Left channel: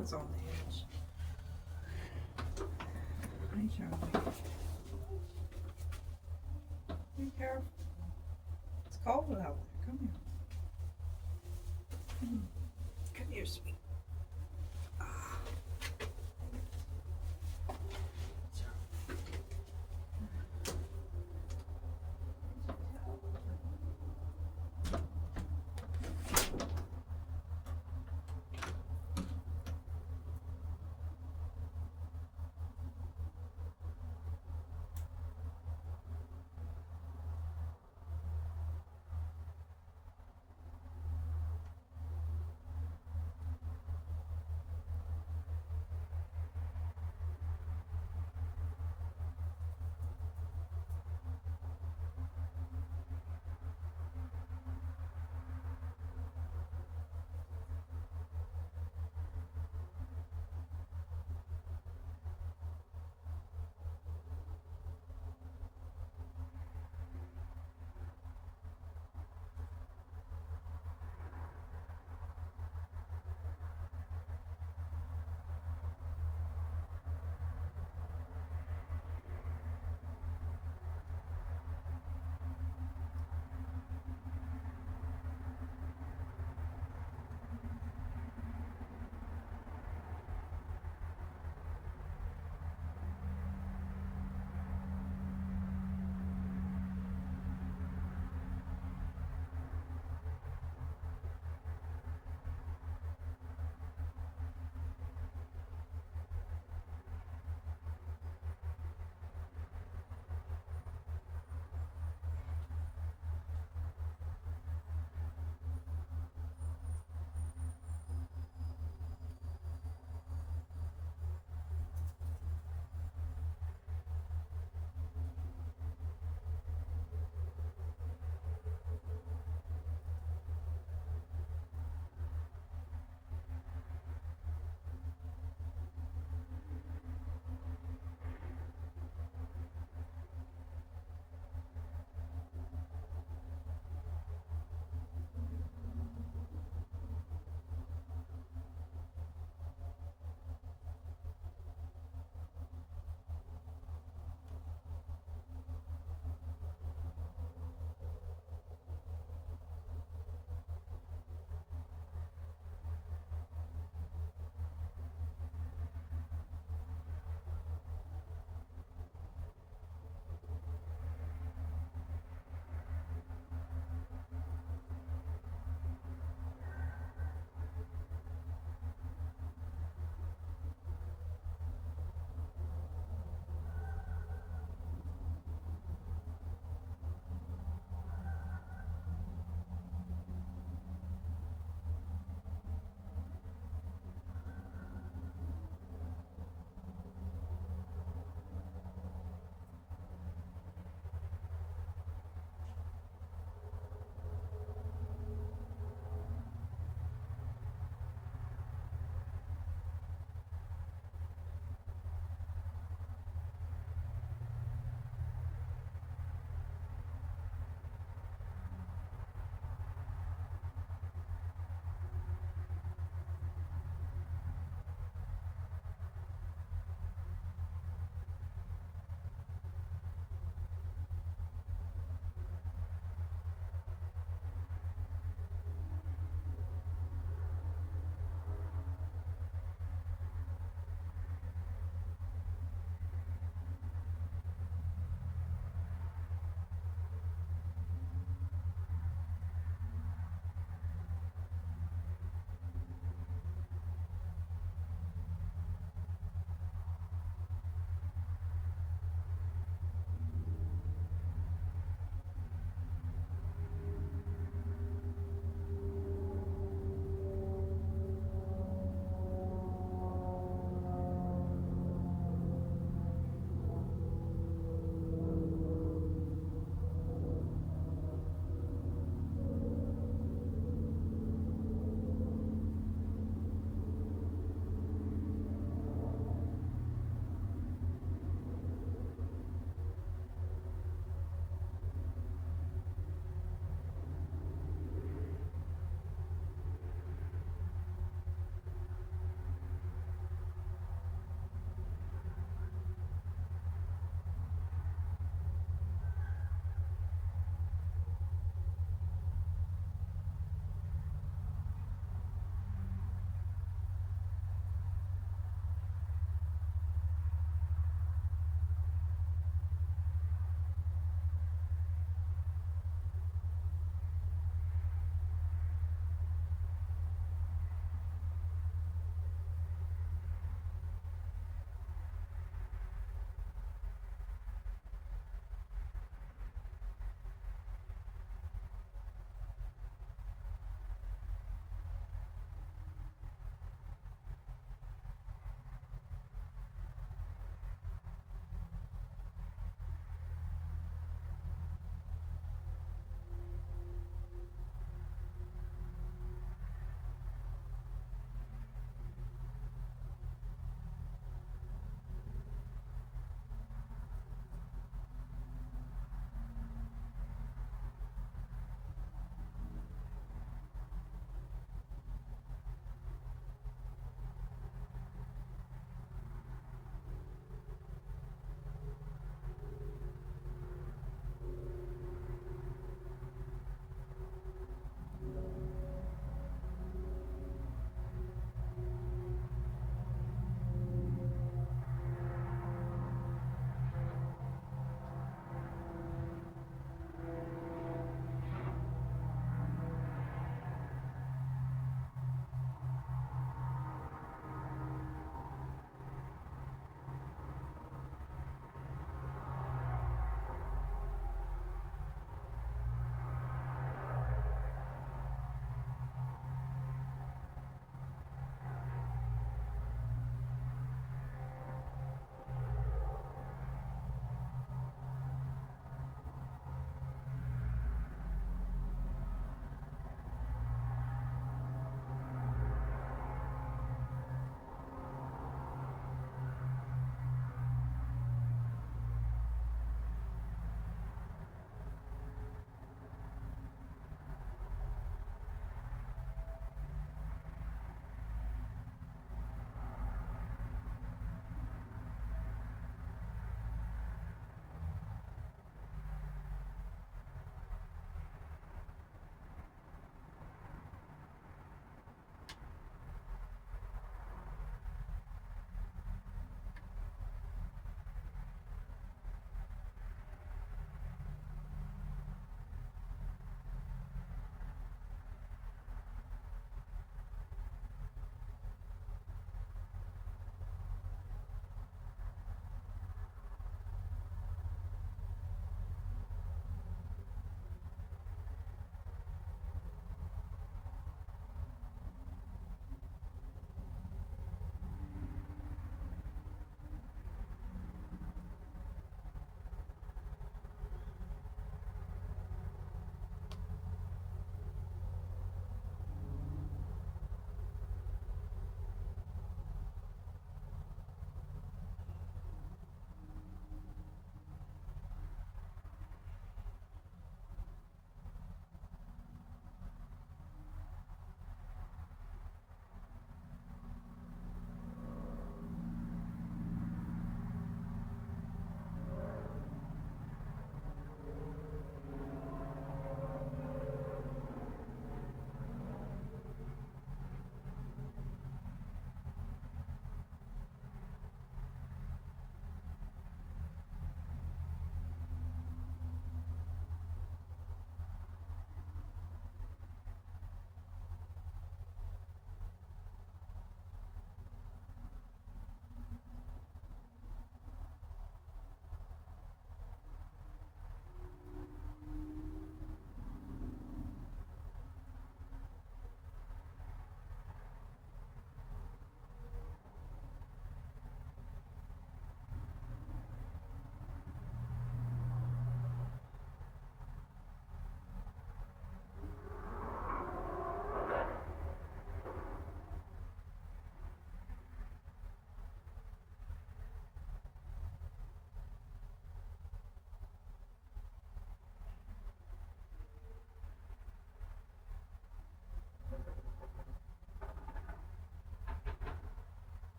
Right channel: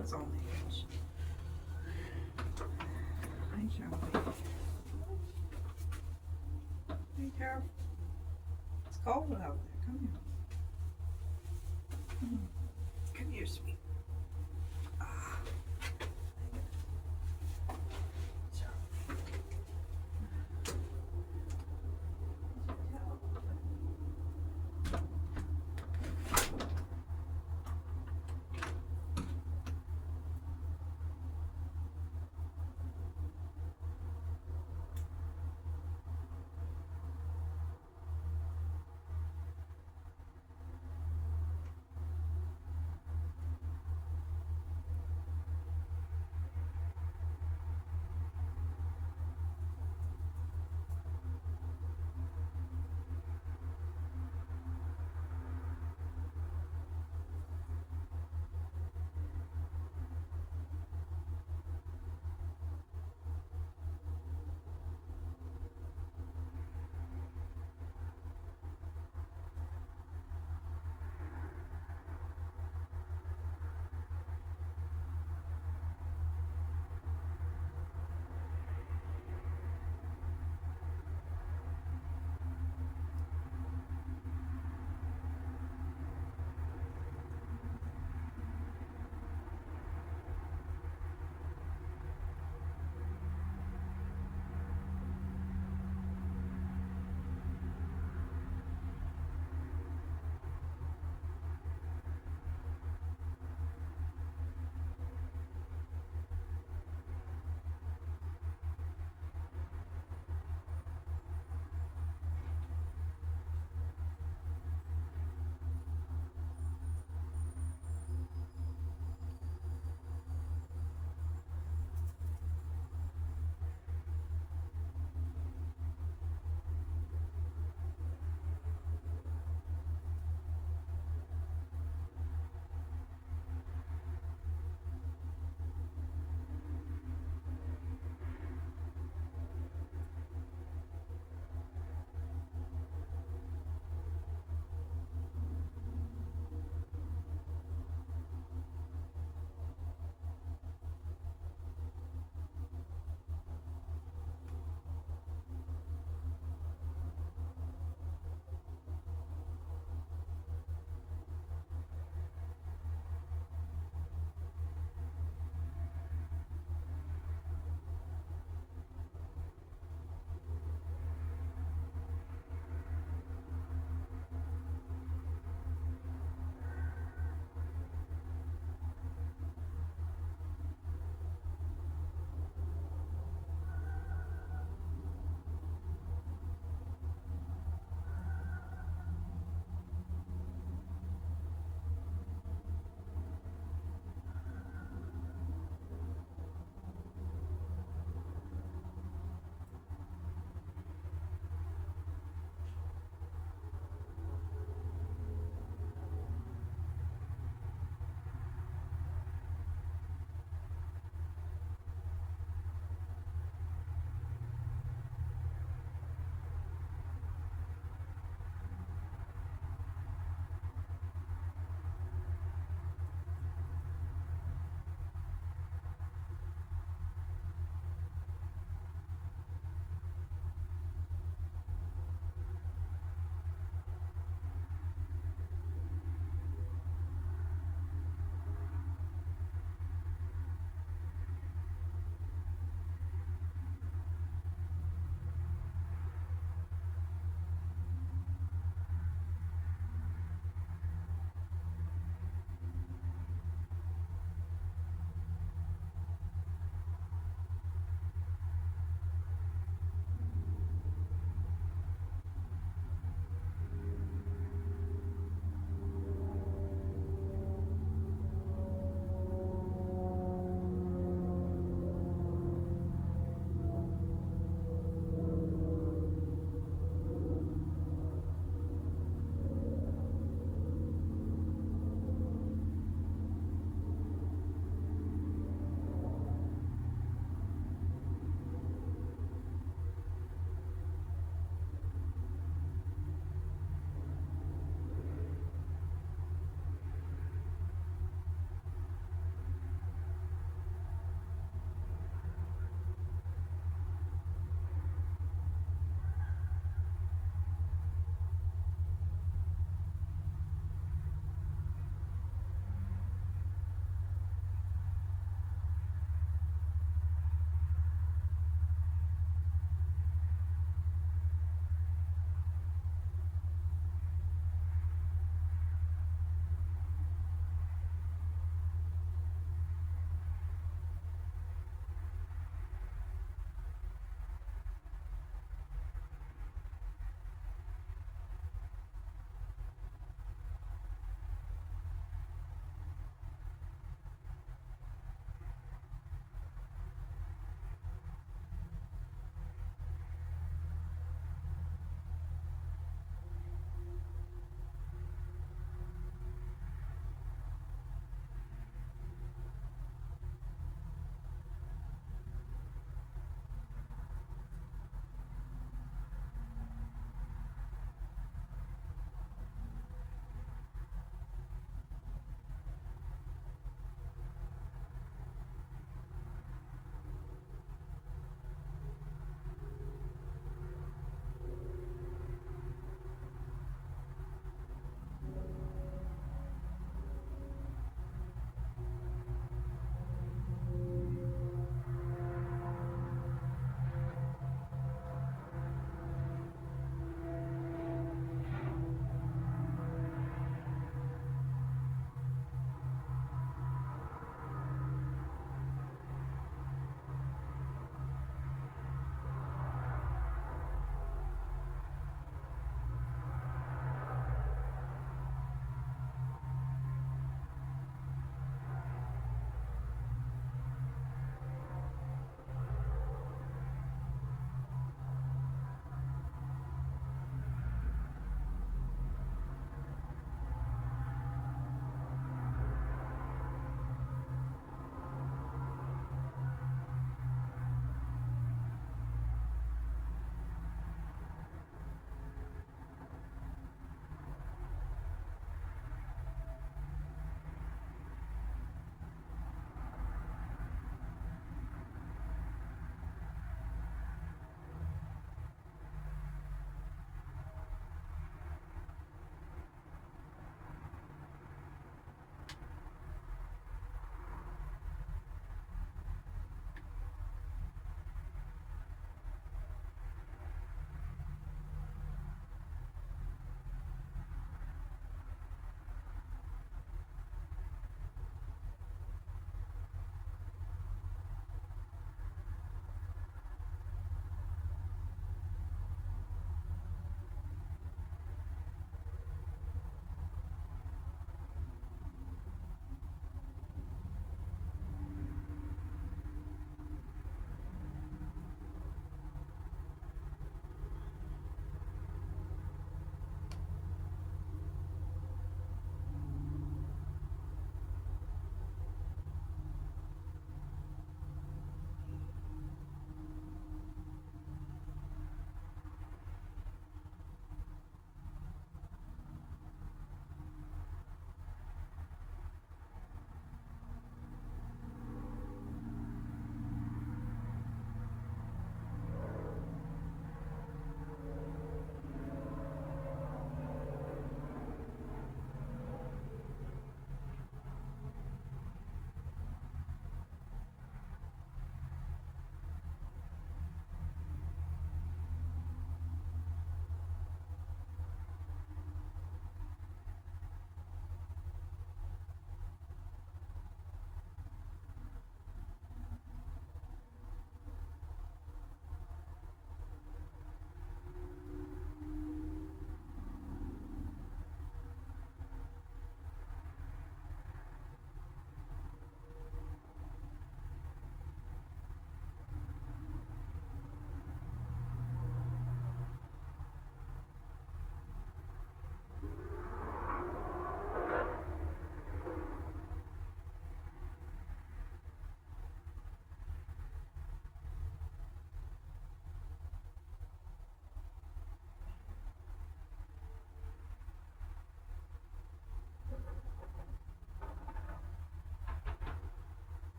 was on the edge. Hey, Charlie. Be careful. It's cold out there. Come here. Come here, sweet.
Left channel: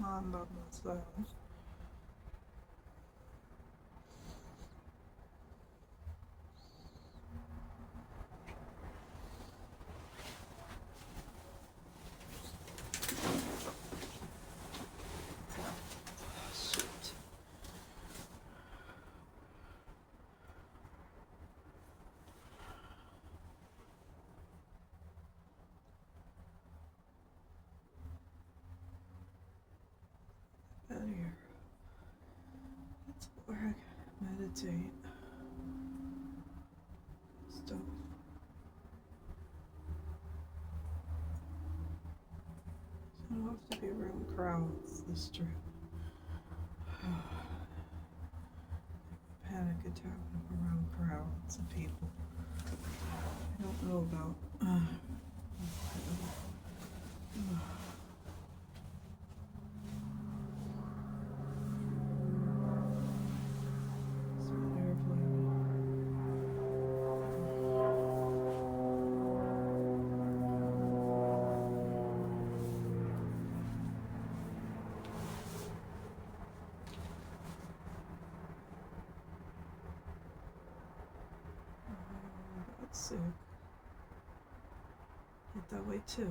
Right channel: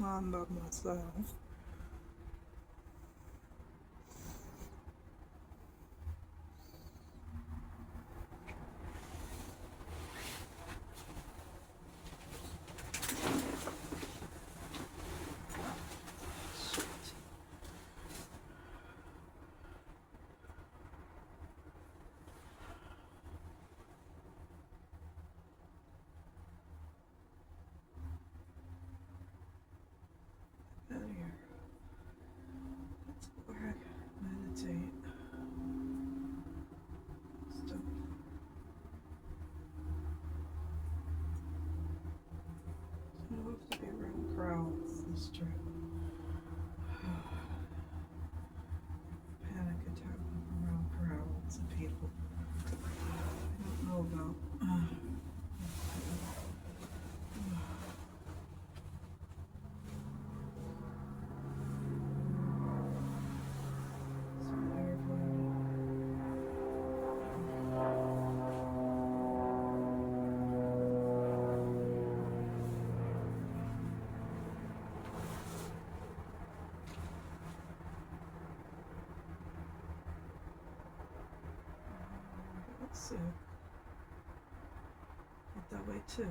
I'm by myself. Shoot. Out here. That's where I meditate. Stuff. So I love to be around crowds this trip. Panic attack around crowds of people. I don't know about. So let's see. Get that way too.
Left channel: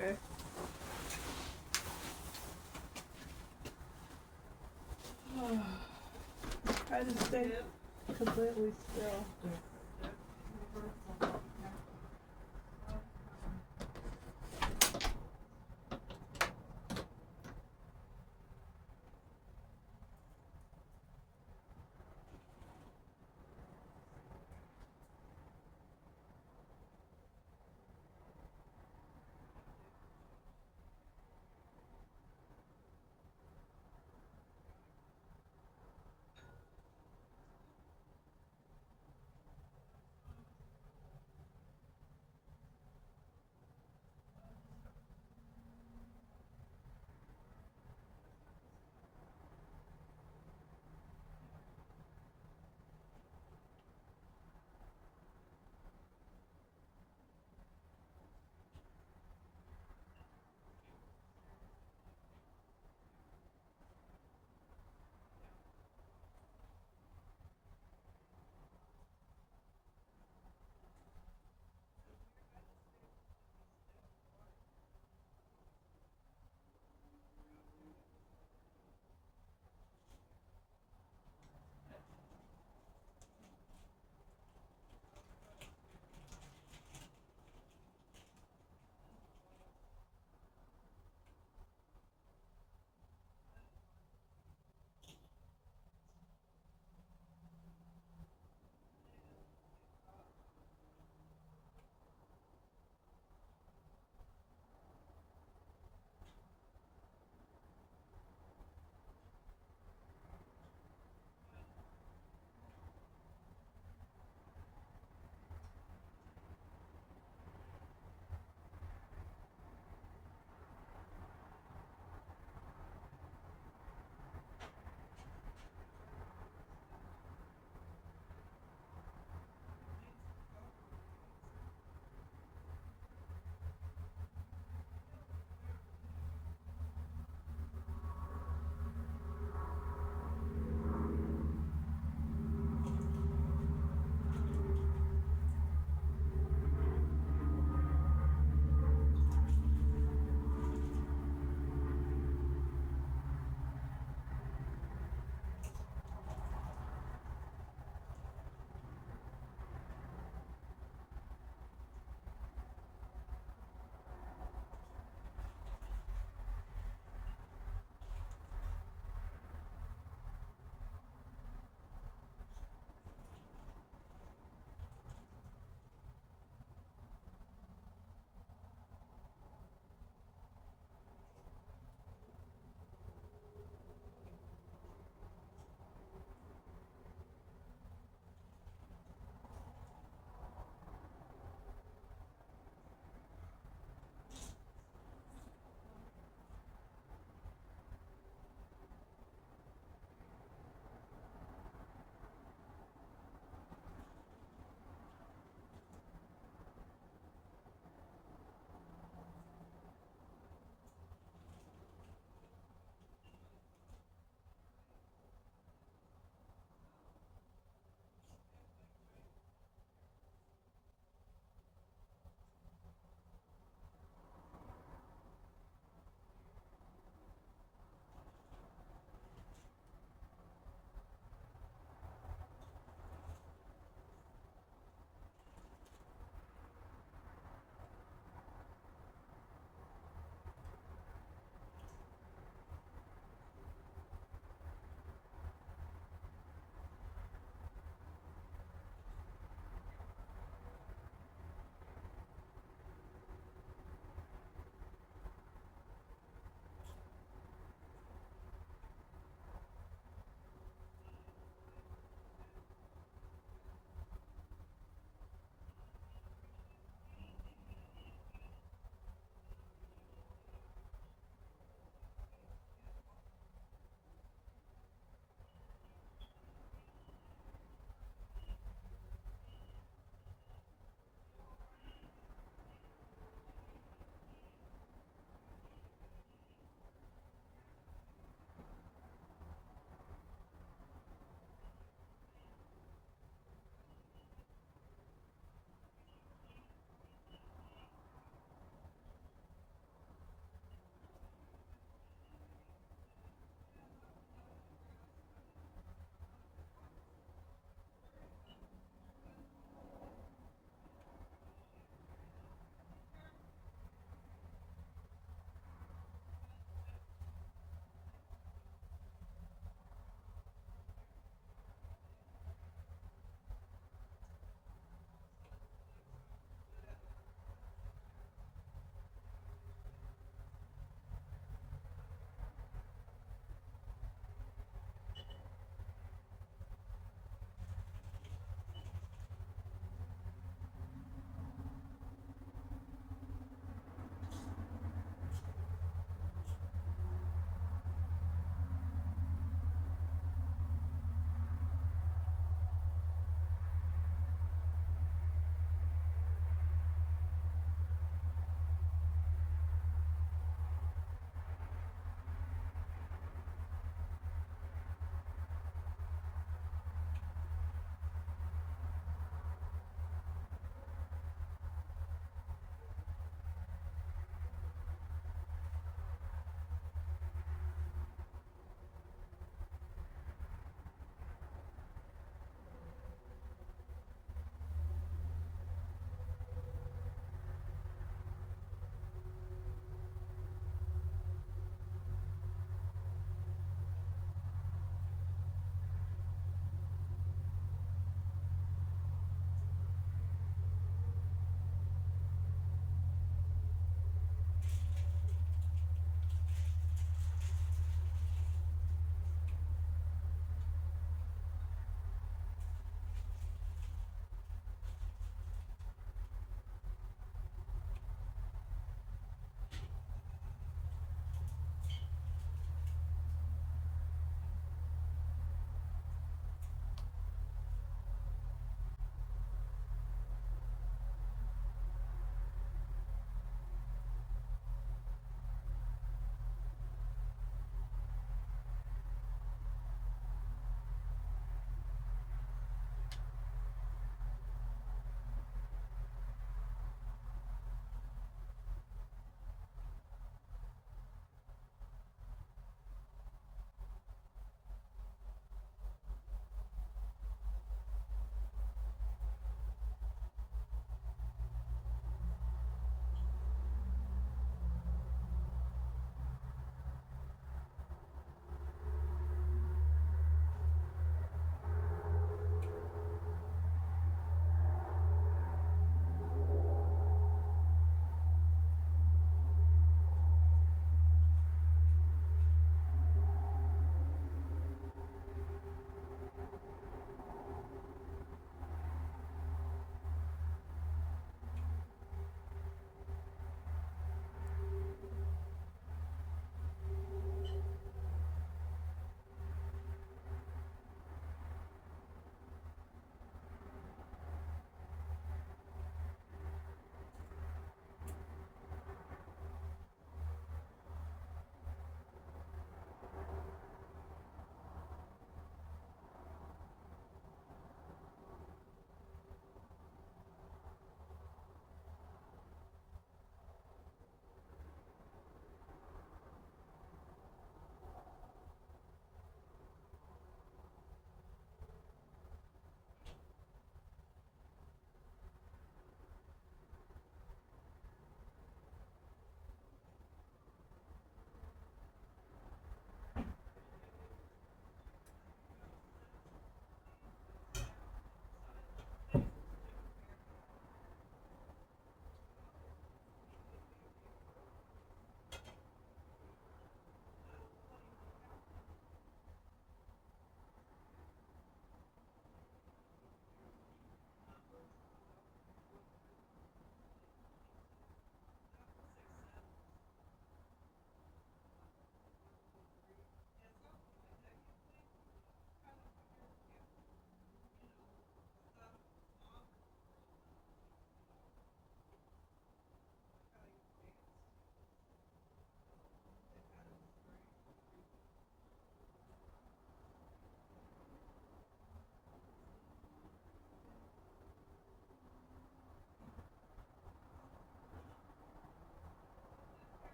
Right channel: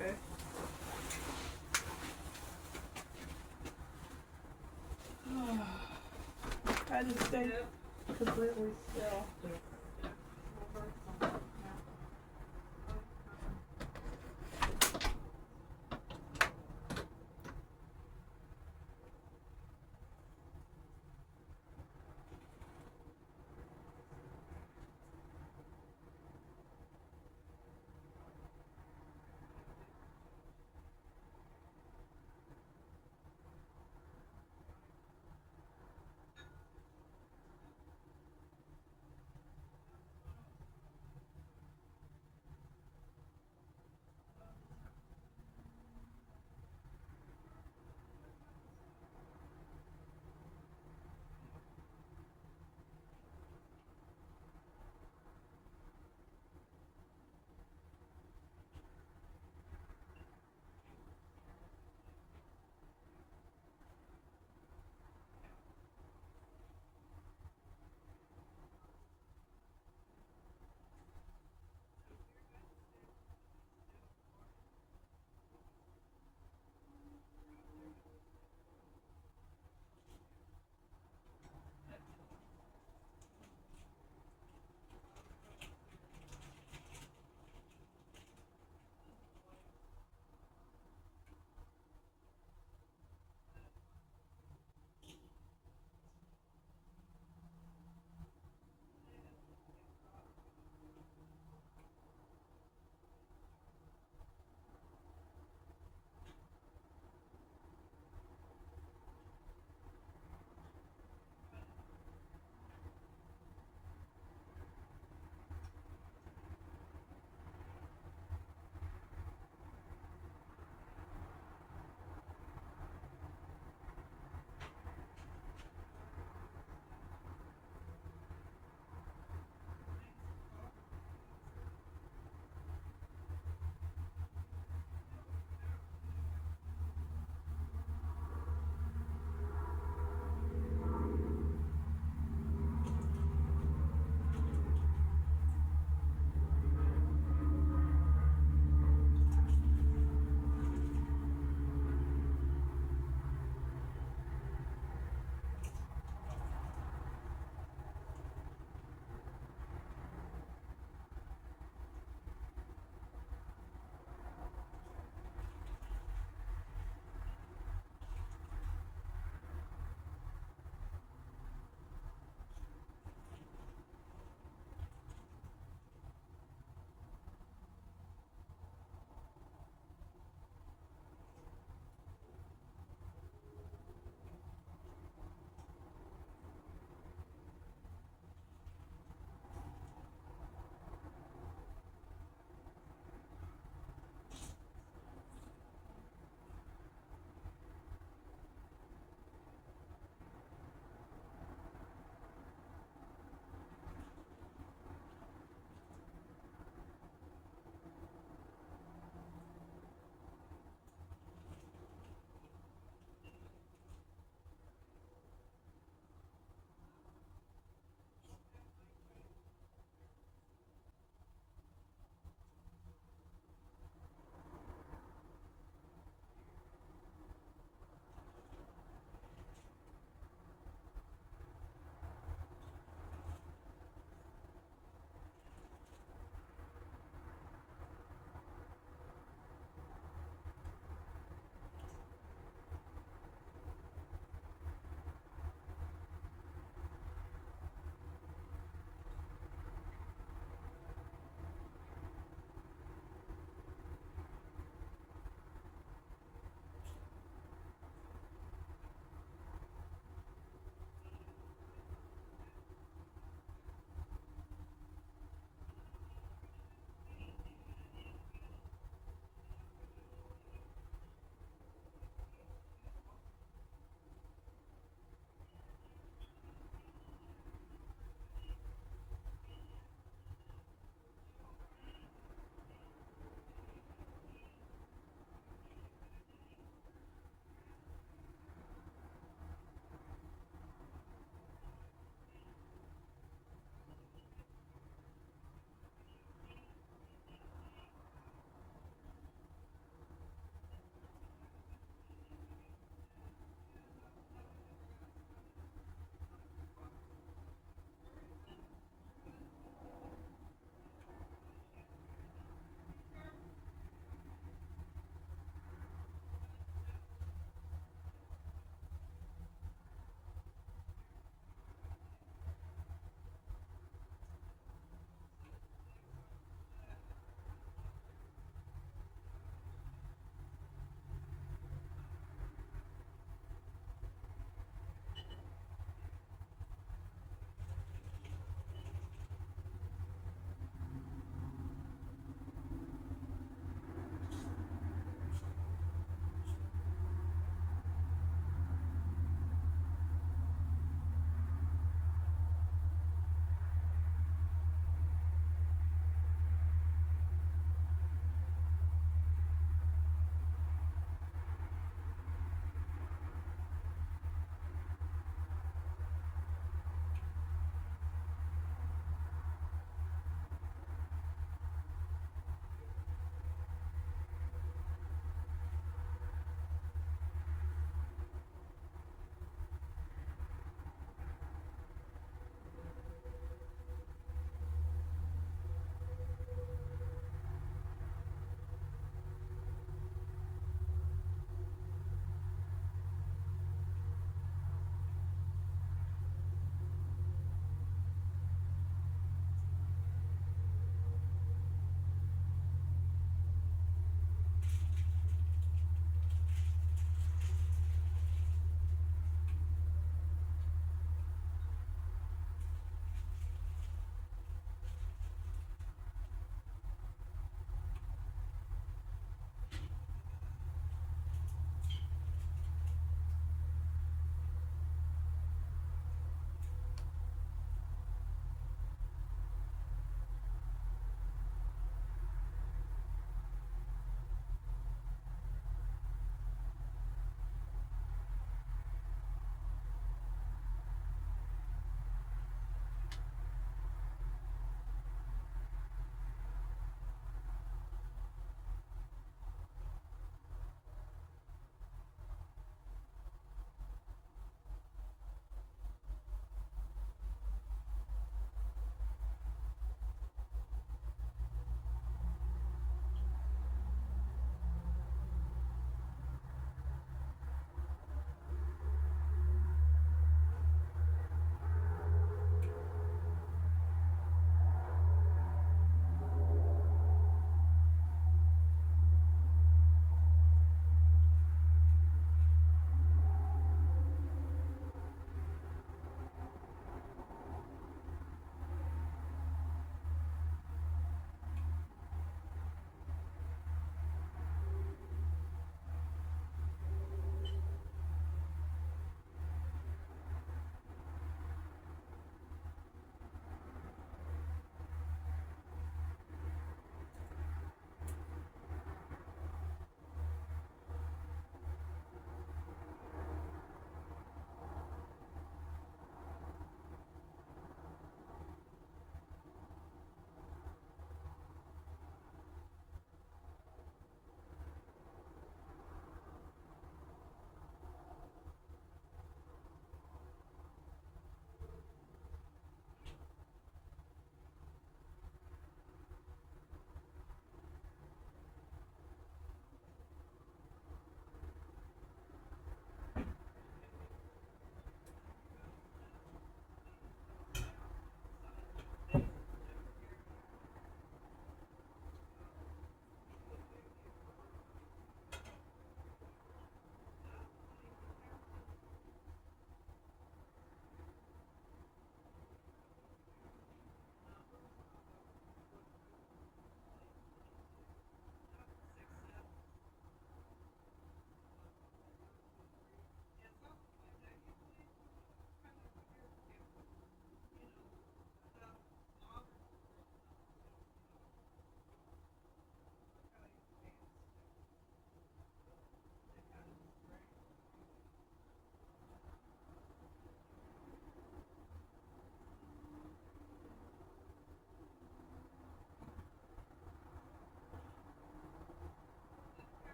Okay. Try to stay completely still.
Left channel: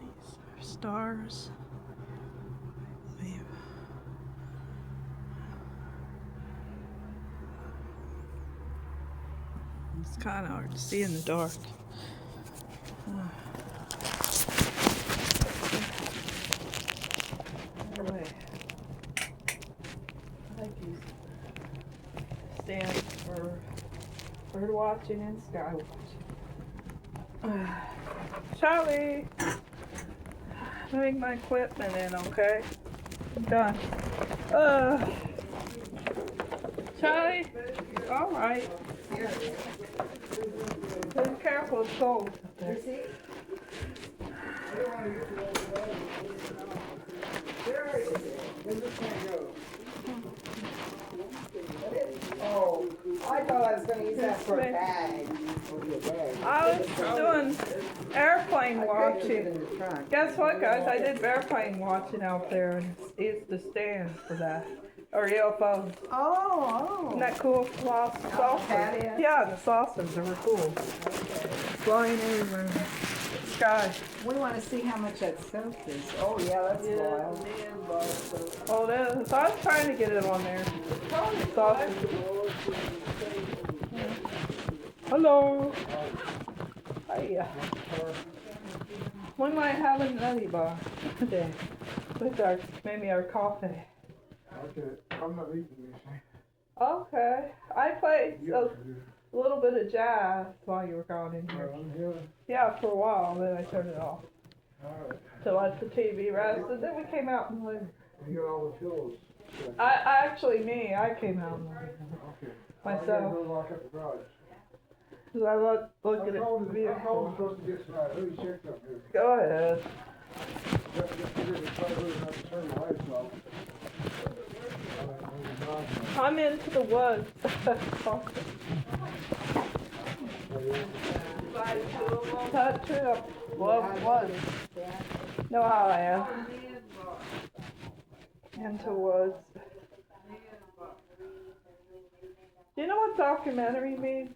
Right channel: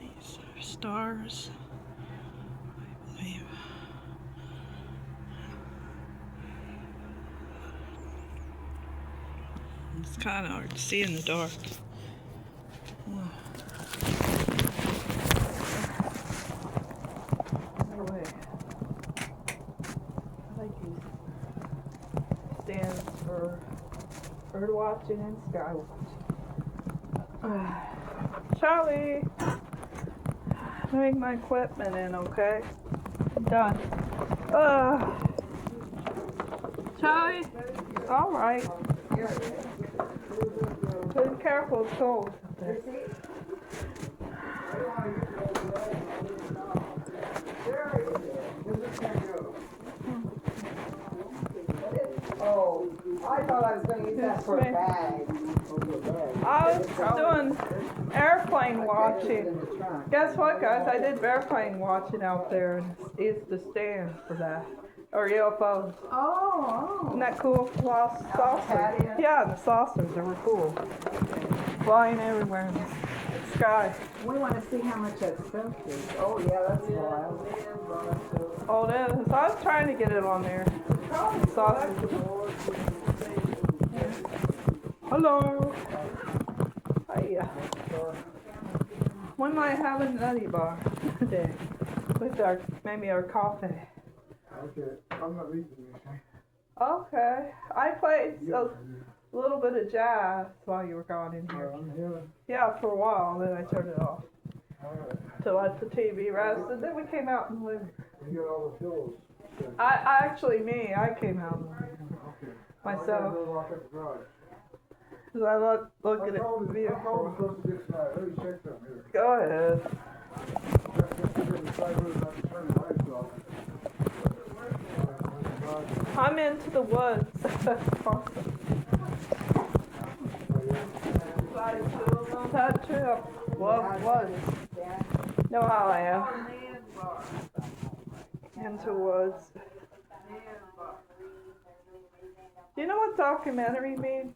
These are stars, I believe. It's kind of hard to see in the dark. Anyway, I like these stands for bird watching and sky watching. Charlie, bring my equipment in, okay? I'm done. Charlie, all right. Be careful, it's cold out there. Oh, I thought I was going to use that for a bag. I was doing airplane watching. Guess what, guys? I did airplane watching out there, and it's the stand for that. Or UFOs. Oh. Isn't that cool? Saucers. Yeah, and the saucers, they were cool. Flying everywhere in the sky. We want to see how much that soap is. Oh, yeah, that's wild. Oh, it is. I was trying to get it on there. Saucers. Hello. Hiya. We might have a nutty bar today with maybe our coffee. Okay, I'm not reading anything. Okay. I played a little bit of jazz while you were gone in here. I'm here. Yeah, for a while, then I turned it off Alright. to let the TV rest, and then we came out in the living room. You got all the pillows. I came out in the living room Okay. myself, I'm lock up the garage. because I look at it I'm view. supposed to get tonight. Let me check something here. Go ahead. Just to get the fibers, I can turn the lights off. I'm into the woods. That trip. Love woods. Know how I am. Into woods. Do you know what documentary means?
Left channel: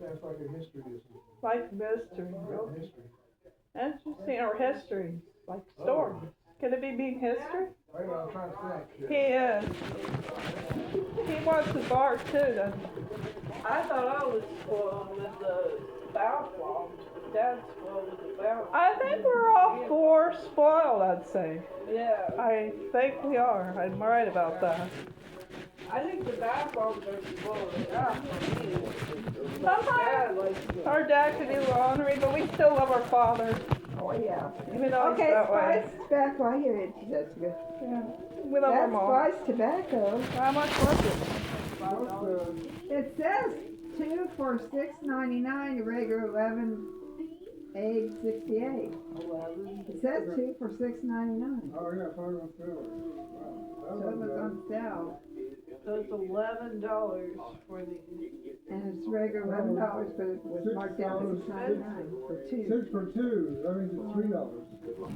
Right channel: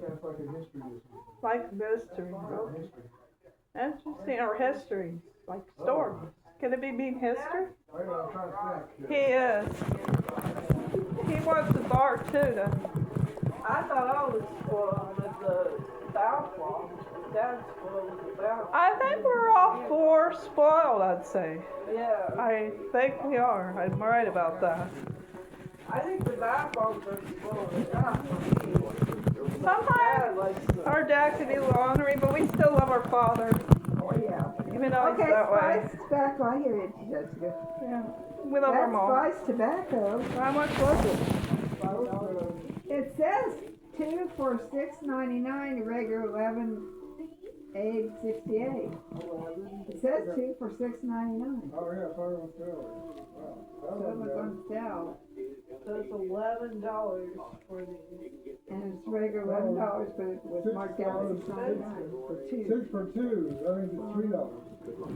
Yeah, it's like a history. Like mystery. Okay. History. Interesting. Or history. Like stories. Can it be mean history? I know, I'm trying to think. He is. He wants the bar too, doesn't he? I thought I was spoiled with the downfall. Dad's spoiled with the downfall. I think we're all four spoiled, I'd say. Yeah. I think we are. I'm right about that. I think the downfalls are spoiled. Yeah. Sometimes our dad can be a little ornery, but we still love our father. Oh, yeah. Even though he's Okay, that way. Spice Tobacco, I hear it, Jessica. Yeah. We love our That's mom. Spice Tobacco. How much was it? It says 2 for $6.99, the regular 11, egg 68. It says 2 for $6.99. Oh, yeah, I thought it was good. So it was on sale. So it's $11 for the. And it's regular $11, but it was marked down $6.99 for 2. 6 for 2, that means it's $3.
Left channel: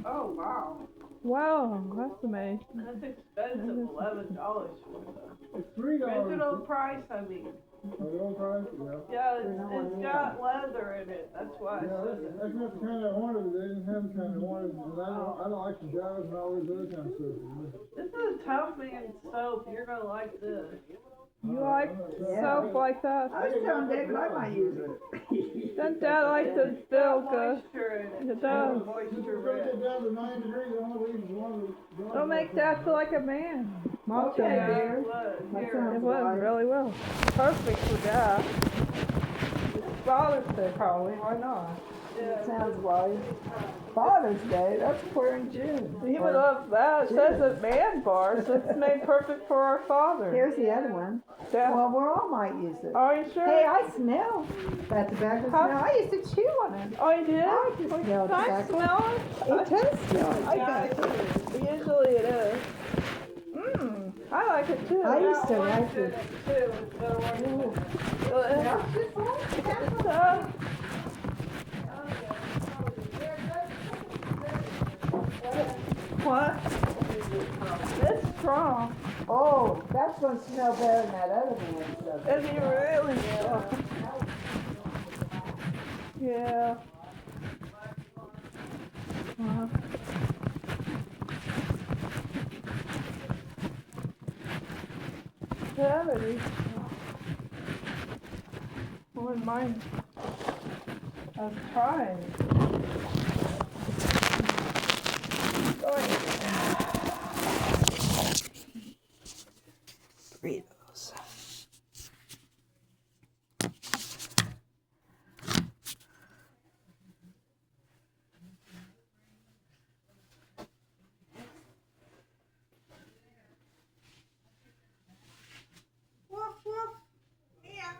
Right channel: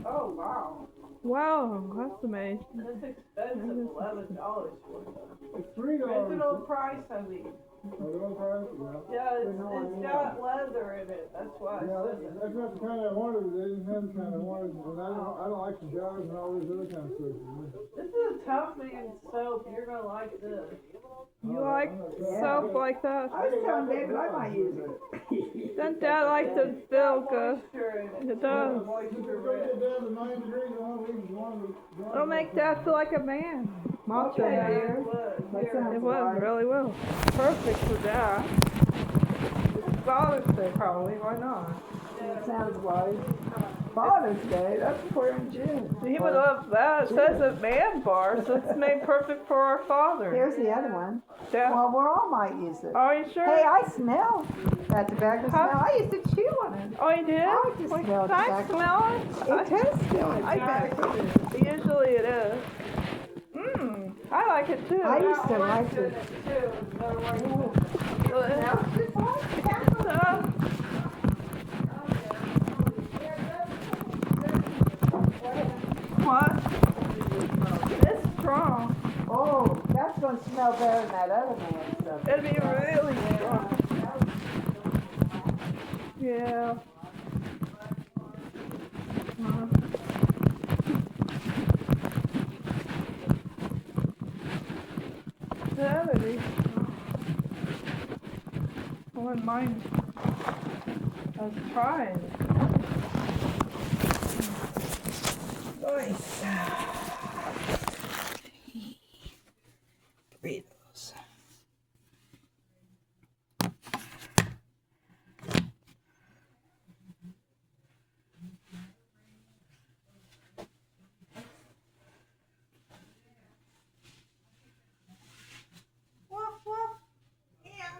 Oh wow! Wow, that's amazing. That's expensive. $11 It's $3. original price. I mean. Original price? Yeah. Yeah, it's got leather in it. That's why. Yeah, that's not the kind I wanted. They didn't have the kind I wanted. And I don't like the jars and all these other kind of stuff. This is a tough man soap. You're gonna like this. You Oh, like yeah. soap like that? I was telling David I might use it. Doesn't Dad like to feel good? It does. If it's gonna get down to 9 degrees, I want to leave one. It'll make Dad feel like a man. Mom Okay, said dear. that. That It sounds would, right. really will. Perfect for Dad. It's Father's Day probably, why not? That sounds wise. Father's Day, that's we're in June. He would love that. It says a man bar, so it's made perfect for our father. Here's the other one. Dad, Well, we all might use it. are you sure? Hey, I smell that tobacco How- smell. I used to chew on it. Oh, you did? I just Well, smell can I tobacco. smell it? It does smell it. I can. Usually it is. Mmm, I like it too. I used to like it. What? It's strong. Oh, that's gonna smell better than that other man's stuff. It'd be really strong. Yeah. That would be strong. I wouldn't mind. I was trying. Burritos. Woof woof. Meow.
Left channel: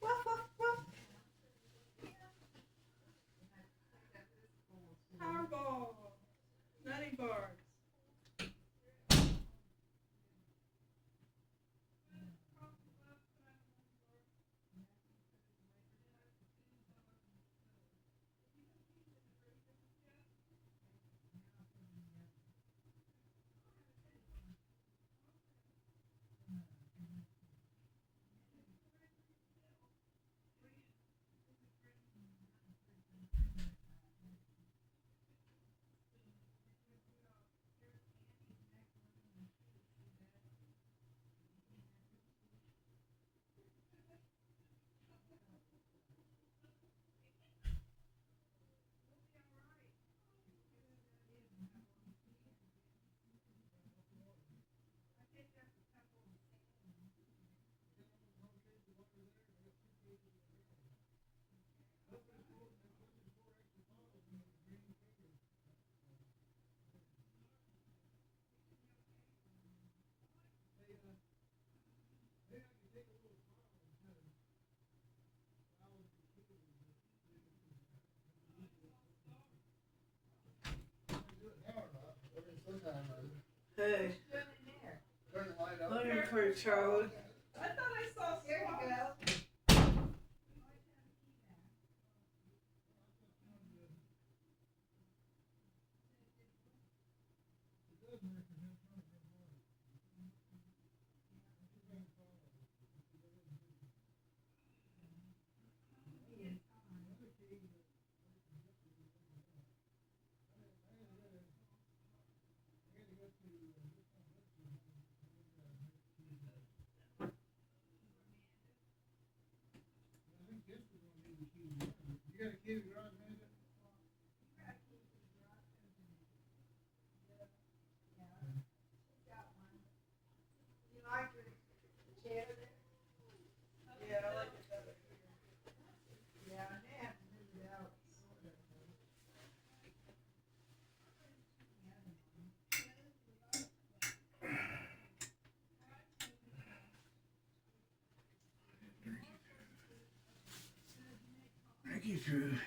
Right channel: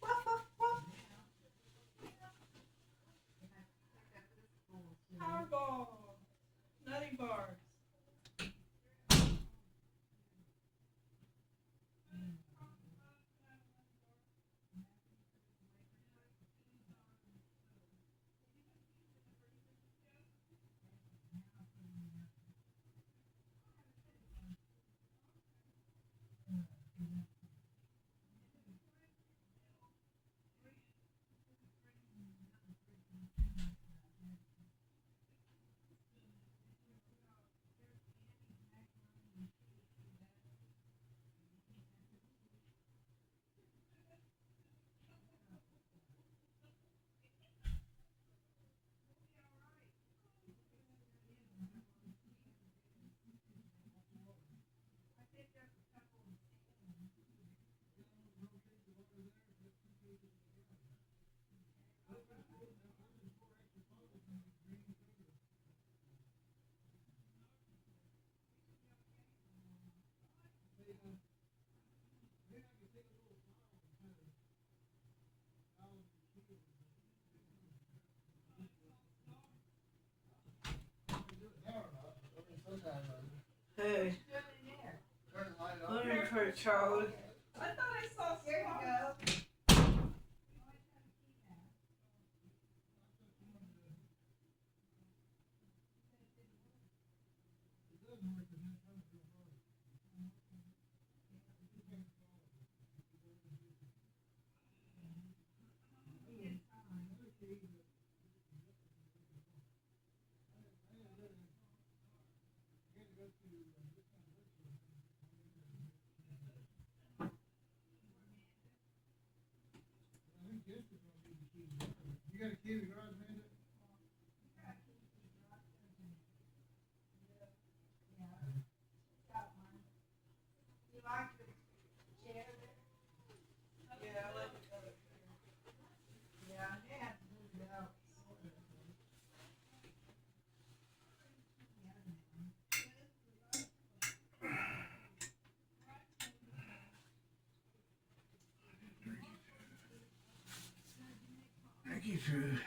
Woof woof woof. Powerball. Nutty bars. Hey. Learn curd, Charlie. I thought I saw. There you go. You got a key to the garage, man? Yeah, I like it better. Yeah, yeah. Turkey food.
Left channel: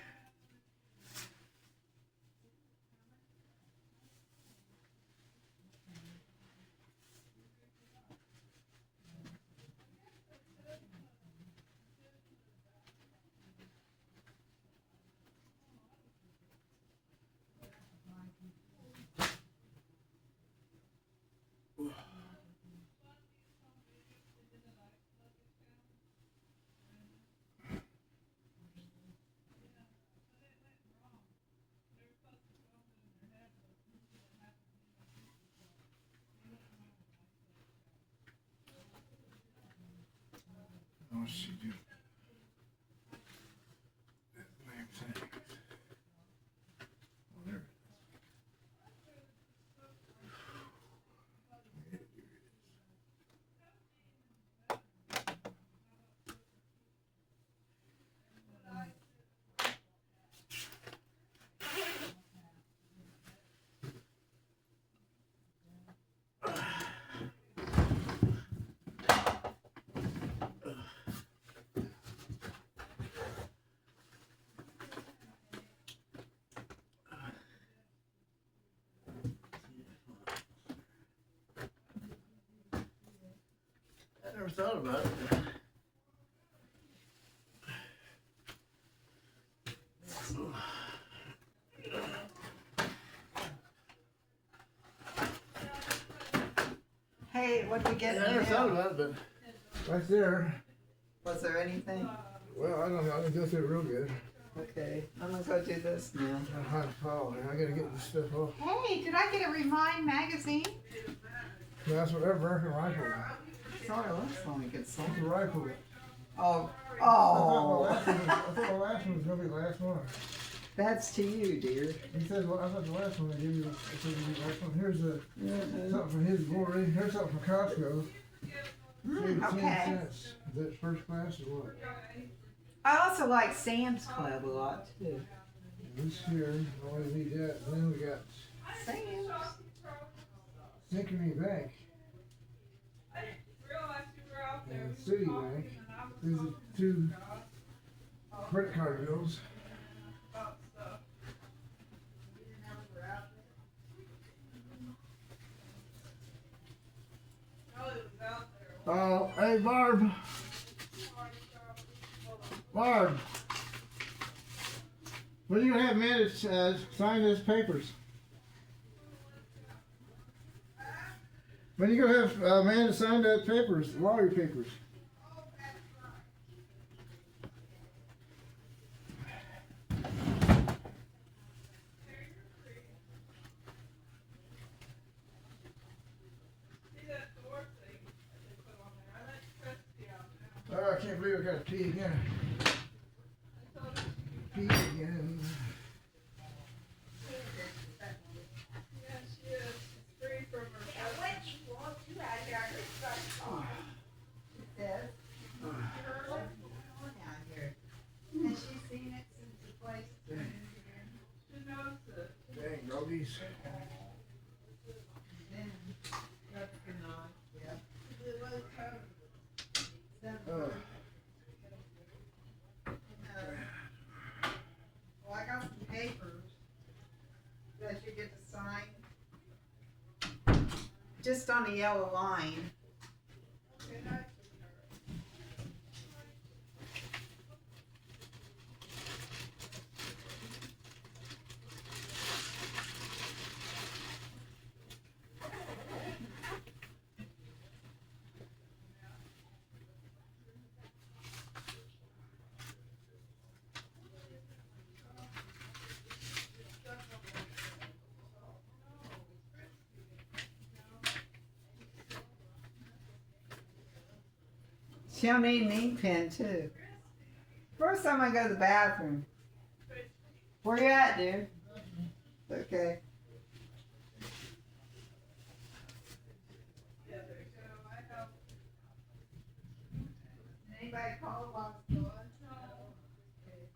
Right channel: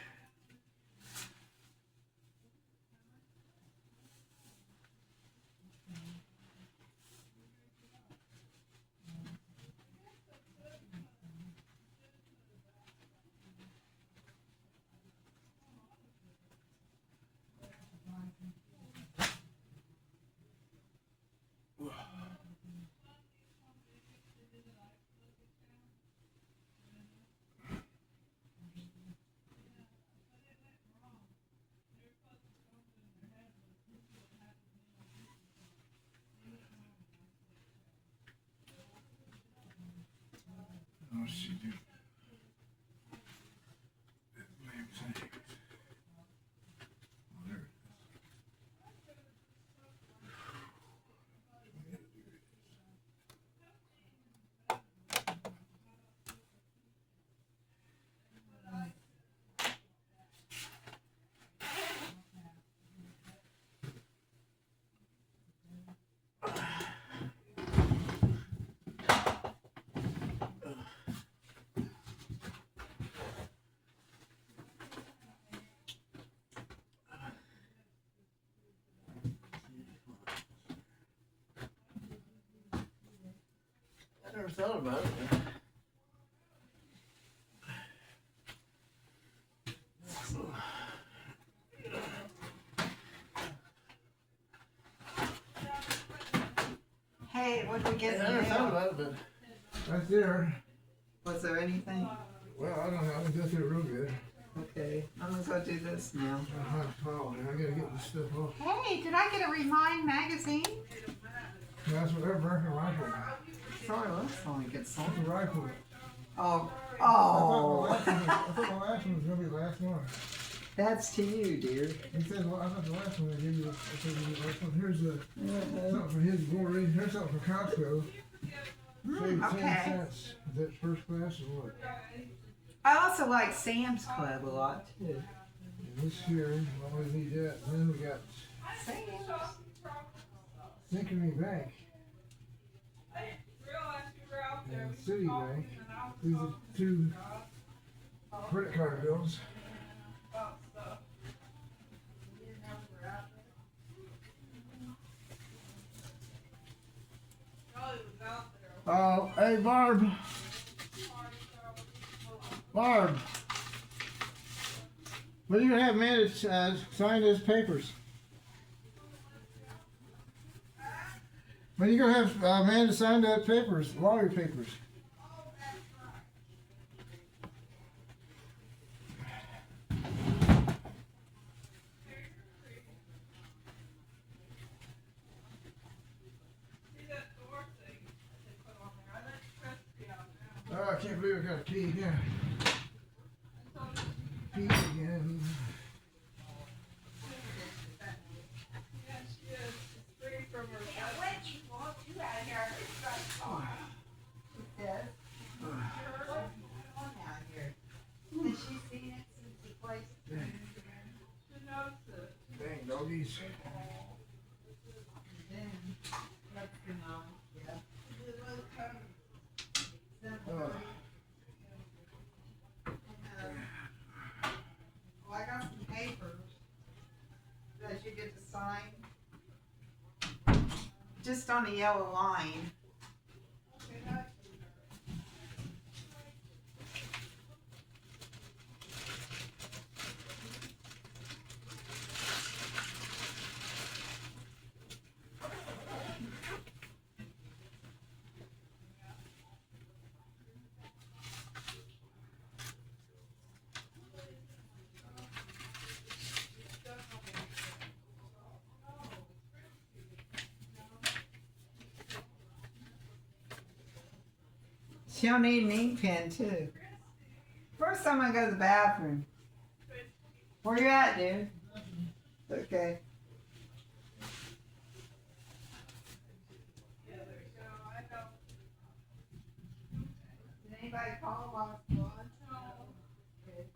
What's she do? That black thing. Oh, there it is. I never thought about it. What did we get? Yeah, I never thought about it, but right there. Was there anything? Well, I don't know. I can go through it real good. Okay, I'm gonna go do this now. I gotta get this stuff off. Hey, did I get a Remind magazine? Yeah, that's what that American rifle. Sorry, looks like it's That's a rifle. Oh, I thought the last one was gonna be the last one. That's to you, dear. He said, well, I thought the last one would give you the last one. Here's something from his glory. Here's something from Costco. Saved 10 Okay. cents. Is that first class or what? I also like Sam's Club a lot too. And this here, I always need that. And then we got Sam's. Synchrony Bank and Citibank. These are two credit card bills. Oh, hey Barb. Barb. When are you gonna have Amanda sign those papers? When are you gonna have Amanda sign those papers, lottery papers? Oh, I can't believe I gotta pee again. Pee again. Dang, doggies. Oh. Well, I got some papers that you get to sign. Just on a yellow line. She'll need an ink pen too. First time I go to the bathroom. Where you at, dude? Okay. Did anybody call while it's gone? Okay.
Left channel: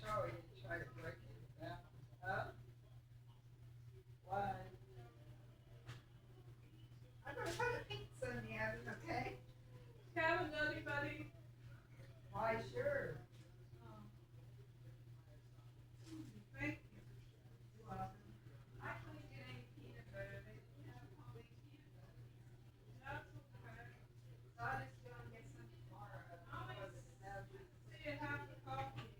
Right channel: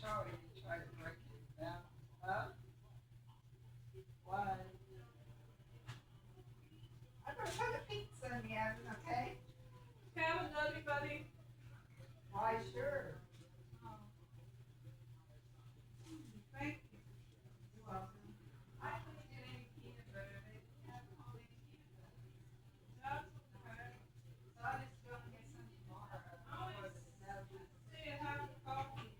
Charlie tried to break it down. Huh? Why? I'm gonna put a pizza in the oven, okay? Have a nutty buddy. Why, sure. Thank you. I couldn't get any peanut butter. They didn't have homemade peanut butter. That's okay. So I just gonna get some tomorrow. See you have the coffee.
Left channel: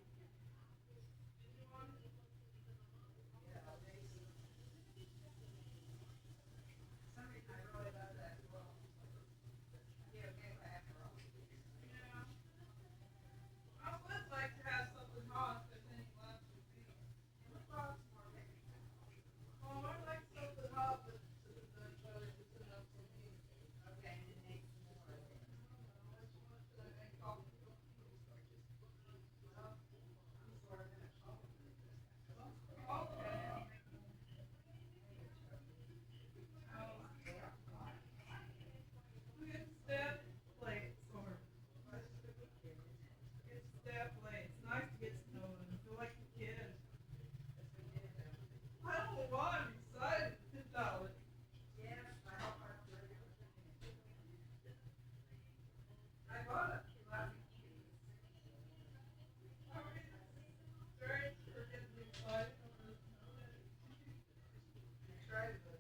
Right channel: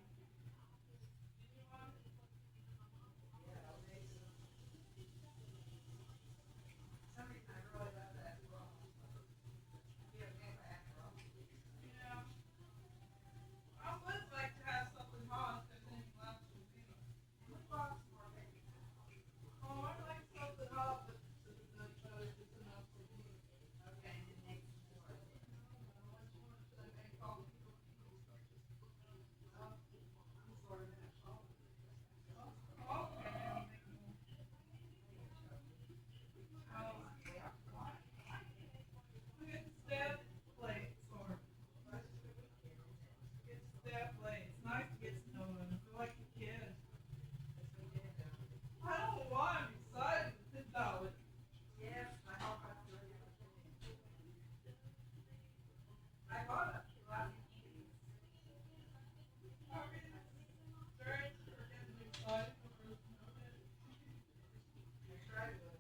I really love that roll. Yeah, get back roll. Yeah. I would like to have something hot if there's any left for me. We bought some more paper. Oh, I'd like something hot, but it's enough for me. Okay, and then make some more. Yes, I hope I do it. I bought a lot of keys. You tried the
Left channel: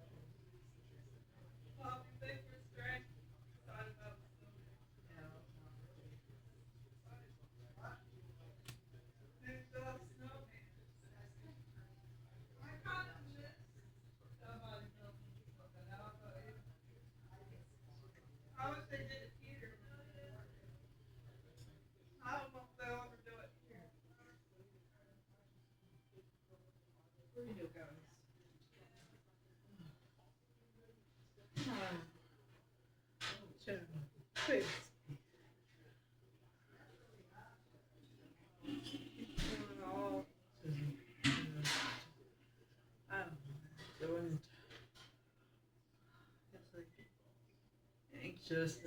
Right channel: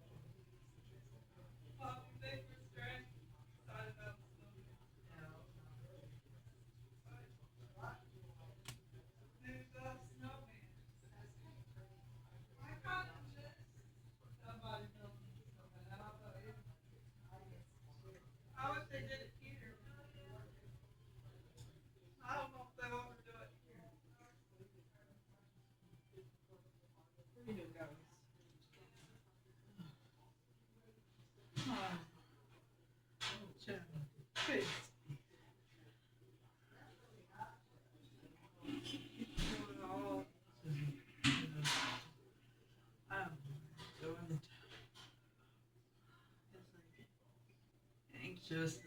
I wish they did it here. I don't know if they'll ever do it here. What do you do, guys? Please. Doing it. Anxious.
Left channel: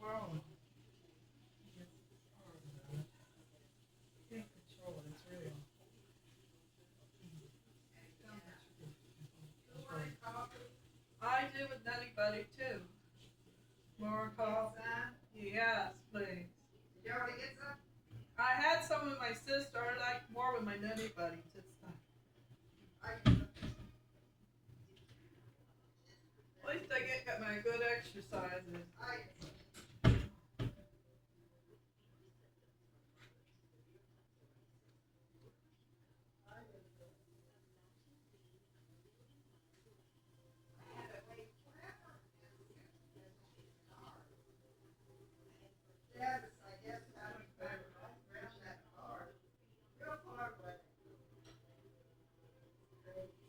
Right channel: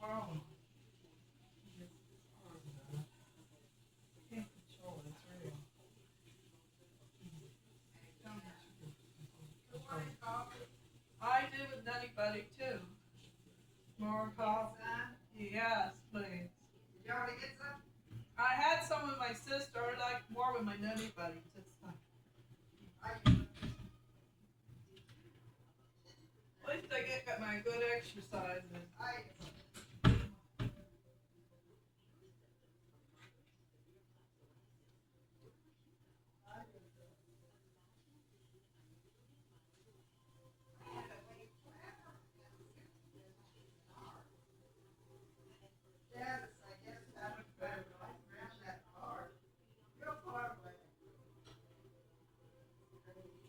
Wow. Can't control it, it's real. I do with Nutty Buddy too. More coffee. Yes, please. Did you already get some? I had some with my sister. I like more with my Nutty Buddies. It's fun. At least I get my good exercises. Yes, I guess I would around that car. Real far away.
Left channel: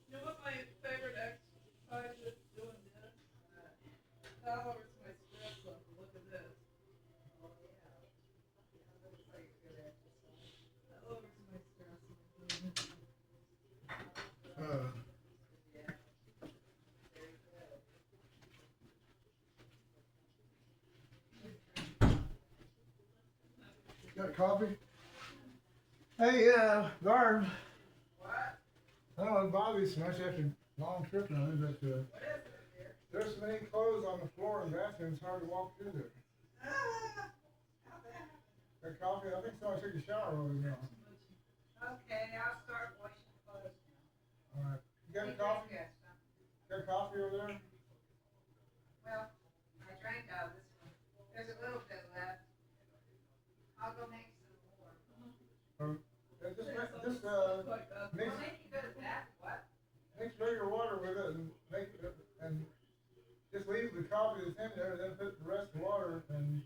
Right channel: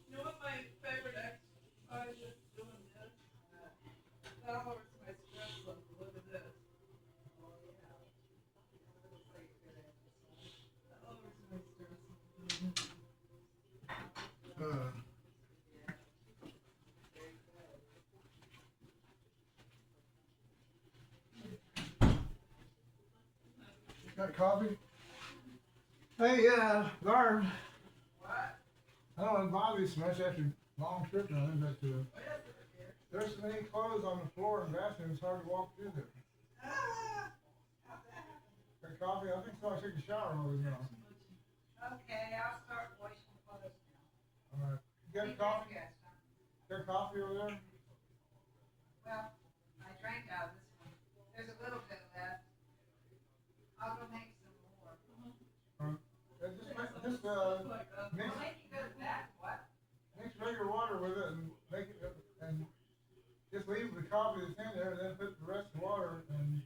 You know what my favorite exercise is? Doing this. That lowers my stress level. Look at this. Oh, yeah. That looks like a good exercise. That lowers my stress level. Yeah. Very good. Got coffee? Hey, Barb, What? I don't want to bother you so much after a long trip and everything, but What is it, dear? there's so many clothes on the floor in the bathroom, it's hard to walk through there. Ah, how'd that happen? Got coffee? I think so. I took a shower over now. Okay, I'll start washing clothes now. All right. You got coffee? Yes, Got coffee over there? well, I drank out of this one. There's a little bit left. I'll go make some more. Just Like that. mix, Well, make you good at that, what? mix regular water with it and make it, and just leave the coffee that's in there, then put the rest of the water and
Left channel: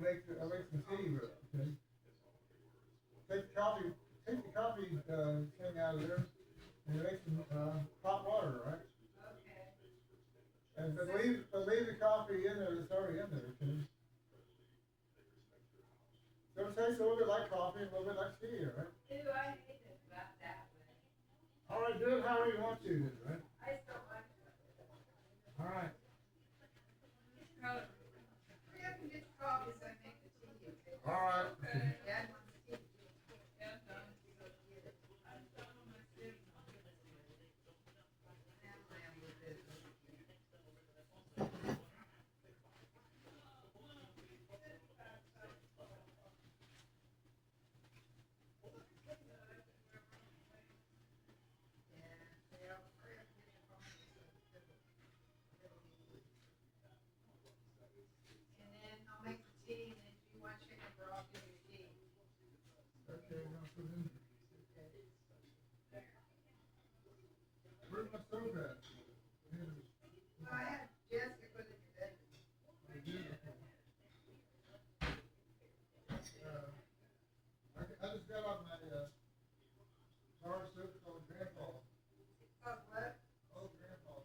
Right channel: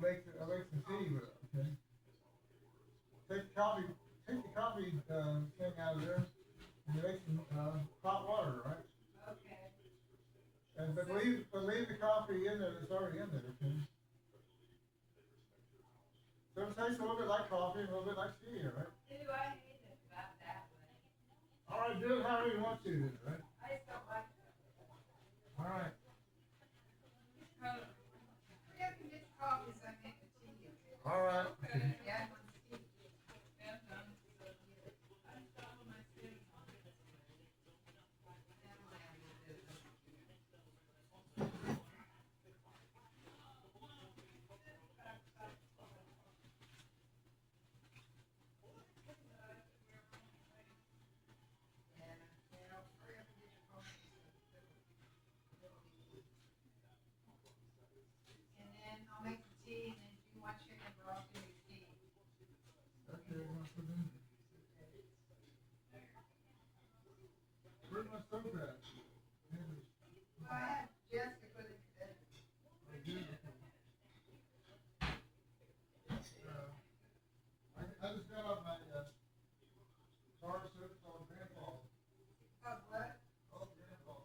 make some tea with it. Okay. Take the coffee thing out of there and make some hot water, right? Okay. And but leave the coffee in there that's already in there. Okay. So it tastes a little bit like coffee and a little bit like tea, right? Ew, I hate it about that way. All right, do it however you want to, then, right? All right. All right. Okay. Okay, now put in. Where's my stove at? I just got off my car service on Grandpa. Oh, Grandpa.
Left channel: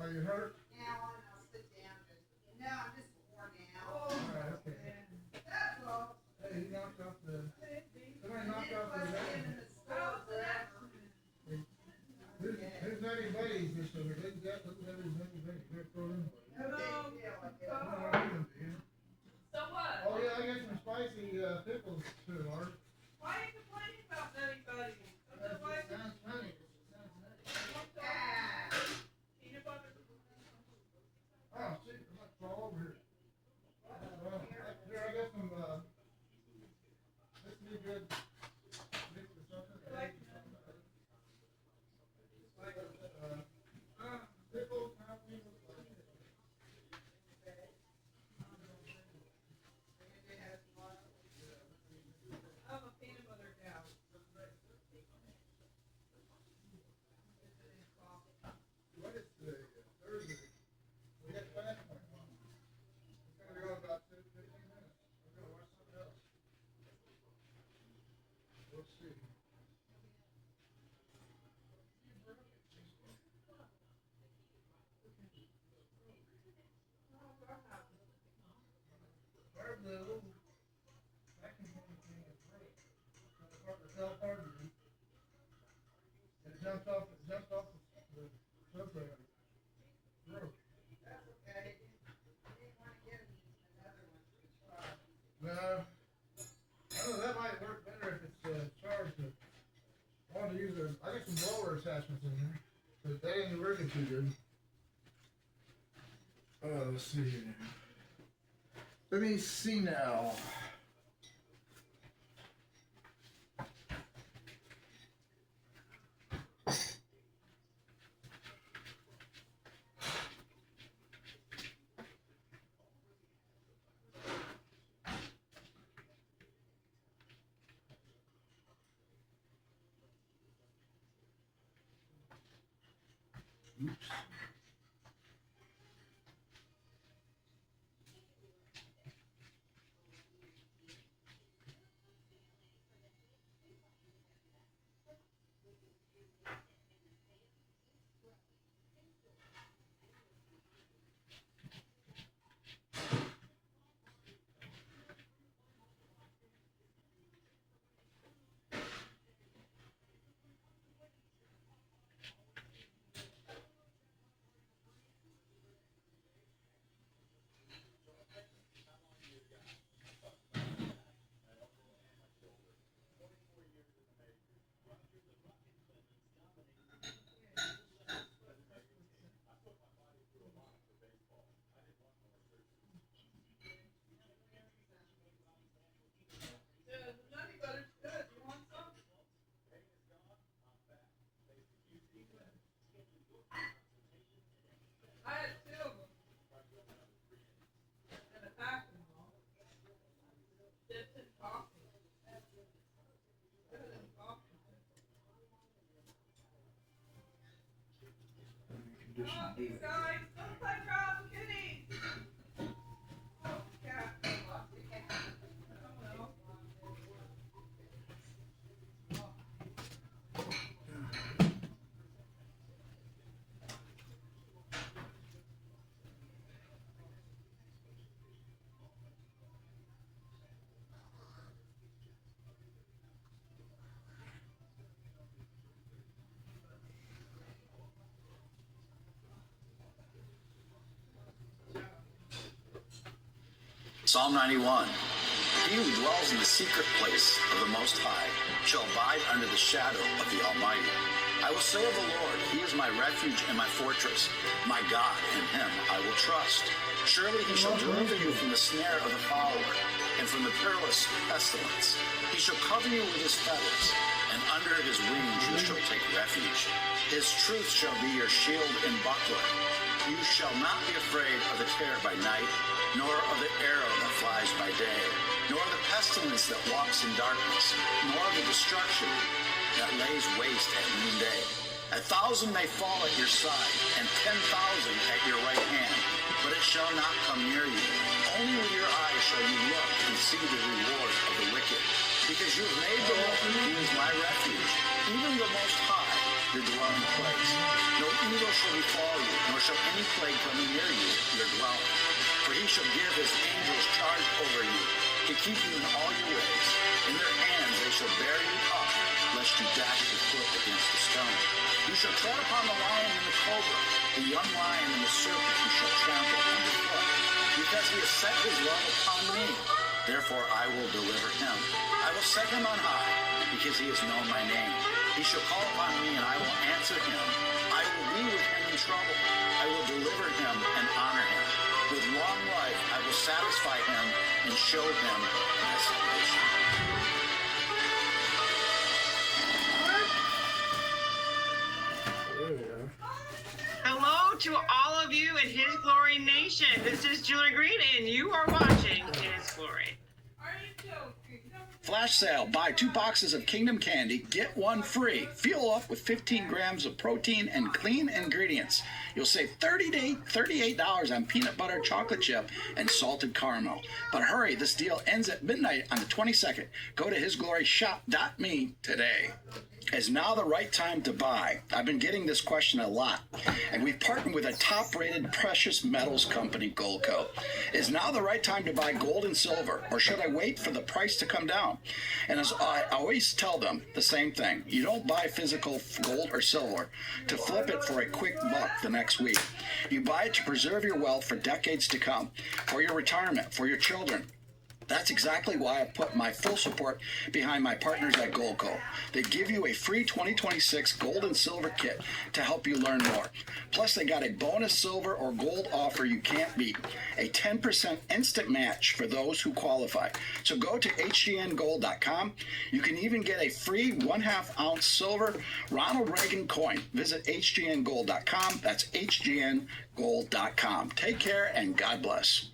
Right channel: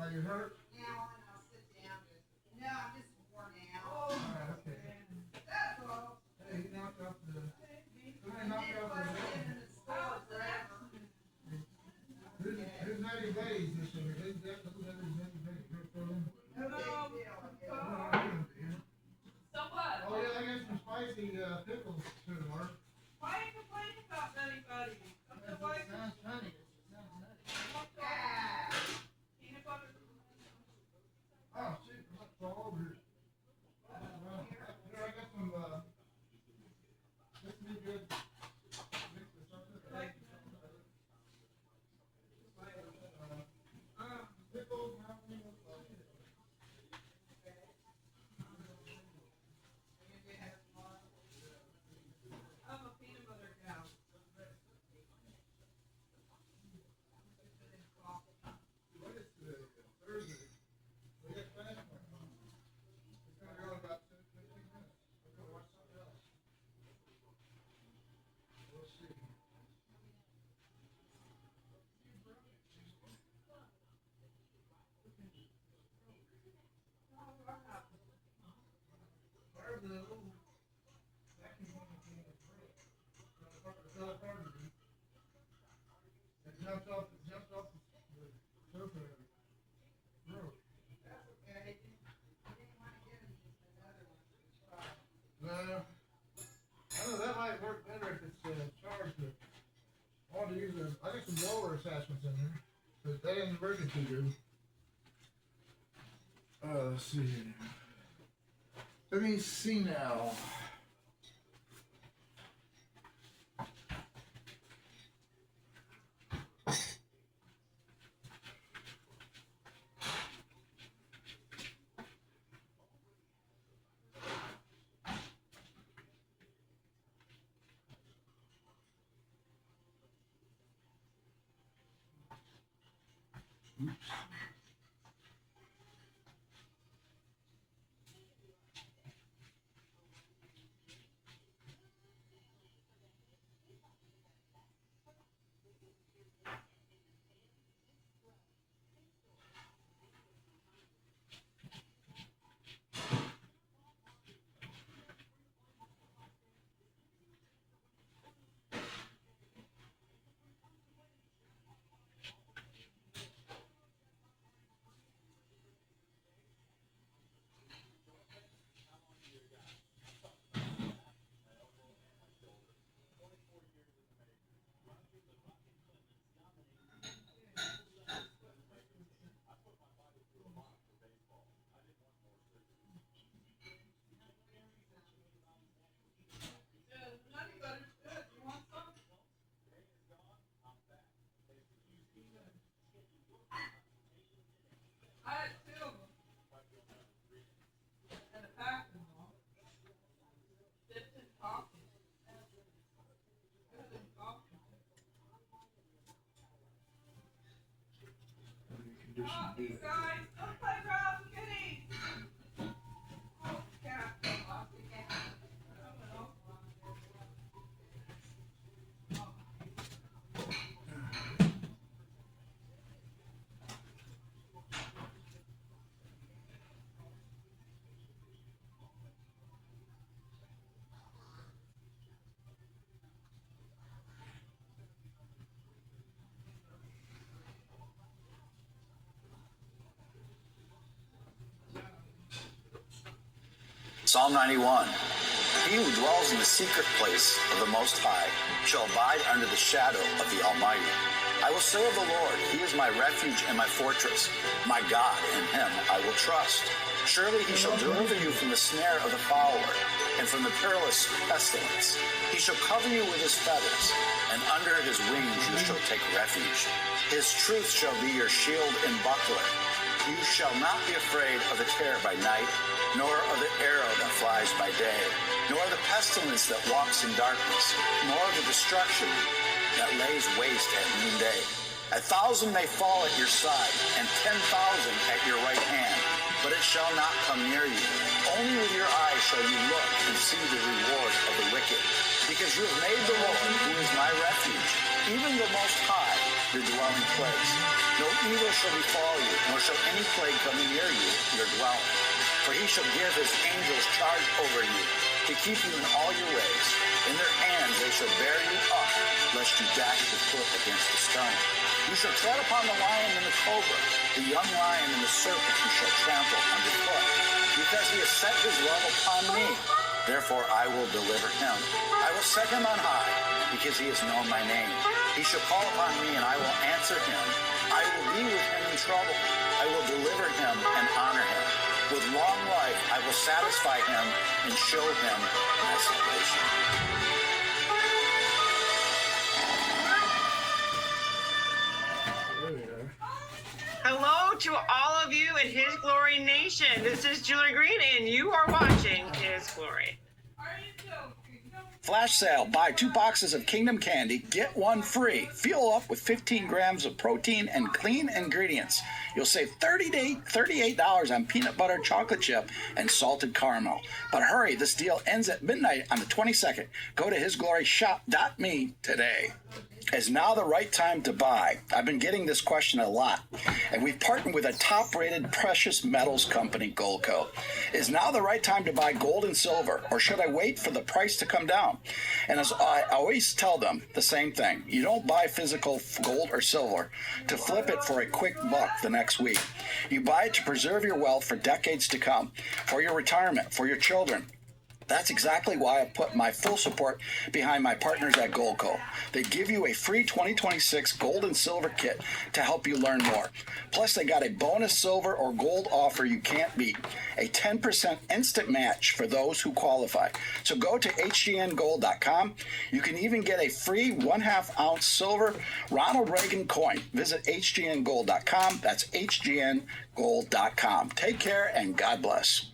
Are you hurt? All right, okay. Hey, he knocked off the. Somebody knocked off the. Who's Nutty Buddies this summer? Who's that? Who's Nutty Buddies? We're pulling. So what? Oh yeah, I got some spicy pickles too, Mark. Why are you complaining about Nutty Buddies? Sounds funny. Peanut butter. Oh shit, I'm about to fall over here. Well, here I got some. This would be good. Mix with something. Pickles, jalapeno, I'm a peanut butter gal. What is today? Thursday. We got plans for it. It's gonna go about 15 minutes. We're gonna watch something else. We'll see. Part of the old vacuum cleaner thing is broke. It fell apart again. It jumped off the sofa. Broke. No. I don't know, that might work better if it's charged, but I wanted to use I got some blower attachments in here, but they ain't working too good. Let's see here. Let me see now. Oops. Guys, don't play Ralph Kitty. Psalm 91. He who dwells in the secret place of the Most High shall abide under the shadow of the Almighty. I will say of the Lord, He is my refuge and my fortress. My God, in Him I will trust. Surely He shall deliver you from the snare of the fowler and from the perilous pestilence. He shall cover you with His feathers, and under His wings you shall take refuge. His truth shall be your shield and buckler. You shall not be afraid of the terror by night, nor of the arrow that flies by day, nor the pestilence that walks in darkness, nor the destruction that lays waste at noonday. 1,000 may fall at your side, and 10,000 at your right hand, but it shall not come near you. Only with your eyes shall you look and see the reward of the wicked, because you have made the Lord, who is my refuge, even the Most High, your dwelling place. No evil shall befall you, nor shall any plague come near you, your dwelling. For He shall give His angels charge over you, to keep you in all your ways. In their hands they shall bear you up, lest you dash your foot against a stone. You shall tread upon the lion and the cobra, the young lion and the serpent you shall trample underfoot. Because He has set His love upon me, therefore I will deliver Him. I will set Him on high, because He has known my name. He shall call upon me, and I will answer him. I will be with him in trouble. I will deliver him and honor him. With long life I will satisfy him and show him my salvation. Hello to all of you in His Glory Nation. This is Julie Green, and you are watching His Glory. Flash sale. Buy 2 boxes of Kingdom Candy, get 1 free. Fuel up with 15 grams of protein and clean ingredients. You'll save $38 on peanut butter, chocolate chip, and salted caramel. But hurry, this deal ends at midnight on the 22nd. Go to hisgloryshop.me today. Is now the right time to buy? I've been getting this question a lot, and we've partnered with a top-rated precious metals company, Goldco. Is now the right time to buy gold and silver, or should I wait for the price to come down? And as I always tell them the same thing, you don't buy physical gold or silver to flip it for a quick buck the next week. You buy it to preserve your wealth for decades to come, for your retirement, for your children. That's exactly why I put my full support behind my partners at Goldco. They give you a free 2026 gold and silver kit to help you learn more. Plus, they got a bonus silver or gold offer you can't beat, a 10% instant match for those who qualify. So go to hgngold.com. You can even get a free 1/2 ounce silver Ronald Reagan coin. Visit hgngold.com. That's hgngold.com. Take care and God bless.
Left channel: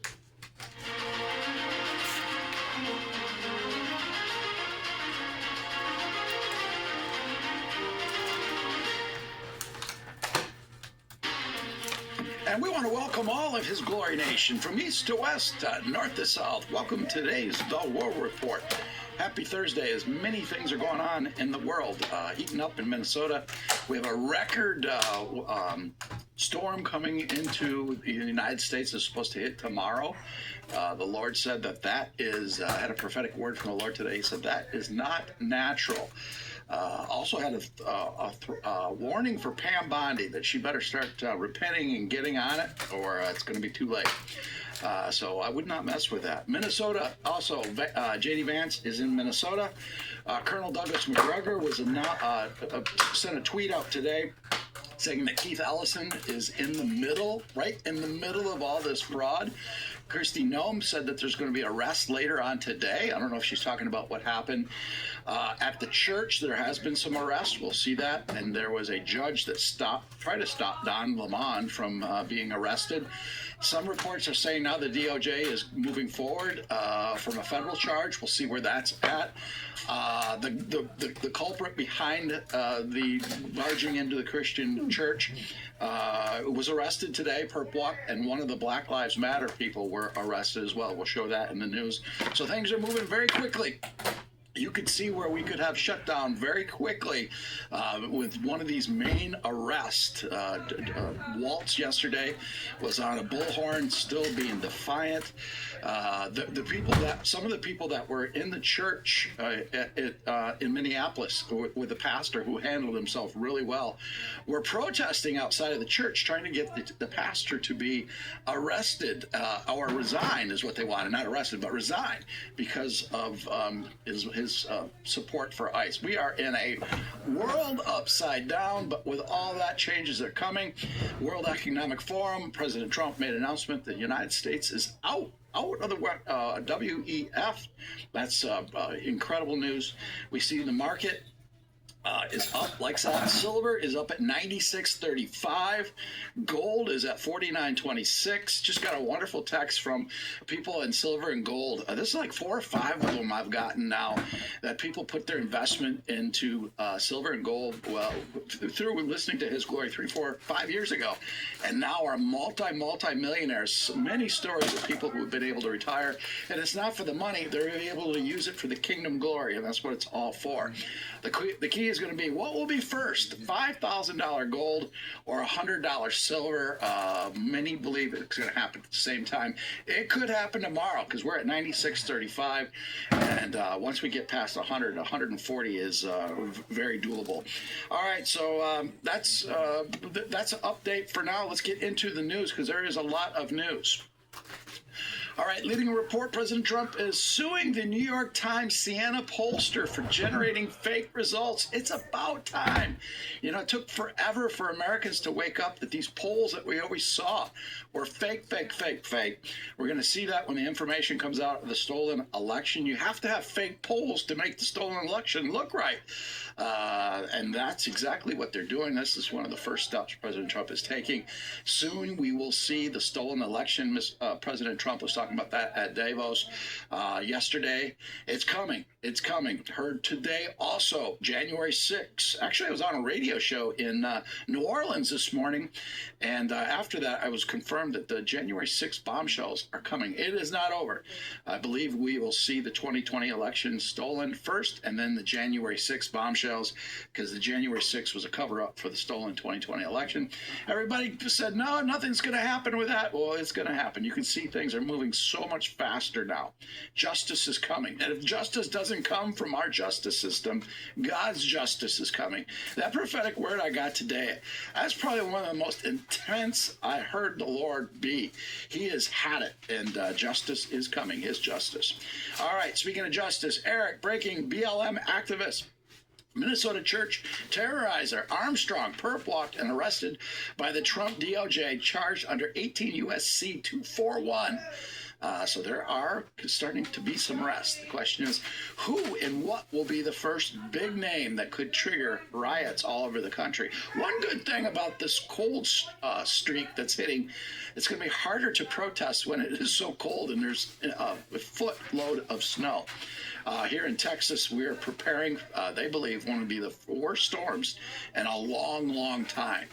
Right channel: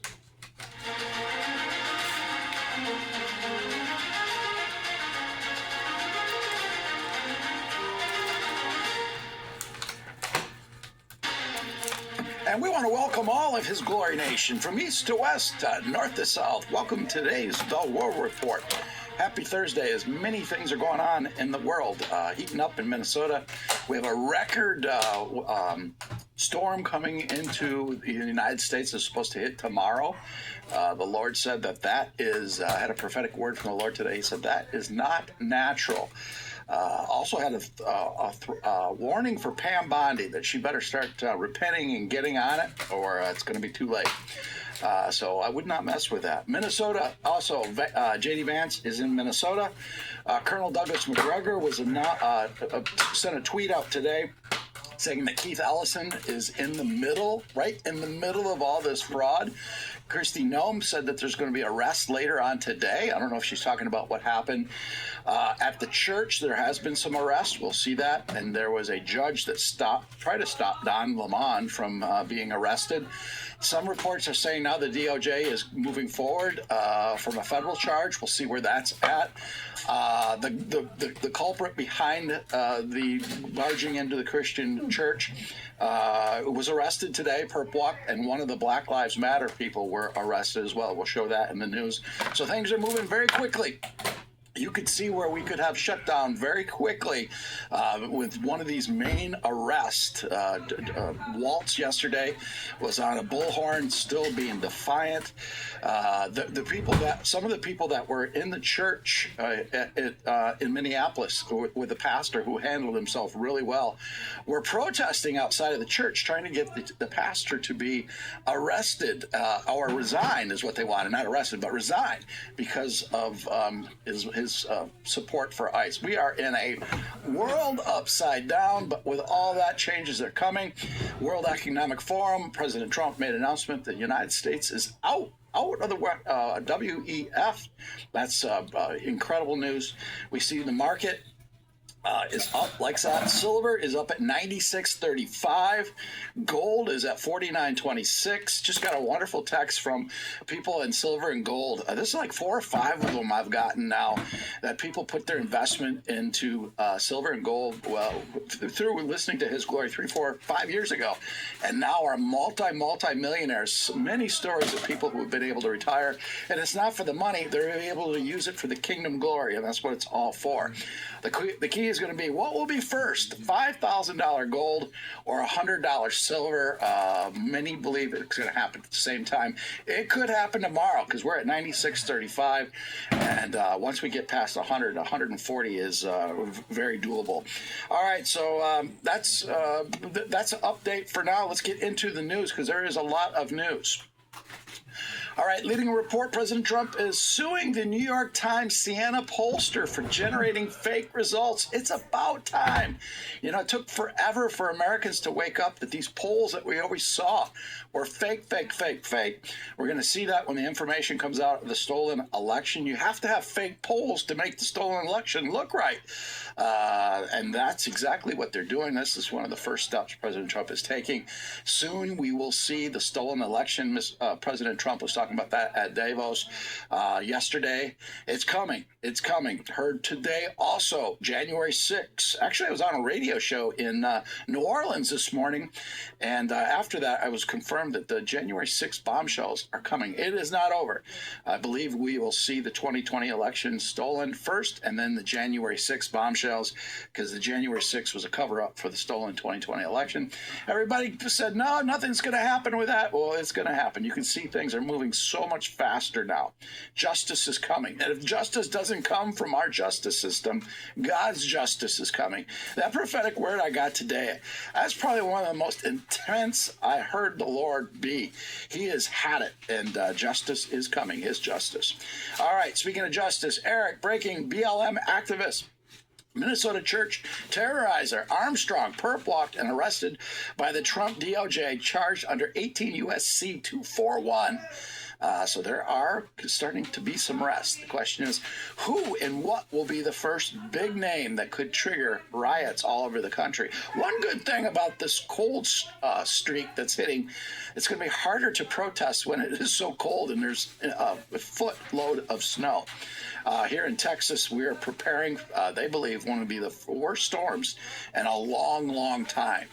And we want to welcome all of His Glory Nation from east to west, north to south. Welcome to today's The World Report. Happy Thursday, as many things are going on in the world. Heating up in Minnesota. We have a record storm coming into the United States that's supposed to hit tomorrow. The Lord said that is, I had a prophetic word from the Lord today. He said that is not natural. Also had a warning for Pam Bondi that she better start repenting and getting on it, or it's going to be too late. So I would not mess with that. Minnesota, also, J.D. Vance is in Minnesota. Colonel Douglas McGregor was sent a tweet out today saying that Keith Ellison is right in the middle of all this fraud. Kristi Noem said that there's going to be arrests later on today. I don't know if she's talking about what happened At the church, there has been some arrest. We'll see that. And there was a judge that tried to stop Don Lemon from being arrested. Some reports are saying now the DOJ is moving forward from a federal charge. We'll see where that's at. The culprit behind the barging into the Christian church was arrested today, perp walk, and one of the Black Lives Matter people were arrested as well. We'll show that in the news. So things are moving very quickly. You could see where we could have shut down very quickly with one of these main arrests. Waltz yesterday was on a bullhorn, still being defiant. Some of the people that were in the church in Minneapolis with the pastor who handled himself really well were protesting outside of the church, trying to get the pastor to be arrested or resign is what they wanted. Not arrested, but resign because of his support for ICE. We are in a world upside down, but with all that changes that are coming. World Economic Forum, President Trump made an announcement that the United States is out of the WEF. That's incredible news. We see the market is up like that. Silver is up at 96.35. Gold is at 49.26. Just got a wonderful text from people in silver and gold. This is like 4 or 5 of them I've gotten now that people put their investment into silver and gold through listening to His Glory 3, 4, 5 years ago, and now are multi-millionaires. Many stories of people who have been able to retire, and it's not for the money. They're able to use it for the kingdom glory, and that's what it's all for. The key is going to be, what will be first, $5,000 gold or $100 silver? Many believe it's going to happen at the same time. It could happen tomorrow because we're at 96.35, and once we get past 100, 140 is very doable. All right, so that's an update for now. Let's get into the news because there is a lot of news. All right, leading a report, President Trump is suing the New York Times Siena pollster for generating fake results. It's about time. You know, it took forever for Americans to wake up that these polls that we always saw were fake. We're going to see that when the information comes out of the stolen election. You have to have fake polls to make the stolen election look right. And that's exactly what they're doing. This is one of the first steps President Trump is taking. Soon we will see the stolen election. President Trump was talking about that at Davos yesterday. It's coming. Heard today also, January 6th. Actually, I was on a radio show in New Orleans this morning, and after that, I was confirmed that the January 6th bombshells are coming. It is not over. I believe we will see the 2020 election stolen first, and then the January 6th bombshells, because the January 6th was a cover-up for the stolen 2020 election. Everybody said, no, nothing's going to happen with that. Well, it's going to happen. You can see things are moving so much faster now. Justice is coming. And if justice doesn't come from our justice system, God's justice is coming. That prophetic word I got today, that's probably one of the most intense I heard the Lord be. He has had it, and justice is coming, his justice. All right, speaking of justice, Eric, breaking BLM activist. Minnesota church terrorizer Armstrong perp walked and arrested by the Trump DOJ, charged under 18 U.S.C. 241. So there are starting to be some arrests. The question is, who and what will be the first big name that could trigger riots all over the country? One good thing about this cold streak that's hitting, it's going to be harder to protest when it is so cold and there's a footload of snow. Here in Texas, we are preparing, they believe, one of the worst storms in a long time.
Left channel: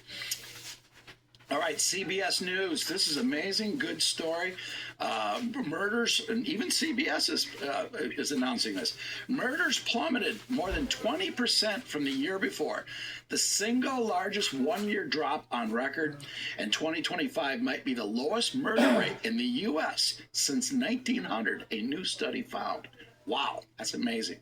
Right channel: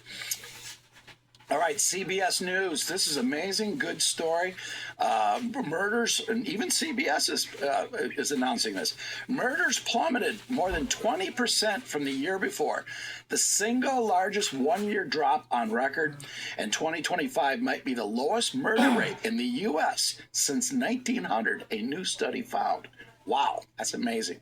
All right, CBS News. This is amazing, good story. Murders, and even CBS is announcing this. Murders plummeted more than 20% from the year before. The single largest one-year drop on record, and 2025 might be the lowest murder rate in the U.S. since 1900, a new study found. Wow, that's amazing.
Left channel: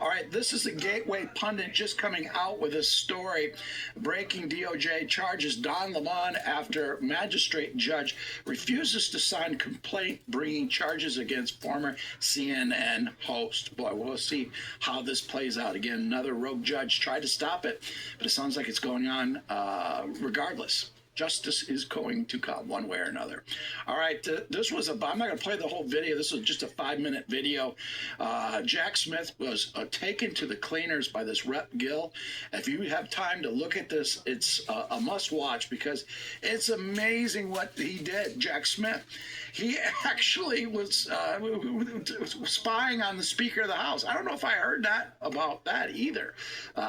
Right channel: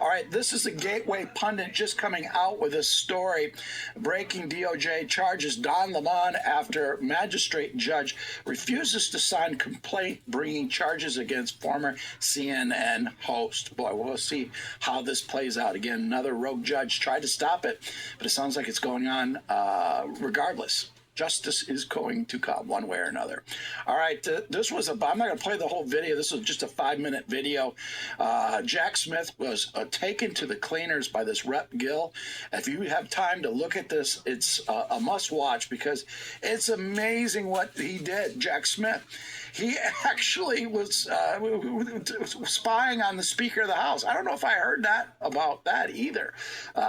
All right, this is the Gateway Pundit just coming out with this story. Breaking DOJ charges Don Lemon after magistrate judge refuses to sign complaint bringing charges against former CNN host. Boy, we'll see how this plays out. Again, another rogue judge tried to stop it, but it sounds like it's going on regardless. justice is going to come one way or another. All right, this was I'm not going to play the whole video. This was just a 5-minute video. Jack Smith was taken to the cleaners by this Rep Gill. If you have time to look at this, it's a must-watch because it's amazing what he did. Jack Smith, he actually was spying on the Speaker of the House. I don't know if I heard that about that either,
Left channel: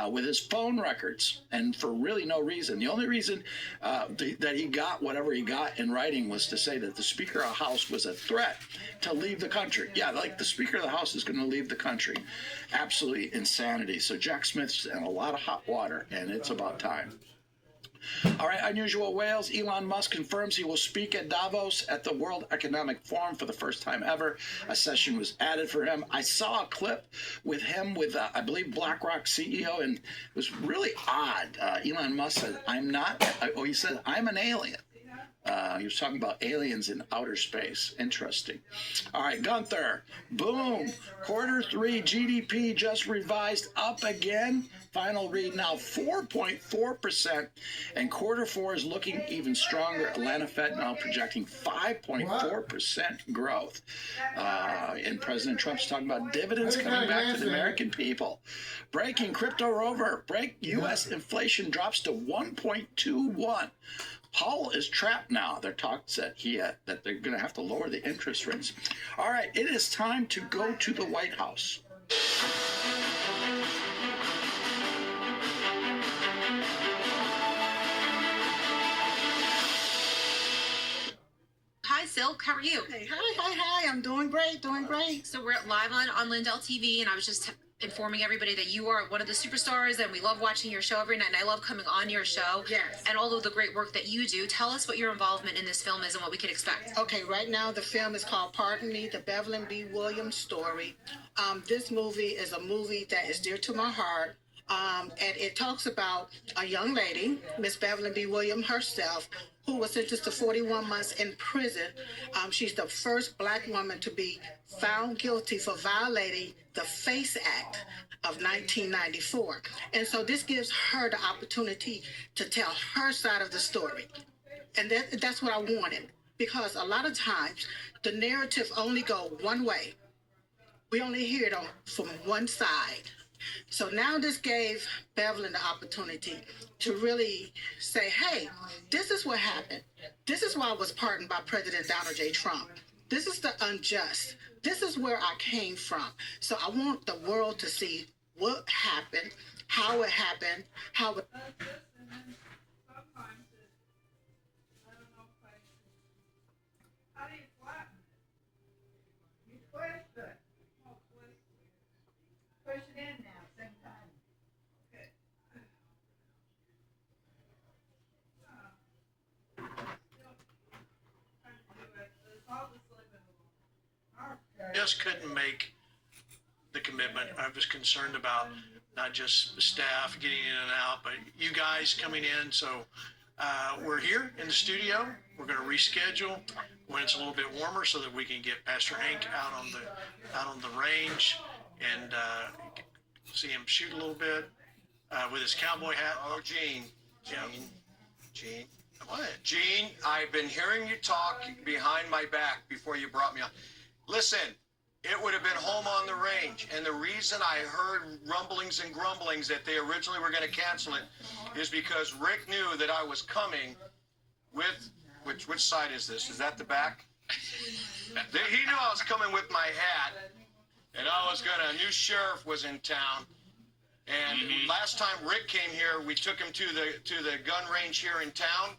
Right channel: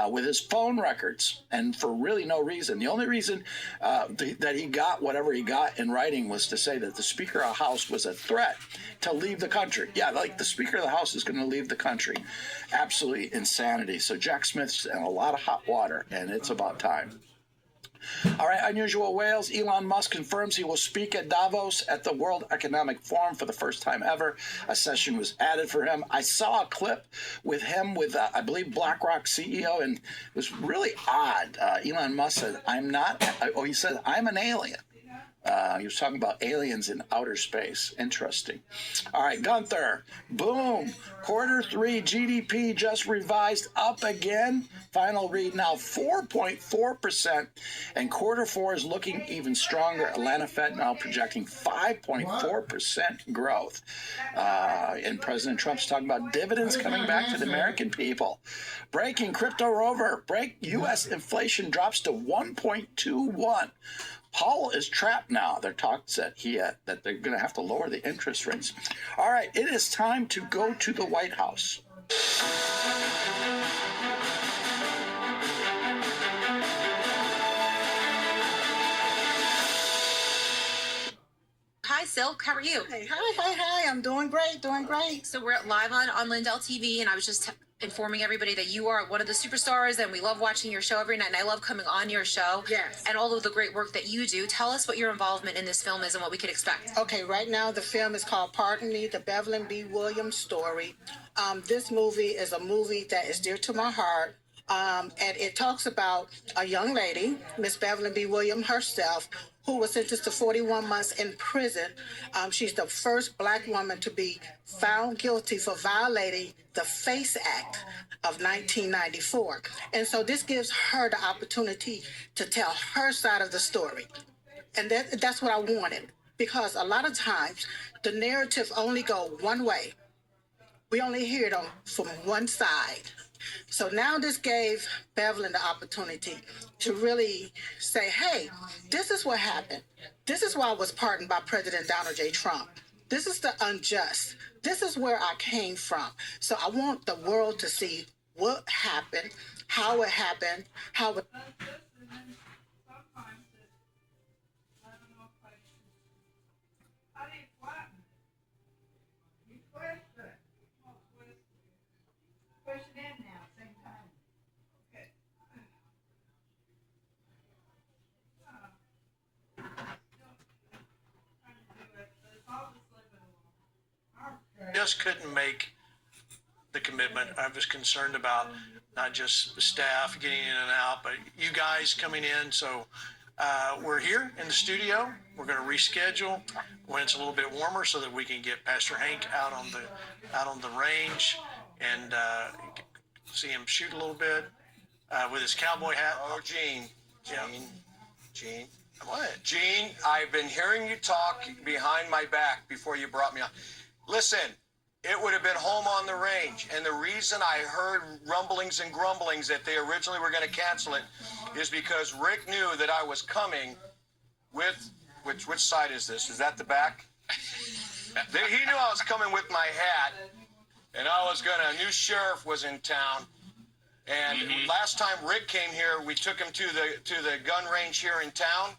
with his phone records, and for really no reason. The only reason that he got whatever he got in writing was to say that the Speaker of the House was a threat to leave the country. Yeah, like the Speaker of the House is going to leave the country. Absolutely insanity. So Jack Smith's in a lot of hot water, and it's about time. All right, unusual whales. Elon Musk confirms he will speak at Davos at the World Economic Forum for the first time ever. A session was added for him. I saw a clip with him with, I believe, BlackRock CEO, and it was really odd. Elon Musk said, he said, I'm an alien. He was talking about aliens in outer space. Interesting. All right, Gunther. Boom. Q3 GDP just revised up again. Final read now 4.4%. And Q4 is looking even stronger. Atlanta Fed now projecting 5.4% growth. And President Trump's talking about dividends coming back to the American people. Breaking crypto rover. U.S. inflation drops to 1.21. Powell is trapped now. There are talks that that they're going to have to lower the interest rates. All right, it is time to go to the White House. Hi, Silk. How are you? Hey, hi. I'm doing great. So we're live on Lindell TV, and I was just informing everybody that you are one of the superstars, and we love watching your show every night, and I love coming on your show. Yes. And all of the great work that you do. Tell us what your involvement in this film is and what we could expect. Okay, right now the film is called Pardon Me, the Beverly B. Williams story. This movie is a movie that is dear to my heart. And it talks about a young lady, Miss Beverly B. Williams herself, who was sentenced to 41 months in prison. She's the first Black woman to be found guilty for violating the FACE Act of 1994. And so this gives her the opportunity to tell her side of the story. And that's what I wanted, because a lot of times the narrative only go one way. We only hear it from one side. So now this gave Beverly the opportunity to really say, hey, this is what happened. This is why I was pardoned by President Donald J. Trump. This is the unjust. This is where I came from. So I want the world to see what happened, how it happened, how it... Push it in now, same time. Okay. Just couldn't make the commitment. I was concerned about not just the staff getting in and out, but you guys coming in. So we're here in the studio. We're going to reschedule when it's a little bit warmer so that we can get Pastor Hank out on the range and see him shoot a little bit with his cowboy hat. Oh, Gene. What? Gene, I've been hearing you talk behind my back before you brought me on. Listen, it would have been home on the range, and the reason I heard rumblings and grumblings that they originally were going to cancel it is because Rick knew that I was coming with, which side is this? Is that the back? He knew I was coming with my hat, and a new sheriff was in town. And last time Rick came here, we took him to the gun range here in town.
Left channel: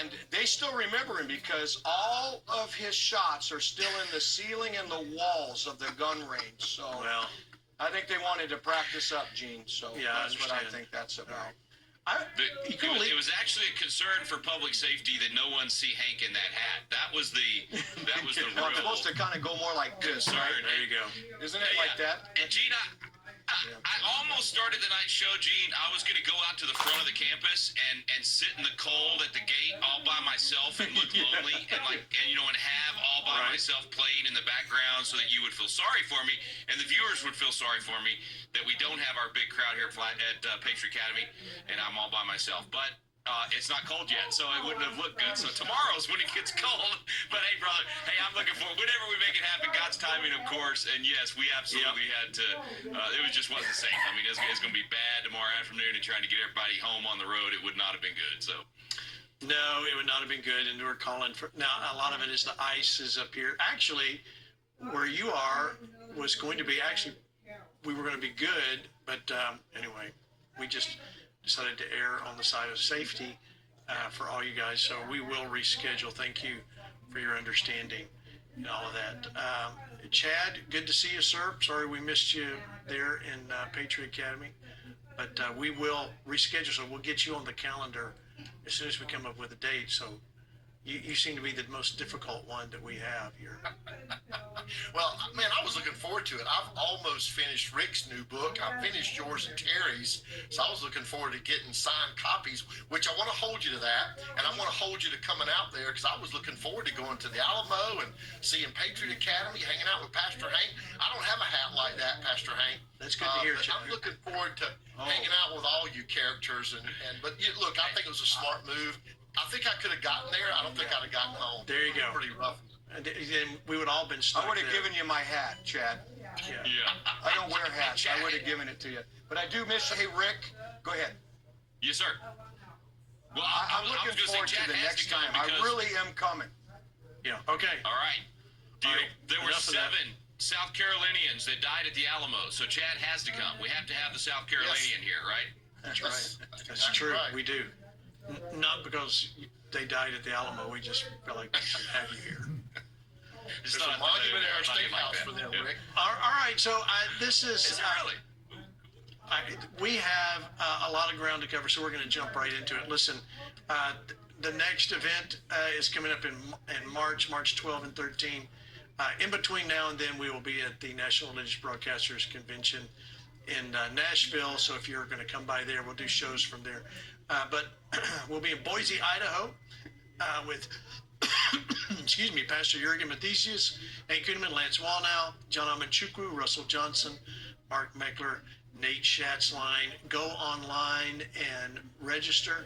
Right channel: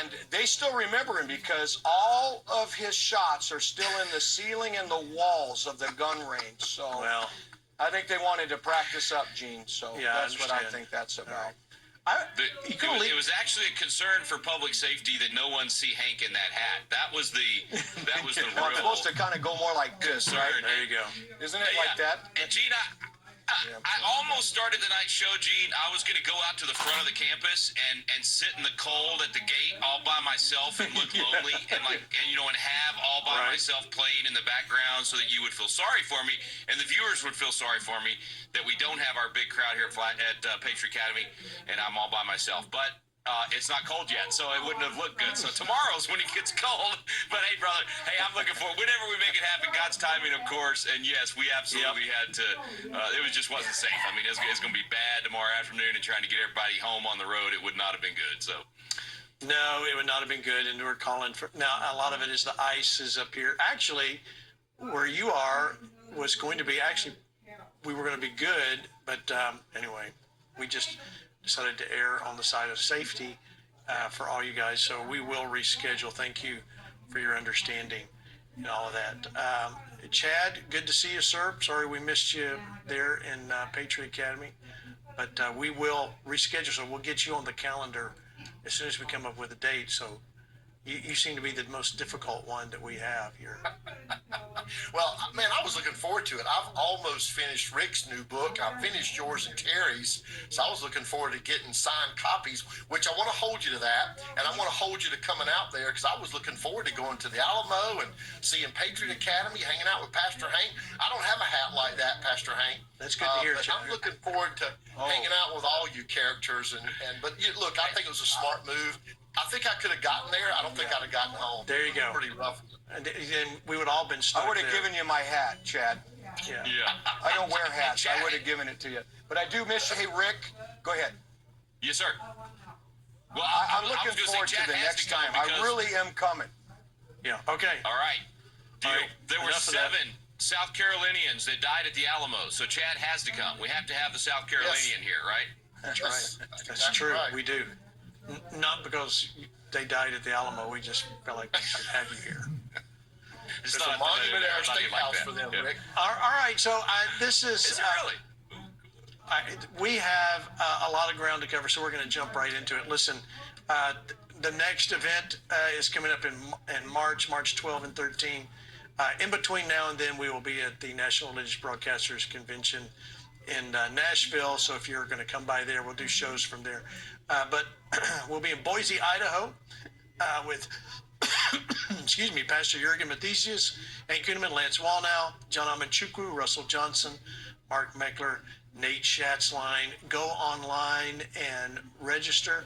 And they still remember him because all of his shots are still in the ceiling and the walls of the gun range. So Well, I think they wanted to practice up, Gene. So Yeah, I that's what I understand. think that's about. It was actually a concern for public safety that no one see Hank in that hat. That was the Well, I'm real supposed to kind of go more like this, concern. right? there you go. Isn't it like that? And Gene, I almost started the night show, Gene. I was going to go out to the front of the campus and sit in the cold at the gate all by myself and look lonely and have all by Right. myself playing in the background so that you would feel sorry for me and the viewers would feel sorry for me that we don't have our big crowd here at Patriot Academy and I'm all by myself. But It's not cold yet, so it wouldn't have looked good. So tomorrow's when it gets cold. But hey, brother, hey, I'm looking for whenever we make it happen. God's timing, of course. And yes, we absolutely had to. It wasn't safe. I mean, it's going to be bad tomorrow afternoon, and trying to get everybody home on the road, it would not have been good. So. No, it would not have been good. And we're calling for now. A lot of it is the ice is up here. Actually, where you are was going to be we were going to be good, but anyway, we just decided to err on the side of safety for all you guys. So we will reschedule. Thank you for your understanding and all of that. Chad, good to see you, sir. Sorry we missed you there in Patriot Academy, but we will reschedule. So we'll get you on the calendar as soon as we come up with a date. So you seem to be the most difficult one that we have here. Well, man, I was looking forward to it. I've almost finished Rick's new book. I finished yours and Terry's. So I was looking forward to getting signed copies, which I want to hold you to that. And I want to hold you to coming out there because I was looking forward to going to the Alamo and seeing Patriot Academy, hanging out with Pastor Hank. I don't have a hat like that, Pastor Hank. That's good to hear, but Chad. I'm looking forward to hanging out with all you characters. But look, I think it was a smart move. I think I could have gotten there. I don't think I'd have gotten home. There you go. Pretty rough. And then we would all been stuck. I would have given you my hat, Chad. Yeah. I don't wear hats. I would have given it to you. But I do miss you. Hey, Rick, go ahead. Yes, sir. Well, I'm looking forward to the next time. I really am coming. Yeah. Okay. All right. Deal. All right. There were Enough of that. 7 South Carolinians that died at the Alamo, so Chad has to come. We have to have the South Carolinian here, right? That's Yes, right. That's exactly true. right. We do. Not because they died at the Alamo. We just felt like we should have you here. It's There's a monument at our state house for them, Rick. All right. So this is. Is it really? We have a lot of ground to cover, so we're going to jump right into it. Listen, the next event is coming up in March 12 and 13. In between now and then, we will be at the National Religious Broadcasters Convention in Nashville. So if you're going to come by there, we'll do shows from there. But we'll be in Boise, Idaho, with excuse me, Pastor Jurgen Mathesius, Hank Kuhneman, Lance Wallnow, John Amanchukwu, Russell Johnson, Mark Meckler, Nate Schatzline. Go online and register.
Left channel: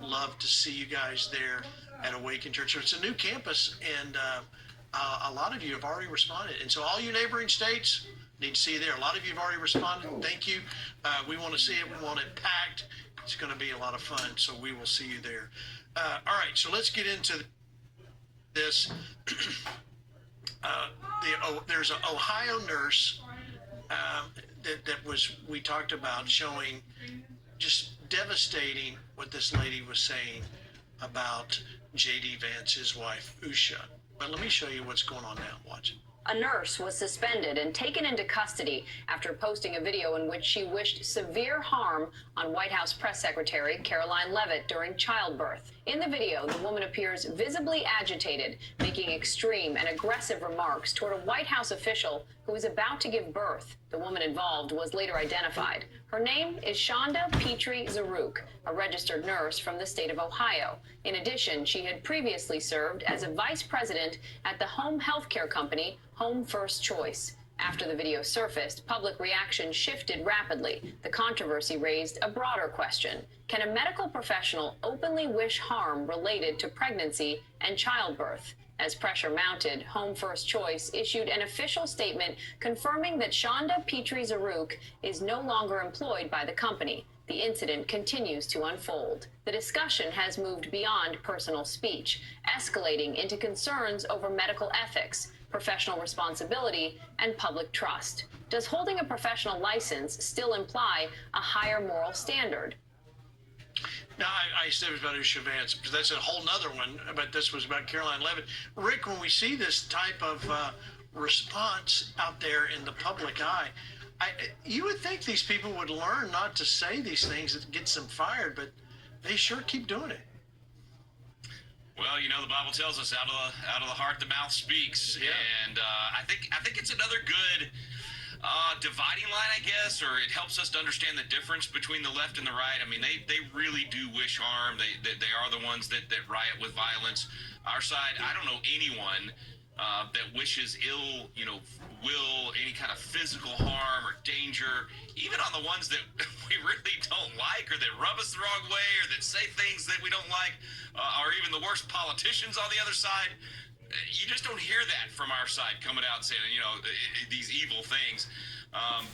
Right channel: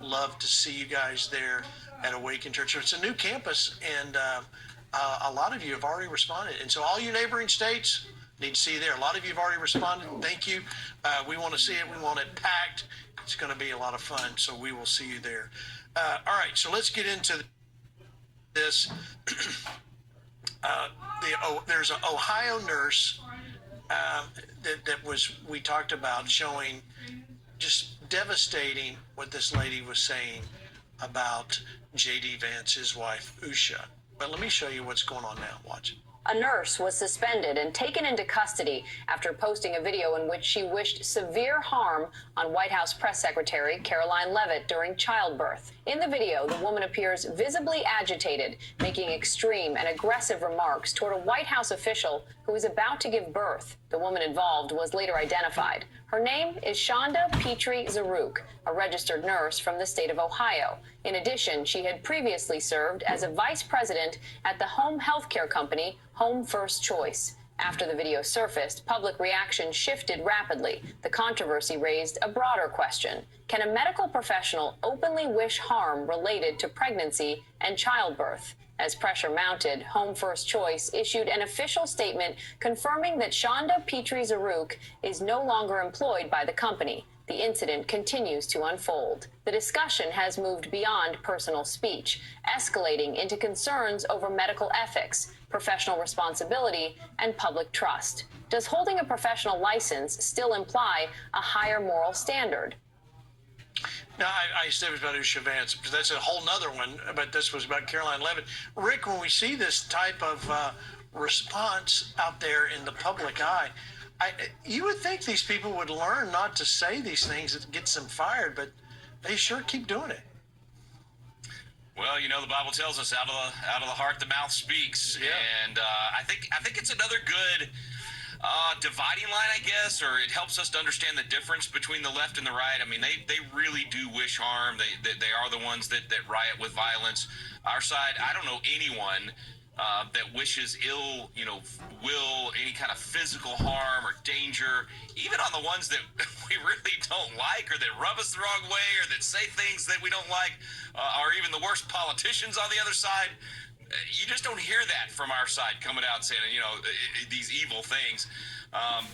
Love to see you guys there at Awaken Church. It's a new campus, and a lot of you have already responded. And so all you neighboring states need to see you there. A lot of you have already responded. Thank you. We want to see it. We want it packed. It's going to be a lot of fun, so we will see you there. All right, so let's get into this. There's an Ohio nurse that we talked about showing just devastating what this lady was saying about J.D. Vance, his wife, Usha. But let me show you what's going on now. Watch it. A nurse was suspended and taken into custody after posting a video in which she wished severe harm on White House Press Secretary Caroline Leavitt during childbirth. In the video, the woman appears visibly agitated, making extreme and aggressive remarks toward a White House official who is about to give birth. The woman involved was later identified. Her name is Shonda Petrie Zaruk, a registered nurse from the state of Ohio. In addition, she had previously served as a vice president at the home health care company Home First Choice. After the video surfaced, public reaction shifted rapidly. The controversy raised a broader question. Can a medical professional openly wish harm related to pregnancy and childbirth? As pressure mounted, Home First Choice issued an official statement confirming that Shonda Petrie Zaruk is no longer employed by the company. The incident continues to unfold. The discussion has moved beyond personal speech, escalating into concerns over medical ethics, professional responsibility, and public trust. Does holding a professional license still imply a higher moral standard? Now, I said it was about Usha Vance, because that's a whole nother one, but this was about Caroline Leavitt. Rick, when we see this type of response out there in the public eye, you would think these people would learn not to say these things that gets them fired, but they sure keep doing it. Well, you know, the Bible tells us out of the heart the mouth speaks, and I think it's another good dividing line, I guess, or it helps us to understand the difference between the left and the right. I mean, they really do wish harm. They are the ones that riot with violence. Our side, I don't know anyone that wishes ill, will, any kind of physical harm or danger, even on the ones that we really don't like or that rub us the wrong way or that say things that we don't like, or even the worst politicians on the other side. You just don't hear that from our side coming out saying, these evil things.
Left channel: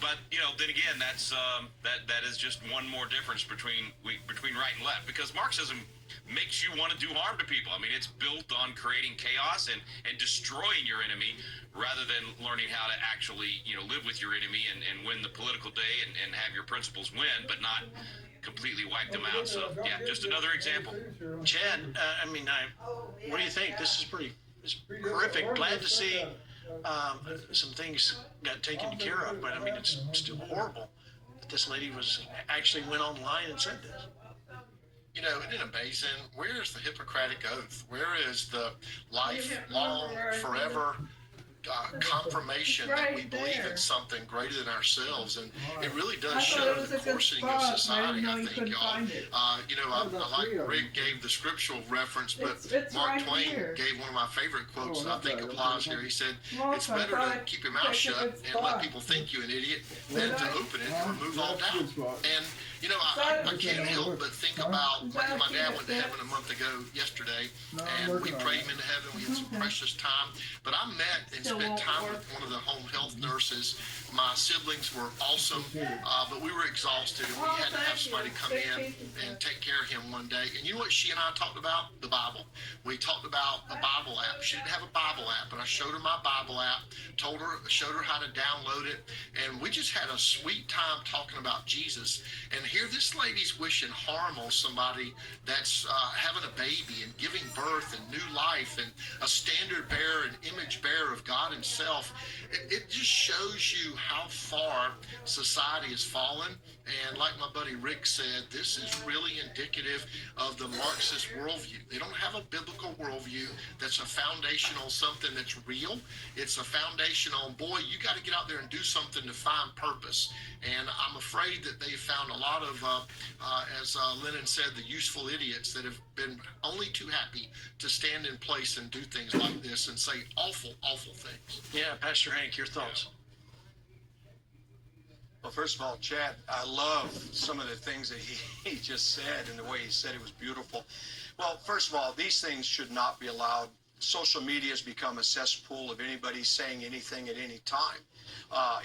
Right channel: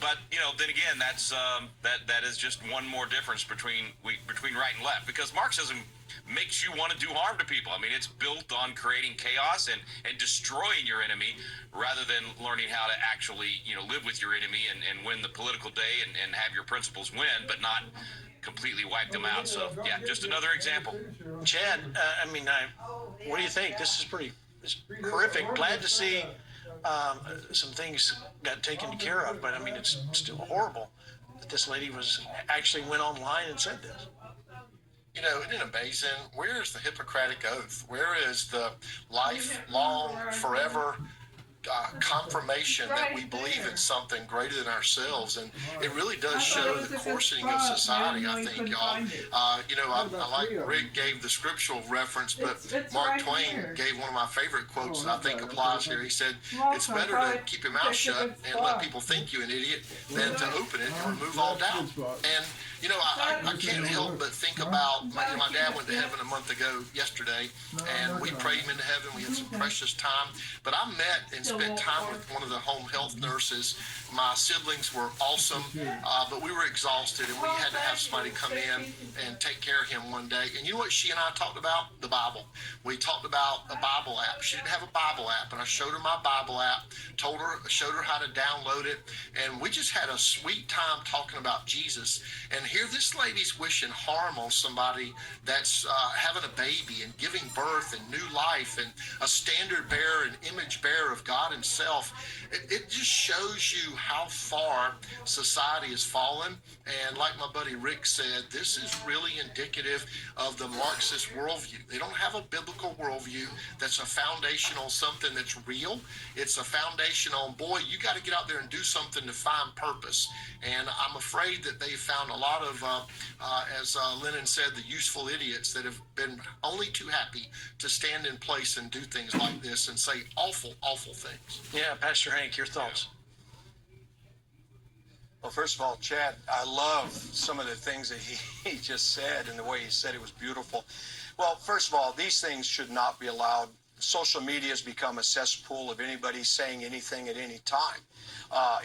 But then again, that is just one more difference between right and left, because Marxism makes you want to do harm to people. I mean, it's built on creating chaos and destroying your enemy rather than learning how to actually, live with your enemy and win the political day and have your principles win, but not completely wipe them out. So, yeah, just another example. Chad, what do you think? This is it's horrific. Glad to see some things got taken care of, but I mean, it's still horrible that this lady actually went online and said this. Isn't it amazing? Where is the Hippocratic Oath? Where is the lifelong, forever confirmation that we believe in something greater than ourselves? And it really does show the coarsening of society, I think, y'all. I like Rick gave the scriptural reference, but Mark Twain gave one of my favorite quotes that I think applies here. He said, it's better to keep your mouth shut and let people think you an idiot than to open it and remove all doubt. And I can't help but think about, my dad went to heaven a month ago yesterday, and we prayed him into heaven. We had some precious time. But I met and spent time with one of the home health nurses. My siblings were awesome, but we were exhausted, and we had to have somebody come in and take care of him one day. And you know what she and I talked about? The Bible. We talked about a Bible app. She didn't have a Bible app, and I showed her my Bible app, showed her how to download it, and we just had a sweet time talking about Jesus. And here this lady's wishing harm on somebody that's having a baby and giving birth and new life and a standard bearer and image bearer of God himself. It just shows you how far society has fallen. And like my buddy Rick said, this is really indicative of the Marxist worldview. They don't have a biblical worldview that's a foundational something that's real. It's a foundational, boy, you got to get out there and do something to find purpose. And I'm afraid that they found a lot of, as Lennon said, the useful idiots that have been only too happy to stand in place and do things like this and say awful, awful things. Yeah, Pastor Hank, your thoughts? Well, first of all, Chad, I love some of the things that he just said, and the way he said it was beautiful. Well, first of all, these things should not be allowed. Social media has become a cesspool of anybody saying anything at any time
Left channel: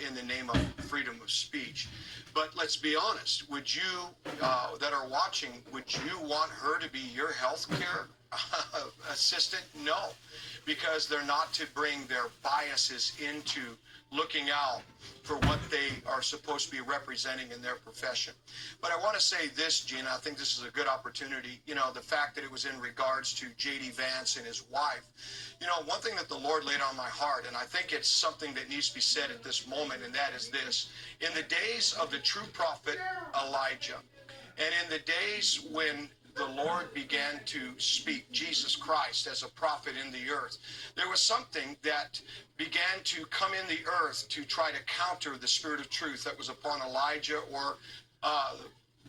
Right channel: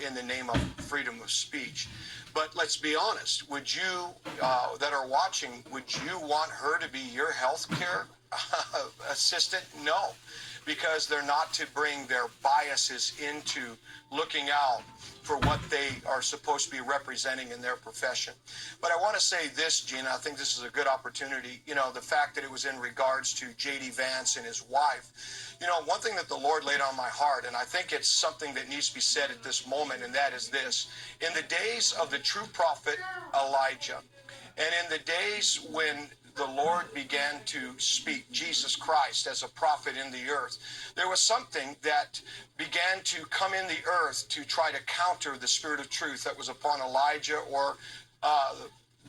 in the name of freedom of speech. But let's be honest, would you, that are watching, would you want her to be your health care assistant? No, because they're not to bring their biases into looking out for what they are supposed to be representing in their profession. But I want to say this, Gina, I think this is a good opportunity. The fact that it was in regards to J.D. Vance and his wife. One thing that the Lord laid on my heart, and I think it's something that needs to be said at this moment, and that is this. In the days of the true prophet Elijah, and in the days when the Lord began to speak Jesus Christ as a prophet in the earth, there was something that began to come in the earth to try to counter the spirit of truth that was upon Elijah, or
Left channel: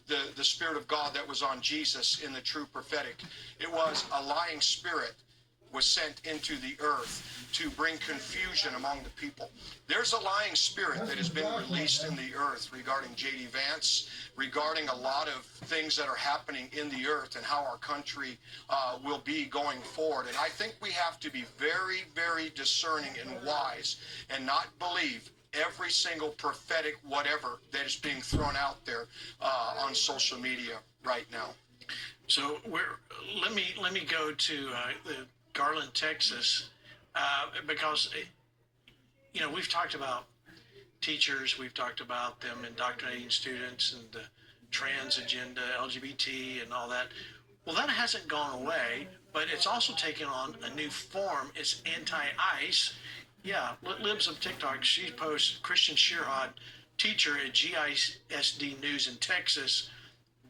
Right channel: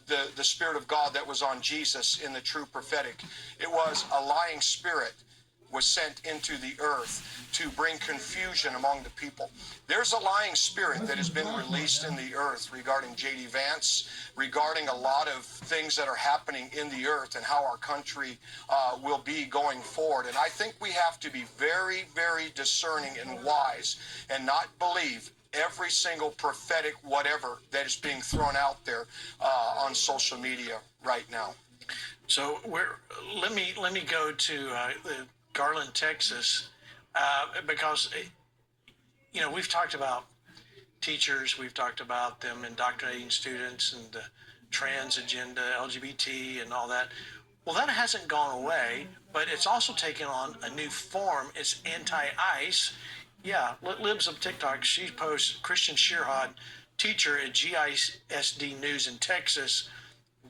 the spirit of God that was on Jesus in the true prophetic. It was a lying spirit was sent into the earth to bring confusion among the people. There's a lying spirit that has been released in the earth regarding J.D. Vance, regarding a lot of things that are happening in the earth and how our country will be going forward. And I think we have to be very, very discerning and wise and not believe every single prophetic whatever that is being thrown out there on social media right now. So let me go to Garland, Texas, because we've talked about teachers, we've talked about them indoctrinating students and the trans agenda, LGBT and all that. Well, that hasn't gone away, but it's also taken on a new form. It's anti-ICE. Yeah, Libs of TikTok, she posts Christian Shearhod, teacher at GISD News in Texas,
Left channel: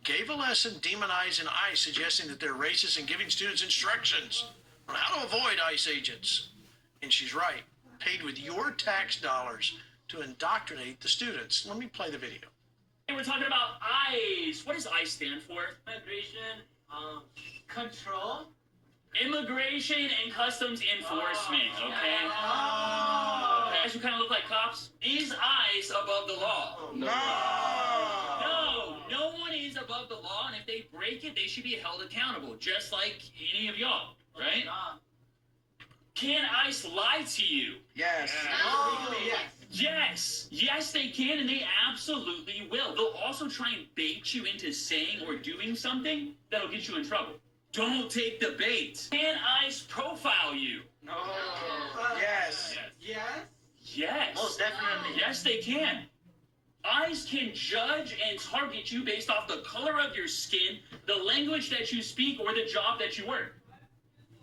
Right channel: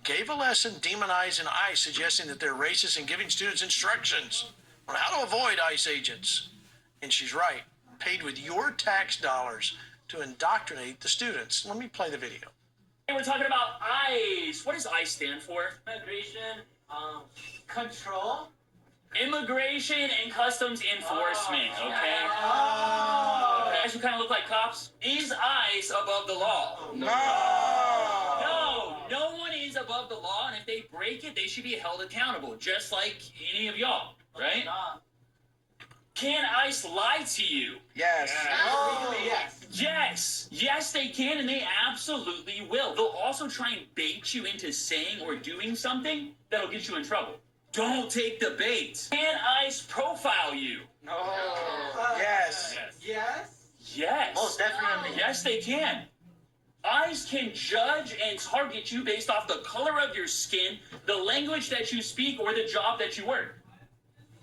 gave a lesson demonizing ICE, suggesting that they're racist and giving students instructions on how to avoid ICE agents. And she's right, paid with your tax dollars to indoctrinate the students. Let me play the video. And we're talking about ICE. What does ICE stand for? Migration, control, Immigration and Customs Enforcement, okay? Guys who kind of look like cops. Is ICE above the law? No one is above the law, and if they break it, they should be held accountable, just like any of y'all, right? Can ICE lie to you? Yes. Yes, they can, and they absolutely will. They'll also try and bait you into saying or doing something that'll get you in trouble. Don't take the bait. Can ICE profile you? No. Yes. Yes. Most definitely. Yes, they can. ICE can judge and target you based off the color of your skin, the language that you speak, or the job that you work.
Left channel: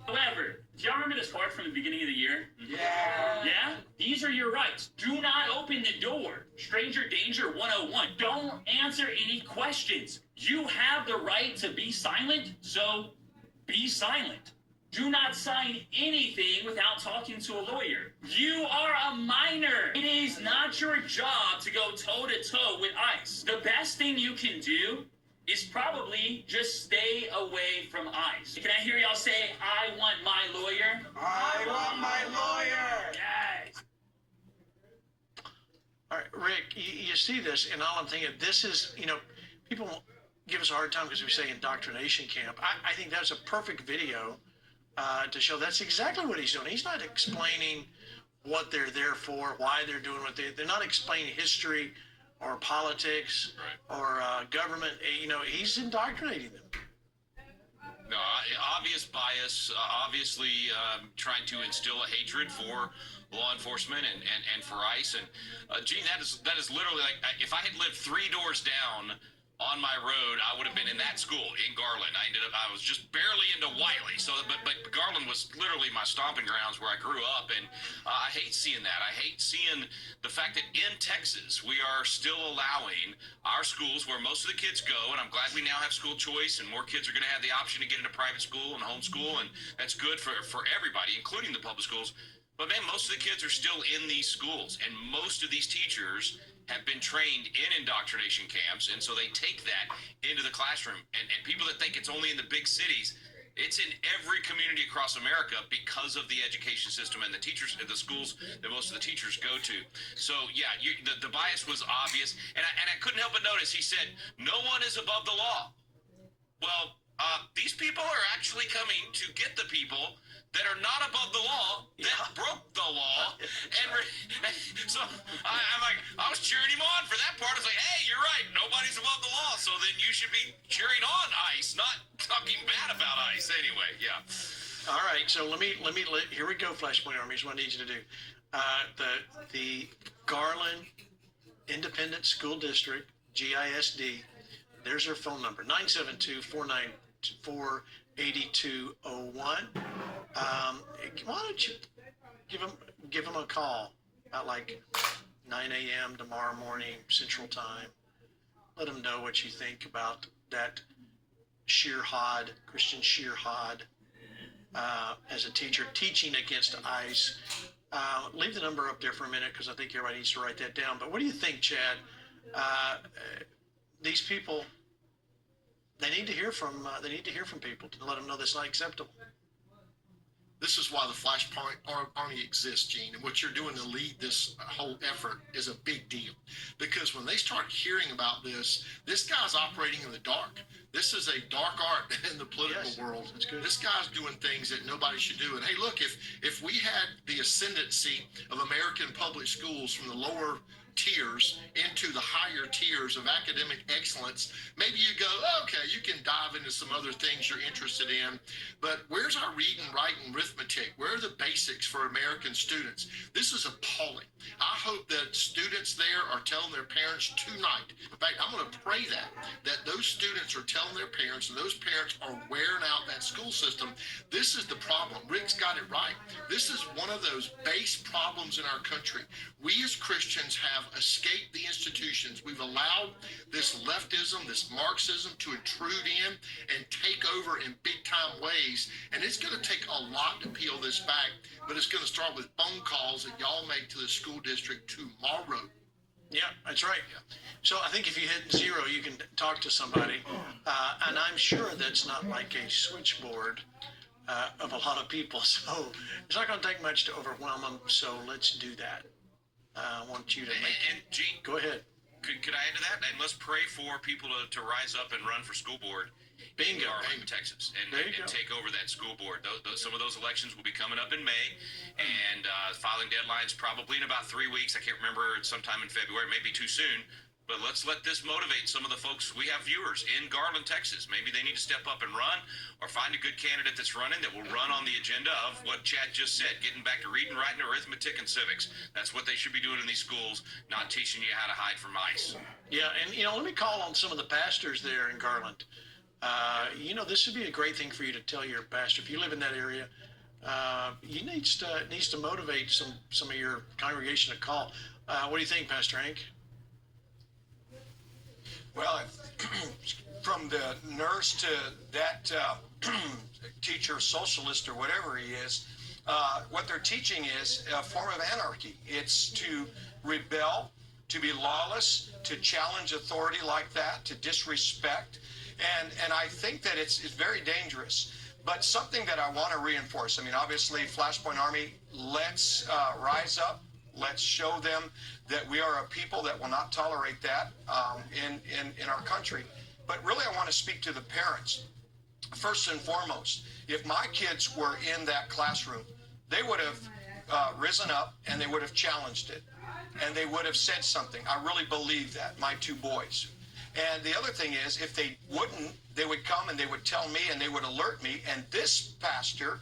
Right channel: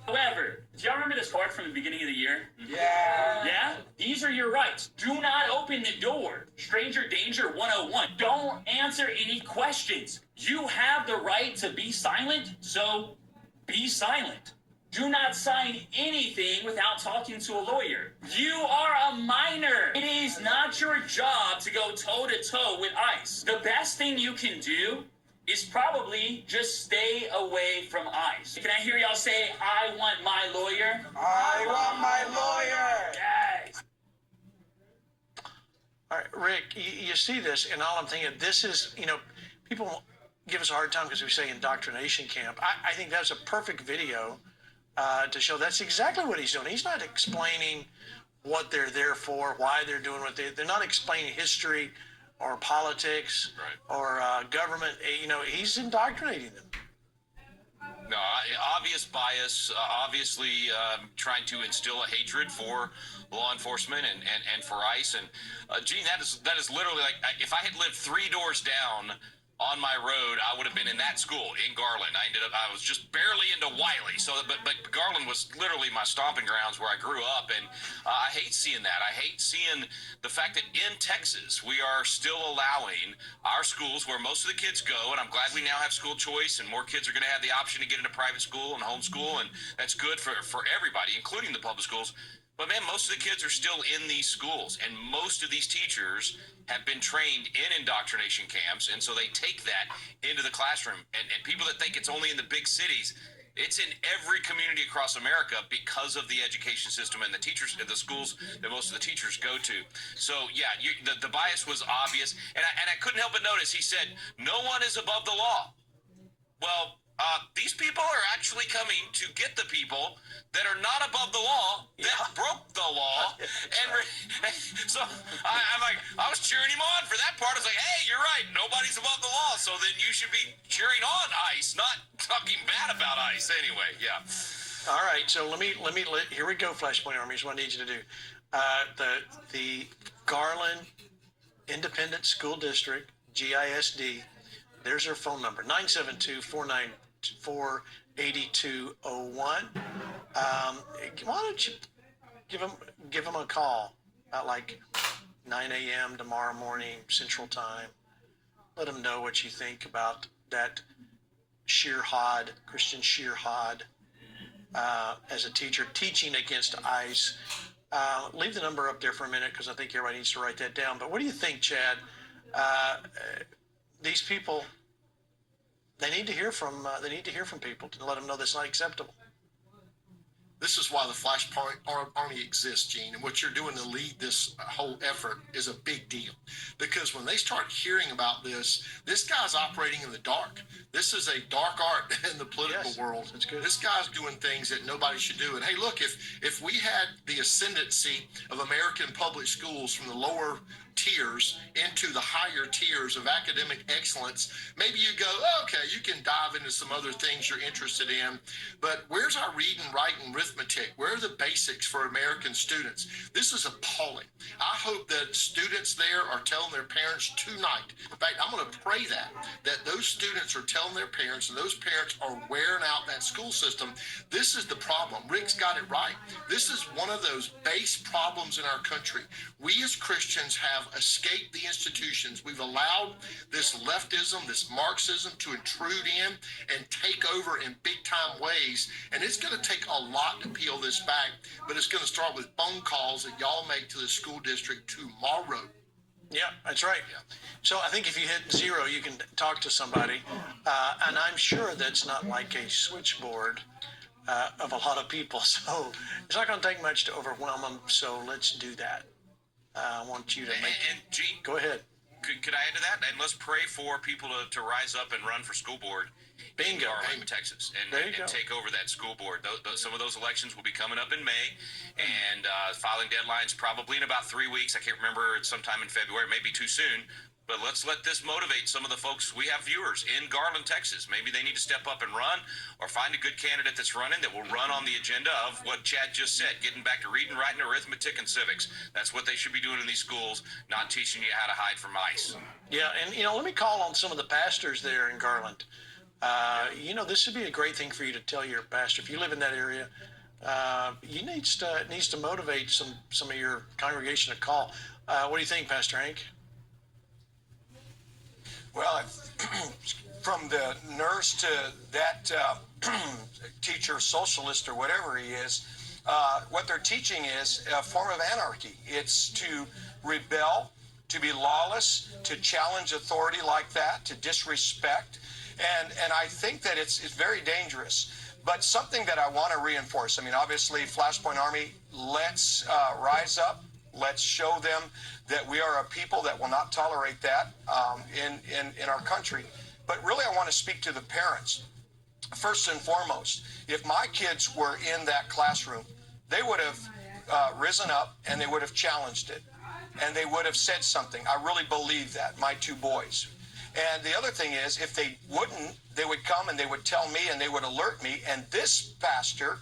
However, do y'all remember this card from the beginning of the year? Yeah? These are your rights. Do not open the door. Stranger Danger 101. Don't answer any questions. You have the right to be silent, so be silent. Do not sign anything without talking to a lawyer. You are a minor. It is not your job to go toe-to-toe with ICE. The best thing you can do is probably just stay away from ICE. Can I hear y'all say, I want my lawyer? I want my lawyer. Yes. All right, Rick, you see this, and all I'm thinking, this is, people give us a hard time because we say indoctrination camp. I think that's a perfect video to show that's exactly what he's doing. He's not explaining what they're there for, why they're doing what they're not explaining history or politics or government. He's indoctrinating them. No, obvious bias, obviously trying to instill a hatred for law enforcement and for ICE. And Gene, that is literally like, if I had lived 3 doors down on my road, I would have been in that school in Garland. I was just barely into Wiley. So, but Garland was literally my stomping grounds where I grew up. And I hate seeing that. I hate seeing the fact that in Texas, we are still allowing our schools where most of the kids go. And I'm glad we now have school choice and more kids are going to have the option to get into private school and homeschool. And that's good for everybody, including the public schools. But man, most of the kids are still in these schools, and most of these teachers have been trained in indoctrination camps, and so they take that into the classroom. And people that think it's only in the big cities, it's in every community across America because of the education system and the teachers, the schools that most of the teachers go to. So yeah, the bias was obvious, and I couldn't help but notice he said, "No one is above the law." Well, these people are actually coming to get the people that are not above the law, that broke the law. So I'm like, I was cheering him on for that part. I was like, hey, you're right. Nobody's above the law. So then you should be cheering on ICE, not talking bad about ICE anyway. Yeah. All right. So here we go, Flashpoint Army. Here's what I need you to do. The Garland Independent School District, GISD, there's their phone number, 972-494-8201. Why don't you give them a call at like 9 a.m. tomorrow morning Central Time. Let them know what you think about that Christian Shearhod, as a teacher teaching against ICE. Leave the number up there for a minute because I think everybody needs to write that down. But what do you think, Chad? These people, they need to hear from people to let them know that's not acceptable. This is why the Flashpoint Army exists, Gene, and what you're doing to lead this whole effort is a big deal. Because when they start hearing about this guy's operating in the dark. This is a dark art in the political world. That's good. This guy's doing things that nobody should do. And hey, look, if we had the ascendancy of American public schools from the lower tiers into the higher tiers of academic excellence, maybe you go, okay, you can dive into some other things you're interested in, but where's our reading, writing, arithmetic? Where are the basics for American students? This is appalling. I hope that students there are telling their parents tonight. In fact, I'm going to pray that those students are telling their parents, and those parents are wearing out that school system. This is the problem. Rick's got it right. This is one of those base problems in our country. We as Christians have escaped the institutions. We've allowed this leftism, this Marxism to intrude in and take over in big time ways. And it's going to take a lot to peel this back, but it's going to start with phone calls that y'all make to the school district tomorrow. Yeah, that's right. So I think if you hit 0, you can talk to somebody. And I'm sure that's not like a switchboard. of a lot of people. So it's not going to take much to overwhelm them. So let's do that. I want you to make. And Gene, go ahead. Could I add to that? And let's pray for people to rise up and run for school board. Bingo. In Garland, Texas, and take over that school board. Some of those elections will be coming up in May, and filing deadlines probably in about 3 weeks. I can't remember. It's sometime in February. Maybe too soon. But let's let this motivate some of the folks. We have viewers in Garland, Texas. Maybe they need to step up and run, or find a good candidate that's running that will run on the agenda of what Chad just said, getting back to reading, writing, arithmetic, and civics. That's what they should be doing in these schools, not teaching you how to hide from ICE. Yeah, and let me call on some of the pastors there in Garland. This would be a great thing for you to tell your pastor. If you live in that area, it needs to motivate some of your congregation to call. What do you think, Pastor Hank? Well, from the nurse to that teacher, socialist, or whatever he is, what they're teaching is a form of anarchy. It's to rebel, to be lawless, to challenge authority like that, to disrespect. And I think that it's very dangerous. But something that I want to reinforce, obviously, Flashpoint Army, let's rise up. Let's show them that we are a people that will not tolerate that in our country. But really, I want to speak to the parents. First and foremost, if my kids were in that classroom, they would have risen up and they would have challenged it. And they would have said something. I really believe that, my two boys. And the other thing is, if they wouldn't, they would come and they would tell me and they would alert me. And this pastor,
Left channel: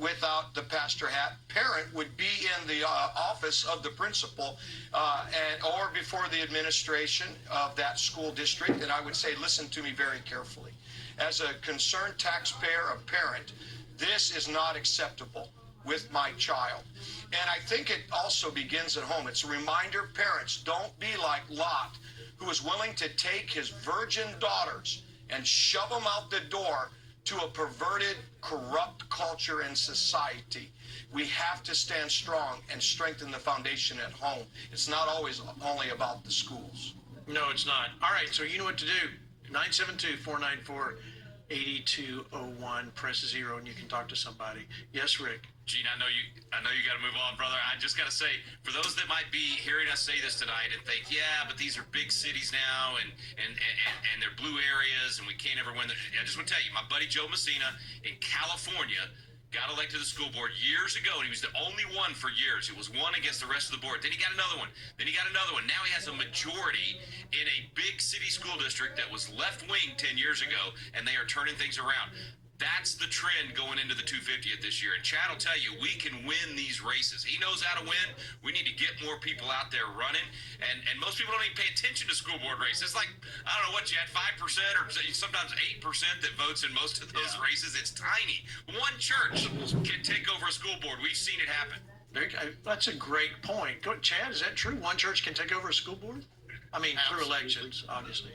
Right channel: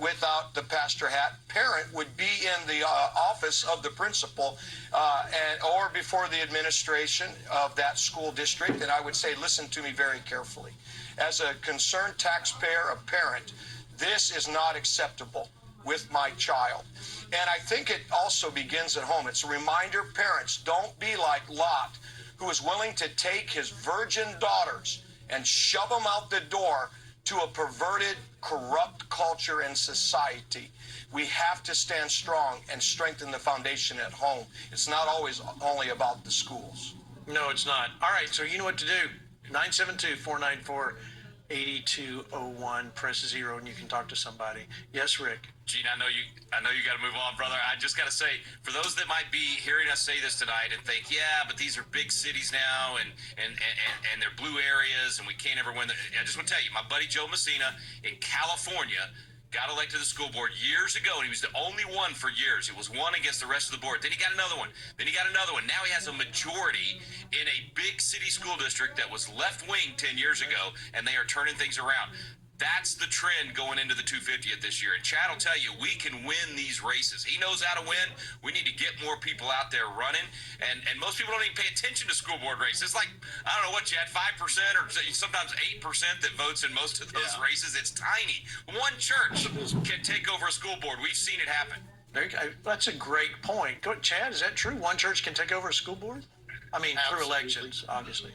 without the pastor hat, parent, would be in the office of the principal or before the administration of that school district, and I would say, listen to me very carefully. As a concerned taxpayer, a parent, this is not acceptable with my child. And I think it also begins at home. It's a reminder, parents, don't be like Lot, who was willing to take his virgin daughters and shove them out the door to a perverted, corrupt culture and society. We have to stand strong and strengthen the foundation at home. It's not always only about the schools. No, it's not. All right, so you know what to do. 972-494-8201. Press 0 and you can talk to somebody. Yes, Rick. Gene, I know you got to move on, brother. I just got to say, for those that might be hearing us say this tonight and think, yeah, but these are big cities now and they're blue areas and we can't ever win. I just want to tell you, my buddy Joe Messina in California got elected to the school board years ago, and he was the only one for years. It was one against the rest of the board. Then he got another one. Then he got another one. Now he has a majority in a big city school district that was left-wing 10 years ago, and they are turning things around. That's the trend going into the 250th this year. And Chad will tell you, we can win these races. He knows how to win. We need to get more people out there running. And most people don't even pay attention to school board races. It's like, I don't know what, Chad, 5% or sometimes 8% that votes in most of those races. It's tiny. One church can take over a school board. We've seen it happen. That's a great point. Chad, is that true? One church can take over a school board? Through elections, obviously.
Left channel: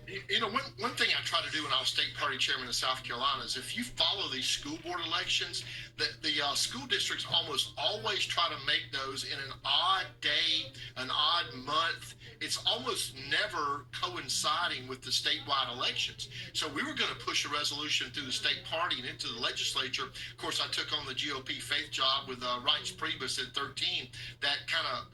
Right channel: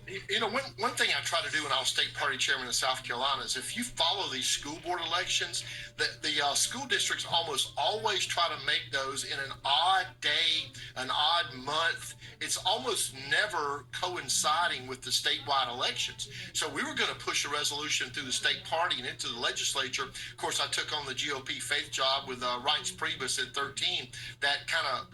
One thing I try to do when I was state party chairman in South Carolina is if you follow these school board elections, the school districts almost always try to make those in an odd day, an odd month. It's almost never coinciding with the statewide elections. So we were going to push a resolution through the state party and into the legislature. Of course, I took on the GOP faith job with Reince Priebus at 13. That kind of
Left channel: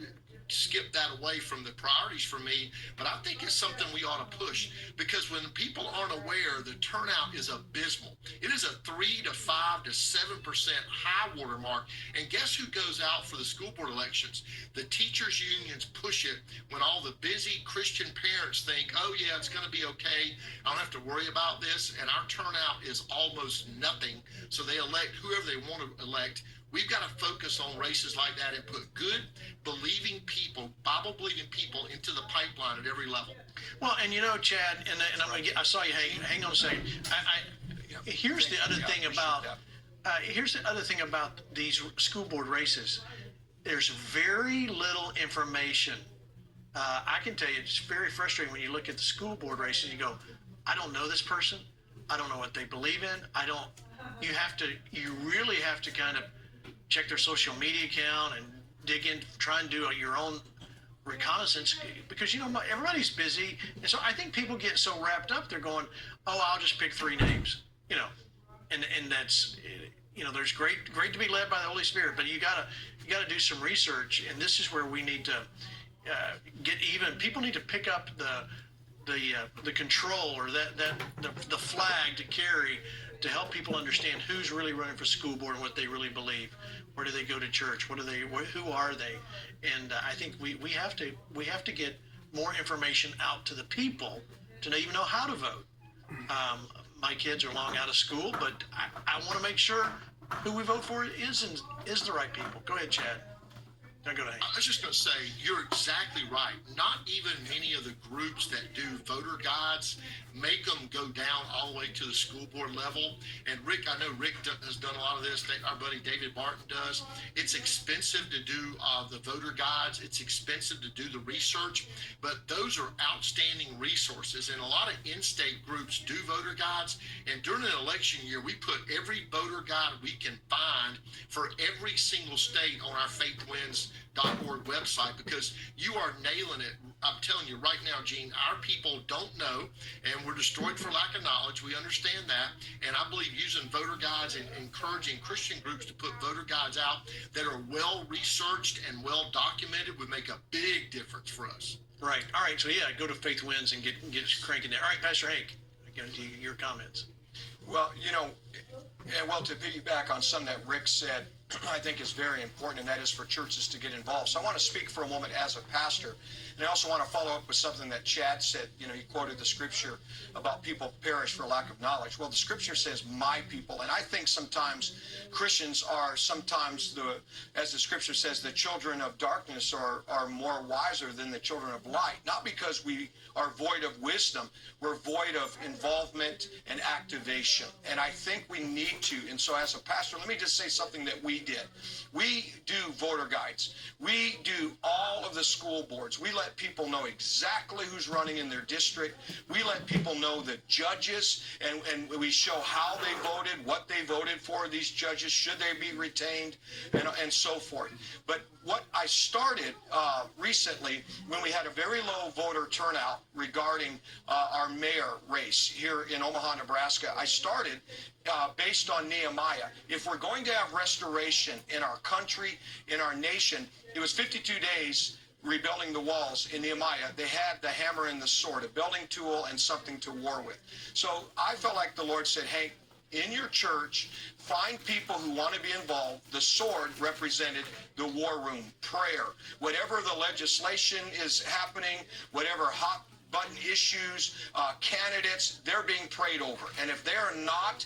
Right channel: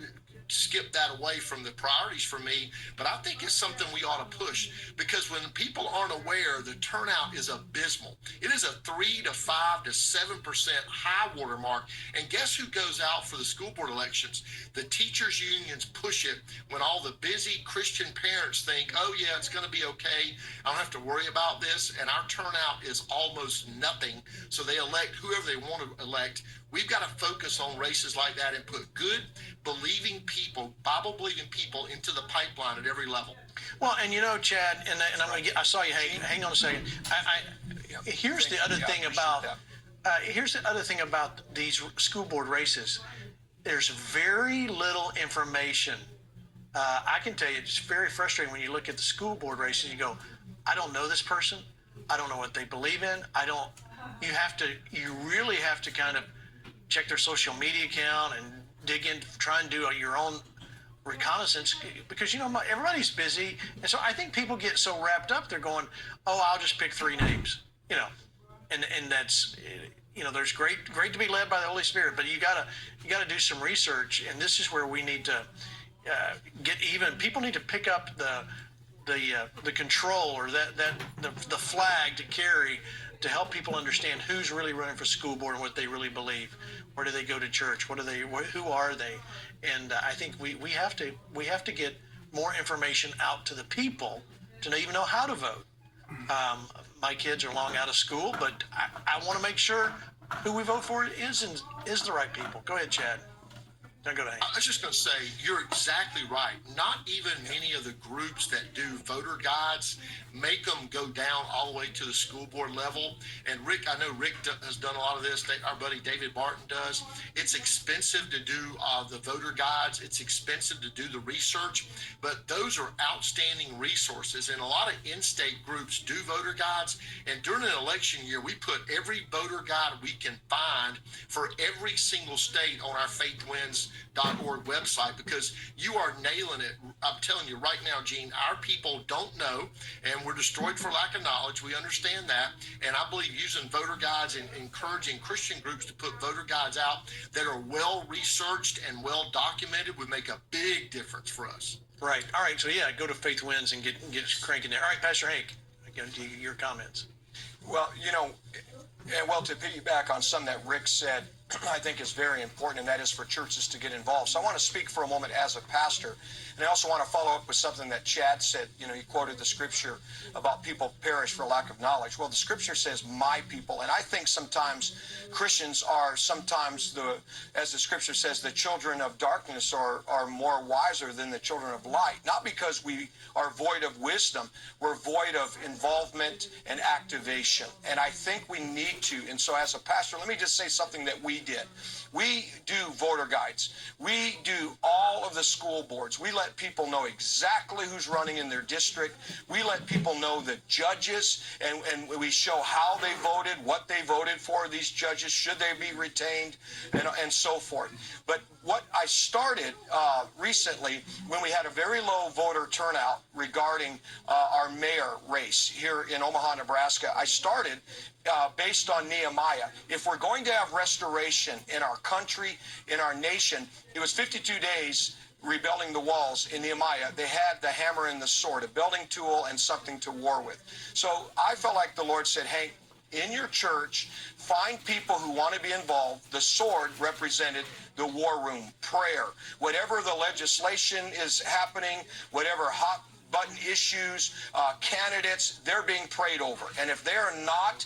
skip that away from the priorities for me, but I think it's something we ought to push, because when people aren't aware, the turnout is abysmal. It is a 3 to 5 to 7% high water mark. And guess who goes out for the school board elections? The teachers unions push it when all the busy Christian parents think, oh yeah, it's going to be okay, I don't have to worry about this, and our turnout is almost nothing. So they elect whoever they want to elect. We've got to focus on races like that and put good, believing people, Bible-believing people into the pipeline at every level. Well, and Chad, and I'm going to get, I saw you hang on a second. Here's the other thing about these school board races. There's very little information. I can tell you, it's very frustrating when you look at the school board races. You go, I don't know this person. I don't know what they believe in. You really have to kind of check their social media account and dig in, try and do your own reconnaissance, because everybody's busy, and so I think people get so wrapped up, they're going, oh, I'll just pick 3 names, and that's, there's great to be led by the Holy Spirit, but you gotta do some research, and this is where we need to get even. People need to pick up the control or the flag to carry to help people understand who's really running for school board and what they really believe. Where do they go to church? Who are they? And I think we have to get more information out to the people to even know how to vote. My kids are long out of school, but I want to make sure who we vote for is the right people. Go ahead, Chad. Don't go to Hank. I was just going to say, you're exactly right. Not even any of the groups that do voter guides make them go down all the way to the school board level. And Rick, I know Rick has done a lot of this. Our buddy David Barton does. It's expensive to do the voter guides. It's expensive to do the research, but those are outstanding resources. And a lot of in-state groups do voter guides. And during an election year, we put every voter guide we can find for every single state on our faithwins.org website, because you are nailing it. I'm telling you right now, Gene, our people don't know, and we're destroyed for lack of knowledge. We understand that. And I believe using voter guides and encouraging Christian groups to put voter guides out that are well researched and well documented would make a big difference for us. Right. All right. So yeah, go to Faith Wins and get cranking there. All right, Pastor Hank, again, your comments. Well, to piggyback on something that Rick said, I think is very important, and that is for churches to get involved. So I want to speak for a moment as a pastor, and I also want to follow up with something that Chad said. He quoted the scripture about people perish for lack of knowledge. Well, the scripture says my people, and I think sometimes Christians are as the scripture says, the children of darkness are more wiser than the children of light. Not because we are void of wisdom, we're void of involvement and activation. And I think we need to. And so as a pastor, let me just say something that we did. We do voter guides. We do all of the school boards. We let people know exactly who's running in their district. We let people know the judges, and we show how they voted, what they voted for, these judges, should they be retained, and so forth. But what I started recently, when we had a very low voter turnout regarding our mayor race here in Omaha, Nebraska, I started based on Nehemiah. If we're going to have restoration in our country, in our nation, it was 52 days rebuilding the walls in Nehemiah. They had the hammer and the sword, a building tool and something to war with. So I felt like the Lord said, Hank, in your church, find people who want to be involved. The sword represented the war room, prayer. Whatever the legislation is happening, whatever hot button issues, candidates, they're being prayed over. And if they're not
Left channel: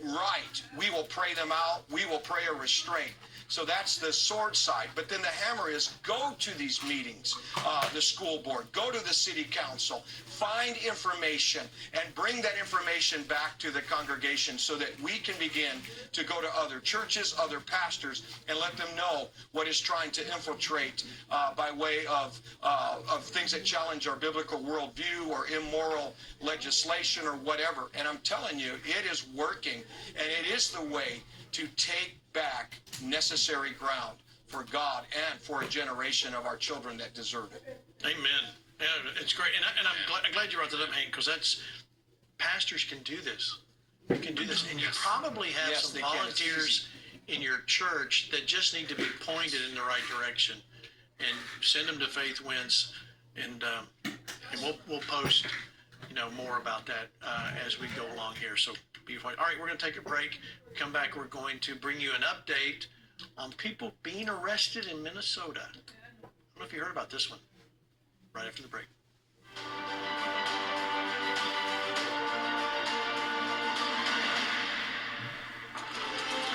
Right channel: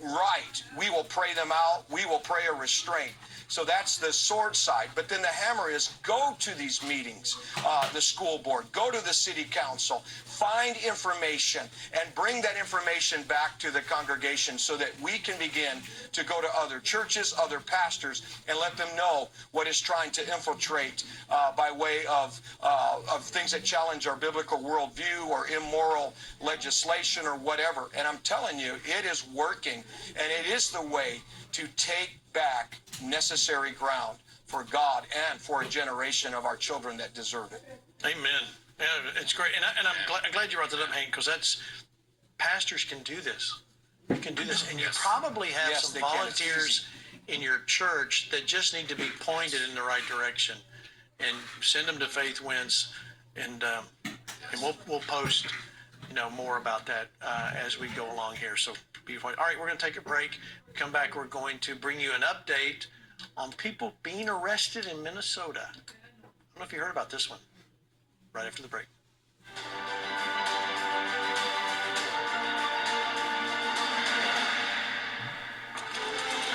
right, we will pray them out. We will pray a restraint. So that's the sword side. But then the hammer is go to these meetings, the school board, go to the city council, find information, and bring that information back to the congregation so that we can begin to go to other churches, other pastors, and let them know what is trying to infiltrate by way of things that challenge our biblical worldview or immoral legislation or whatever. And I'm telling you, it is working, and it is the way to take back necessary ground for God and for a generation of our children that deserve it. Amen. Yeah, it's great, and I'm glad you brought that up, Hank, because pastors can do this. You can do this, and you probably have some volunteers in your church that just need to be pointed in the right direction, and send them to Faith Wins, and we'll post more about that as we go along here. So all right, we're going to take a break. Come back, we're going to bring you an update on people being arrested in Minnesota. I don't know if you heard about this one. Right after the break.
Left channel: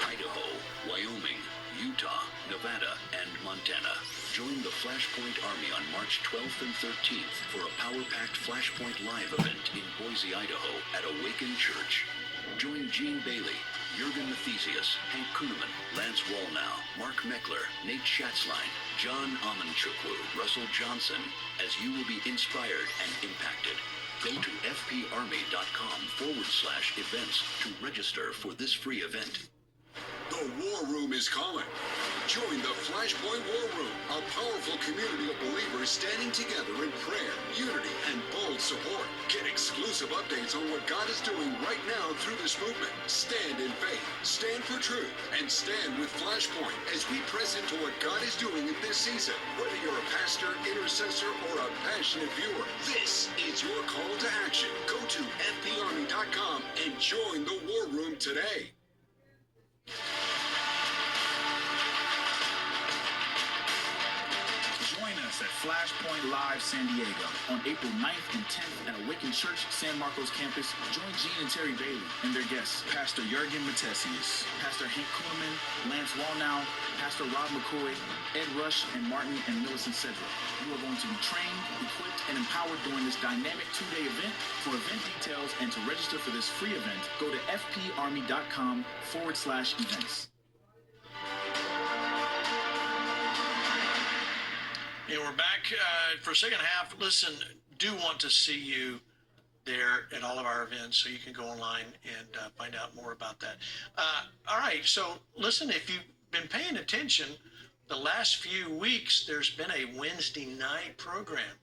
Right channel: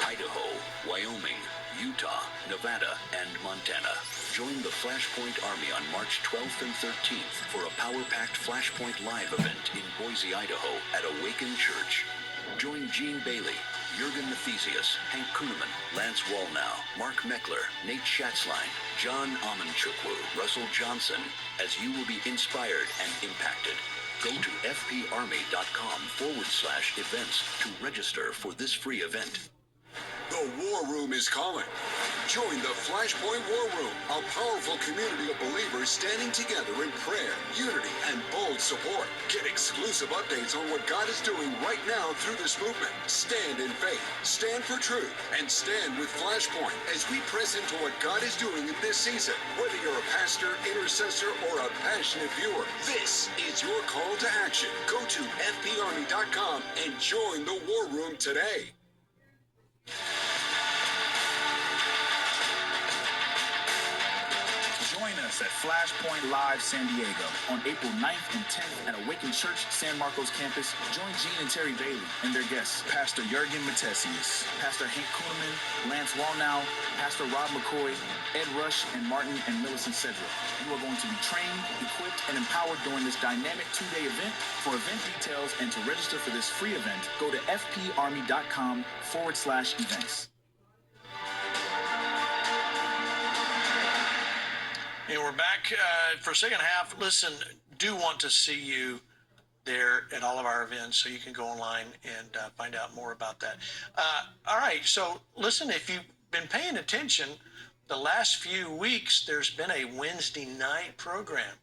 Idaho, Wyoming, Utah, Nevada, and Montana. Join the Flashpoint Army on March 12th and 13th for a power-packed Flashpoint Live event in Boise, Idaho at Awaken Church. Join Gene Bailey, Jurgen Mathesius, Hank Kuhneman, Lance Wallnow, Mark Meckler, Nate Schatzline, John Amanchukwu, Russell Johnson, as you will be inspired and impacted. Go to fparmy.com/events to register for this free event. The The War Room is calling. Join the Flashpoint War Room, a powerful community of believers standing together in prayer, unity, and bold support. Get exclusive updates on what God is doing right now through this movement. Stand in faith, stand for truth, and stand with Flashpoint as we press into what God is doing in this season. Whether you're a pastor, intercessor, or a passionate viewer, this is your call to action. Go to fparmy.com and join the War Room today. Join us at Flashpoint Live San Diego on April 9th and 10th at Awaken Church San Marcos campus. Join Gene and Terry Bailey and their guests, Pastor Jurgen Matthesius, Pastor Hank Kuhneman, Lance Wallnow, Pastor Rob McCoy, Ed Rush, and Martin and Millicent Cedric. You are going to be trained, equipped, and empowered during this dynamic 2-day event. For event details and to register for this free event, go to fparmy.com/events. And we're back for second half. Listen, do want to see you there at all of our events, so you can go online and find out more about that. All right, so listen, if you've been paying attention, the last few weeks, there's been a Wednesday night program.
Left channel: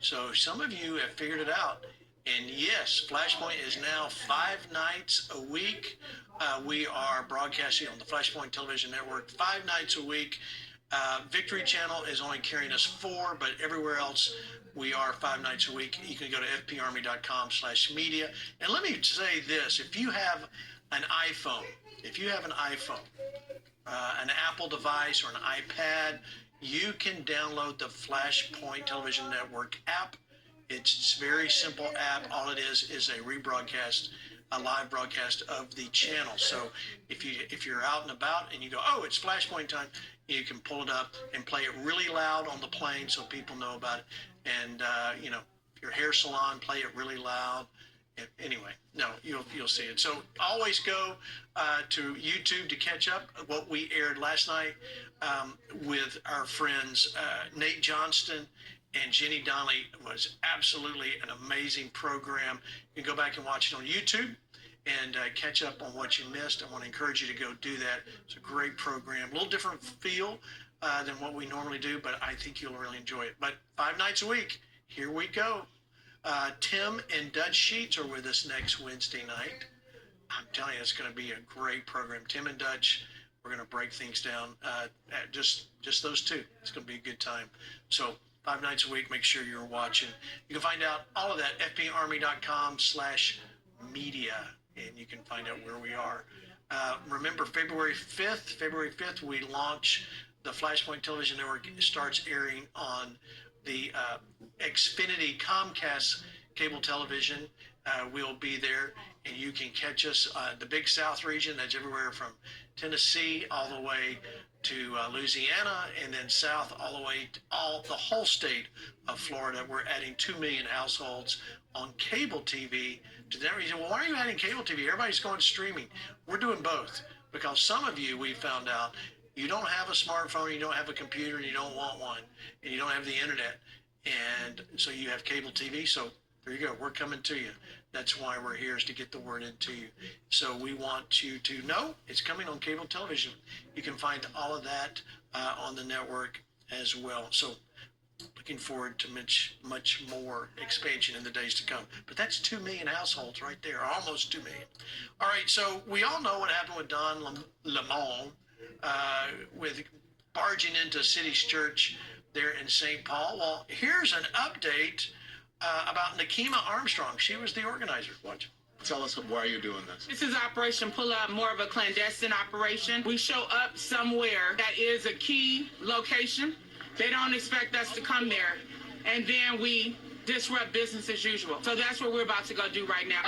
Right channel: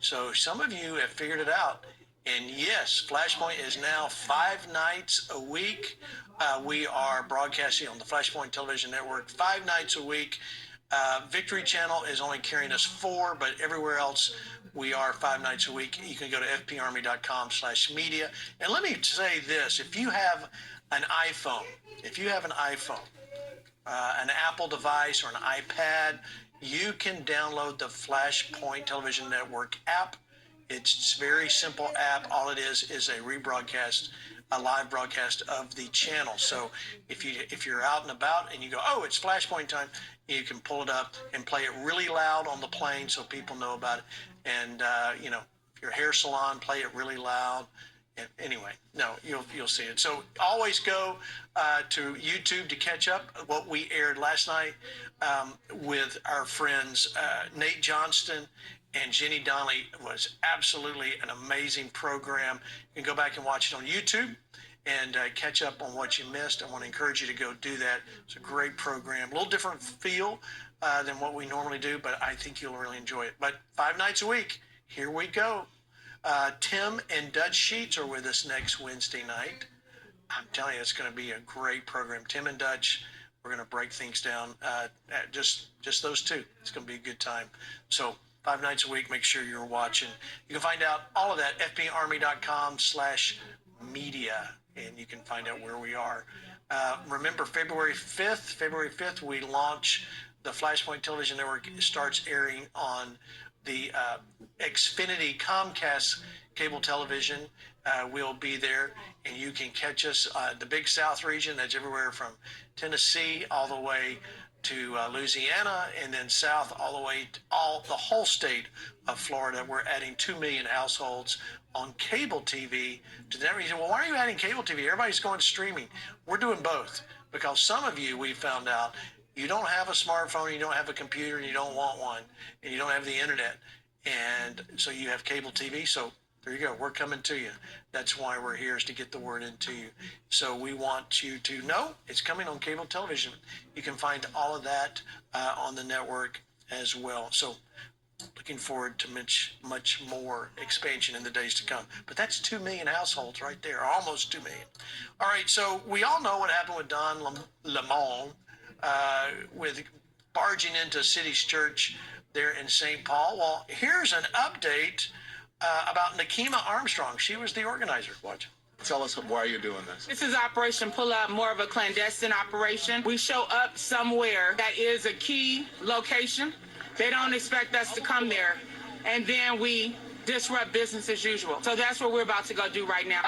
So some of you have figured it out. And yes, Flashpoint is now 5 nights a week. We are broadcasting on the Flashpoint Television Network 5 nights a week. Victory Channel is only carrying us 4, but everywhere else we are 5 nights a week. You can go to fparmy.com/media. And let me say this, if you have an iPhone, an Apple device or an iPad, you can download the Flashpoint Television Network app. It's a very simple app. All it is a rebroadcast, a live broadcast of the channel. So if you're out and about and you go, oh, it's Flashpoint time, you can pull it up and play it really loud on the plane so people know about it. And if your hair salon, play it really loud. Anyway, no, you'll see it. So always go to YouTube to catch up. What we aired last night with our friends Nate Johnston and Jenny Donnelly was absolutely an amazing program. You can go back and watch it on YouTube and catch up on what you missed. I want to encourage you to go do that. It's a great program, a little different feel than what we normally do, but I think you'll really enjoy it. But 5 nights a week, here we go. Tim and Dutch Sheets are with us next Wednesday night. I'm telling you, it's going to be a great program. Tim and Dutch, we're going to break things down. Just those two. It's going to be a good time. So 5 nights a week, make sure you're watching. You can find out all of that, fparmy.com/media, and you can find out where we are. Remember, February 5th, we launch the Flashpoint Television Network. It starts airing on the Xfinity Comcast cable television. We'll be there, and you can catch us the Big South region. That's everywhere from Tennessee all the way to Louisiana, and then south all the way to the whole state of Florida. We're adding 2 million households on cable TV. To that reason, well, why are you adding cable TV? Everybody's going streaming. We're doing both because some of you, we found out, you don't have a smartphone, you don't have a computer, and you don't want one, and you don't have the internet, and so you have cable TV. So there you go. We're coming to you. That's why we're here, is to get the word into you. So we want you to know it's coming on cable television. You can find all of that on the network as well. So looking forward to much more expansion in the days to come. But that's 2 million households right there, almost 2 million. All right, so we all know what happened with Don Lemon with barging into City's Church there in St. Paul. Well, here's an update about Nakima Armstrong. She was the organizer. Watch. Tell us why you're doing this. This is Operation Pull Up, more of a clandestine operation. We show up somewhere that is a key location. They don't expect us to come there, and then we disrupt business as usual. So that's what we're about to go do right now.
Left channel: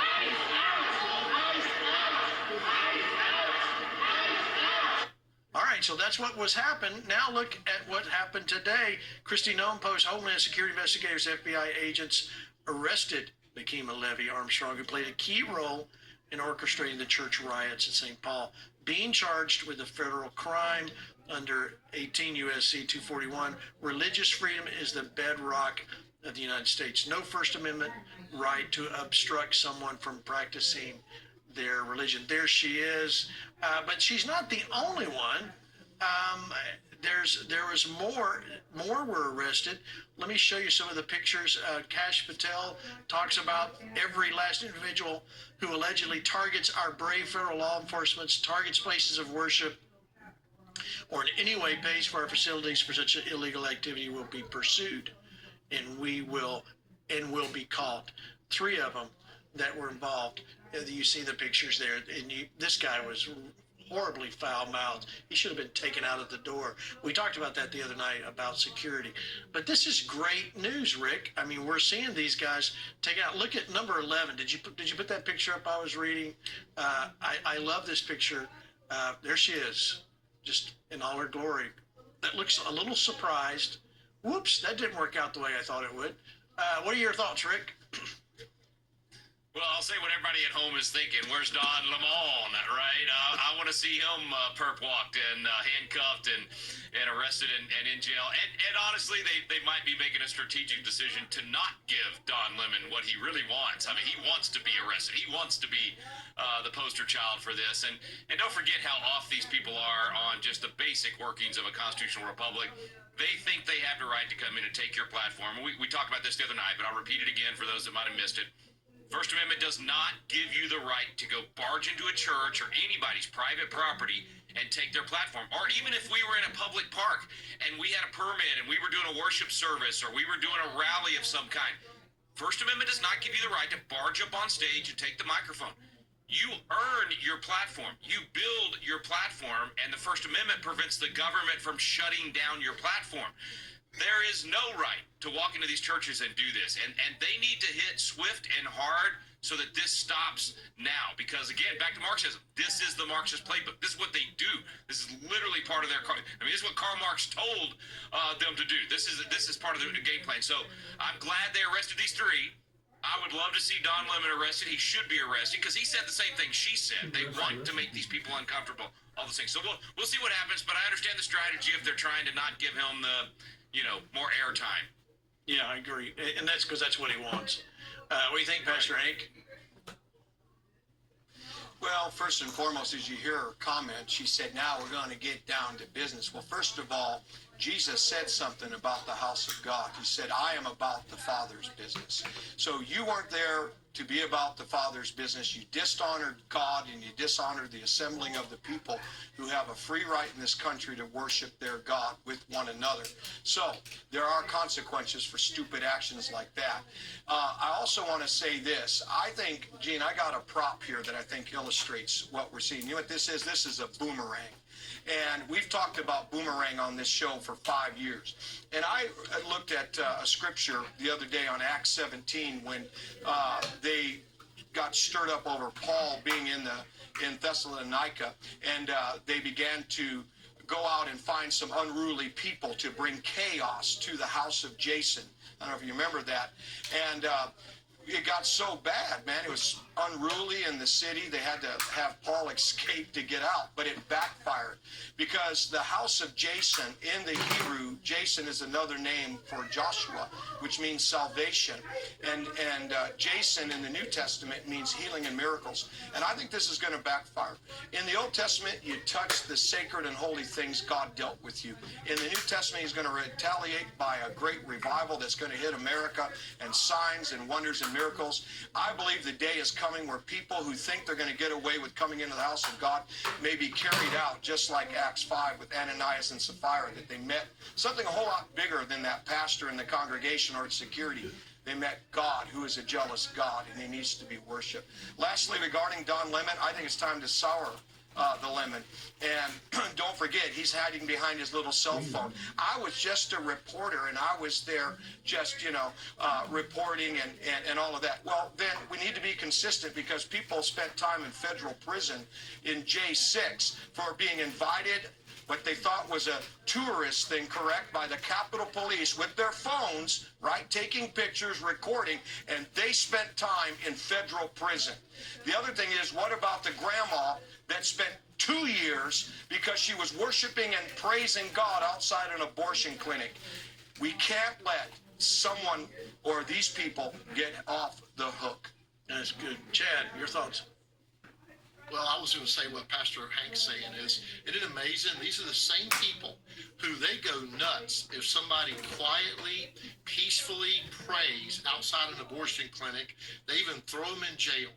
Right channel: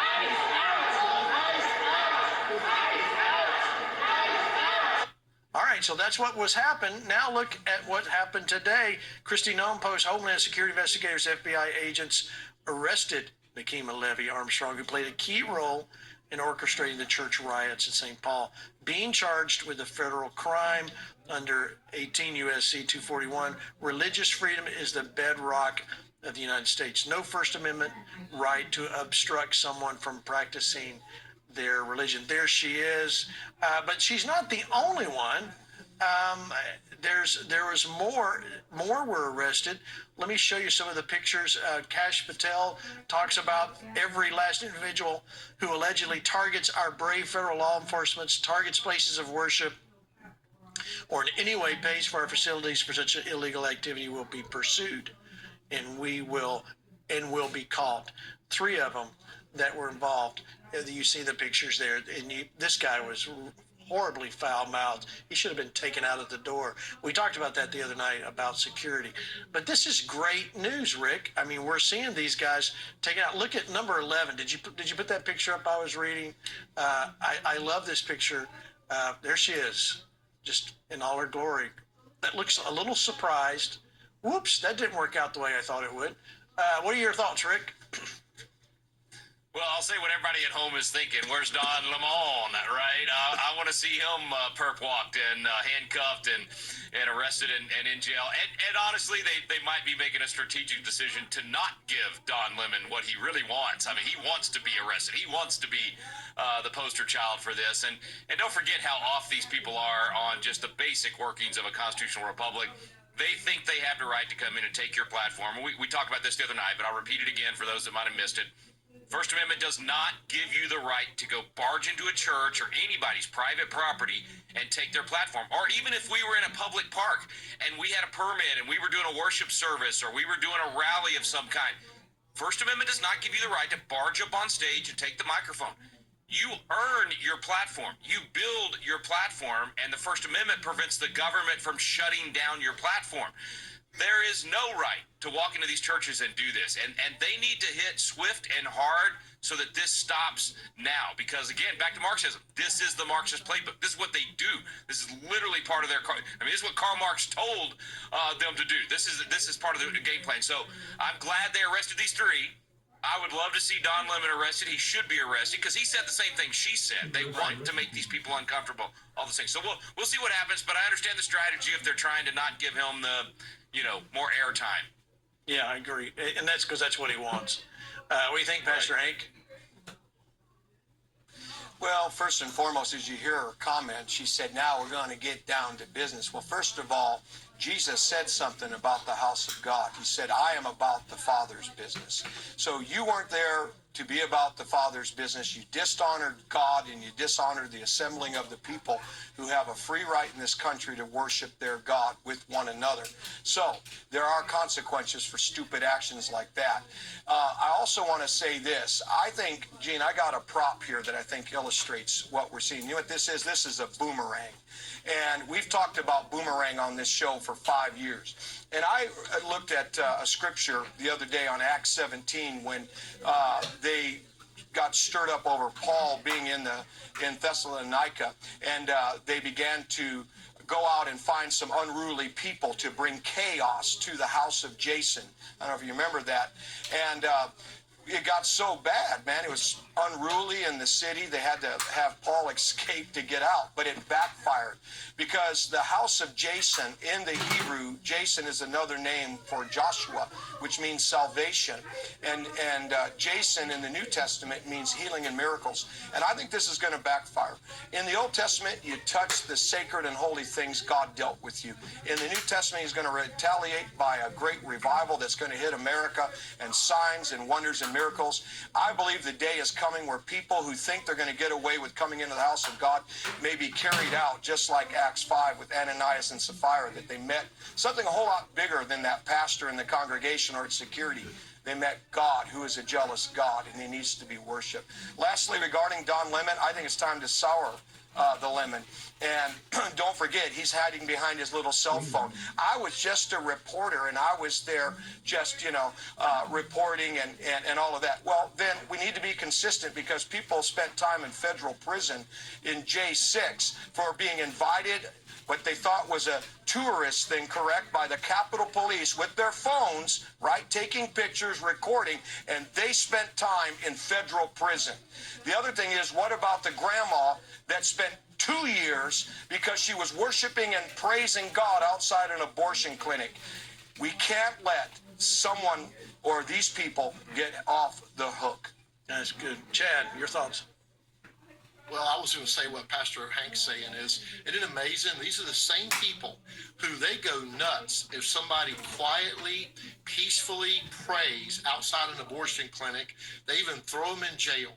All right, so that's what was happened. Now look at what happened today. Christy Nome Post Homeland Security investigators, FBI agents arrested Nakima Levy Armstrong, who played a key role in orchestrating the church riots in St. Paul, being charged with a federal crime under 18 U.S.C. 241. Religious freedom is the bedrock of the United States. No First Amendment right to obstruct someone from practicing their religion. There she is, but she's not the only one. There was more were arrested. Let me show you some of the pictures. Kash Patel talks about every last individual who allegedly targets our brave federal law enforcement, targets places of worship, or in any way pays for our facilities for such illegal activity will be pursued, and will be caught. 3 of them that were involved. You see the pictures there, and this guy was horribly foul-mouthed. He should have been taken out of the door. We talked about that the other night about security. But this is great news, Rick. I mean, we're seeing these guys taken out. Look at number 11. Did you put that picture up I was reading? I love this picture. There she is, just in all her glory. That looks a little surprised. Whoops, that didn't work out the way I thought it would. What are your thoughts, Rick? Well, I'll say what everybody at home is thinking. Where's Don Lemon, right? I want to see him perp walked and handcuffed and arrested and in jail. And honestly, they might be making a strategic decision to not give Don Lemon what he really wants. I mean, he wants to be arrested. He wants to be the poster child for this. And don't forget how off these people are on just the basic workings of a constitutional republic. They think they have the right to come in and take your platform. We talked about this the other night, but I'll repeat it again for those that might have missed it. First Amendment does not give you the right to go barge into a church or anybody's private property and take their platform. Or even if we were in a public park and we had a permit and we were doing a worship service or we were doing a rally of some kind. First Amendment does not give you the right to barge up on stage and take the microphone. You earn your platform. You build your platform, and the First Amendment prevents the government from shutting down your platform. There is no right to walk into these churches and do this. And they need to hit swift and hard so that this stops now. Because, again, back to Marxism, this is the Marxist playbook. This is what they do. This is literally part of their this is what Karl Marx told them to do. This is part of the game plan. So I'm glad they arrested these 3. I would love to see Don Lemon arrested. He should be arrested because he said the same thing she said. They want to make these people uncomfortable, all those things. So we'll see what happens, but I understand the strategy if they're trying to not give him the more airtime. Yeah, I agree. And that's because that's what he wants. What do you think, Pastor Hank? Well, first and foremost, as you hear her comment, she said, now we're going to get down to business. Well, first of all, Jesus said something about the house of God. He said, I am about the Father's business. So you weren't there to be about the Father's business. You dishonored God and you dishonored the assembling of the people who have a free right in this country to worship their God with one another. So there are consequences for stupid actions like that. I also want to say this. I think, Gene, I got a prop here that I think illustrates what we're seeing. You know what this is? This is a boomerang. And we've talked about boomerang on this show for 5 years. And I looked at a scripture the other day on Acts 17 when they got stirred up over Paul being in Thessalonica, and they began to go out and find some unruly people to bring chaos to the house of Jason. I don't know if you remember that. And it got so bad, man. It was unruly in the city. They had to have Paul escape to get out, but it backfired because the house of Jason, in the Hebrew, Jason is another name for Joshua, which means salvation. And Jason in the New Testament means healing and miracles. And I think this is going to backfire. In the Old Testament, you touch the sacred and holy things God dealt with you. In the New Testament, he's going to retaliate by a great revival that's going to hit America and signs and wonders and miracles. I believe the day is coming where people who think they're going to get away with coming into the house of God may be carried out, just like Acts 5 with Ananias and Sapphira, that they met something a whole lot bigger than that pastor in the congregation or its security. They met God, who is a jealous God, and he needs to be worshipped. Lastly, regarding Don Lemon, I think it's time to sour the lemon. And don't forget, he's hiding behind his little cell phone. I was just a reporter, and I was there just, reporting and all of that. Well, then we need to be consistent because people spent time in federal prison in J6 for being invited, what they thought was a tourist thing, correct, by the Capitol Police with their phones, right, taking pictures, recording, and they spent time in federal prison. The other thing is, what about the grandma that spent 2 years because she was worshiping and praising God outside an abortion clinic? We can't let someone or these people get off the hook. That's good. Chad, your thoughts? was going to say what Pastor Hank's saying is, isn't it amazing? These are the same people who they go nuts if somebody quietly, peacefully prays outside an abortion clinic. They even throw them in jail.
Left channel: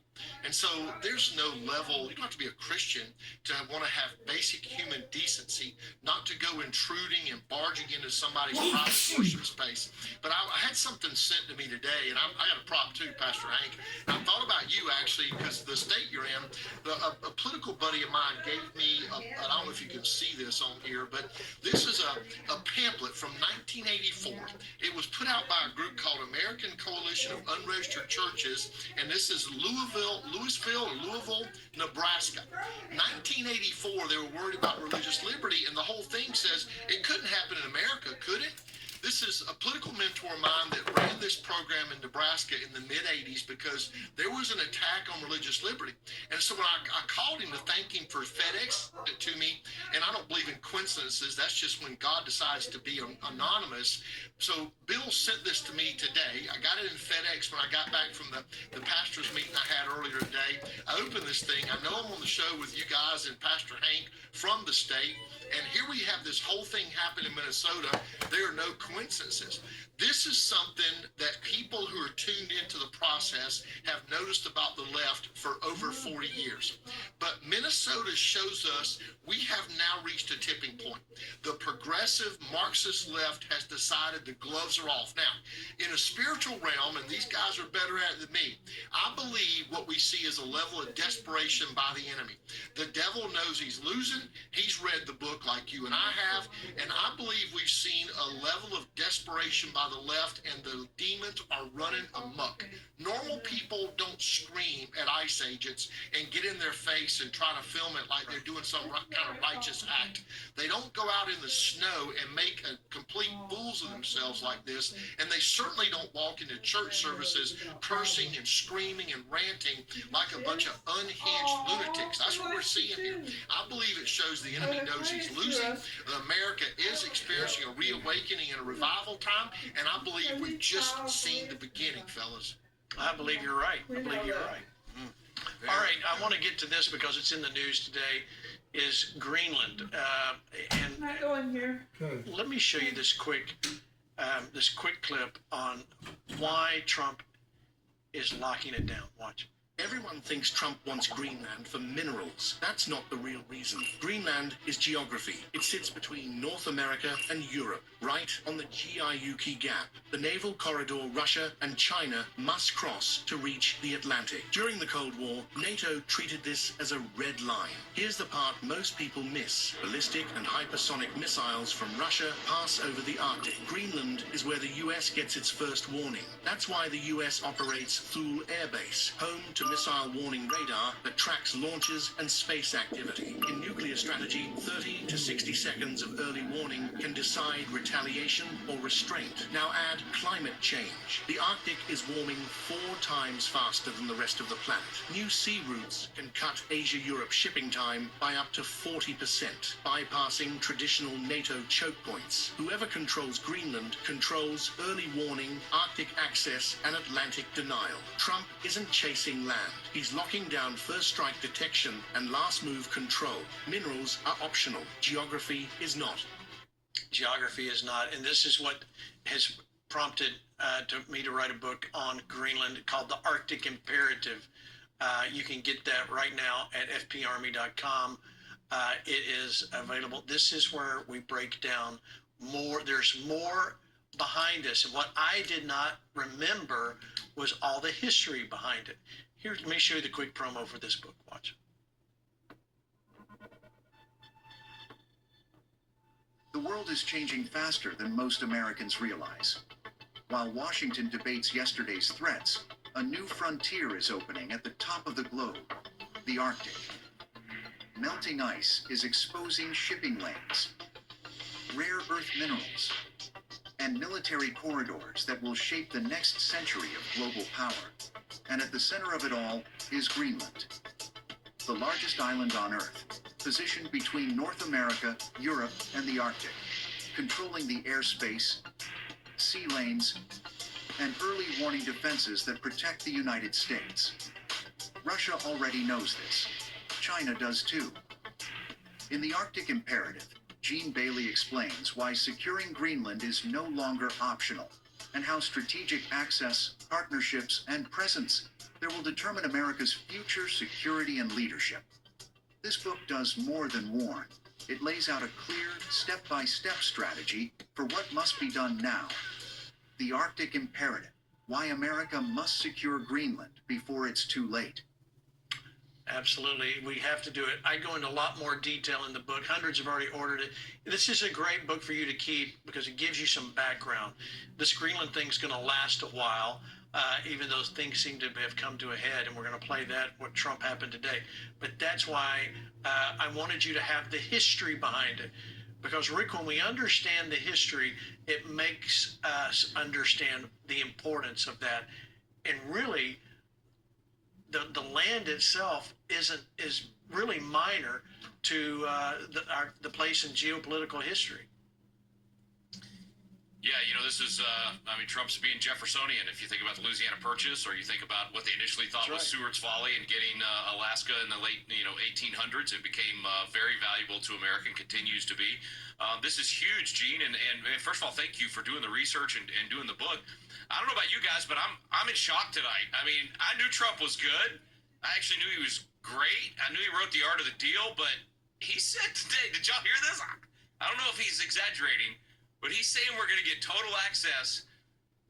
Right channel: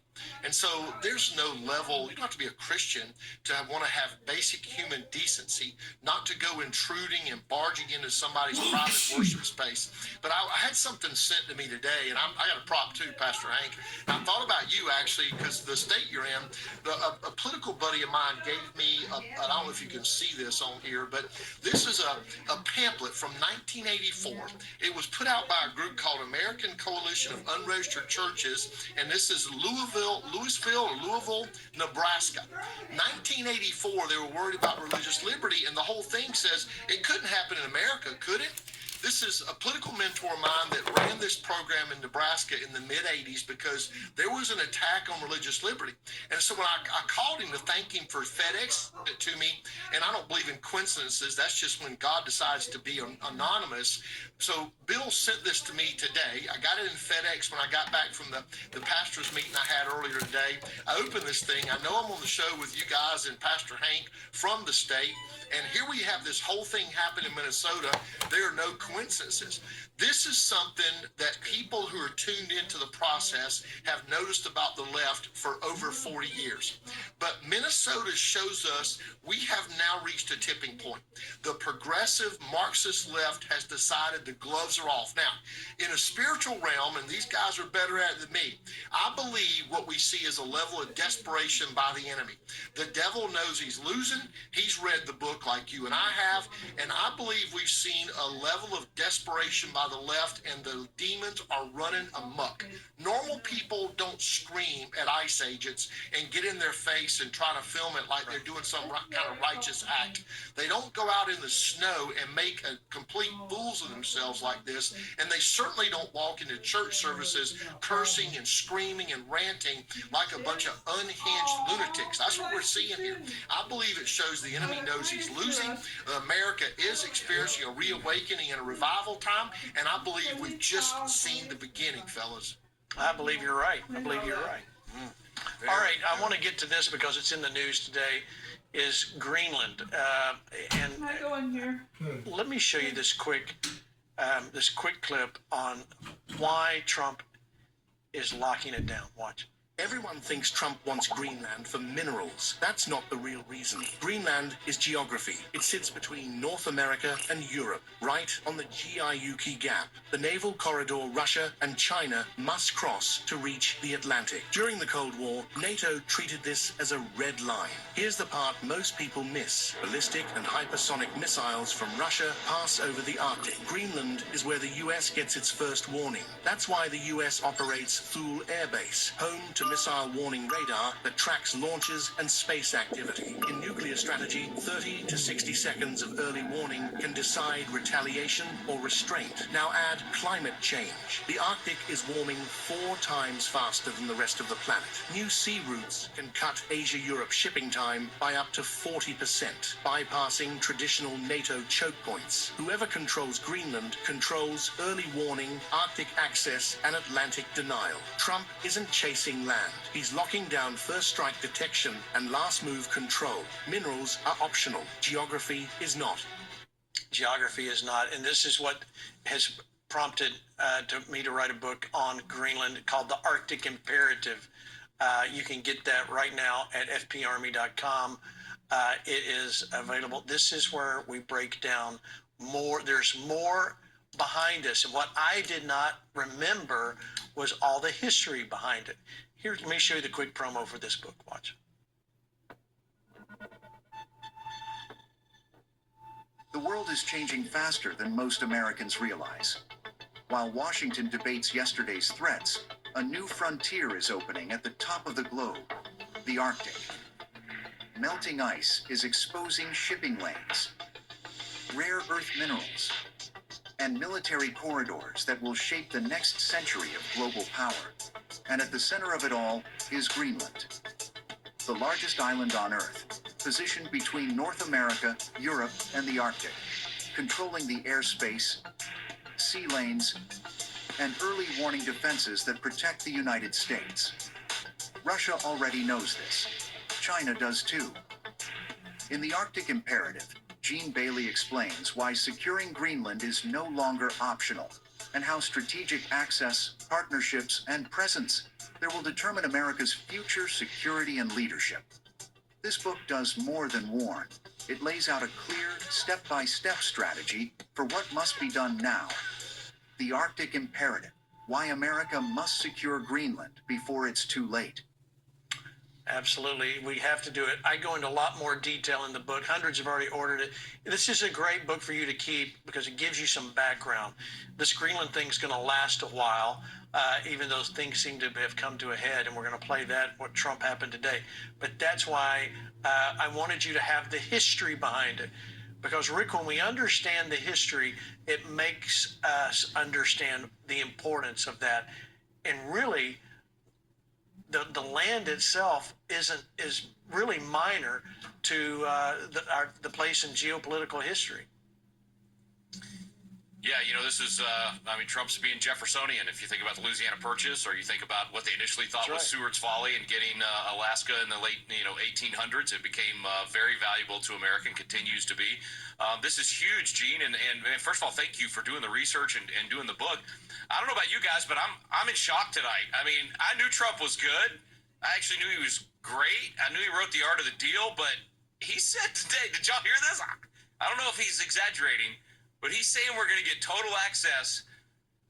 And so there's no level, you don't have to be a Christian to want to have basic human decency, not to go intruding and barging into somebody's private worship space. But I had something sent to me today, and I got a prop too, Pastor Hank. I thought about you actually, because the state you're in, a political buddy of mine gave me, I don't know if you can see this on here, but this is a pamphlet from 1984. It was put out by a group called American Coalition of Unregistered Churches, and this is Louisville, Nebraska. 1984, they were worried about religious liberty, and the whole thing says it couldn't happen in America, could it? This is a political mentor of mine that ran this program in Nebraska in the mid-'80s because there was an attack on religious liberty. And so when I called him to thank him for FedEx it to me, and I don't believe in coincidences, that's just when God decides to be anonymous. So Bill sent this to me today. I got it in FedEx when I got back from the pastor's meeting I had earlier today. I opened this thing. I know I'm on the show with you guys and Pastor Hank from the state. And here we have this whole thing happen in Minnesota. There are no coincidences. This is something that people who are tuned into the process have noticed about the left for over 40 years. But Minnesota shows us we have now reached a tipping point. The progressive Marxist left has decided the gloves are off. Now, in a spiritual realm, and these guys are better at it than me, I believe what we see is a level of desperation by the enemy. The devil knows he's losing. He's read the book like you and I have, and I believe we've seen a level of desperation by the left, and the demons are running amok. Normal people don't scream at ICE agents and get in their face and try to film it like they're doing some kind of righteous act. They don't go out in the snow and make a complete fools of themselves like this, and they certainly don't walk into church services cursing and screaming and ranting like a bunch of unhinged lunatics. That's what we're seeing here. I believe it shows the enemy knows he's losing. America is experiencing a reawakening and a revival time, and I believe we've just seen the beginning, fellas. I believe you're right. I believe you're right. All right, I want to get to this because it's in the news today, is Greenland. And Can I go in here? let me show you this quick clip on why Trump is locking it down. Watch. Everyone thinks Trump wants Greenland for minerals. That's not the real reason. Greenland is geography. It sits between North America and Europe, right on the Gi-Yuki Gap, the naval corridor Russia and China must cross to reach the Atlantic. During the Cold War, NATO treated this as a red line. Here's the part most people miss. Ballistic and hypersonic missiles from Russia pass over the Arctic. Greenland is where the US gets its first warning. That's why the US operates Thule Air Base, home to missile warning radar that tracks launches and space activity. In nuclear strategy, 30 to 60 seconds of early warning can decide retaliation or restraint. Now add climate change. The Arctic is warming 4 times faster than the rest of the planet. New sea routes can cut Asia-Europe shipping time by up to 40%, bypassing traditional NATO choke points. Whoever controls Greenland controls early warning, Arctic access, and Atlantic denial. Trump isn't chasing land. He's locking down first strike detection and last move control. Minerals are optional. Geography is not. Geography is not, and this is what has prompted me to write a book on Greenland called The Arctic Imperative. You can get that right now at fparmy.com. It is available. This is where we break down more. There's more behind this, and what I did not remember was all the history behind it. Here, let me show you the quick promo for this book. Watch. The world is changing faster than most Americans realize. While Washington debates yesterday's threats, a new frontier is opening at the top of the globe, the Arctic. Melting ice is exposing shipping lanes, rare earth minerals, and military corridors that will shape the next century of global power. And at the center of it all is Greenland, the largest island on Earth, positioned between North America, Europe, and the Arctic, controlling the airspace, sea lanes, and early warning defenses that protect the United States. Russia already knows this. China does too. In the Arctic Imperative, Gene Bailey explains why securing Greenland is no longer optional and how strategic access, partnerships, and presence there will determine America's future security and leadership. This book does more than warn. It lays out a clear, step-by-step strategy for what must be done now. The Arctic Imperative, why America must secure Greenland before it's too late. Absolutely. We have to do it. I go into a lot more detail in the book. Hundreds have already ordered it. This is a great book for you to keep because it gives you some background. This Greenland thing's going to last a while, even though things seem to have come to a head, and we're going to play that, what Trump happened today. But that's why I wanted you to have the history behind it. Because, Rick, when we understand the history, it makes us understand the importance of that. And really, the land itself is really minor to the place in geopolitical history. Yeah, you know, this is, Trump's being Jeffersonian. If you think about the Louisiana Purchase, or you think about what they initially thought was Seward's Folly and getting Alaska in the late, 1800s, it became very valuable to America and continues to be. This is huge, Gene. And first of all, thank you for doing the research and doing the book. I don't know about you guys, but I'm in shock tonight. I mean, I knew Trump was good. I actually knew he was great. I knew he wrote The Art of the Deal, but he said today, did y'all hear this? I don't know if he's exaggerating, but he's saying we're going to get total access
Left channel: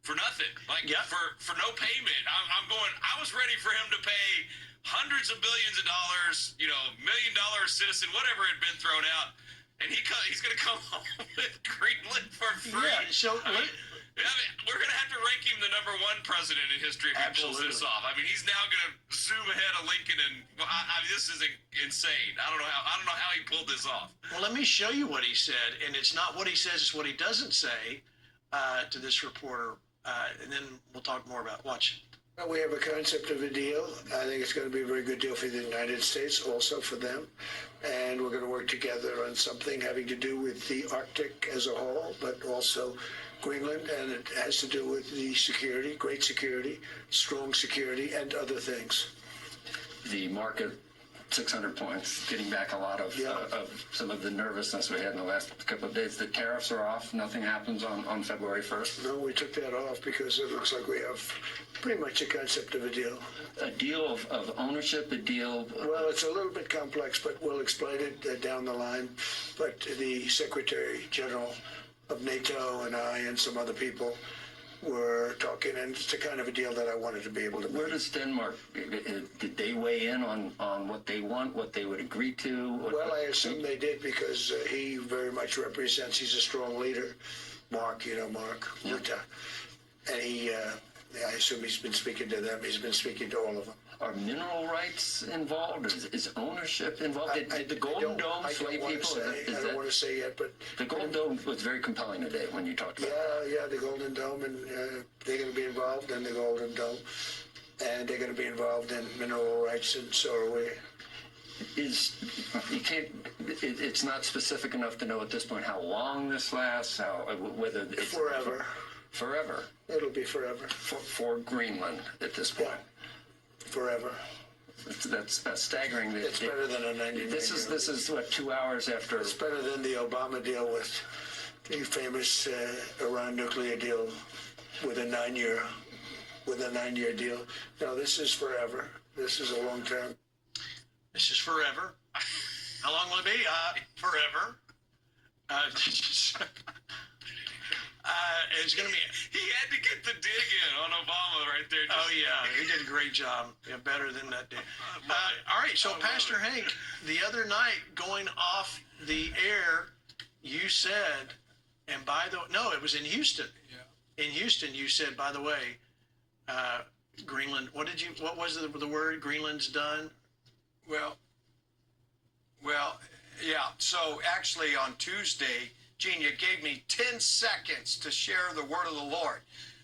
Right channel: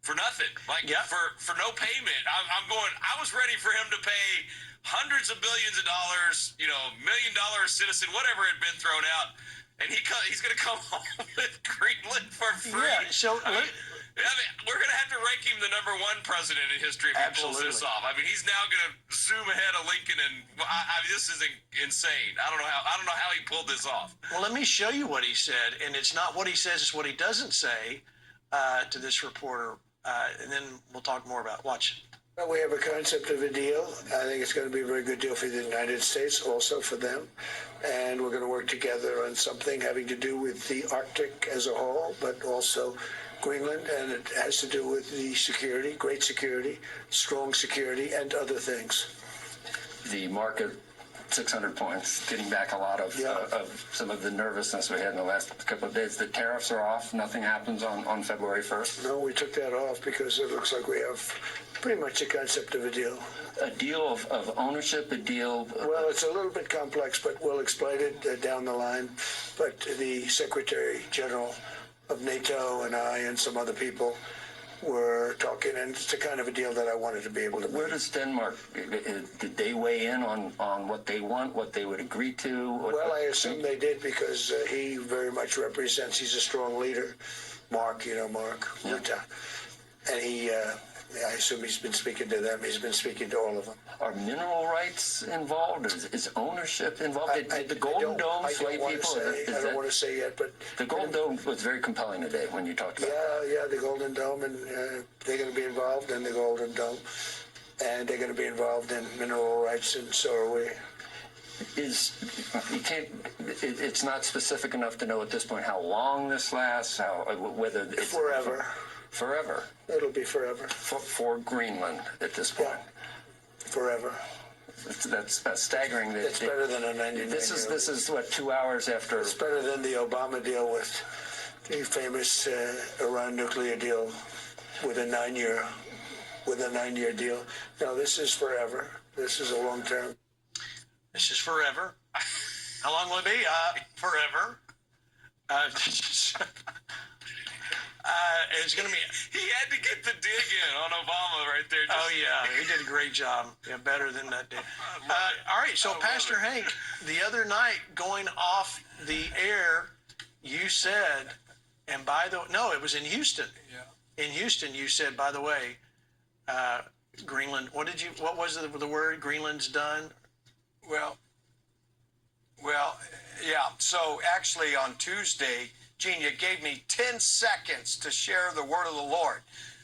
for nothing, for no payment. I'm going, I was ready for him to pay hundreds of billions of dollars, $1 million citizen, whatever had been thrown out. And he's going to come home with Greenland for free. Yeah, so we're going to have to rank him the #1 president in history if he pulls this off. I mean, he's now going to zoom ahead of Lincoln, and this is insane. I don't know how he pulled this off. Well, let me show you what he said, and it's not what he says; it's what he doesn't say to this reporter, and then we'll talk more about it. Watch. Well, we have a concept of a deal. I think it's going to be a very good deal for the United States, also for them. And we're going to work together on something having to do with the Arctic as a whole, but also Greenland, and it has to do with the security, great security, strong security, and other things. The market, 600 points, getting back a lot of some of the nervousness we had in the last couple of days. The tariffs are off. Nothing happens on February 1st. No, we took that off because it looks like we have pretty much a concept of a deal. A deal of ownership, a deal... Well, it's a little bit complex, but we'll explain it down the line. But the Secretary General of NATO and I and some other people were talking, and it's the kind of a deal that I wanted to be able to make. Where does Denmark, did they weigh in on what they want, what they would agree to? Well, I assume they did because he very much represents, he's a strong leader. Mark, Mark Rutte. And I assume he's been speaking to them. He's been speaking to all of them. Are mineral rights involved? Is ownership involved? Did the Golden Dome sway people? I don't want to say yet, but... The Golden Dome was very compelling today when you talked about it. Yeah, the Golden Dome, and they're going to be involved in the Golden Dome, and they're going to be involved in mineral rights, and so are we. It's not specific enough to know at this point how long this lasts, whether it's... Forever. Forever. It'll be forever. For Greenland at this point. Yeah. Forever. That's staggering. It's better than a 99-year. This is what, 2 hours after. It's better than the Obama deal with the famous Iran nuclear deal with a 9-year deal. No, this is forever. This is a long term. This is forever. How long will it be? Forever. It's going to be... He had to get the dig in on Obama right there. He did a great job. Yeah, better than that did. All right, so Pastor Hank, the other night going off the air, you said, and by the... No, it was in Houston. Yeah. In Houston, you said, by the way, Greenland... What was the word? Greenland's done? Well, yeah. So actually on Tuesday... Gene, you gave me 10 seconds to share the word of the Lord,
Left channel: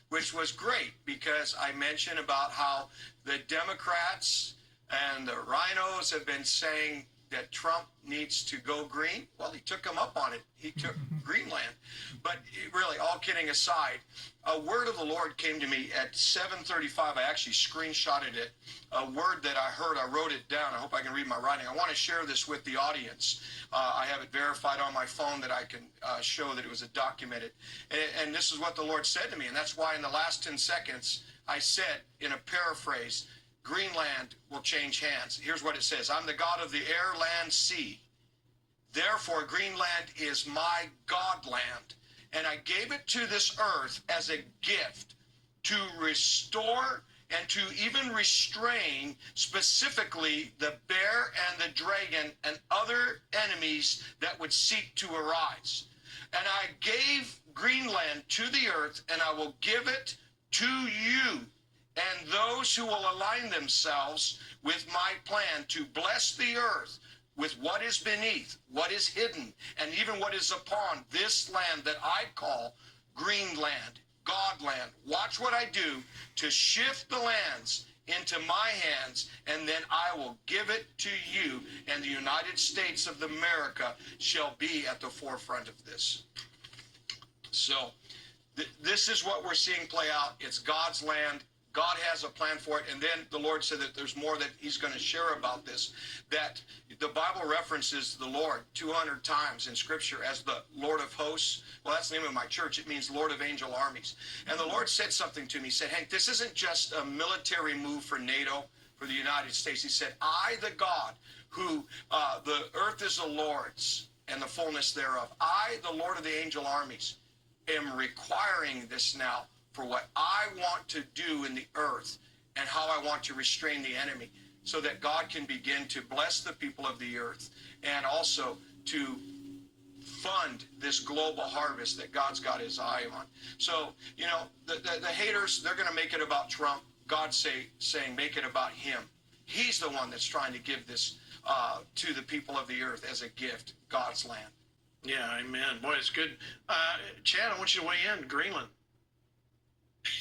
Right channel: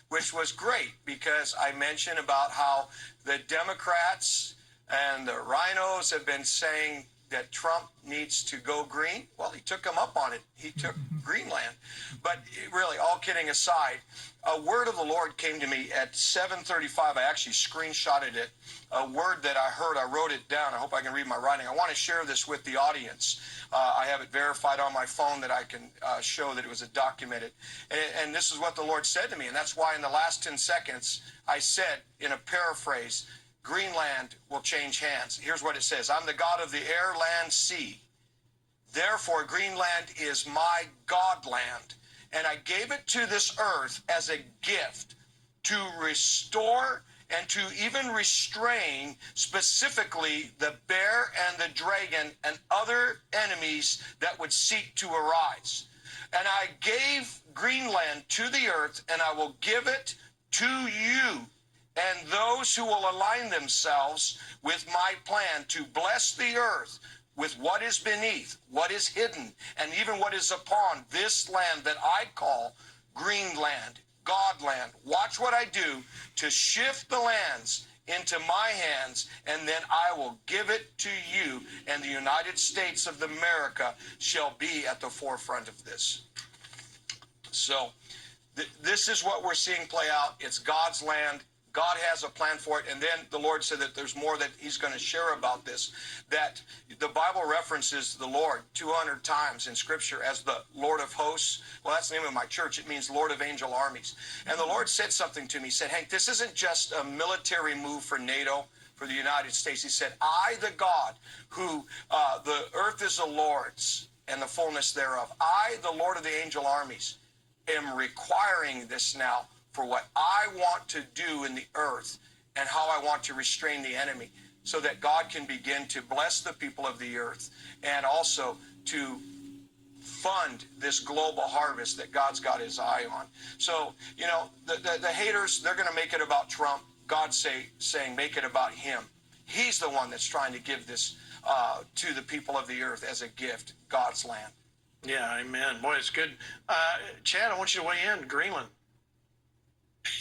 which was great because I mentioned about how the Democrats and the rhinos have been saying that Trump needs to go green? Well, he took him up on it. He took Greenland. But really, all kidding aside, a word of the Lord came to me at 7:35. I actually screenshotted it. A word that I heard, I wrote it down. I hope I can read my writing. I want to share this with the audience. I have it verified on my phone that I can show that it was documented. And this is what the Lord said to me. And that's why in the last 10 seconds, I said in a paraphrase, Greenland will change hands. Here's what it says. I'm the God of the air, land, sea. Therefore, Greenland is my God land. And I gave it to this earth as a gift to restore and to even restrain specifically the bear and the dragon and other enemies that would seek to arise. And I gave Greenland to the earth, and I will give it to you and those who will align themselves with my plan to bless the earth with what is beneath, what is hidden, and even what is upon this land that I call Greenland, Godland. Watch what I do to shift the lands into my hands, and then I will give it to you, and the United States of America shall be at the forefront of this. So this is what we're seeing play out. It's God's land. God has a plan for it. And then the Lord said that there's more that he's going to share about this, that the Bible references the Lord 200 times in Scripture as the Lord of hosts. Well, that's the name of my church. It means Lord of angel armies. And the Lord said something to me. He said, Hank, this isn't just a military move for NATO, for the United States. He said, I, the God, who the earth is the Lord's and the fullness thereof. I, the Lord of the angel armies, am requiring this now for what I want to do in the earth and how I want to restrain the enemy so that God can begin to bless the people of the earth and also to fund this global harvest that God's got his eye on. So, you know, the haters, they're going to make it about Trump. God's saying make it about him. He's the one that's trying to give this to the people of the earth as a gift, God's land. Yeah, amen. Boy, it's good. Chad, I want you to weigh in. Greenland.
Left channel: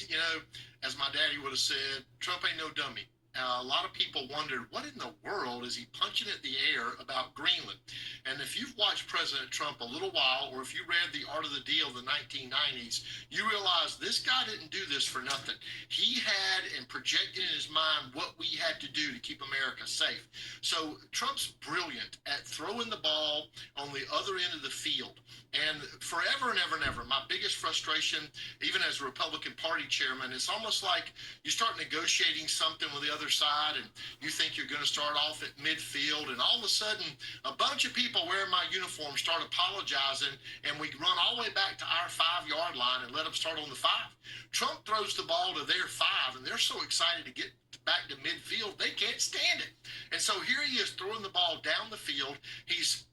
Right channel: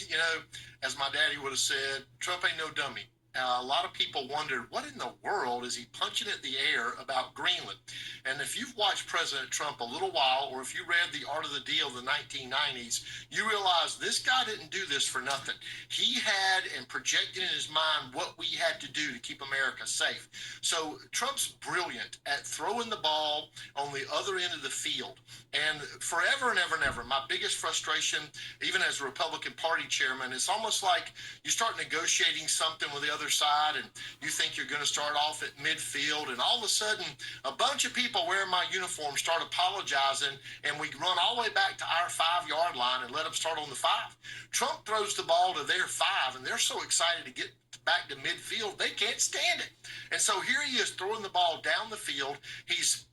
You know, as my daddy would have said, Trump ain't no dummy. A lot of people wondered, what in the world is he punching at the air about Greenland? And if you've watched President Trump a little while, or if you read The Art of the Deal, the 1990s, you realize this guy didn't do this for nothing. He had and projected in his mind what we had to do to keep America safe. So Trump's brilliant at throwing the ball on the other end of the field. And forever and ever and ever, my biggest frustration, even as a Republican Party chairman, it's almost like you start negotiating something with the other side and you think you're going to start off at midfield, and all of a sudden a bunch of people wearing my uniform start apologizing, and we run all the way back to our 5-yard line and let them start on the 5. Trump throws the ball to their 5, and they're so excited to get back to midfield, they can't stand it. And so here he is throwing the ball down the field. He's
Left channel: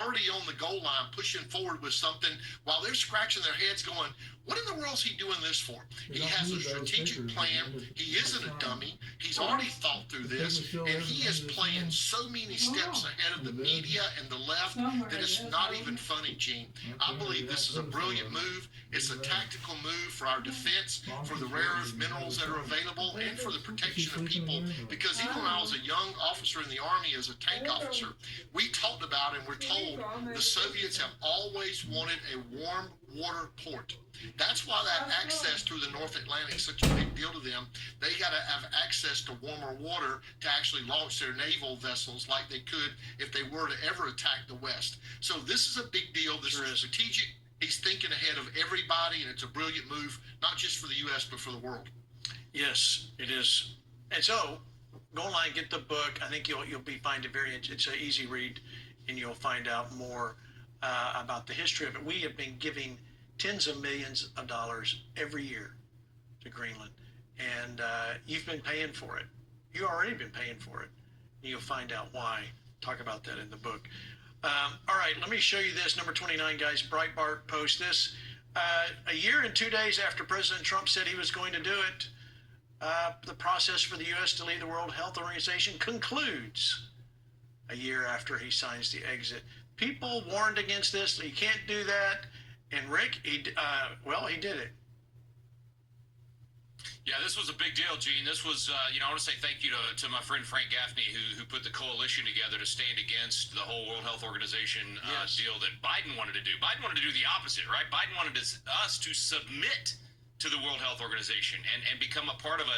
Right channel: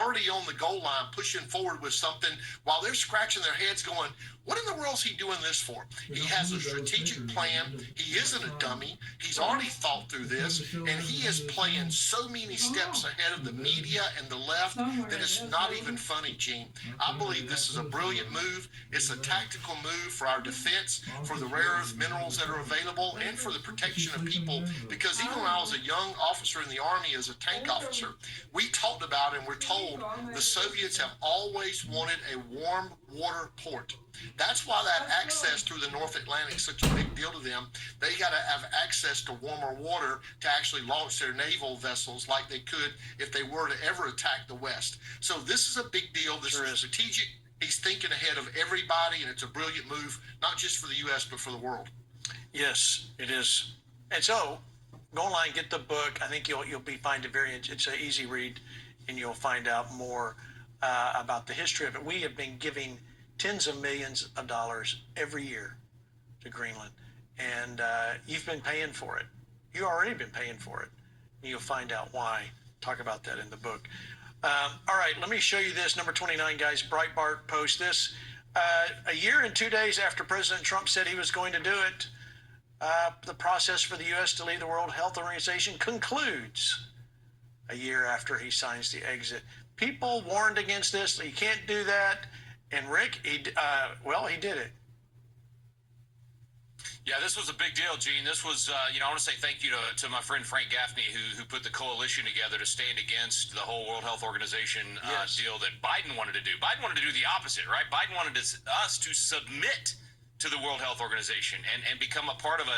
already on the goal line, pushing forward with something while they're scratching their heads going, what in the world is he doing this for? He has a strategic plan. He isn't a dummy. He's already thought through this, and he is playing so many steps ahead of the media and the left that it's not even funny, Gene. I believe this is a brilliant move. It's a tactical move for our defense, for the rare earth minerals that are available, and for the protection of people. Because even when I was a young officer in the Army as a tank officer, we talked about and we're told the Soviets have always wanted a warm water port. That's why that access through the North Atlantic is such a big deal to them. They got to have access to warmer water to actually launch their naval vessels like they could if they were to ever attack the West. So this is a big deal. This is strategic. He's thinking ahead of everybody, and it's a brilliant move, not just for the U.S., but for the world. Yes, it is. And so, go online, get the book. I think you'll find it it's an easy read, and you'll find out more about the history of it. We have been giving tens of millions of dollars every year to Greenland, and you've been paying for it. You already been paying for it. You'll find out why. Talk about that in the book. All right, let me show you this. Number 29, guys. Breitbart post this. A year and 2 days after President Trump said he was going to do it, the process for the U.S. to leave the World Health Organization concludes a year after he signs the exit. People warned against this. You can't do that. And Rick, he did it. Yeah, this was a big deal, Gene. This was, I want to say thank you to my friend Frank Gaffney, who put the coalition together to stand against the whole World Health Organization deal that Biden wanted to do. Biden wanted to do the opposite, right? Biden wanted us to submit to the World Health Organization and become a part of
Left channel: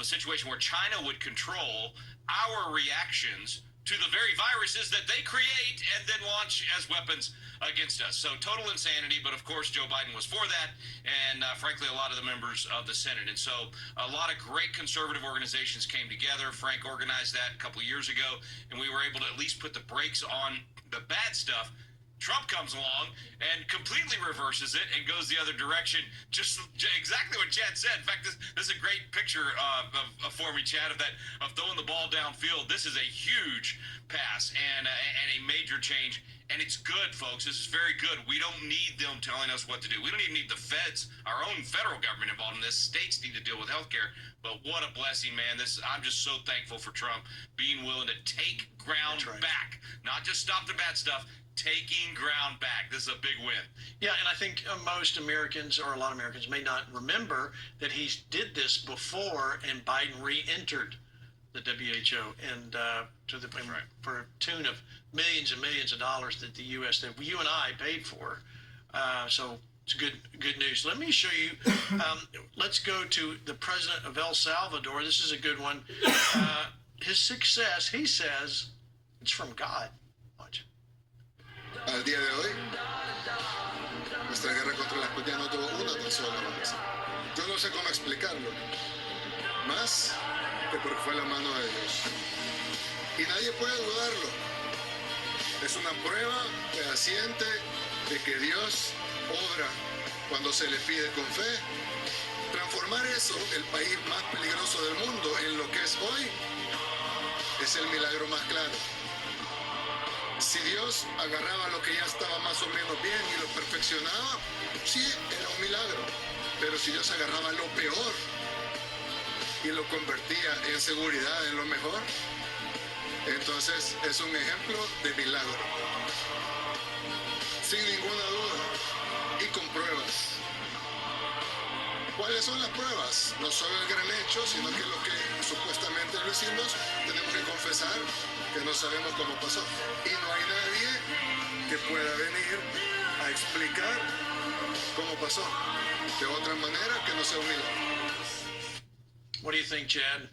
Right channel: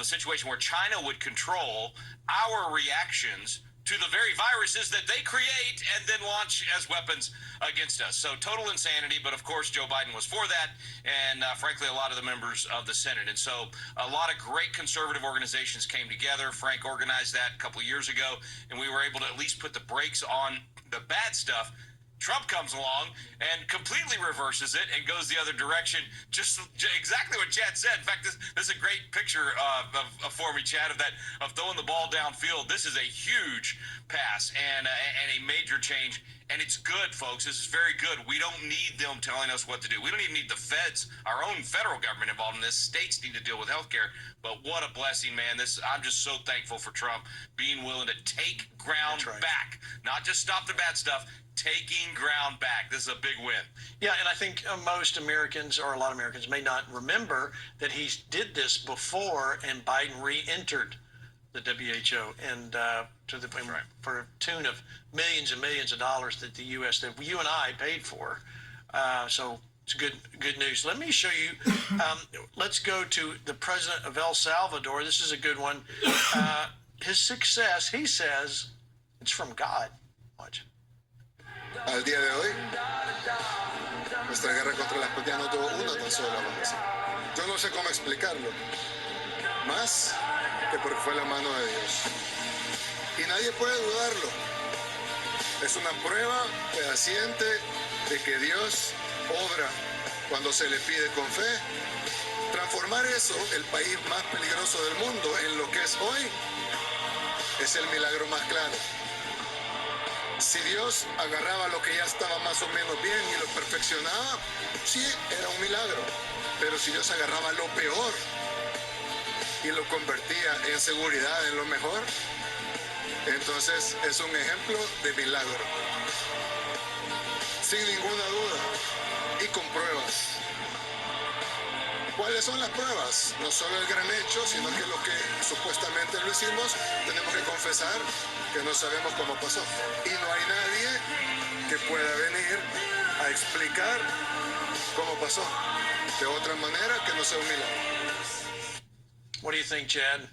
a situation where China would control our reactions to the very viruses that they create and then launch as weapons against us. So total insanity, but of course Joe Biden was for that, and frankly a lot of the members of the Senate. And so a lot of great conservative organizations came together. Frank organized that a couple of years ago, and we were able to at least put the brakes on the bad stuff. Trump comes along and completely reverses it and goes the other direction. Just exactly what Chad said. In fact, this is a great picture for me, Chad, of throwing the ball downfield. This is a huge pass and a major change. And it's good, folks. This is very good. We don't need them telling us what to do. We don't even need the feds, our own federal government involved in this. States need to deal with healthcare. But what a blessing, man. I'm just so thankful for Trump being willing to take ground back, not just stop the bad stuff. Taking ground back. This is a big win. Yeah, and I think most Americans, or a lot of Americans, may not remember that he did this before, and Biden re-entered the WHO, and for a tune of millions and millions of dollars that the U.S. that you and I paid for. So it's good news. Let me show you. Let's go to the president of El Salvador. This is a good one. His success, he says, it's from God. Watch. Al día de hoy, nuestra guerra contra la pandemia no tuvo una tan sola avance. Yo no sé cómo explicarlo, más que porque fue la mano de Dios. Y nadie puede dudarlo. Es una prueba fehaciente de que Dios obra cuando se le pide con fe. Transformar eso, el país más peligroso del mundo, en lo que es hoy, es el milagro más claro. Si Dios agarraba lo que ya estaba más o menos bien y lo perfeccionaba, sí, era un milagro. Pero si Dios agarraba lo peor y lo convertía en seguridad, en lo mejor, entonces es un ejemplo de milagro. Sin ninguna duda y con pruebas. ¿Cuáles son las pruebas? No solo el gran hecho, sino que lo que supuestamente lo hicimos, tenemos que confesar que no sabemos cómo pasó. Y no hay nadie que pueda venir a explicar cómo pasó de otra manera que no sea un milagro. What do you think, Chad?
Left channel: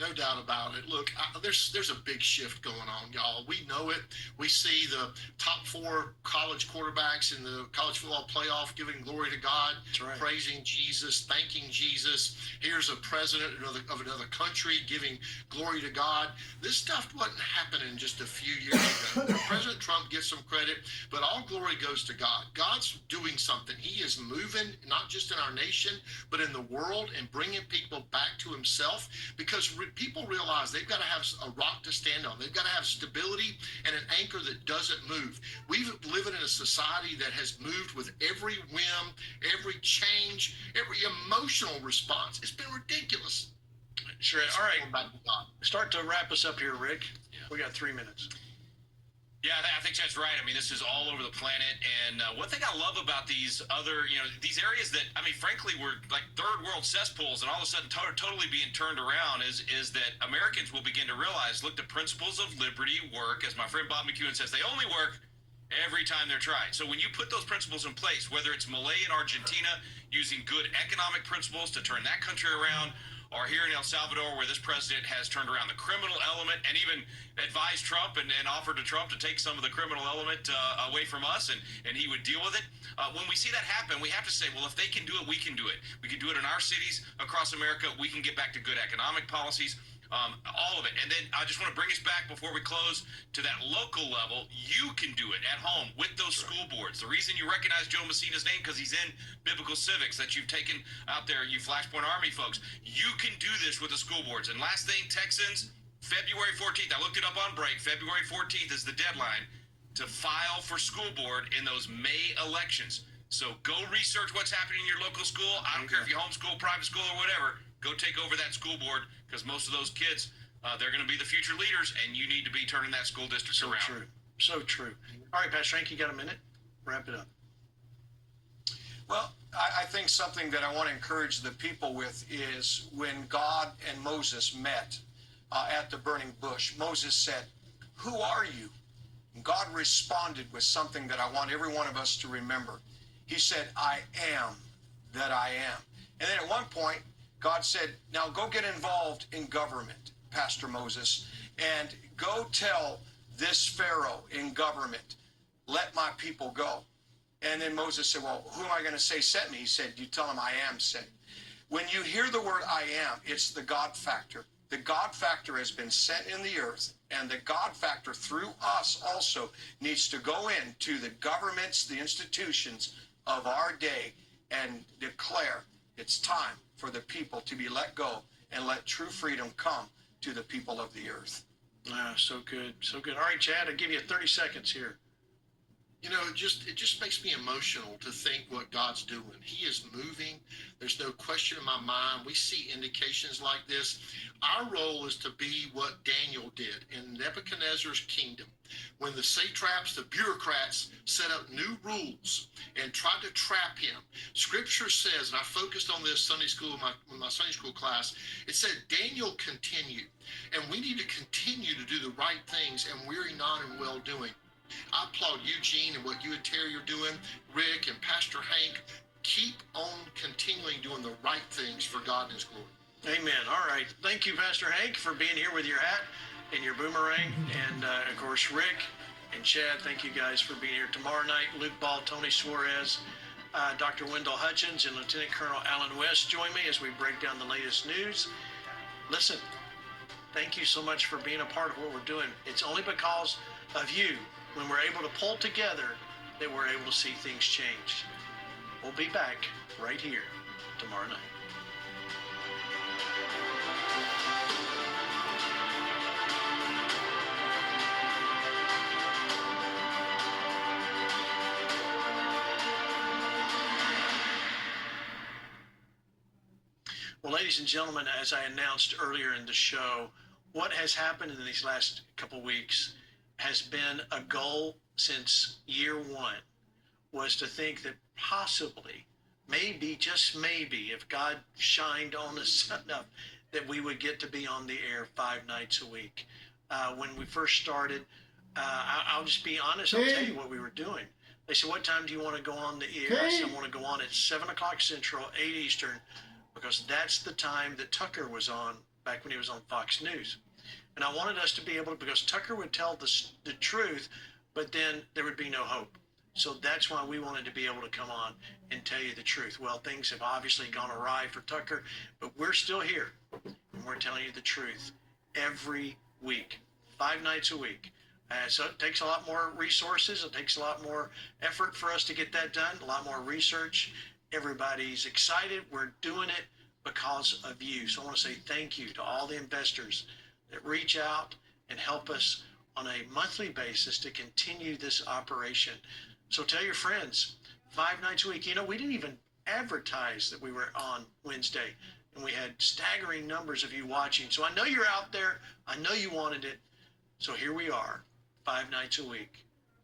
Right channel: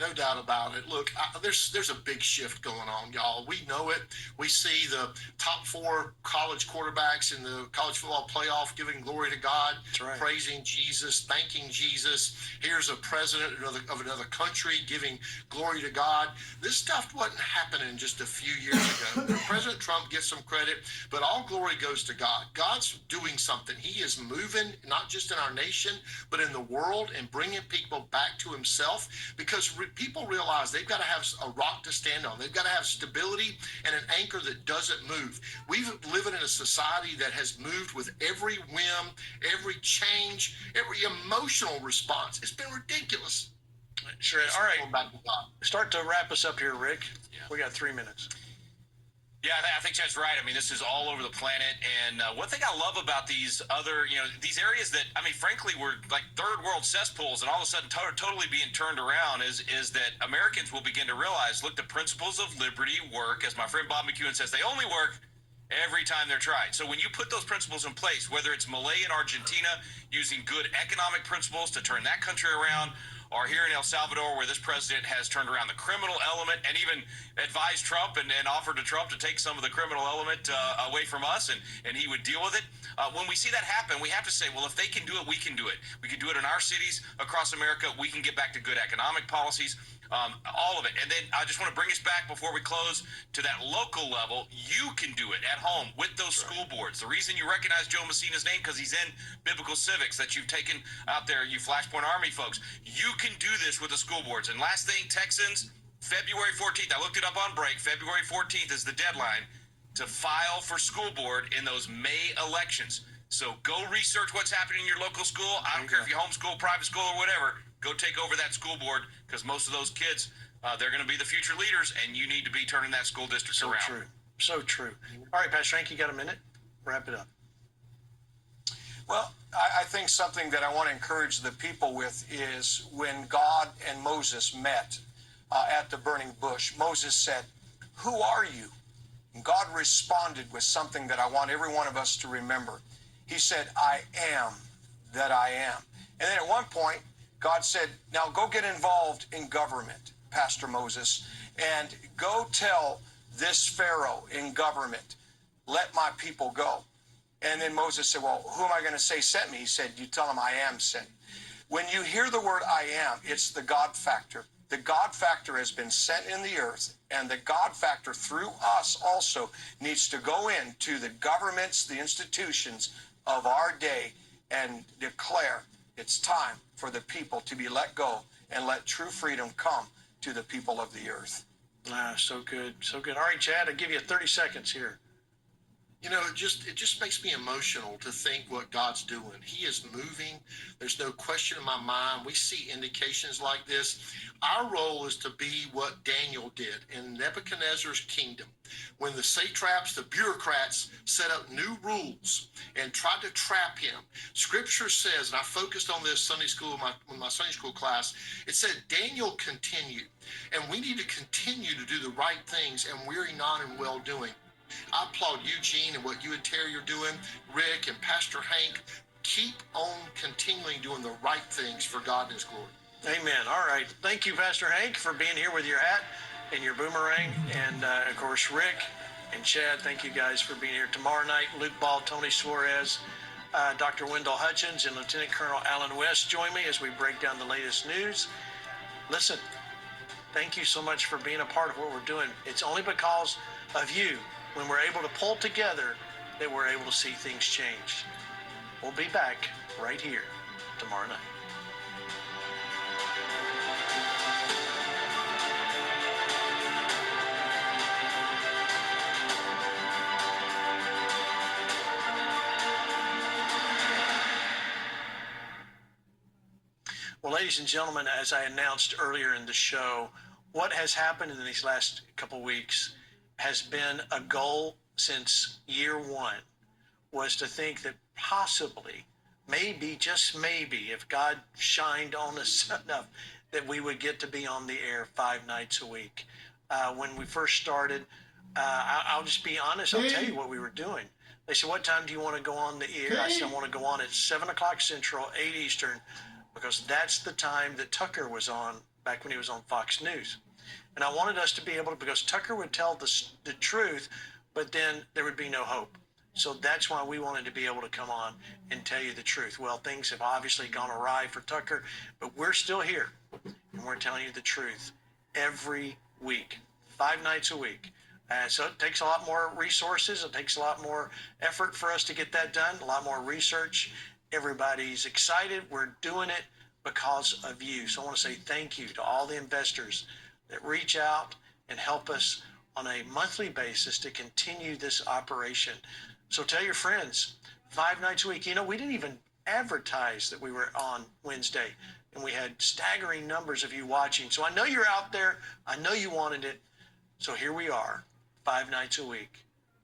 No doubt about it. Look, there's a big shift going on, y'all. We know it. We see the top 4 college quarterbacks in the college football playoff giving glory to God, praising Jesus, thanking Jesus. Here's a president of another country giving glory to God. This stuff wasn't happening just a few years ago. President Trump gets some credit, but all glory goes to God. God's doing something. He is moving, not just in our nation, but in the world, and bringing people back to himself, because people realize they've got to have a rock to stand on. They've got to have stability and an anchor that doesn't move. We live in a society that has moved with every whim, every change, every emotional response. It's been ridiculous. Sure. All right. Start to wrap us up here, Rick. Yeah. We got 3 minutes. Yeah, I think Chad's right. I mean, this is all over the planet. And one thing I love about these other, these areas that, I mean, frankly, were like third world cesspools and all of a sudden totally being turned around is that Americans will begin to realize, look, the principles of liberty work. As my friend Bob McEwen says, they only work every time they're tried. So when you put those principles in place, whether it's Malay in Argentina using good economic principles to turn that country around, or here in El Salvador, where this president has turned around the criminal element and even advised Trump and offered to Trump to take some of the criminal element away from us, and he would deal with it. When we see that happen, we have to say, well, if they can do it, we can do it. We can do it in our cities across America. We can get back to good economic policies. All of it. And then I just want to bring us back before we close to that local level. You can do it at home with those school boards. The reason you recognize Joe Messina's name, because he's in Biblical Civics that you've taken out there, you Flashpoint Army folks. You can do this with the school boards. And last thing, Texans, February 14th, I looked it up on break. February 14th is the deadline to file for school board in those May elections. So go research what's happening in your local school. I don't care if you homeschool, private school, or whatever. Go take over that school board, because most of those kids, they're going to be the future leaders, and you need to be turning that school district around. So true. So true. All right, Pastor Hank, you got a minute? Wrap it up. Well, I think something that I want to encourage the people with is when God and Moses met at the burning bush, Moses said, "Who are you?" And God responded with something that I want every one of us to remember. He said, "I am that I am." And then at one point, God said, "Now go get involved in government, Pastor Moses, and go tell this Pharaoh in government, let my people go." And then Moses said, "Well, who am I going to say sent me?" He said, "You tell him I am sent." When you hear the word I am, it's the God factor. The God factor has been sent in the earth, and the God factor through us also needs to go into the governments, the institutions of our day and declare it's time for the people to be let go and let true freedom come to the people of the earth. So good, so good. All right, Chad, I'll give you 30 seconds here. You know, it just makes me emotional to think what God's doing. He is moving. There's no question in my mind. We see indications like this. Our role is to be what Daniel did in Nebuchadnezzar's kingdom, when the satraps, the bureaucrats, set up new rules and tried to trap him. Scripture says, and I focused on this Sunday school, my Sunday school class, it said Daniel continued, and we need to continue to do the right things and weary not in well-doing. I applaud you, Gene, and what you and Terry are doing, Rick and Pastor Hank. Keep on continually doing the right things for God and His glory. Amen. All right. Thank you, Pastor Hank, for being here with your hat and your boomerang. And, of course, Rick and Chad, thank you guys for being here. Tomorrow night, Luke Ball, Tony Suarez, Dr. Wendell Hutchins, and Lieutenant Colonel Alan West join me as we break down the latest news. Listen, thank you so much for being a part of what we're doing. It's only because of you, when we're able to pull together, that we're able to see things change. We'll be back right here tomorrow night. Well, ladies and gentlemen, as I announced earlier in the show, what has happened in these last couple weeks has been a goal since year one, was to think that possibly, maybe, just maybe, if God shined on us enough, that we would get to be on the air 5 nights a week. When we first started, I'll just be honest, I'll tell you what we were doing. They said, "What time do you want to go on the air?" I said, "I want to go on at 7 o'clock Central, 8 Eastern, because that's the time that Tucker was on back when he was on Fox News." And I wanted us to be able to, because Tucker would tell the truth, but then there would be no hope. So that's why we wanted to be able to come on and tell you the truth. Well, things have obviously gone awry for Tucker, but we're still here, and we're telling you the truth every week, 5 nights a week. So it takes a lot more resources. It takes a lot more effort for us to get that done, a lot more research. Everybody's excited. We're doing it because of you. So I want to say thank you to all the investors that reach out and help us on a monthly basis to continue this operation. So tell your friends, 5 nights a week. You know, we didn't even advertise that we were on Wednesday, and we had staggering numbers of you watching. So I know you're out there. I know you wanted it. So here we are, 5 nights a week.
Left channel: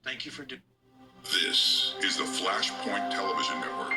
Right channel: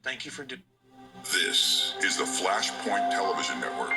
Thank you for doing it. This is the Flashpoint Television Network.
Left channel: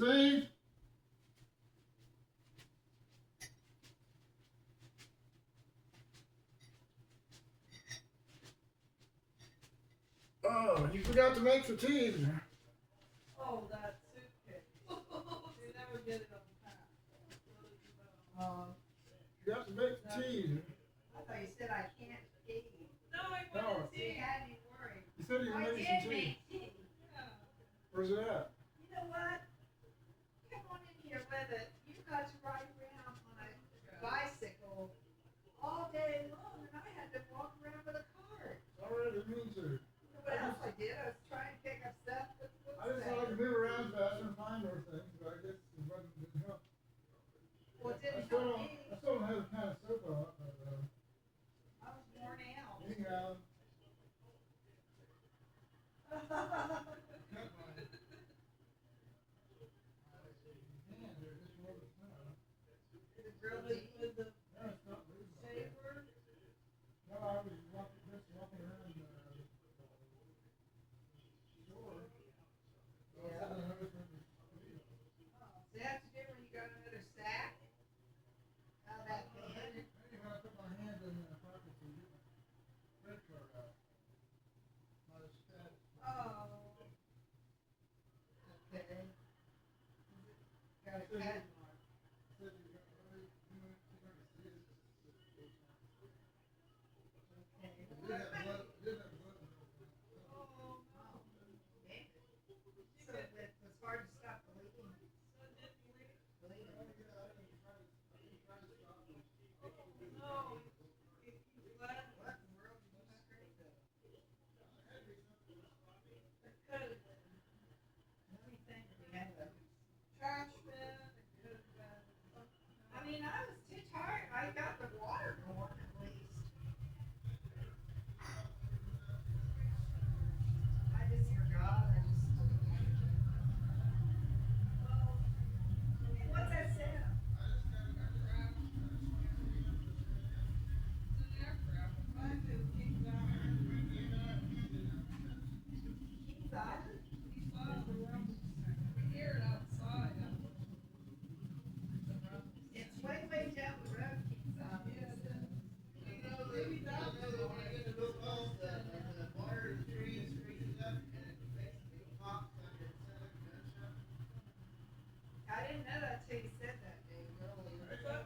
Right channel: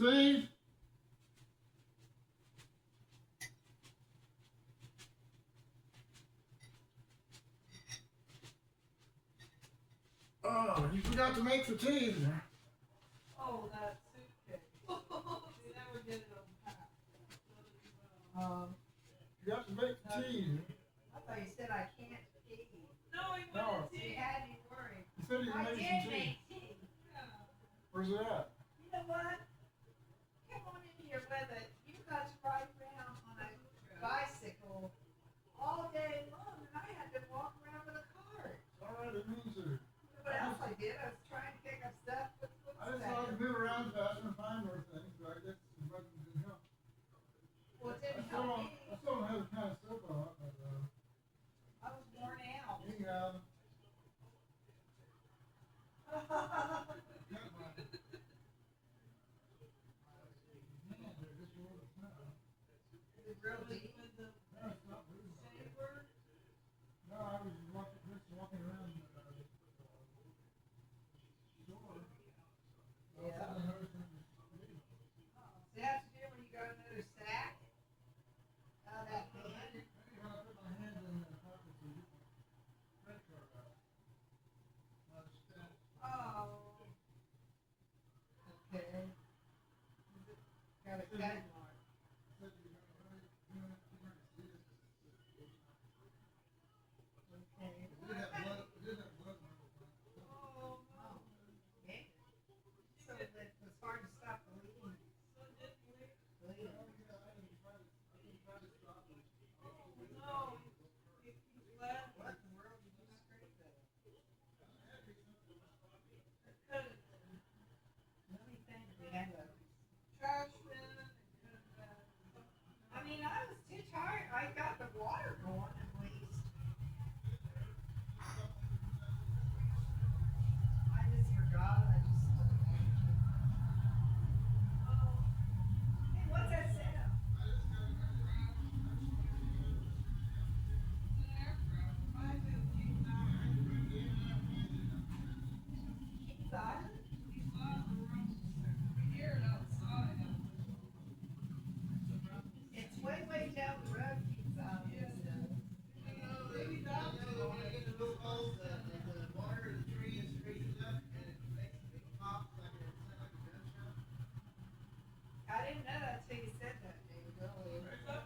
See? You forgot to make the tea. Oh, that suitcase. You never get it unpacked. You have to make the tea. I thought you said I can't tea. No, he wouldn't You tea. had me worried. You said you I made did some tea. make tea. Where's it at? You know what? Come on in here with it. You guys ride around on a bicycle all day long, and I had to walk around with a cart. All right, I didn't mean to. You know what else I did? I was trying to pick up stuff. I just thought I could move around faster and find more things, but I guess it didn't help. Well, it didn't I still help don't, me. I still don't have the kind of soap on, but I was worn out. anyhow. Is it real deep? With the No, it's not moving. saber. No, I was just walking around the store. Yeah. I noticed it was moving. Does it have to do when you got another sack? Out of that pan? Maybe when I put my hand in the pocket to get my credit card out. I was fat. Oh. Okay. Got a cut mark. Said you got very, you might see it. Okay. It did have blood, it did have blood in it. Oh, no. Okay. So that was hard to stop bleeding. Bleeding. Oh, yeah, I didn't try to stop it. No. Glad. What in the world did you scrape though? It could have been. Let me think, we had a, Trash bin. It could have been. I mean, I was too tired, I got the water going at least. I just forgot, Hey, what's that sound? Keith Island? It's way, way down the road, Keith Island. I didn't know that till you said that, Dave, earlier.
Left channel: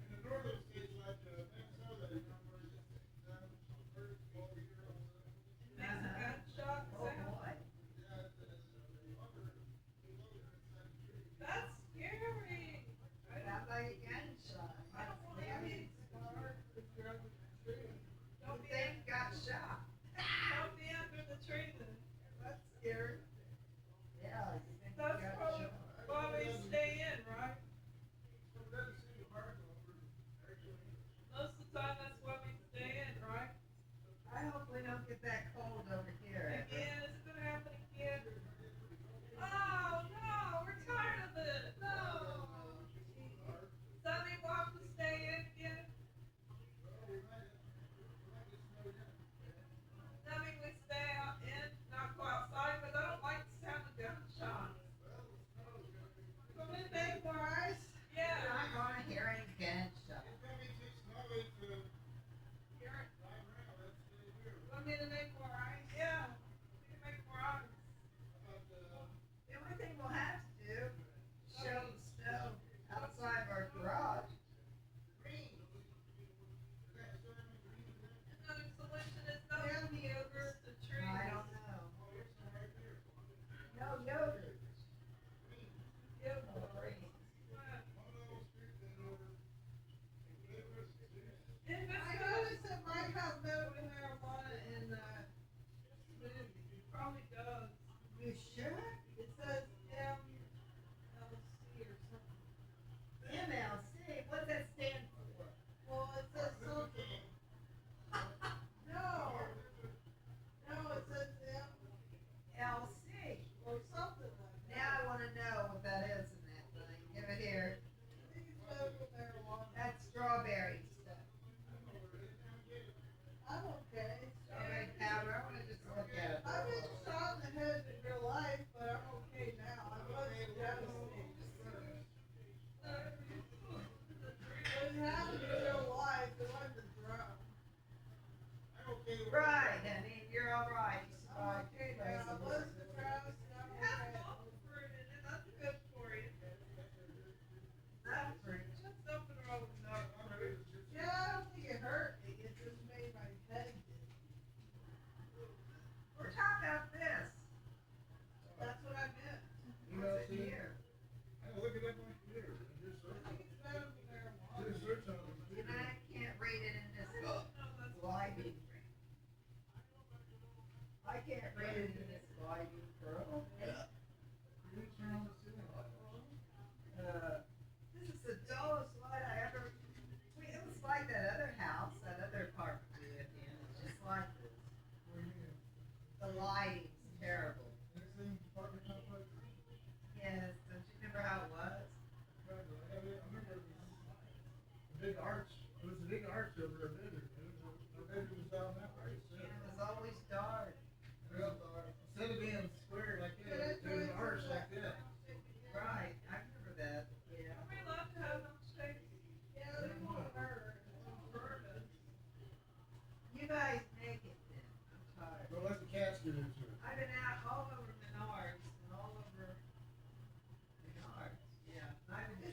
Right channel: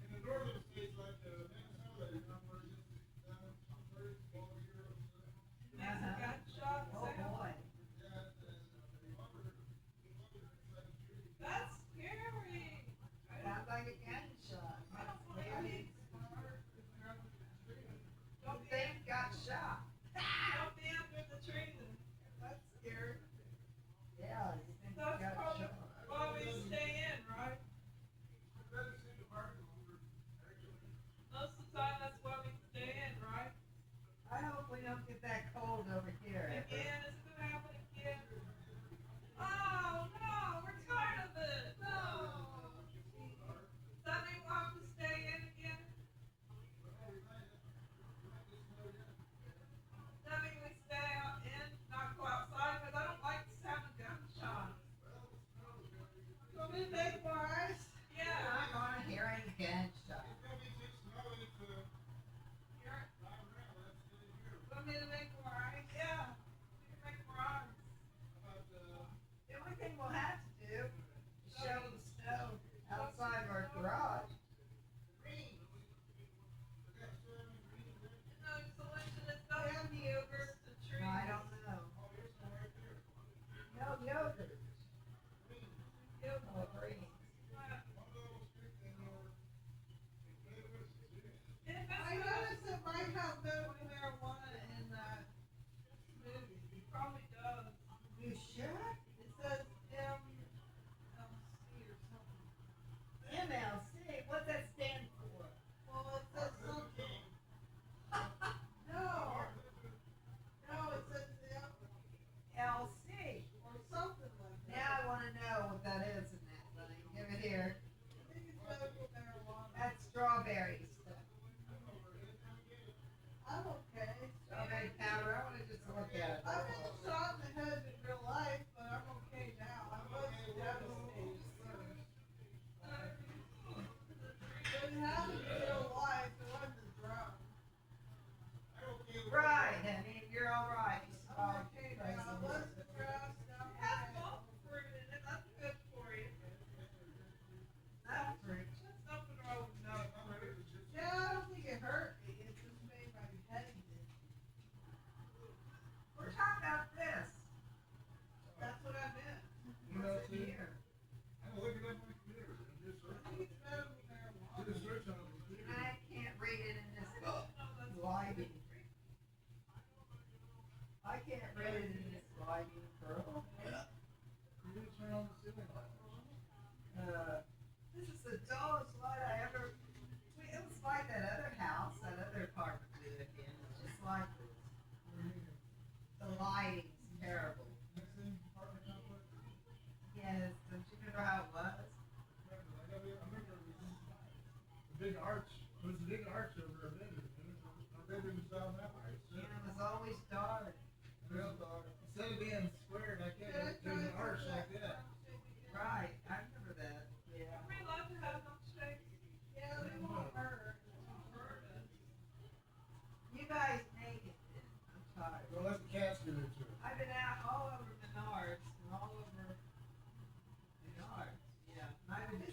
In the northern states like Minnesota, you know, where it's down, where it's all year. Gunshot Oh, sound. boy. That's scary. Sounds like a gunshot. I don't want to Maybe be it's smart. Don't be, They got shot. don't be under the tree then. That's scary. Yeah, you think you That's got probably shot. why we stay in, right? Most of the time, that's why we stay in, right? I hope we don't get that cold over here. Again, it's gonna happen again. Oh no, we're tired of it. No. Does that mean we'll have to stay in again? Does that mean we stay out in, not go outside? But I don't like having gunshots. Want me to make more ice? Yeah. I wanna hear a gunshot. Want me to make more ice? Yeah. We can make more ice. The only thing we'll have to do is shovel the snow outside of our garage. No solution is not yogurt, the tree. I don't know. No yogurt. Yogurt. Oh, great.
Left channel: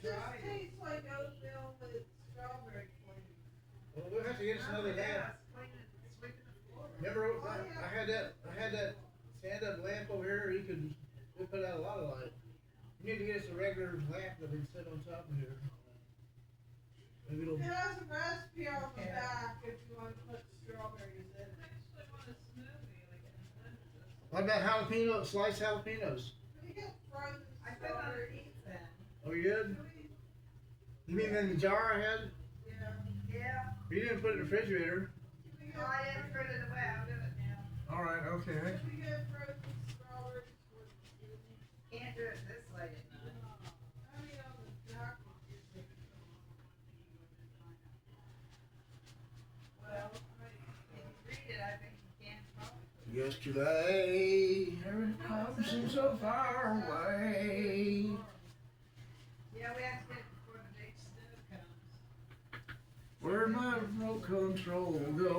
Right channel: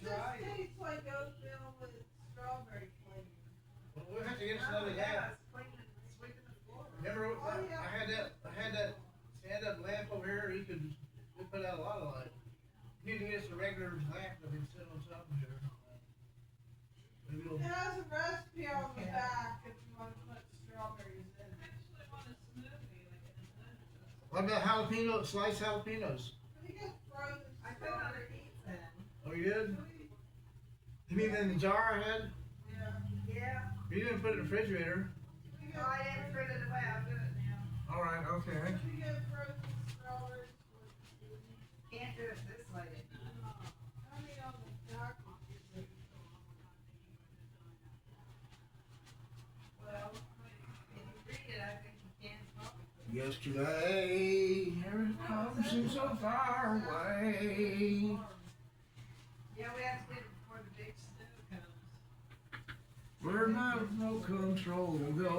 just tastes like oatmeal with strawberry flavor. Well, we'll have to get us another lamp. Remember, I had that stand-up lamp over here. We put out a lot of light. You need to get us a regular lamp that we can sit on top of here. Maybe it'll. It has a recipe on the back if you want to put strawberries in it. What about jalapeno, sliced jalapenos? We get frozen. I put underneath them. Oh, you did? You mean in the jar I had? Yeah. You didn't put it in the refrigerator. No, I didn't put it away. I'll do it now. All right, okay. We get frozen strawberries. Can't do it this late at night. I mean, on the dark. Well, if you read it, I think you can probably. Yesterday, here it comes, seems so far away. Yeah, we have to get it before the big snow comes. Where'd my remote control go?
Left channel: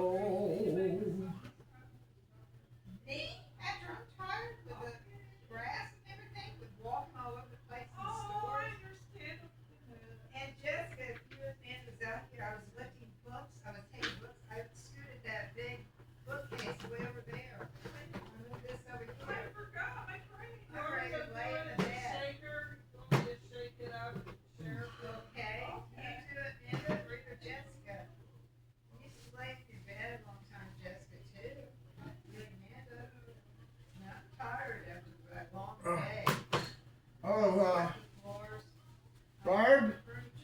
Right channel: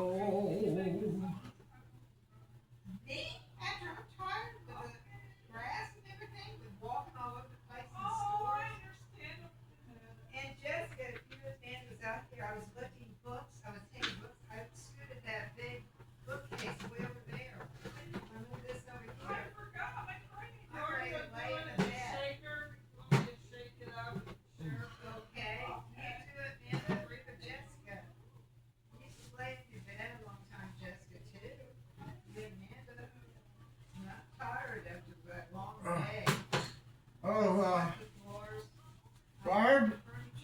Me? After I'm tired with the grass and everything, with walking all over the place in the store. I understand. And Jessica, if you and Nan was out here, I was lifting books, I was taking books, I scooted that big bookcase way over there. I moved this over here. I forgot my training. I'm ready to lay in the bed. Shaker. Want me to shake it up and share it? Okay, you do it, Nan, or for Jessica. You used to lay in your bed a long time, Jessica, too. You and Nanda, not tired after that long day. Oh, Floors. Barb?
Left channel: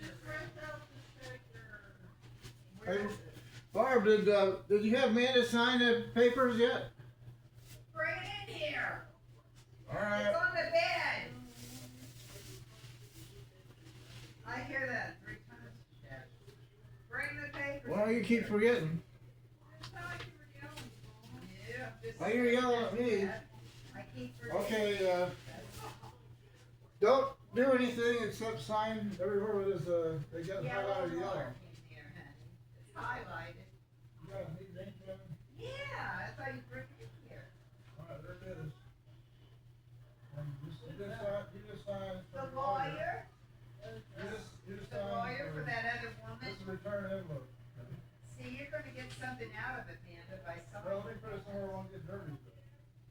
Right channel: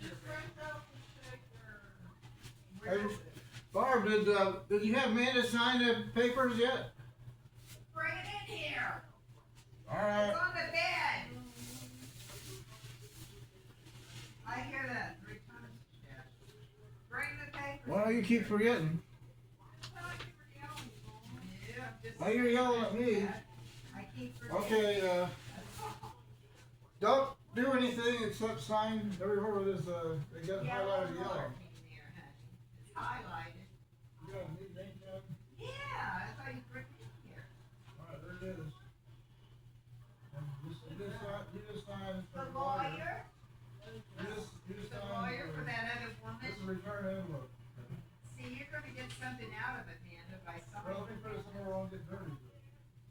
Just break out the shaker. Hey, Barb, did you have Amanda sign the papers yet? Bring it in here. All right. It's on the bed. I hear that 3 times. Yeah. Bring the papers. Why do you keep forgetting? Yeah, just. Why you're yelling at me? I keep forgetting. Okay, don't do anything except sign everywhere where there's they got highlighted yellow. It's highlighted. You got a neat name pen? Yeah, that's why you bring it in here. All right, there it is. And you just sign The for lawyer, You just the sign lawyer for that other woman. This is a return envelope. See, you're gonna get something out of it, Amanda, by Well, let me signing. put it somewhere where I won't get dirty.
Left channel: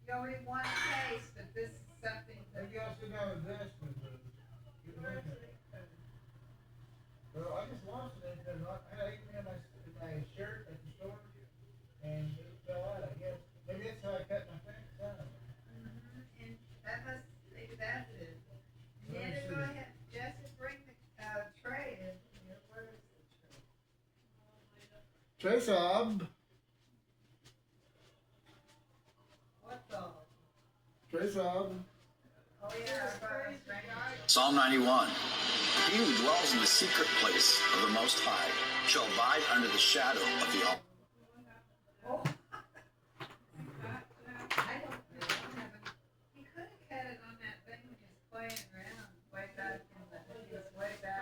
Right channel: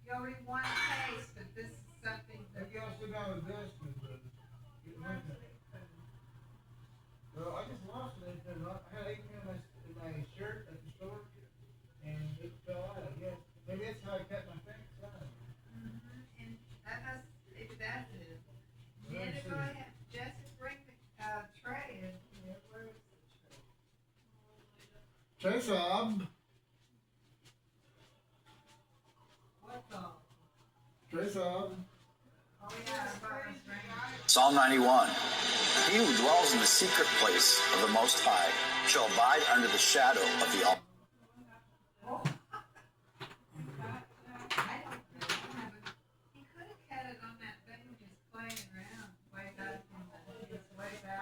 You already won the case, but this is something that. Maybe I'll sit down at the desk and get one pen. Well, I just lost an pen. I had ink in my shirt at the store, and it fell out. I guess maybe that's how I cut my thing down. And that must, maybe that's it. Let me Amanda, go see. ahead, Jessica, bring the, tray in here, where is the tray? Tray sob. What's all? Tray sob. Oh, yeah, I thought it was bringing. Psalm 91. He who dwells in the secret place of the Most High shall abide under the shadow of the Almighty. Oh. I don't have it. He could have had it on that thing just playing around way back in the, he was way back.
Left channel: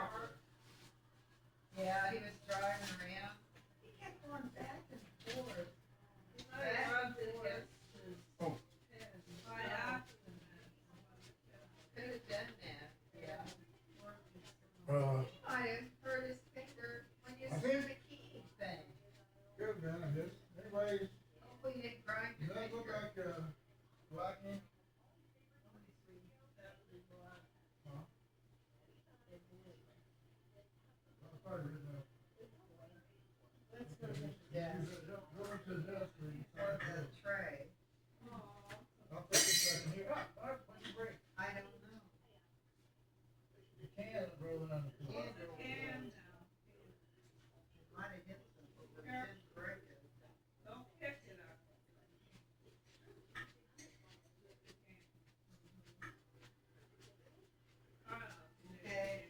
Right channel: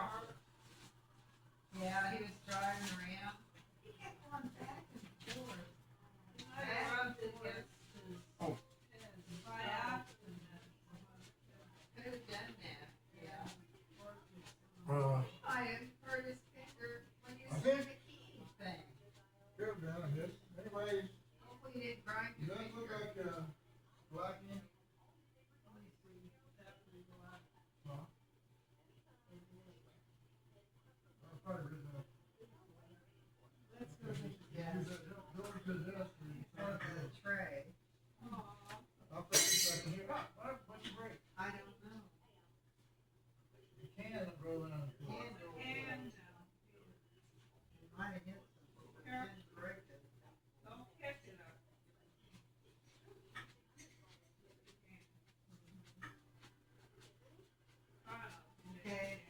Yeah, he was driving around. He kept going back and forth. Back and forth. Oh. By accident. Could have done that, yeah. He might have hurt his finger when you I see think- the key thing. Good man, I guess. Anyways, Hopefully you didn't grind does your that look finger. like black ink? Huh? I'll probably read that. Let's go get the desk. Go to the desk and Or sign the this. tray. I'll put this back in here. What's your break? I don't know. The can roll down the floor. Might have hit something, but it didn't break it. Don't pick it up. Okay,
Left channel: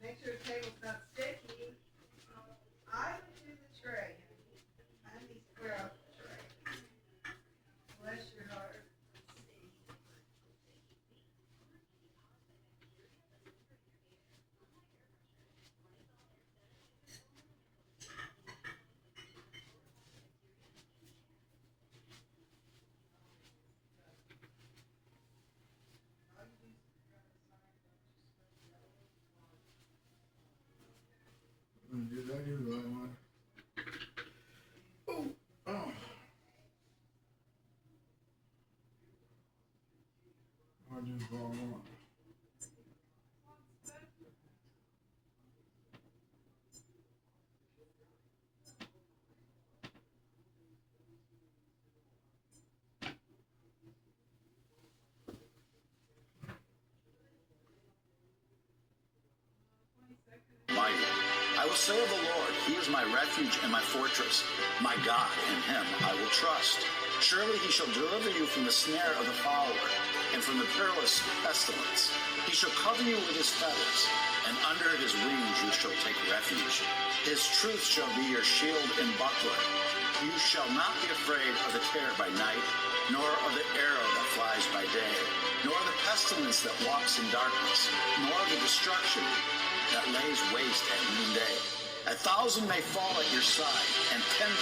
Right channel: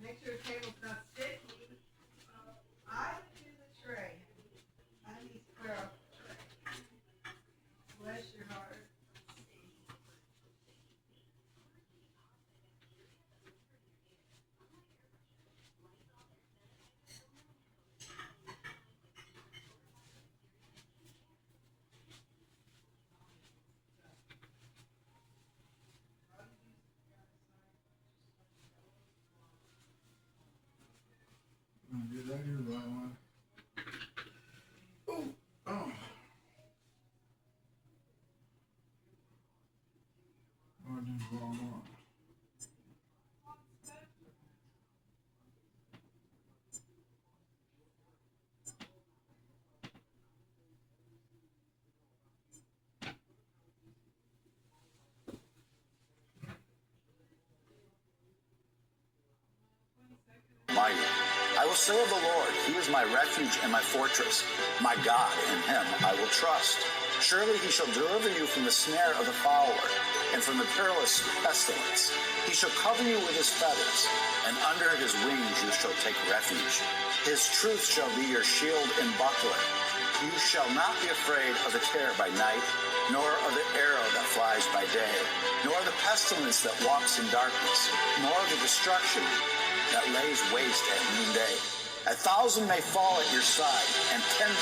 make sure the table's not sticky. I would do the tray. I need to square up the tray. Bless your heart. That is the right one. Oh. Oh. I just wrong one. Mighty. I will say of the Lord, he is my refuge and my fortress. My God, in him I will trust. Surely he shall deliver you from the snare of the fowler and from the perilous pestilence. He shall cover you with his feathers, and under his wings you shall take refuge. His truth shall be your shield and buckler. You shall not be afraid of the terror by night, nor of the arrow that flies by day, nor the pestilence that walks in darkness, nor the destruction that lays waste at noonday. 1,000 may fall at your side, and 10,000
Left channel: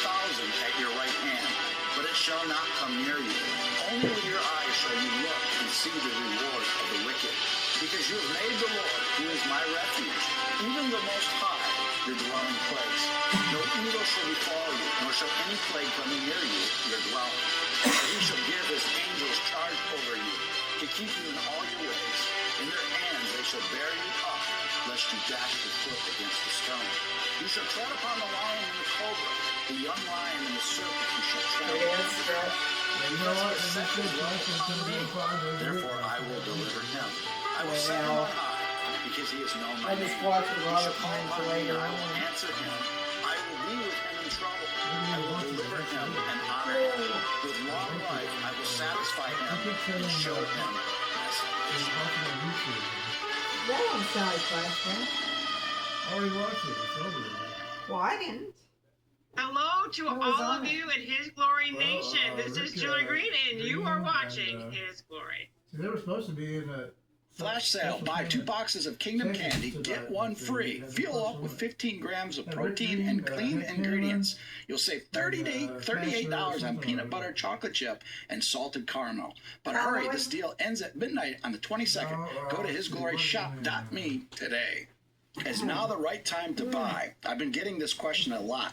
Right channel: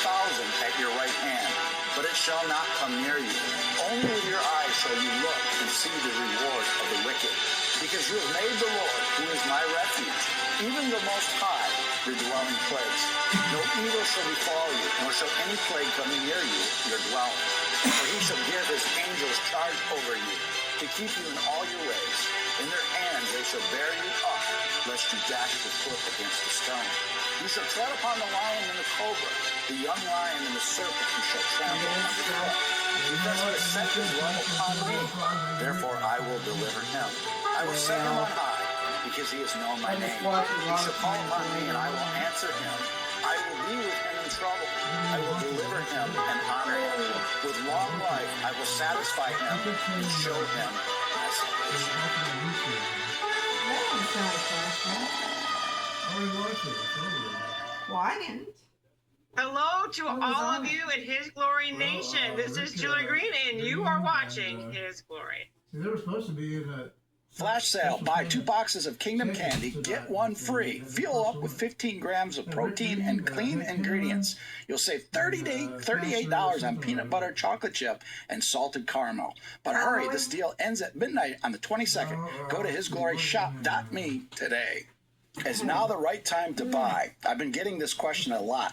at your right hand, but it shall not come near you. Only with your eyes shall you look and see the reward of the wicked. Because you have made the Lord, who is my refuge, even the Most High, your dwelling place. No evil shall befall you, nor shall any plague come near you, your dwelling. For he shall give his angels charge over you, to keep you in all your ways. In their hands they shall bear you up, lest you dash your foot against a stone. You shall tread upon the lion and the cobra, the young lion and the serpent you shall trample underfoot. Because he has set his love upon me, therefore I will deliver him. I will set him on high, because he has known my name. He shall call upon me, and I will answer him. I will be with him in trouble. I will deliver him and honor him. With long life I will satisfy him and show him my salvation. That don't sound like flashback. I already watched it. It's over with. Well, I didn't. Hello to all of you at His Glory Nation. This is Julie Green, and you are watching His Glory. See, they were supposed to be in that. Flash sale. Buy 2 boxes of Kingdom Candy, get 1 free. Fuel up with 15 grams of protein and clean ingredients. You'll save $38 on peanut butter chocolate chip and salted caramel. But hurry, this deal ends at midnight on the 22nd. Go to hisgloryshop.me today. Is now the right time to buy? I've been getting this question a lot.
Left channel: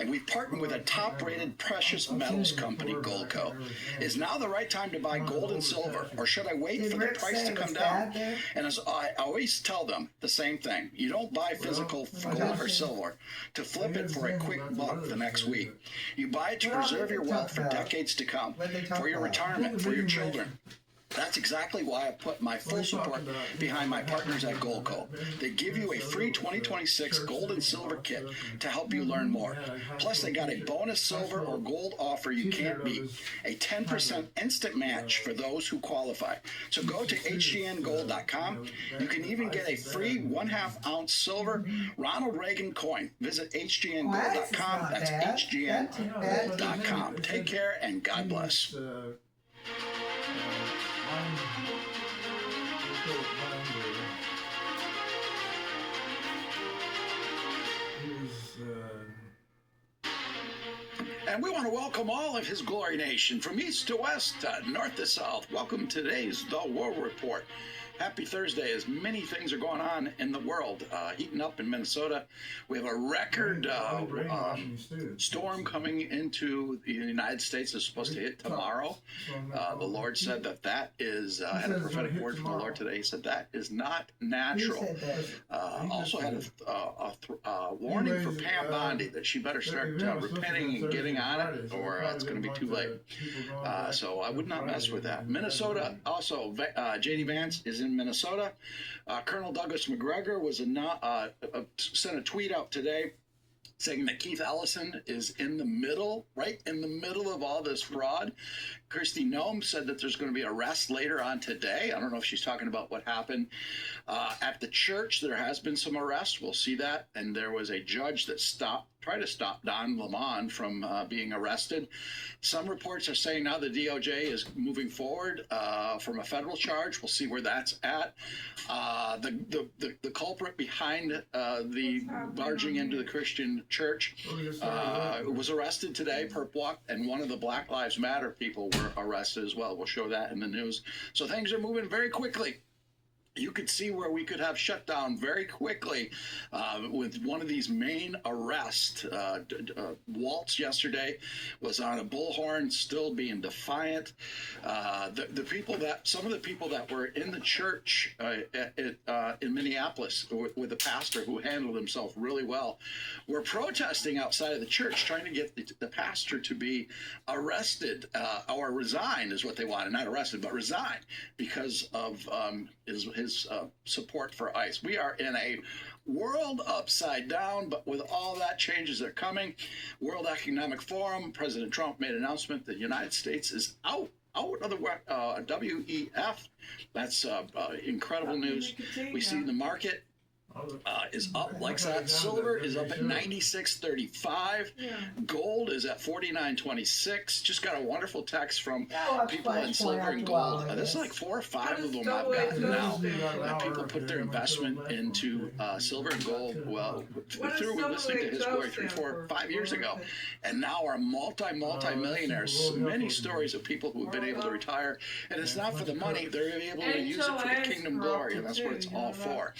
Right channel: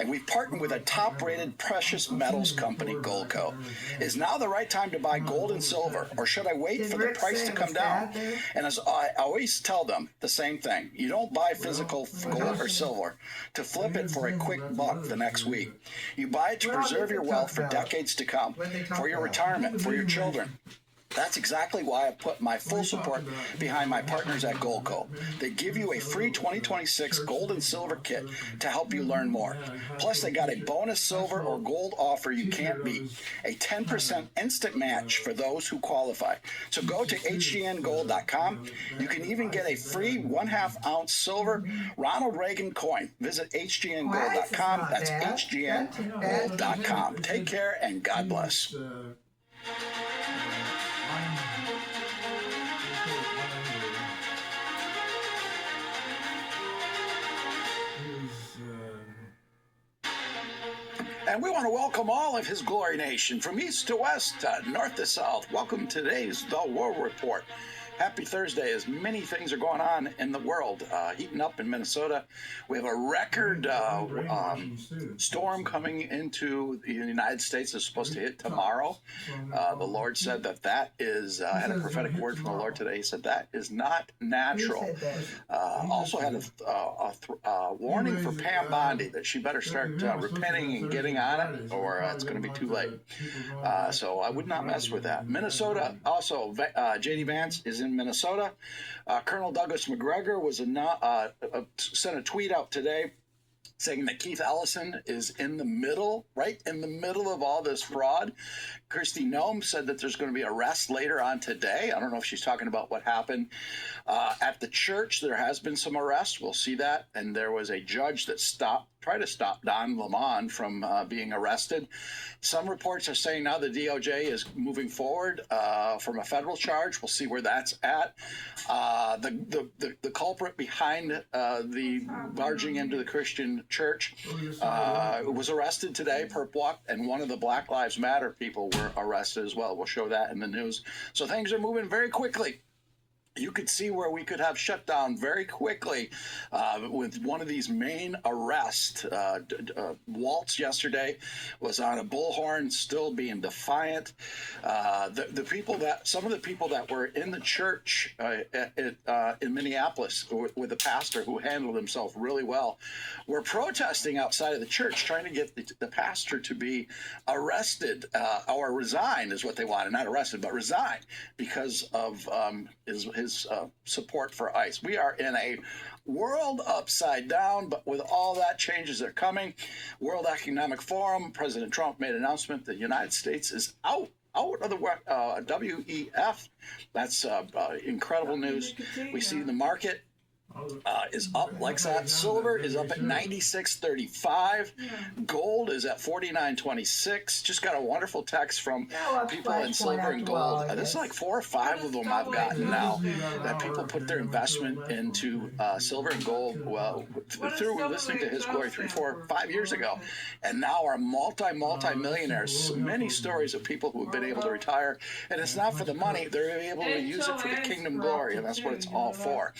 And we've partnered with a top-rated precious metals company, Goldco. Is now the right time to buy gold and silver, or should I wait for the price to come down? And as I always tell them, the same thing. You don't buy physical gold or silver to flip it for a quick buck the next week. You buy it to preserve your wealth for decades to come, for your retirement, for your children. That's exactly why I put my full support behind my partners at Goldco. They give you a free 2026 gold and silver kit to help you learn more. Plus, they got a bonus silver or gold offer you can't beat. A 10% instant match for those who qualify. So go to hgngold.com. You can even get a free 1/2 ounce silver Ronald Reagan coin. Visit hgngold.com. That's hgngold.com. Take care and God bless. And we want to welcome all of His Glory Nation from east to west, north to south. Welcome to today's The War Report. Happy Thursday, as many things are going on in the world. Heating up in Minnesota. We have a record storm coming into the United States. It's supposed to hit tomorrow. The Lord said that is, I had a prophetic word from the Lord today. He said that is not natural. Also had a warning for Pam Bondi that she better start repenting and getting on it, or it's going to be too late. So I would not mess with that. Minnesota, also, J.D. Vance is in Minnesota. Colonel Douglas McGregor was sent a tweet out today saying that Keith Ellison is right in the middle of all this fraud. Kristi Noem said that there's going to be arrests later on today. I don't know if she's talking about what happened at the church. There has been some arrests. We'll see that. And there was a judge that tried to stop Don Lemon from being arrested. Some reports are saying now the DOJ is moving forward from a federal charge. We'll see where that's at. The culprit behind the barging into the Christian church was arrested today, perp walk, and one of the Black Lives Matter people were arrested as well. We'll show that in the news. So things are moving very quickly. you could see where we could have shut down very quickly with one of these main arrests. Waltz yesterday was on a bullhorn, still being defiant. The people that, some of the people that were in the church in Minneapolis with the pastor who handled himself really well, were protesting outside of the church, trying to get the pastor to be arrested or resign is what they wanted. Not arrested, but resign because of his support for ICE. We are in a world upside down, but with all that changes that are coming. World Economic Forum, President Trump made an announcement that the United States is out of the WEF. That's incredible news. We see the market is up like that. Silver is up at 96.35. Gold is at 49.26. Just got a wonderful text from people in silver and gold. This is like 4 or 5 of them I've gotten now that people put their investment into silver and gold. Well, through listening to His Glory 3, 4, 5 years ago, and now are multi-millionaires. Many stories of people who have been able to retire, and it's not for the money. They're able to use it for the kingdom glory, and that's what it's all for.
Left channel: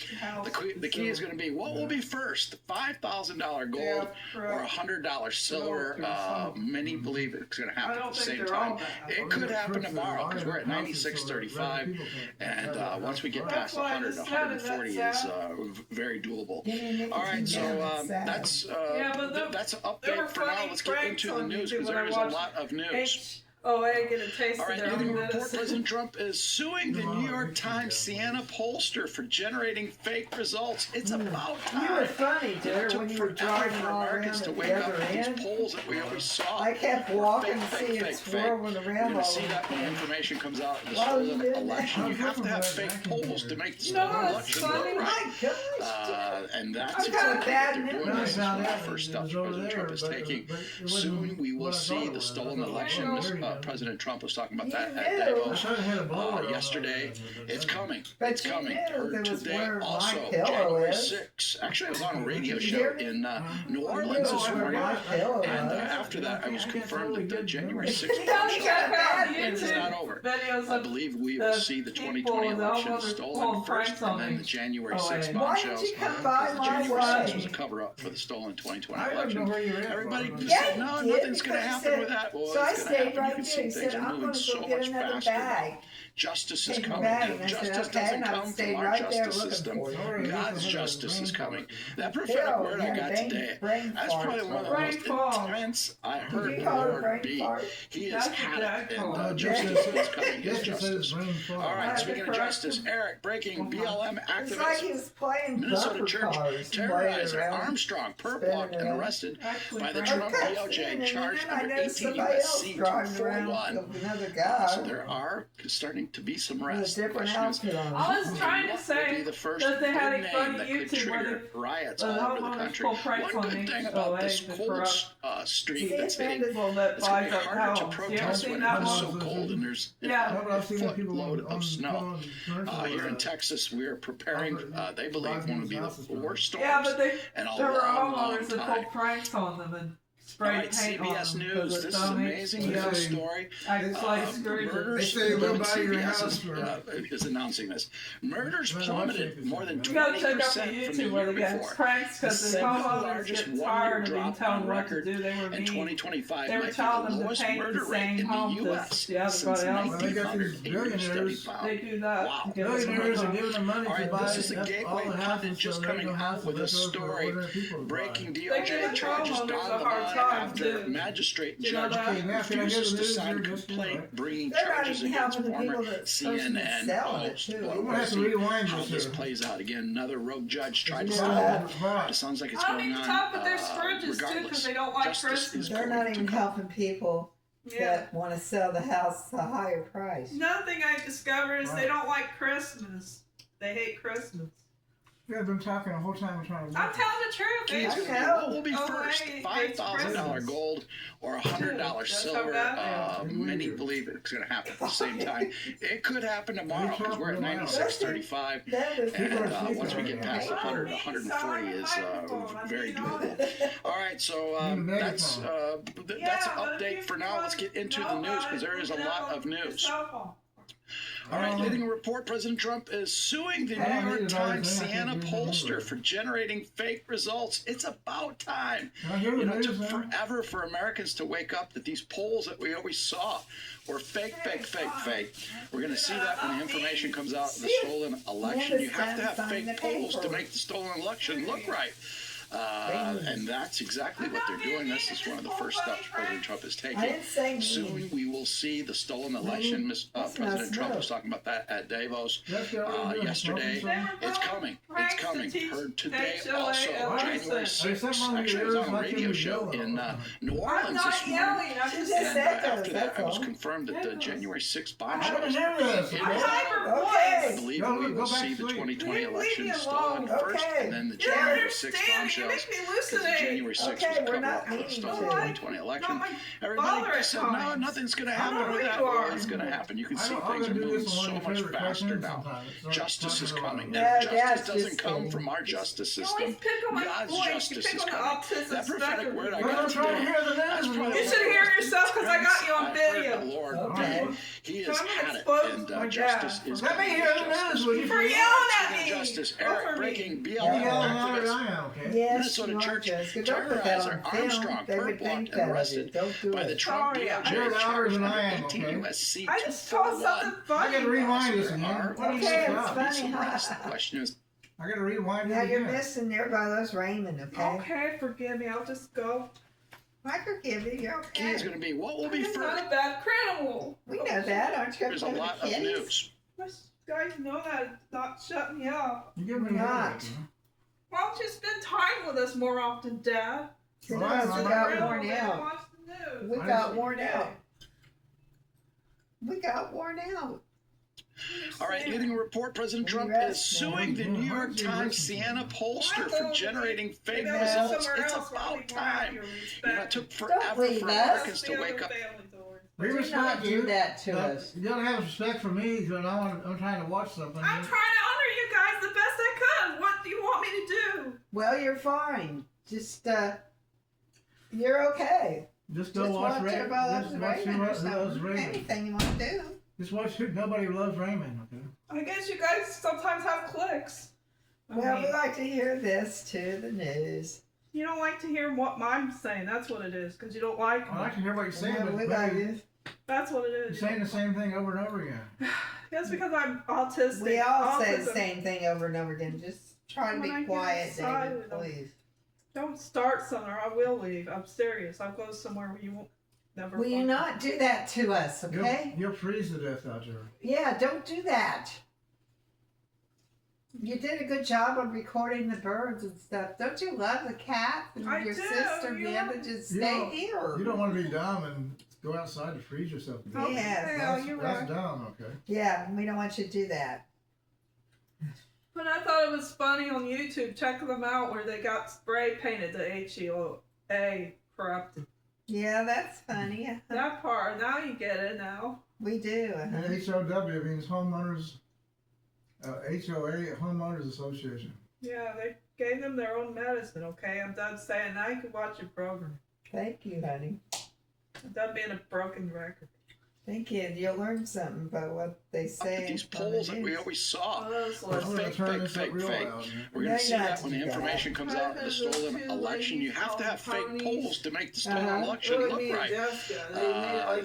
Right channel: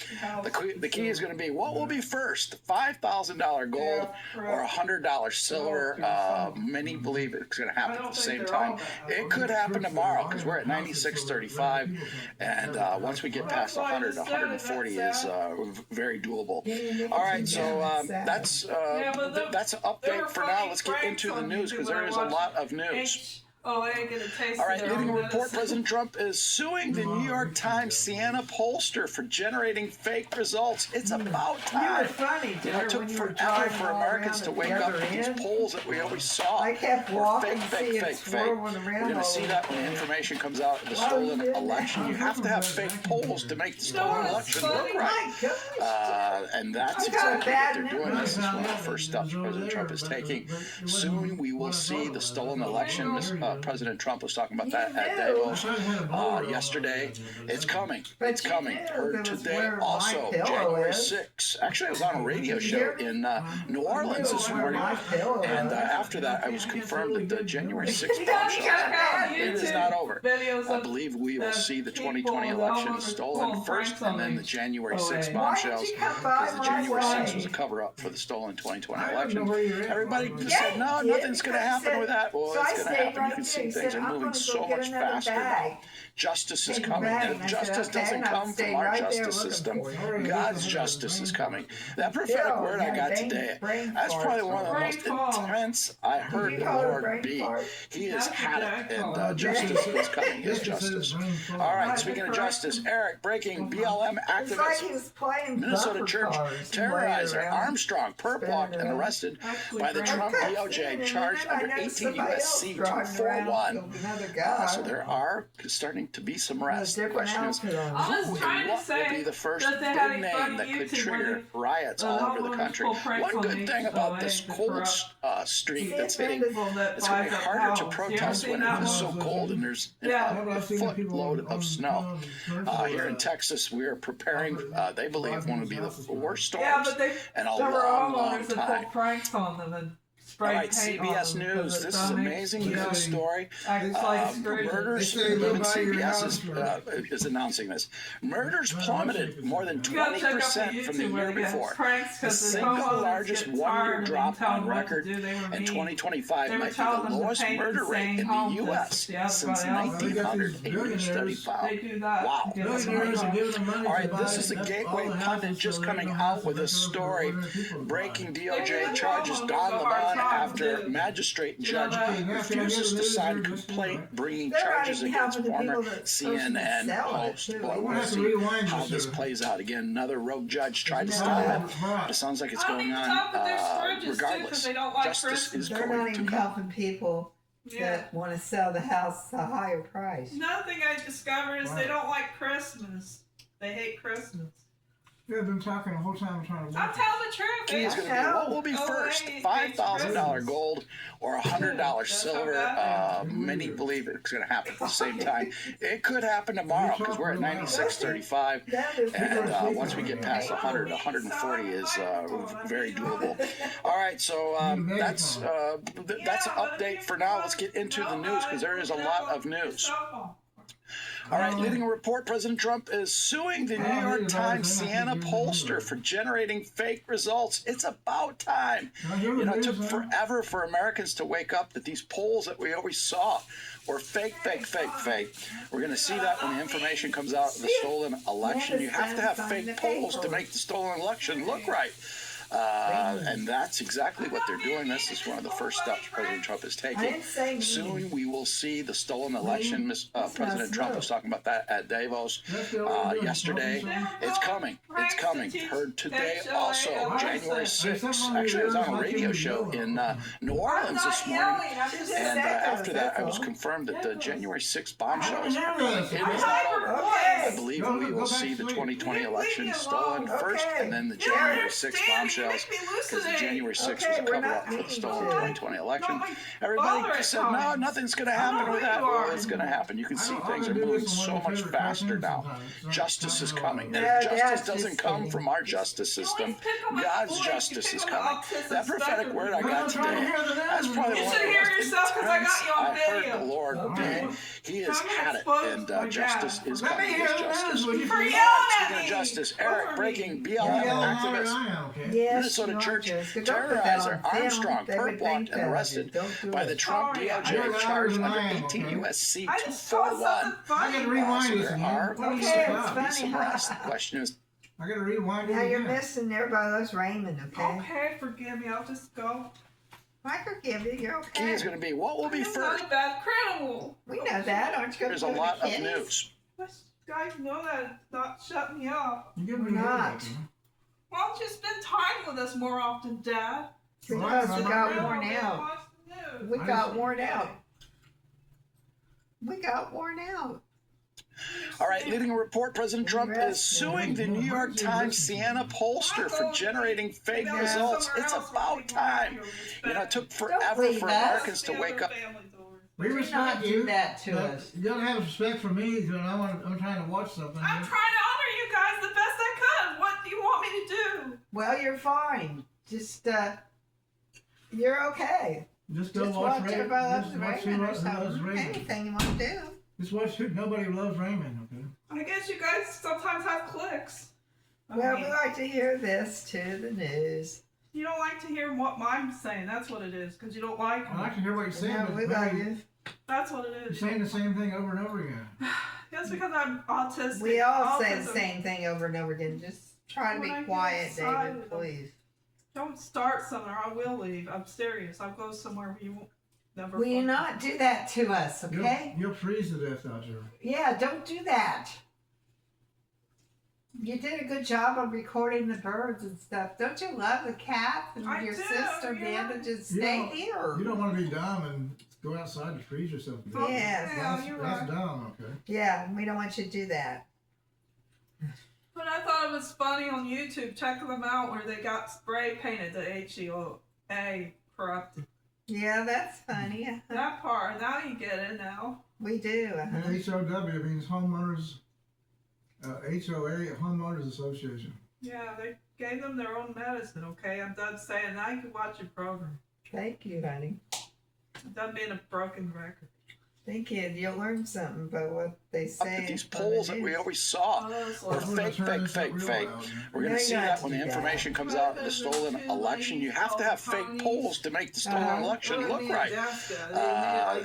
The key is going to be, what will be first, $5,000 gold or $100 silver? Many believe it's going to happen at the same time. It could happen tomorrow because we're at 96.35, and once we get past 100, 140 is very doable. All right, so that's an update for now. Let's get into the news because there is a lot of news. Oh, I ain't gonna taste it. All right, leading report, President Trump is suing the New York Times Siena pollster for generating fake results. It's about time. You were funny, too. It took forever for Americans to wake up to these polls that we always saw. I kept walking to see it swirling around. We're going to see that when the information comes out of the stolen election. You have to have fake polls to make the stolen election look right. And that's exactly what they're doing. This is one of the first steps President Trump is taking. Soon we will see the stolen election. President Trump was talking about that at Davos yesterday. It's coming. It's coming. Heard today also, January 6th. Actually, I was on a radio show in New Orleans this morning. And after that, I was confirmed that the January 6th bombshell is not over. I believe we will see the 2020 election stolen first, and then the January 6th bombshells. Because the January 6th was a cover-up for the stolen 2020 election. Everybody just said, no, nothing's going to happen with that. Well, it's going to happen. You can see things are moving so much faster now. Justice is coming, and justice doesn't come from our justice system. God's justice is coming. That prophetic word I got today, that's probably one of the most intense I heard the Lord be. He has had it, and justice is coming. His justice. All right, speaking of justice, Eric, breaking BLM activist, Minnesota church terrorizer Armstrong, perp-walked and arrested by the Trump DOJ, charged under 18 U.S.C. 241. So there are starting to be some arrests. The question is, what will be the first big name that could trigger riots all over the country? One good thing about this cold streak that's hitting, it's going to be harder to protest when it is so cold and there's a footload of snow. Here in Texas, we are preparing, they believe, one of the worst storms in a long time. All right, CBS News. This is amazing news story. Murders. CBS is announcing this. Murders plummeted more than 20% from the year before. The single largest one-year drop on record in 2025 might be the lowest murder rate in the U.S. since 1900. A new study found. Wow, that's amazing. All right, this is the Gateway Pundit just coming out with a story breaking DOJ charges Don Lemon after magistrate judge refuses to sign a complaint bringing charges against former CNN host. Boy, we'll see how this plays out. Again, another rogue judge tried to stop it. It sounds like it's going on regardless. Justice is going to come. They're not even helping people that want to sell the house at a higher price. Another thing I discovered is they don't like Christmas. They hate Christmas. Yeah, I've been talking the whole time. I'm telling the truth. Key is going to be, what will be first, $5,000 gold or $100 silver? Many believe it's going to happen at the same time. It could happen tomorrow because we're at 96.35, and once we get past 100, 140 is very doable. All right, so that's an update for now. Let's get into the news because there is a lot of news. All right, leading a report, President Trump is suing the New York Times Siena pollster for generating fake results. It's about time. You know, it took forever for Americans to wake up that these polls that we always saw were fake. We're going to see that when the information comes out of the stolen election. You have to have fake polls to make the stolen election look right. And that's exactly what they're doing. This is one of the first steps President Trump is taking. Soon we will see the stolen election. President Trump was talking about that at Davos yesterday. It's coming. It's coming. Heard today also, January 6th. Actually, I was on a radio show in New Orleans this morning. And after that, I was confirmed that the January 6th bombshells, it is not over. I believe we will see the 2020 election stolen first, and then the January 6th bombshells. Because the January 6th was a cover-up for the stolen 2020 election. Everybody just said, no, nothing's going to happen with that. Well, it's going to happen. You can see things are moving so much faster now. Justice is coming. If justice doesn't come from our justice system, God's justice is coming. That prophetic word I got today, that's probably one of the most intense I've heard the Lord be. He has had it, and justice is coming. Justice. Speaking of justice, Eric, breaking BLM activist. Minnesota church terrorizer Armstrong perp-walked and arrested by the Trump DOJ, charged under 18 U.S.C. 241. I gotta rewind this again. The question is, I gotta rewind it Now again. you're missing everybody loves Raymond, okay? Okay, forgive me. I'll just go. I forgive you. You're okay. Key is going to be, what will be It's first? not a bad criminal. We know that. Aren't you going There's to a go to lot of kids? news. You guys know that. It's not shut me up. You give We're me not. Why don't you spend time with us more often, Dad? Because we got Real worn good out. watch the news. We got worn out. We got worn out. All right, leading a report, President Trump is suing the New York Times Siena pollster for generating fake results. It's about time. You know, it took forever for Americans to wake up. We Do respect not you. do that to but us. You gotta have respect for me because I'm trying to watch something. I'm trying to honor you guys the best I could. What do you want me to do? Well, you're fine. Just, you're okay. Just go watch Raymond. everybody loves Just watch Raymond or who loves something. Raymond. Anything you want to do. Just watch who. Nobody loves Raymond. Okay. I guess you guys sometimes have clicks. Well, we like to hear this too, the news. You don't like to hear what I'm saying. That's what it is, because you don't like me. I like to hear what you're saying, No, but we like you. That's what it you're is. saying the same thing over and over again. That's because I'm autistic. We all say the Autism. same thing over and over again. Just try to When I be get quiet, excited, David, please. Don't start somewhere. I will leave. I'm serious. I'll go somewhere where you won't never. Will you find not do that to us, okay? You'll freeze to death out there. Yeah, don't do that. You did a good job of recording the birds and stuff. Don't you love the cat and I your do. sister, You Amanda? know- Just You stay don't- here. You don't want to be dumb and go outside to freeze yourself to death. Yes. That's dumb, okay? Yeah, we don't want you to do that. But I thought it was funny on YouTube. Check them out where they got spray painted the HEOA corrupted. Yeah, that's funny. That part. Now you get it now. We do. And HOW means homeowners, HOA, Homeowners Association. Yeah, they gave them their own medicine, okay? I'm done saying now you can watch your program. Thank you, honey. I'm done being a broken record. Thank you. You'll learn something about what they say. These polls that we always saw were fake. We're going to see that when the information comes out of the stolen election. You have to have fake polls to make the stolen election look right.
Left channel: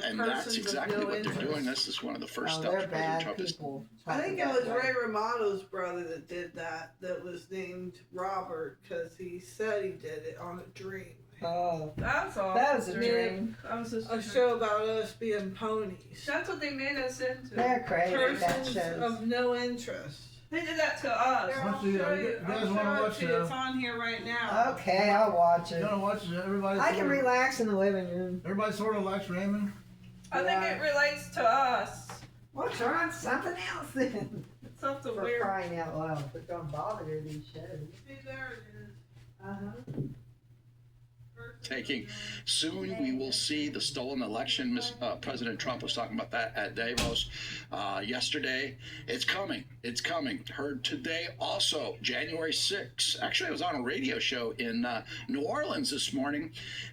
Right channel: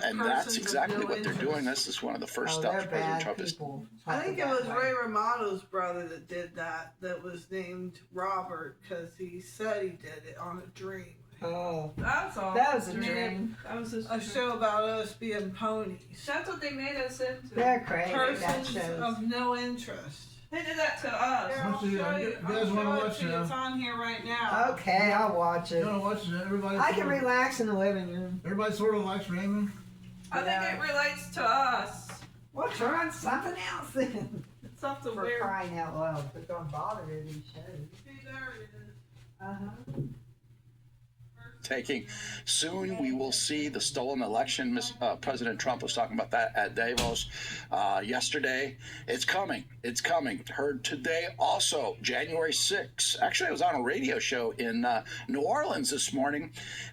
And that's exactly what they're doing. This is one of the first steps President Trump is. I think it was Ray Romano's brother that did that was named Robert, because he said he did it on a dream. Oh, that's all. That was a dream. That was a show about us being ponies. That's what they made us into. They're crazy, that Persons shows. of no interest. They did that to us. You guys want to watch It's on here right now. Okay, I'll watch it. You want to watch it? Everybody. I can sort of- relax in the living room. Everybody sort of likes Raymond. I think it relates to us. Well, turn on something else then. Something For weird. crying out loud. But don't bother with these shows. See, there it is. Uh-huh. breathtaking. Soon we will see the stolen election. President Trump was talking about that at Davos yesterday. It's coming. It's coming. Heard today also, January 6th. Actually, I was on a radio show in New Orleans this morning,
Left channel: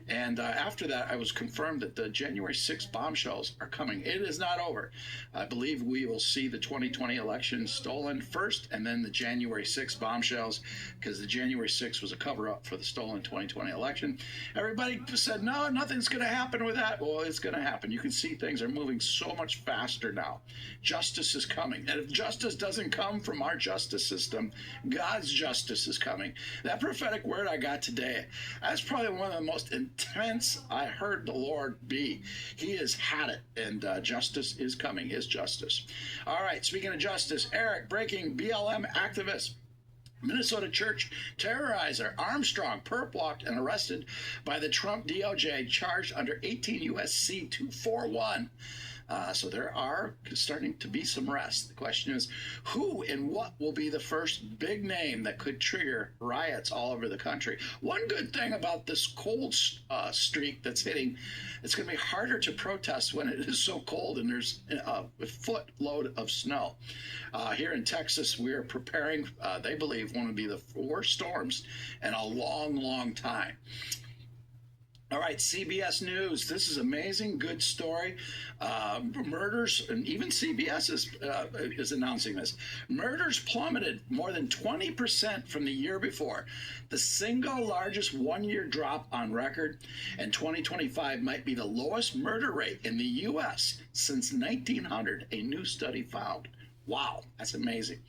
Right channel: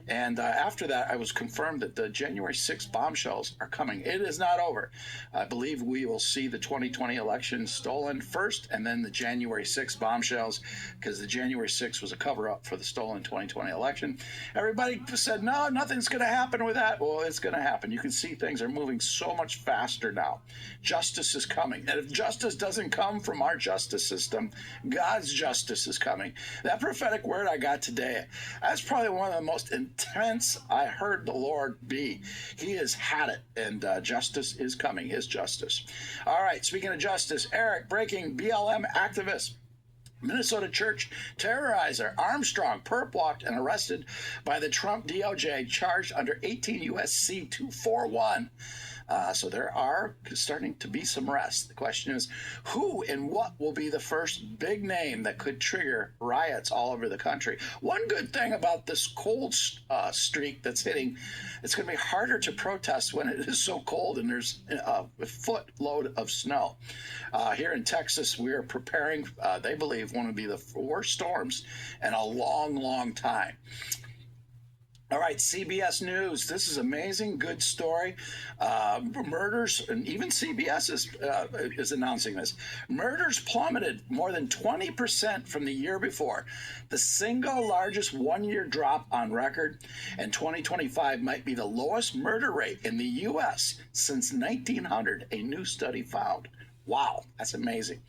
and after that, I was confirmed that the January 6th bombshells are coming. It is not over. I believe we will see the 2020 election stolen first, and then the January 6th bombshells, because the January 6th was a cover-up for the stolen 2020 election. Everybody said, no, nothing's going to happen with that. Well, it's going to happen. You can see things are moving so much faster now. Justice is coming. And if justice doesn't come from our justice system, God's justice is coming. That prophetic word I got today, that's probably one of the most intense I heard the Lord be. He has had it, and justice is coming, his justice. All right, speaking of justice, Eric, breaking BLM activist. Minnesota church terrorizer Armstrong perp walked and arrested by the Trump DOJ, charged under 18 U.S.C. 241. So there are starting to be some arrests. The question is, who and what will be the first big name that could trigger riots all over the country? One good thing about this cold streak that's hitting, it's going to be harder to protest when it is so cold and there's a footload of snow. Here in Texas, we are preparing, they believe, one of the worst storms in a long, long time. All right, CBS News. This is amazing, good story. Murders, and even CBS is announcing this. Murders plummeted more than 20% from the year before, the single largest one-year drop on record, and 2025 might be the lowest murder rate in the U.S. since 1900, a new study found. Wow, that's amazing.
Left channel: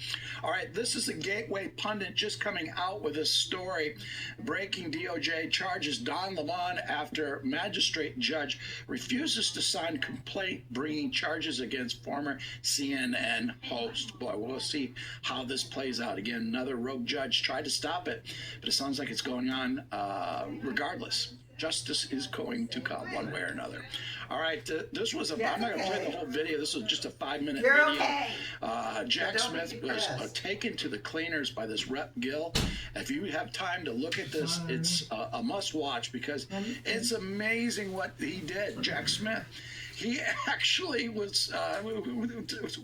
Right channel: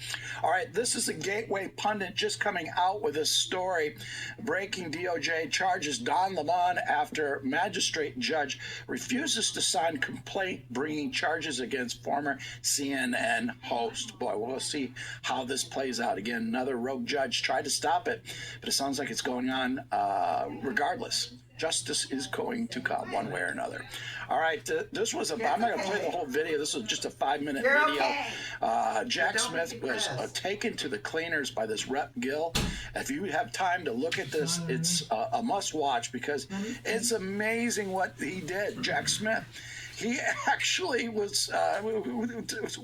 All right, this is the Gateway Pundit just coming out with this story. Breaking DOJ charges Don Lemon after magistrate judge refuses to sign complaint bringing charges against former CNN host. Boy, we'll see how this plays out. Again, another rogue judge tried to stop it, but it sounds like it's going on regardless. Justice is going to come one way or another. All right, this was I'm not going to play the whole video. This was just a 5-minute video. Okay. Jack Smith was taken to the cleaners by this Rep Gill. If you have time to look at this, it's a must-watch because it's amazing what he did. Jack Smith, he actually was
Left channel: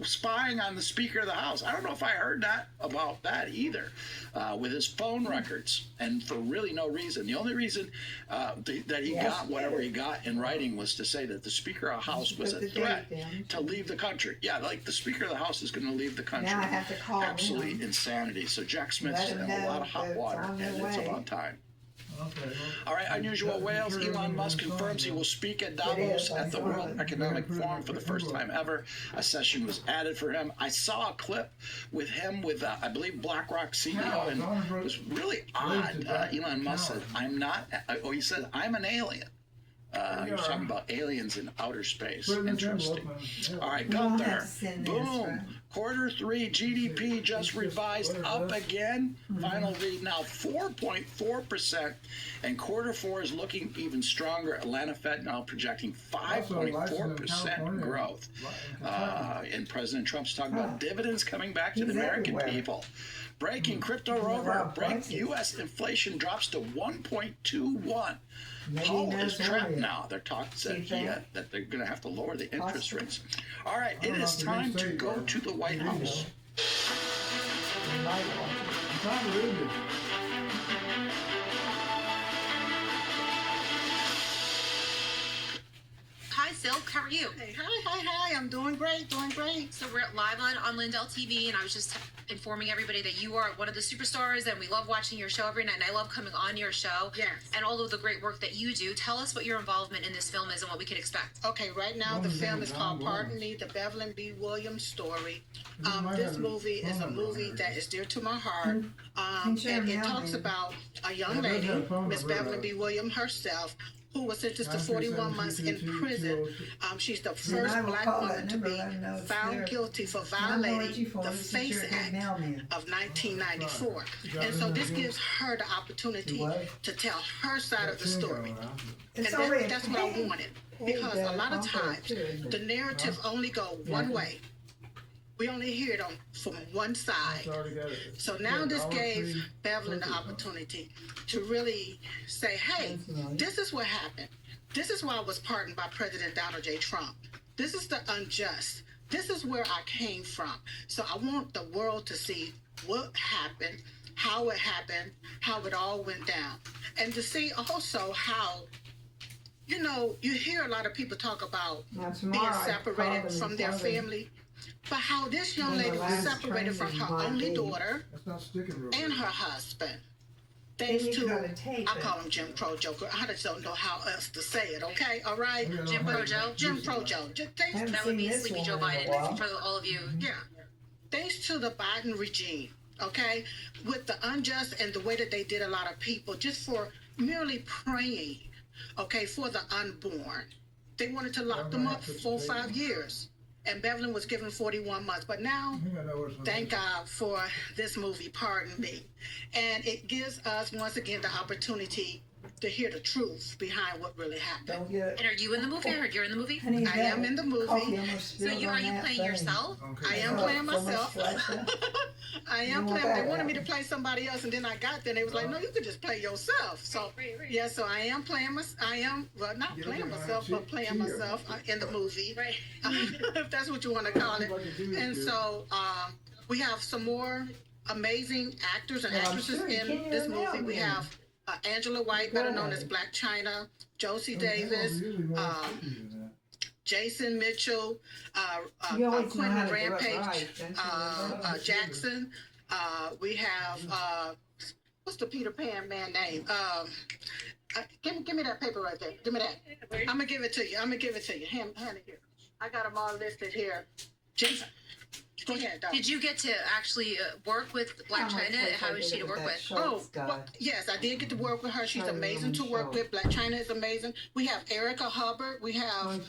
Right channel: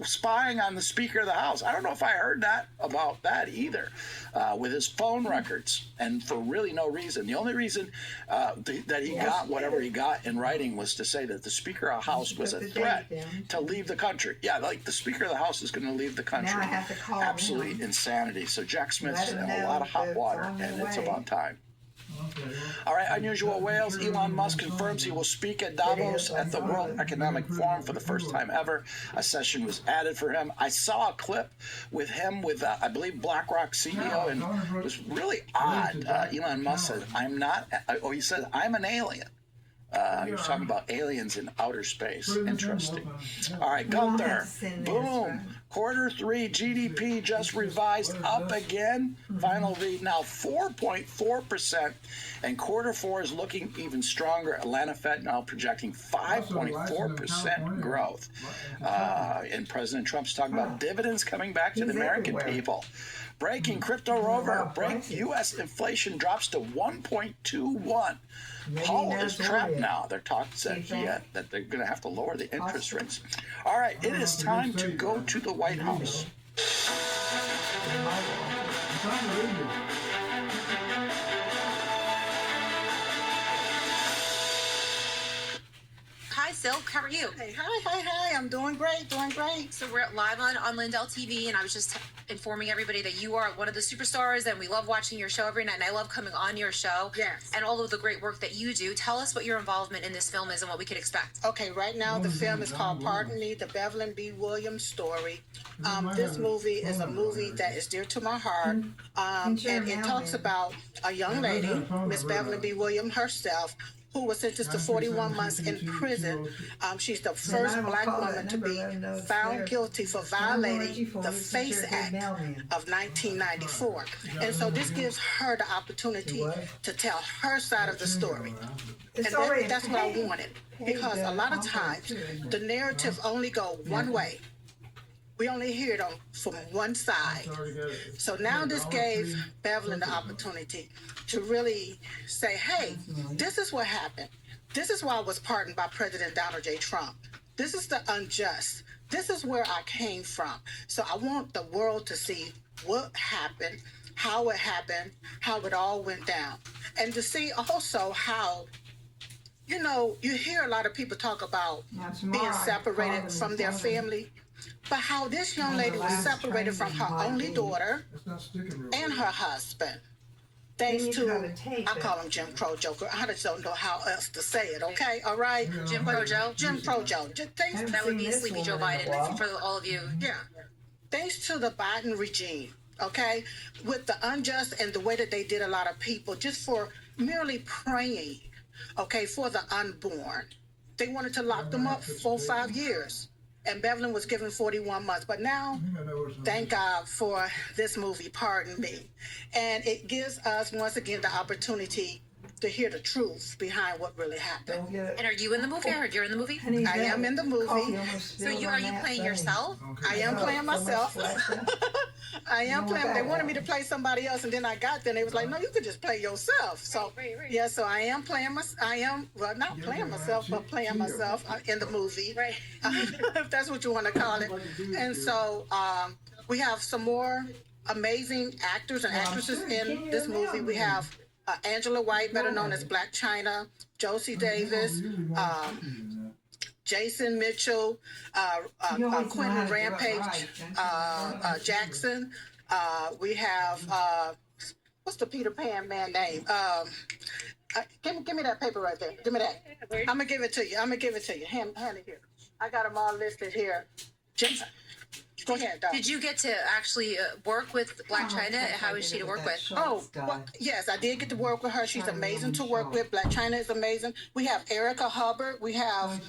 spying on the Speaker of the House. I don't know if I heard about that either, with his phone records, and for really no reason. The only reason that he got whatever he got in writing was to say that the Speaker of the House was a threat to leave the country. Yeah, like the Speaker of the House is going to leave the country. Now I have to call Absolutely insanity. So Jack Smith's in a lot of hot water, and it's about time. All right, unusual whales. Elon Musk confirms he will speak at Davos at the World Economic Forum for the first time ever. A session was added for him. I saw a clip with him with, I believe, BlackRock CEO, and it was really odd. Elon Musk said, he said, I'm an alien. He was talking about aliens in outer space. Interesting. All right, Gunther. Boom. Q3 GDP just revised up again. Final read now 4.4%. And Q4 is looking even stronger. Atlanta Fed now projecting 5.4% growth. And President Trump's talking about dividends coming back to the American people. Breaking crypto rover. U.S. inflation drops to 1.21. Powell is trapped now. They're talking that they're going to have to lower the interest rates. All right, it is time to go to the White House. Hi, Silk. How are you? Hey, hi. I'm doing great. So we're live on Lindell TV, and I was just informing everybody that you are one of the superstars, and we love watching your show every night, and I love coming on your show. Yes. And all of the great work that you do. Tell us what your involvement in this film is and what we could expect. Okay, right now the film is called Pardon Me, the Beverly B. Williams story. This movie is a movie that is dear to my heart, and it talks about a young lady, Miss Beverly B. Williams herself, who was sentenced to 41 months in prison. She's the first black woman to be found guilty for violating the FACE Act of 1994. And so this gives her the opportunity to tell her side of the story. And that's what I wanted. Because a lot of times, the narrative only go one way. We only hear it from one side. So now this gave Bevelyn the opportunity to really say, hey, this is what happened. This is why I was pardoned by President Donald J. Trump. This is the unjust. This is where I came from. So I want the world to see what happened, how it all went down. And to see also how, you know, you hear a lot of people talk about being separated from their family, but how this young lady was separated from her only daughter and her husband. Thanks to, I call him Jim Crow Joe. I just don't know how else to say it, okay? All right? Jim Crow Joe? Jim Crow Joe. That would be Sleepy Joe Biden for all of you. Yeah. Thanks to the Biden regime, okay? With the unjust and the way that they did a lot of people just for merely praying, okay, for the unborn. They wanted to lock them up 4 or 5 years. And Bevelyn was given 41 months. But now, thank God for this movie, Pardon Me. And it gives us, once again, the opportunity to hear the truth behind what really happened. And are you in the movie? I heard you're in the movie? I am in the movie. So are you playing yourself? I am playing myself. I am playing. They wanted me to play somebody else, and then I got there, and they was like, "No, you could just play yourself." So, yeah, so I am playing not playing myself, but playing myself in the movie, right? If that's what you want to call it. And so we have some more amazing actors and actresses in this movie. We have Angela White, better known as Black China, Josie Davis, Jason Mitchell, Quentin Rampage Jackson. We have, what's the Peter Pan man name? Give me that paper right there. Give me that. I'm going to give it to you. Hand it here. I got them all listed here. Jason. Go ahead, Doc. Did you get to actually work with Black China? How is she to work with? Oh, well, yes, I did get to work with her. She's amazing to work with. Black China is amazing. We have Erica Hubbard. We have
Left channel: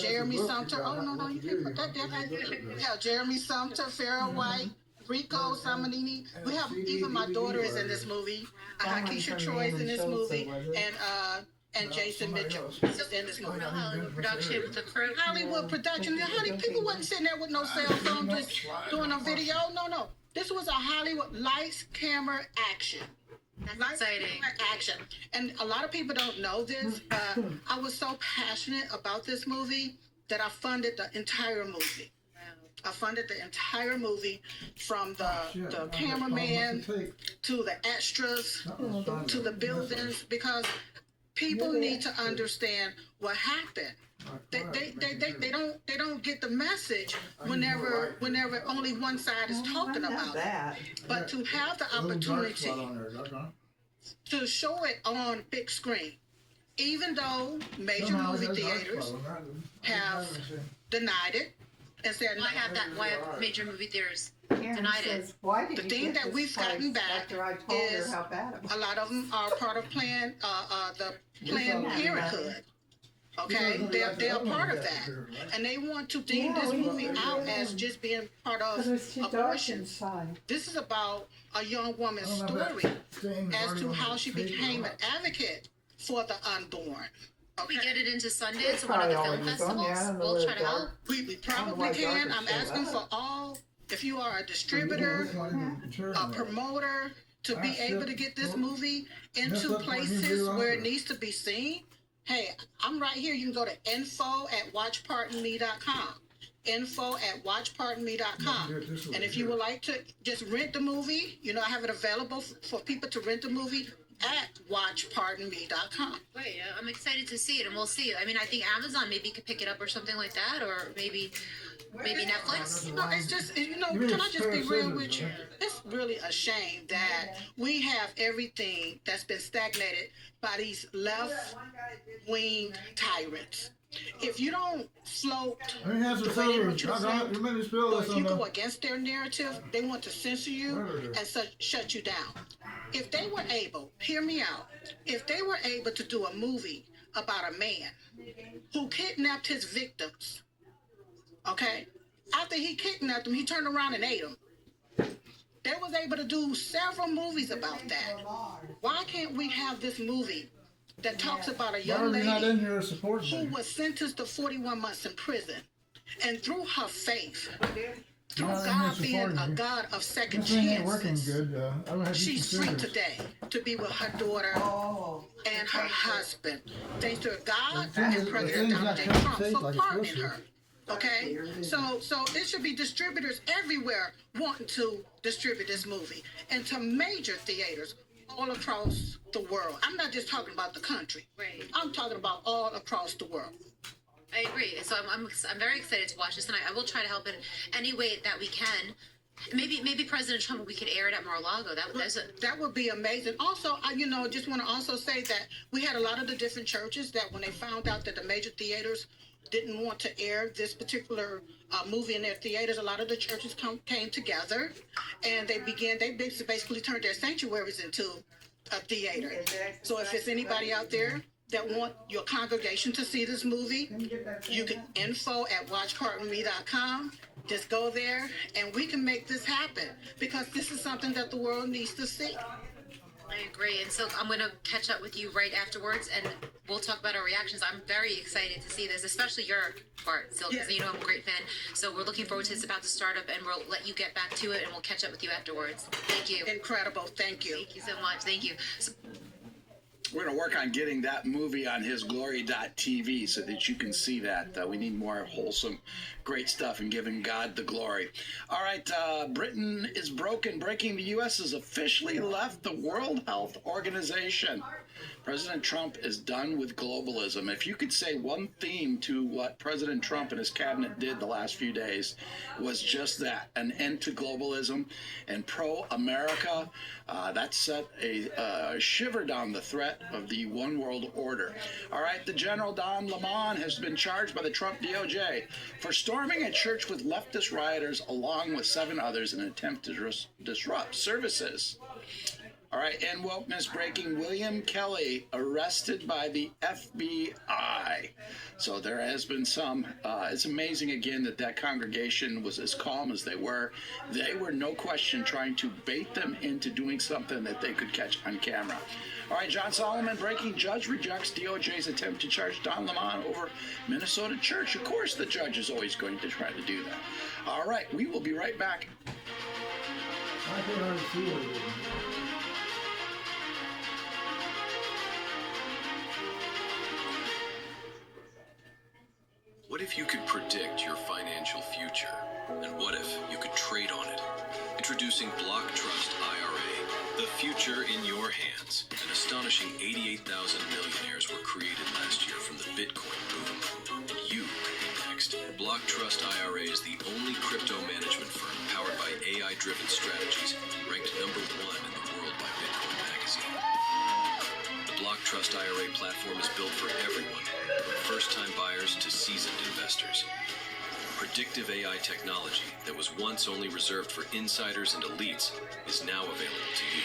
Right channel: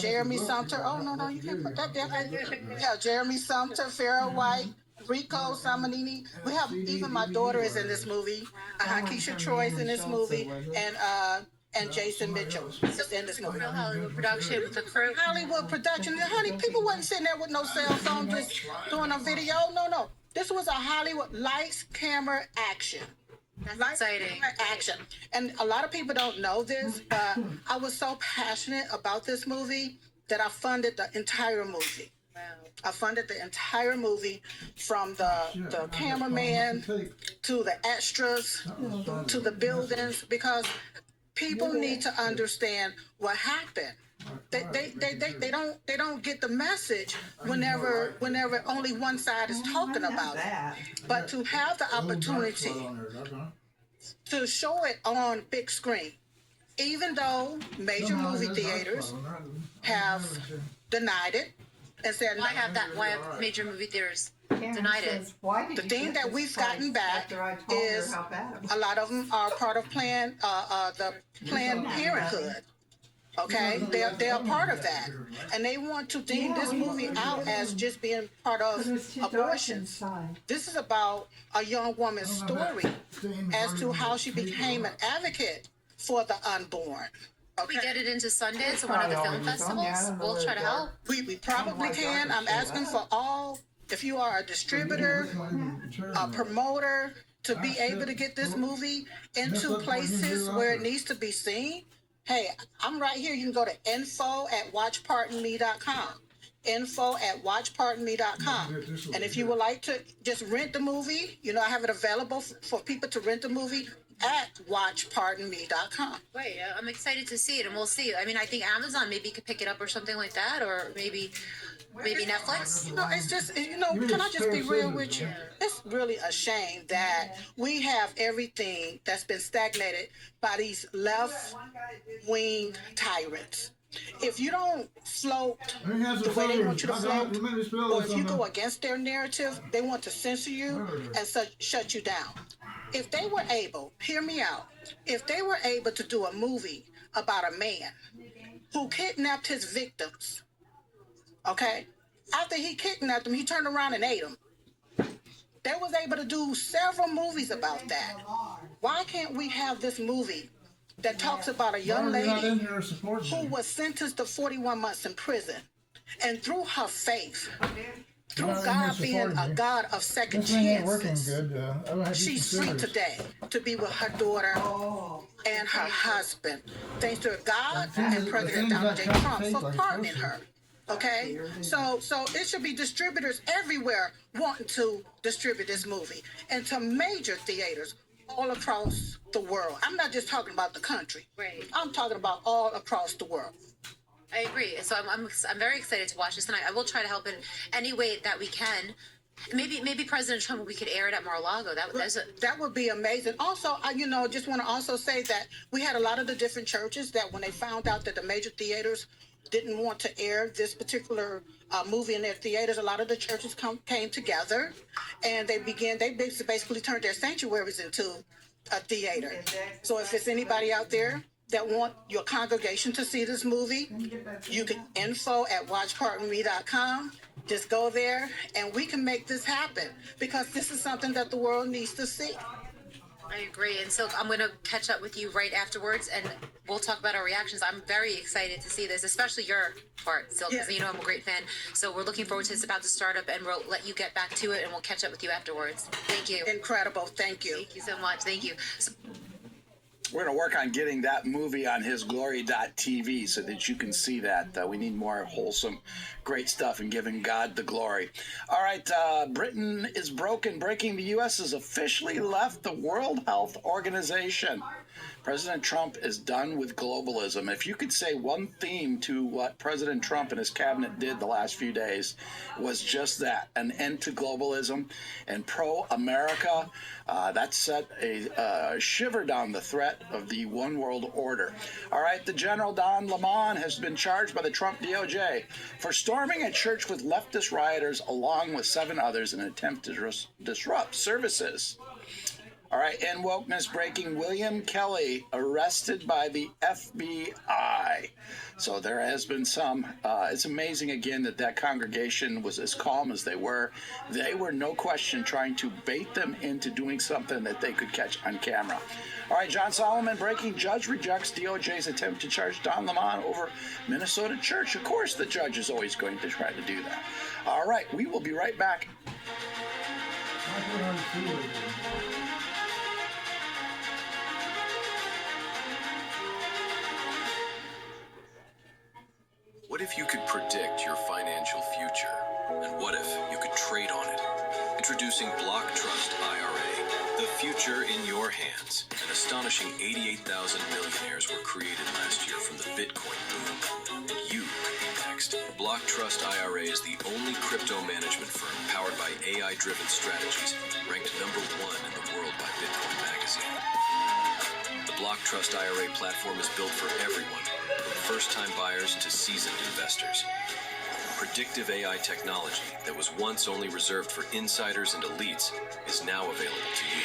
Jeremy Sumter. Oh, no, you can't put that there. Yeah, Jeremy Sumter, Farrah White, Rico Samanini. We have, even my daughter is in this movie. Keisha Troy is in this movie. And Jason Mitchell is in this movie. Real Hollywood production with the crew. Hollywood production. Honey, people wasn't sitting there with no cell phone just doing a video. No. This was a Hollywood lights, camera, action. That's exciting. Action. And a lot of people don't know this, but I was so passionate about this movie that I funded the entire movie. I funded the entire movie, from the cameraman to the extras to the buildings, because people need to understand what happened. They don't get the message whenever only one side is talking about it. But to have the opportunity to show it on big screen, even though major movie theaters have denied it and said, why have major movie theaters denied it? The thing that we've gotten back is a lot of them are part of the Planned Parenthood. Okay, they're a part of that, and they want to deem this movie out as just being part of abortions. This is about a young woman's story as to how she became an advocate for the unborn. We get it into Sundance or one of the film festivals. We'll try to help. We probably can. I'm asking for all. If you are a distributor, a promoter, to be able to get this movie into places where it needs to be seen. Hey, I'm right here. You can go to info@watchpardonme.com. info@watchpardonme.com. And if you would like to just rent the movie, I have it available for people to rent the movie at watchpardonme.com. Right, I'm excited to see it, and we'll see. I mean, I think Amazon maybe could pick it up or something like that, or maybe Netflix. No, it's just, can I just be real with you? It's really a shame that we have everything that's been stagnated by these left-wing tyrants. If you don't float the way they want you to float, or if you go against their narrative, they want to censor you and shut you down. If they were able, hear me out, if they were able to do a movie about a man who kidnapped his victims, okay, after he kidnapped them, he turned around and ate them. They was able to do several movies about that. Why can't we have this movie that talks about a young lady who was sentenced to 41 months in prison, And through her faith, through No, God Mr. being a Forty, God of second this thing ain't working chances, good. I'm gonna have to she's free consider it. today to be with her daughter and her husband. Thanks to God The thing and is- the President thing's Donald not J. coming Trump safe for like it's pardoning supposed her. Okay, so it should be distributors everywhere wanting to distribute this movie, and to major theaters all across the world. I'm not just talking about the country. Right. I'm talking about all across the world. I agree. So I'm very excited to watch this, and I will try to help in any way that we can. Maybe President Trump, we could air it at Mar-a-Lago. That would be amazing. Also, I just want to also say that we had a lot of the different churches that when they found out that the major theaters didn't want to air this particular movie in their theaters, a lot of the churches came together, and they basically turned their sanctuaries into a theater. So if it's anybody out there that want your congregation to see this movie, you can info@watchpartonme.com. Just go there, and we can make this happen, because this is something that the world needs to see. I agree. And so I'm going to catch up with you right afterwards, and we'll talk about our reactions. I'm very excited to see this, especially your part, Sil, because you know I'm a great fan. So we're looking forward to it's about to start up, and we'll let you get back to it, and we'll catch up with you afterwards. Thank you. Incredible. Thank you. Thank you so much. Thank you. So, We're going to work on getting that movie on hisglory.tv so that you can see that. We need more wholesome, great stuff and giving God the glory. All right, Britain is broken. Breaking: the U.S. has officially left the World Health Organization. President Trump is done with globalism. If you could say one theme to what President Trump and his cabinet did the last few days, was just that: an end to globalism and pro-America. That set a shiver down the threat of the one world order. All right, the General Don Lemon has been charged by the Trump DOJ for storming a church with leftist rioters along with 7 others in an attempt to disrupt services. All right, in wokeness breaking: William Kelly arrested by the FBI. So there has been some. It's amazing again that congregation was as calm as they were. They were, no question, trying to bait them into doing something that they could catch on camera. All right, John Solomon breaking: judge rejects DOJ's attempt to charge Don Lemon over Minnesota church. Of course, the judge is always going to try to do that. All right, we will be right back. What if you could predict your financial future? And what if you could trade on it? Introducing Block Trust IRA. The future in your hands. An astonishing 88,000 millionaires were created last year from the Bitcoin boom. And you could be next. Block Trust IRA is the only crypto management firm powered by AI-driven strategies, ranked #1 in the world by Bitcoin Magazine. The Block Trust IRA platform is built for everyone, from first-time buyers to seasoned investors. Predictive AI technology that was once only reserved for insiders and elites is now available to you.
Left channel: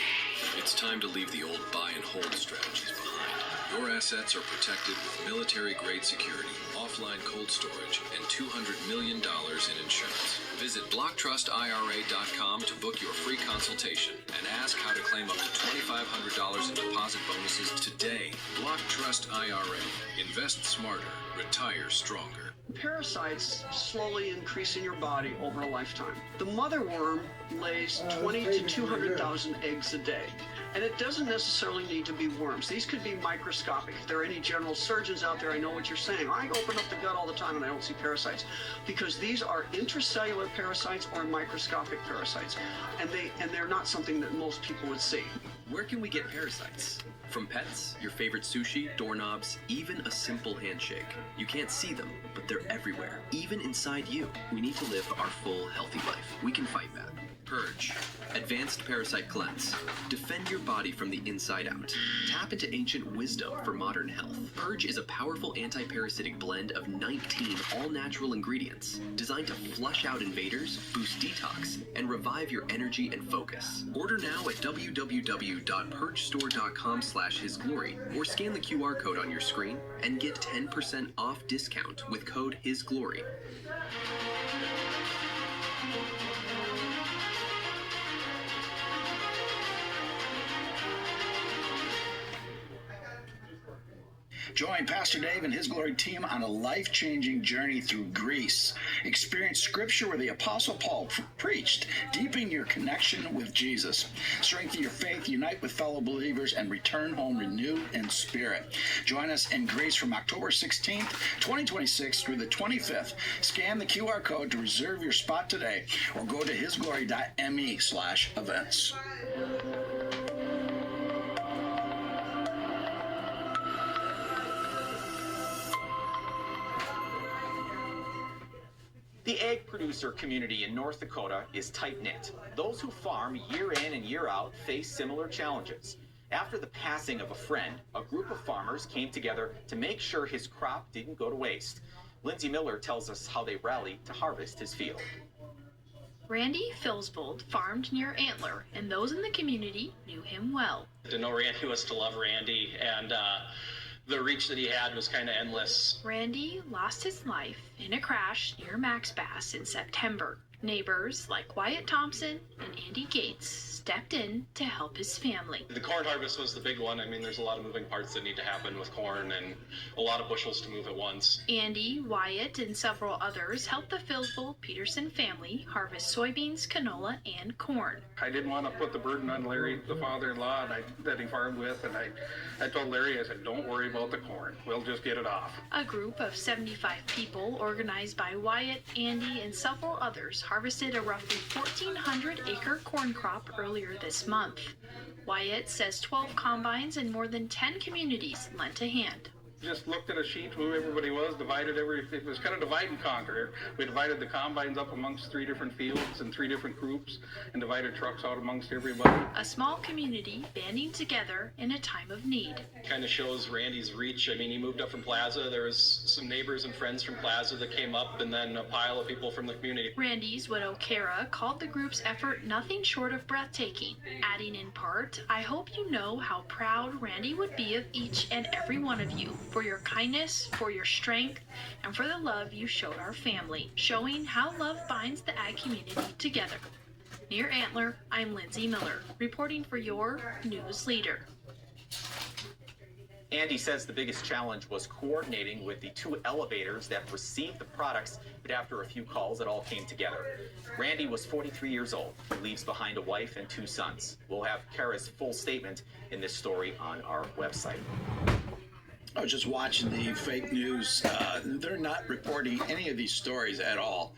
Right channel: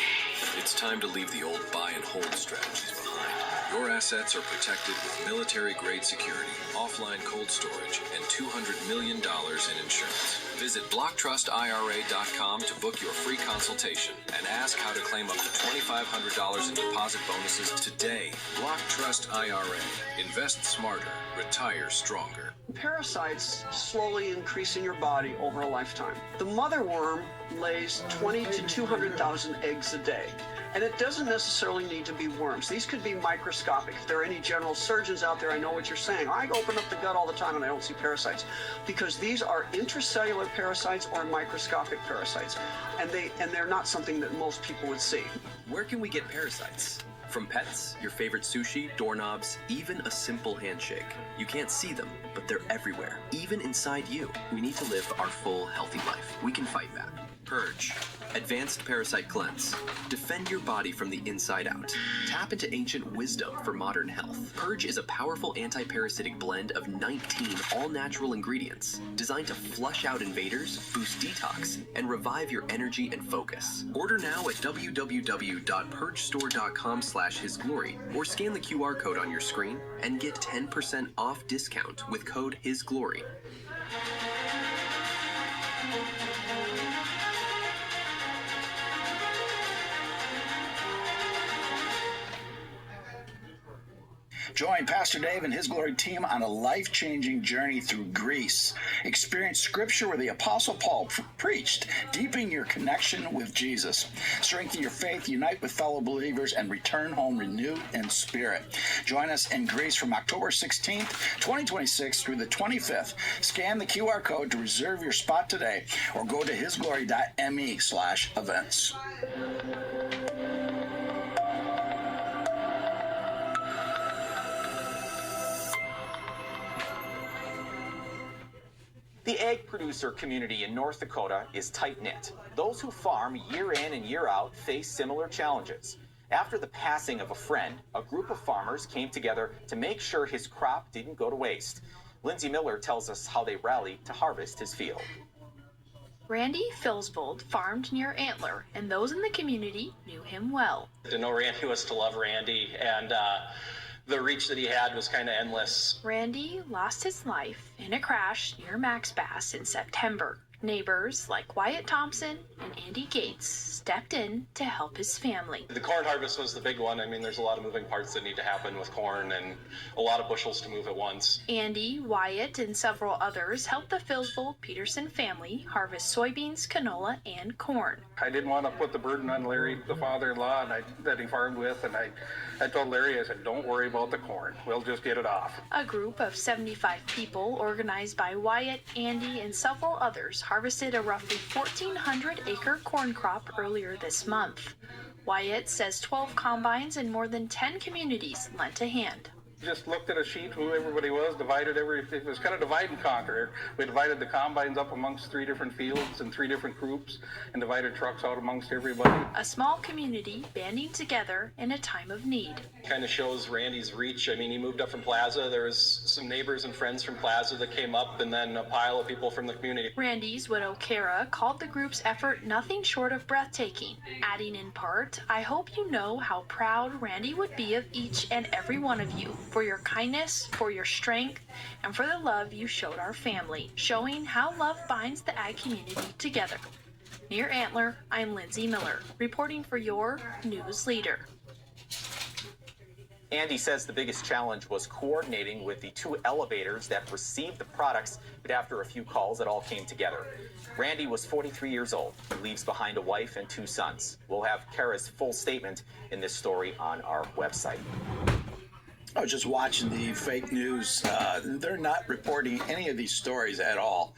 It's time to leave the old buy and hold strategies behind. Your assets are protected with military-grade security, offline cold storage, and $200 million in insurance. Visit BlockTrustIRA.com to book your free consultation and ask how to claim up to $2,500 in deposit bonuses today. Block Trust IRA. Invest smarter. Retire stronger. Parasites slowly increase in your body over a lifetime. The mother worm lays 20 to 200,000 eggs a day. And it doesn't necessarily need to be worms. These could be microscopic. If there are any general surgeons out there, I know what you're saying. I open up the gut all the time and I don't see parasites. Because these are intracellular parasites or microscopic parasites. And they're not something that most people would see. Where can we get parasites? From pets, your favorite sushi, doorknobs, even a simple handshake. You can't see them, but they're everywhere, even inside you. We need to live our full, healthy life. We can fight that. Purge. Advanced Parasite Cleanse. Defend your body from the inside out. Tap into ancient wisdom for modern health. Purge is a powerful anti-parasitic blend of 19 all-natural ingredients designed to flush out invaders, boost detox, and revive your energy and focus. Order now at www.purgestore.com/hisglory or scan the QR code on your screen and get 10% off discount with code HISGLORY. Join Pastor Dave and his Glory team on a life-changing journey through Greece. Experience scripture where the Apostle Paul preached, deepening your connection with Jesus. Strengthen your faith, unite with fellow believers, and return home renewed in spirit. Join us in Greece from October 16th, 2026 through the 25th. Scan the QR code to reserve your spot today or go to hisglory.me/events. The egg producer community in North Dakota is tight-knit. Those who farm year in and year out face similar challenges. After the passing of a friend, a group of farmers came together to make sure his crop didn't go to waste. Lindsay Miller tells us how they rallied to harvest his field. Randy Filsbold farmed near Antler, and those in the community knew him well. To know Randy was to love Randy, and the reach that he had was kind of endless. Randy lost his life in a crash near Max Bass in September. Neighbors like Wyatt Thompson and Andy Gates stepped in to help his family. The corn harvest was the big one. I mean, there's a lot of moving parts that need to happen with corn and a lot of bushels to move at once. Andy, Wyatt, and several others helped the Filsbold-Peterson family harvest soybeans, canola, and corn. I didn't want to put the burden on Larry, the father-in-law that he farmed with, and I told Larry, I said, don't worry about the corn. We'll just get it off. A group of 75 people, organized by Wyatt, Andy, and several others, harvested a roughly 1,400-acre corn crop earlier this month. Wyatt says 12 combines and more than 10 communities lent a hand. Just looked at a sheet who everybody was, it was kind of divide and conquer. We divided the combines up amongst 3 different fields and 3 different groups and divided trucks out amongst everybody. A small community banding together in a time of need. Kind of shows Randy's reach. I mean, he moved up from Plaza. There was some neighbors and friends from Plaza that came up, and then a pile of people from the community. Randy's widow Kara called the group's effort nothing short of breathtaking, adding in part, "I hope you know how proud Randy would be of each and every one of you for your kindness, for your strength, and for the love you showed our family," showing how love binds the ag community together. Near Antler, I'm Lindsay Miller, reporting for your News Leader. Andy says the biggest challenge was coordinating with the 2 elevators that received the products, but after a few calls, it all came together. Randy was 43 years old. He leaves behind a wife and 2 sons. We'll have Kara's full statement in this story on our website. I was just watching the fake news. They're not reporting any of these stories at all.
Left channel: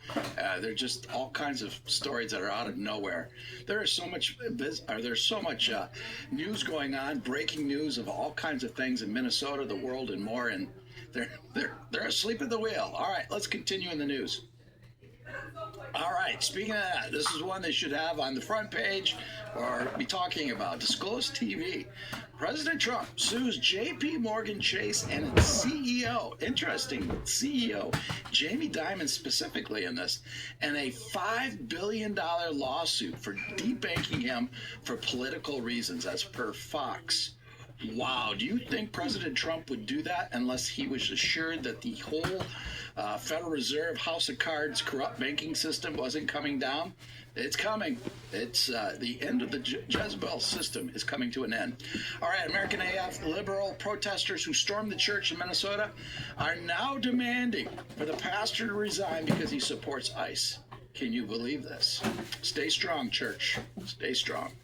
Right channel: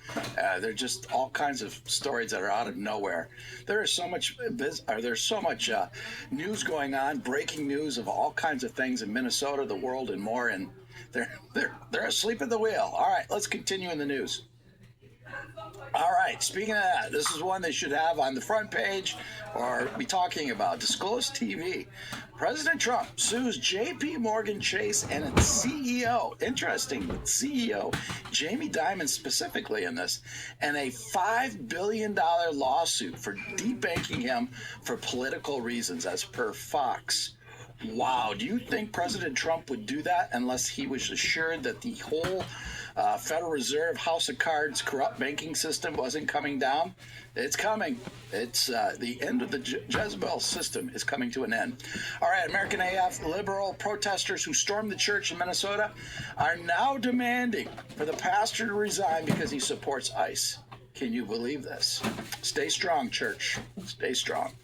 They're just all kinds of stories that are out of nowhere. There's so much news going on, breaking news of all kinds of things in Minnesota, the world, and more. And they're asleep at the wheel. All right, let's continue in the news. All right, speaking of that, this is one they should have on the front page or be talking about. Disclosed TV. President Trump sues J.P. Morgan Chase and its CEO, interesting, CEO, Jamie Dimon specifically in this, and a $5 billion lawsuit for debanking him for political reasons, as per Fox. Wow, do you think President Trump would do that unless he was assured that the whole Federal Reserve House of Cards corrupt banking system wasn't coming down? It's coming. It's the end of the Jezebel system is coming to an end. All right, American AF liberal protesters who stormed the church in Minnesota are now demanding for the pastor to resign because he supports ICE. Can you believe this? Stay strong, church. Stay strong.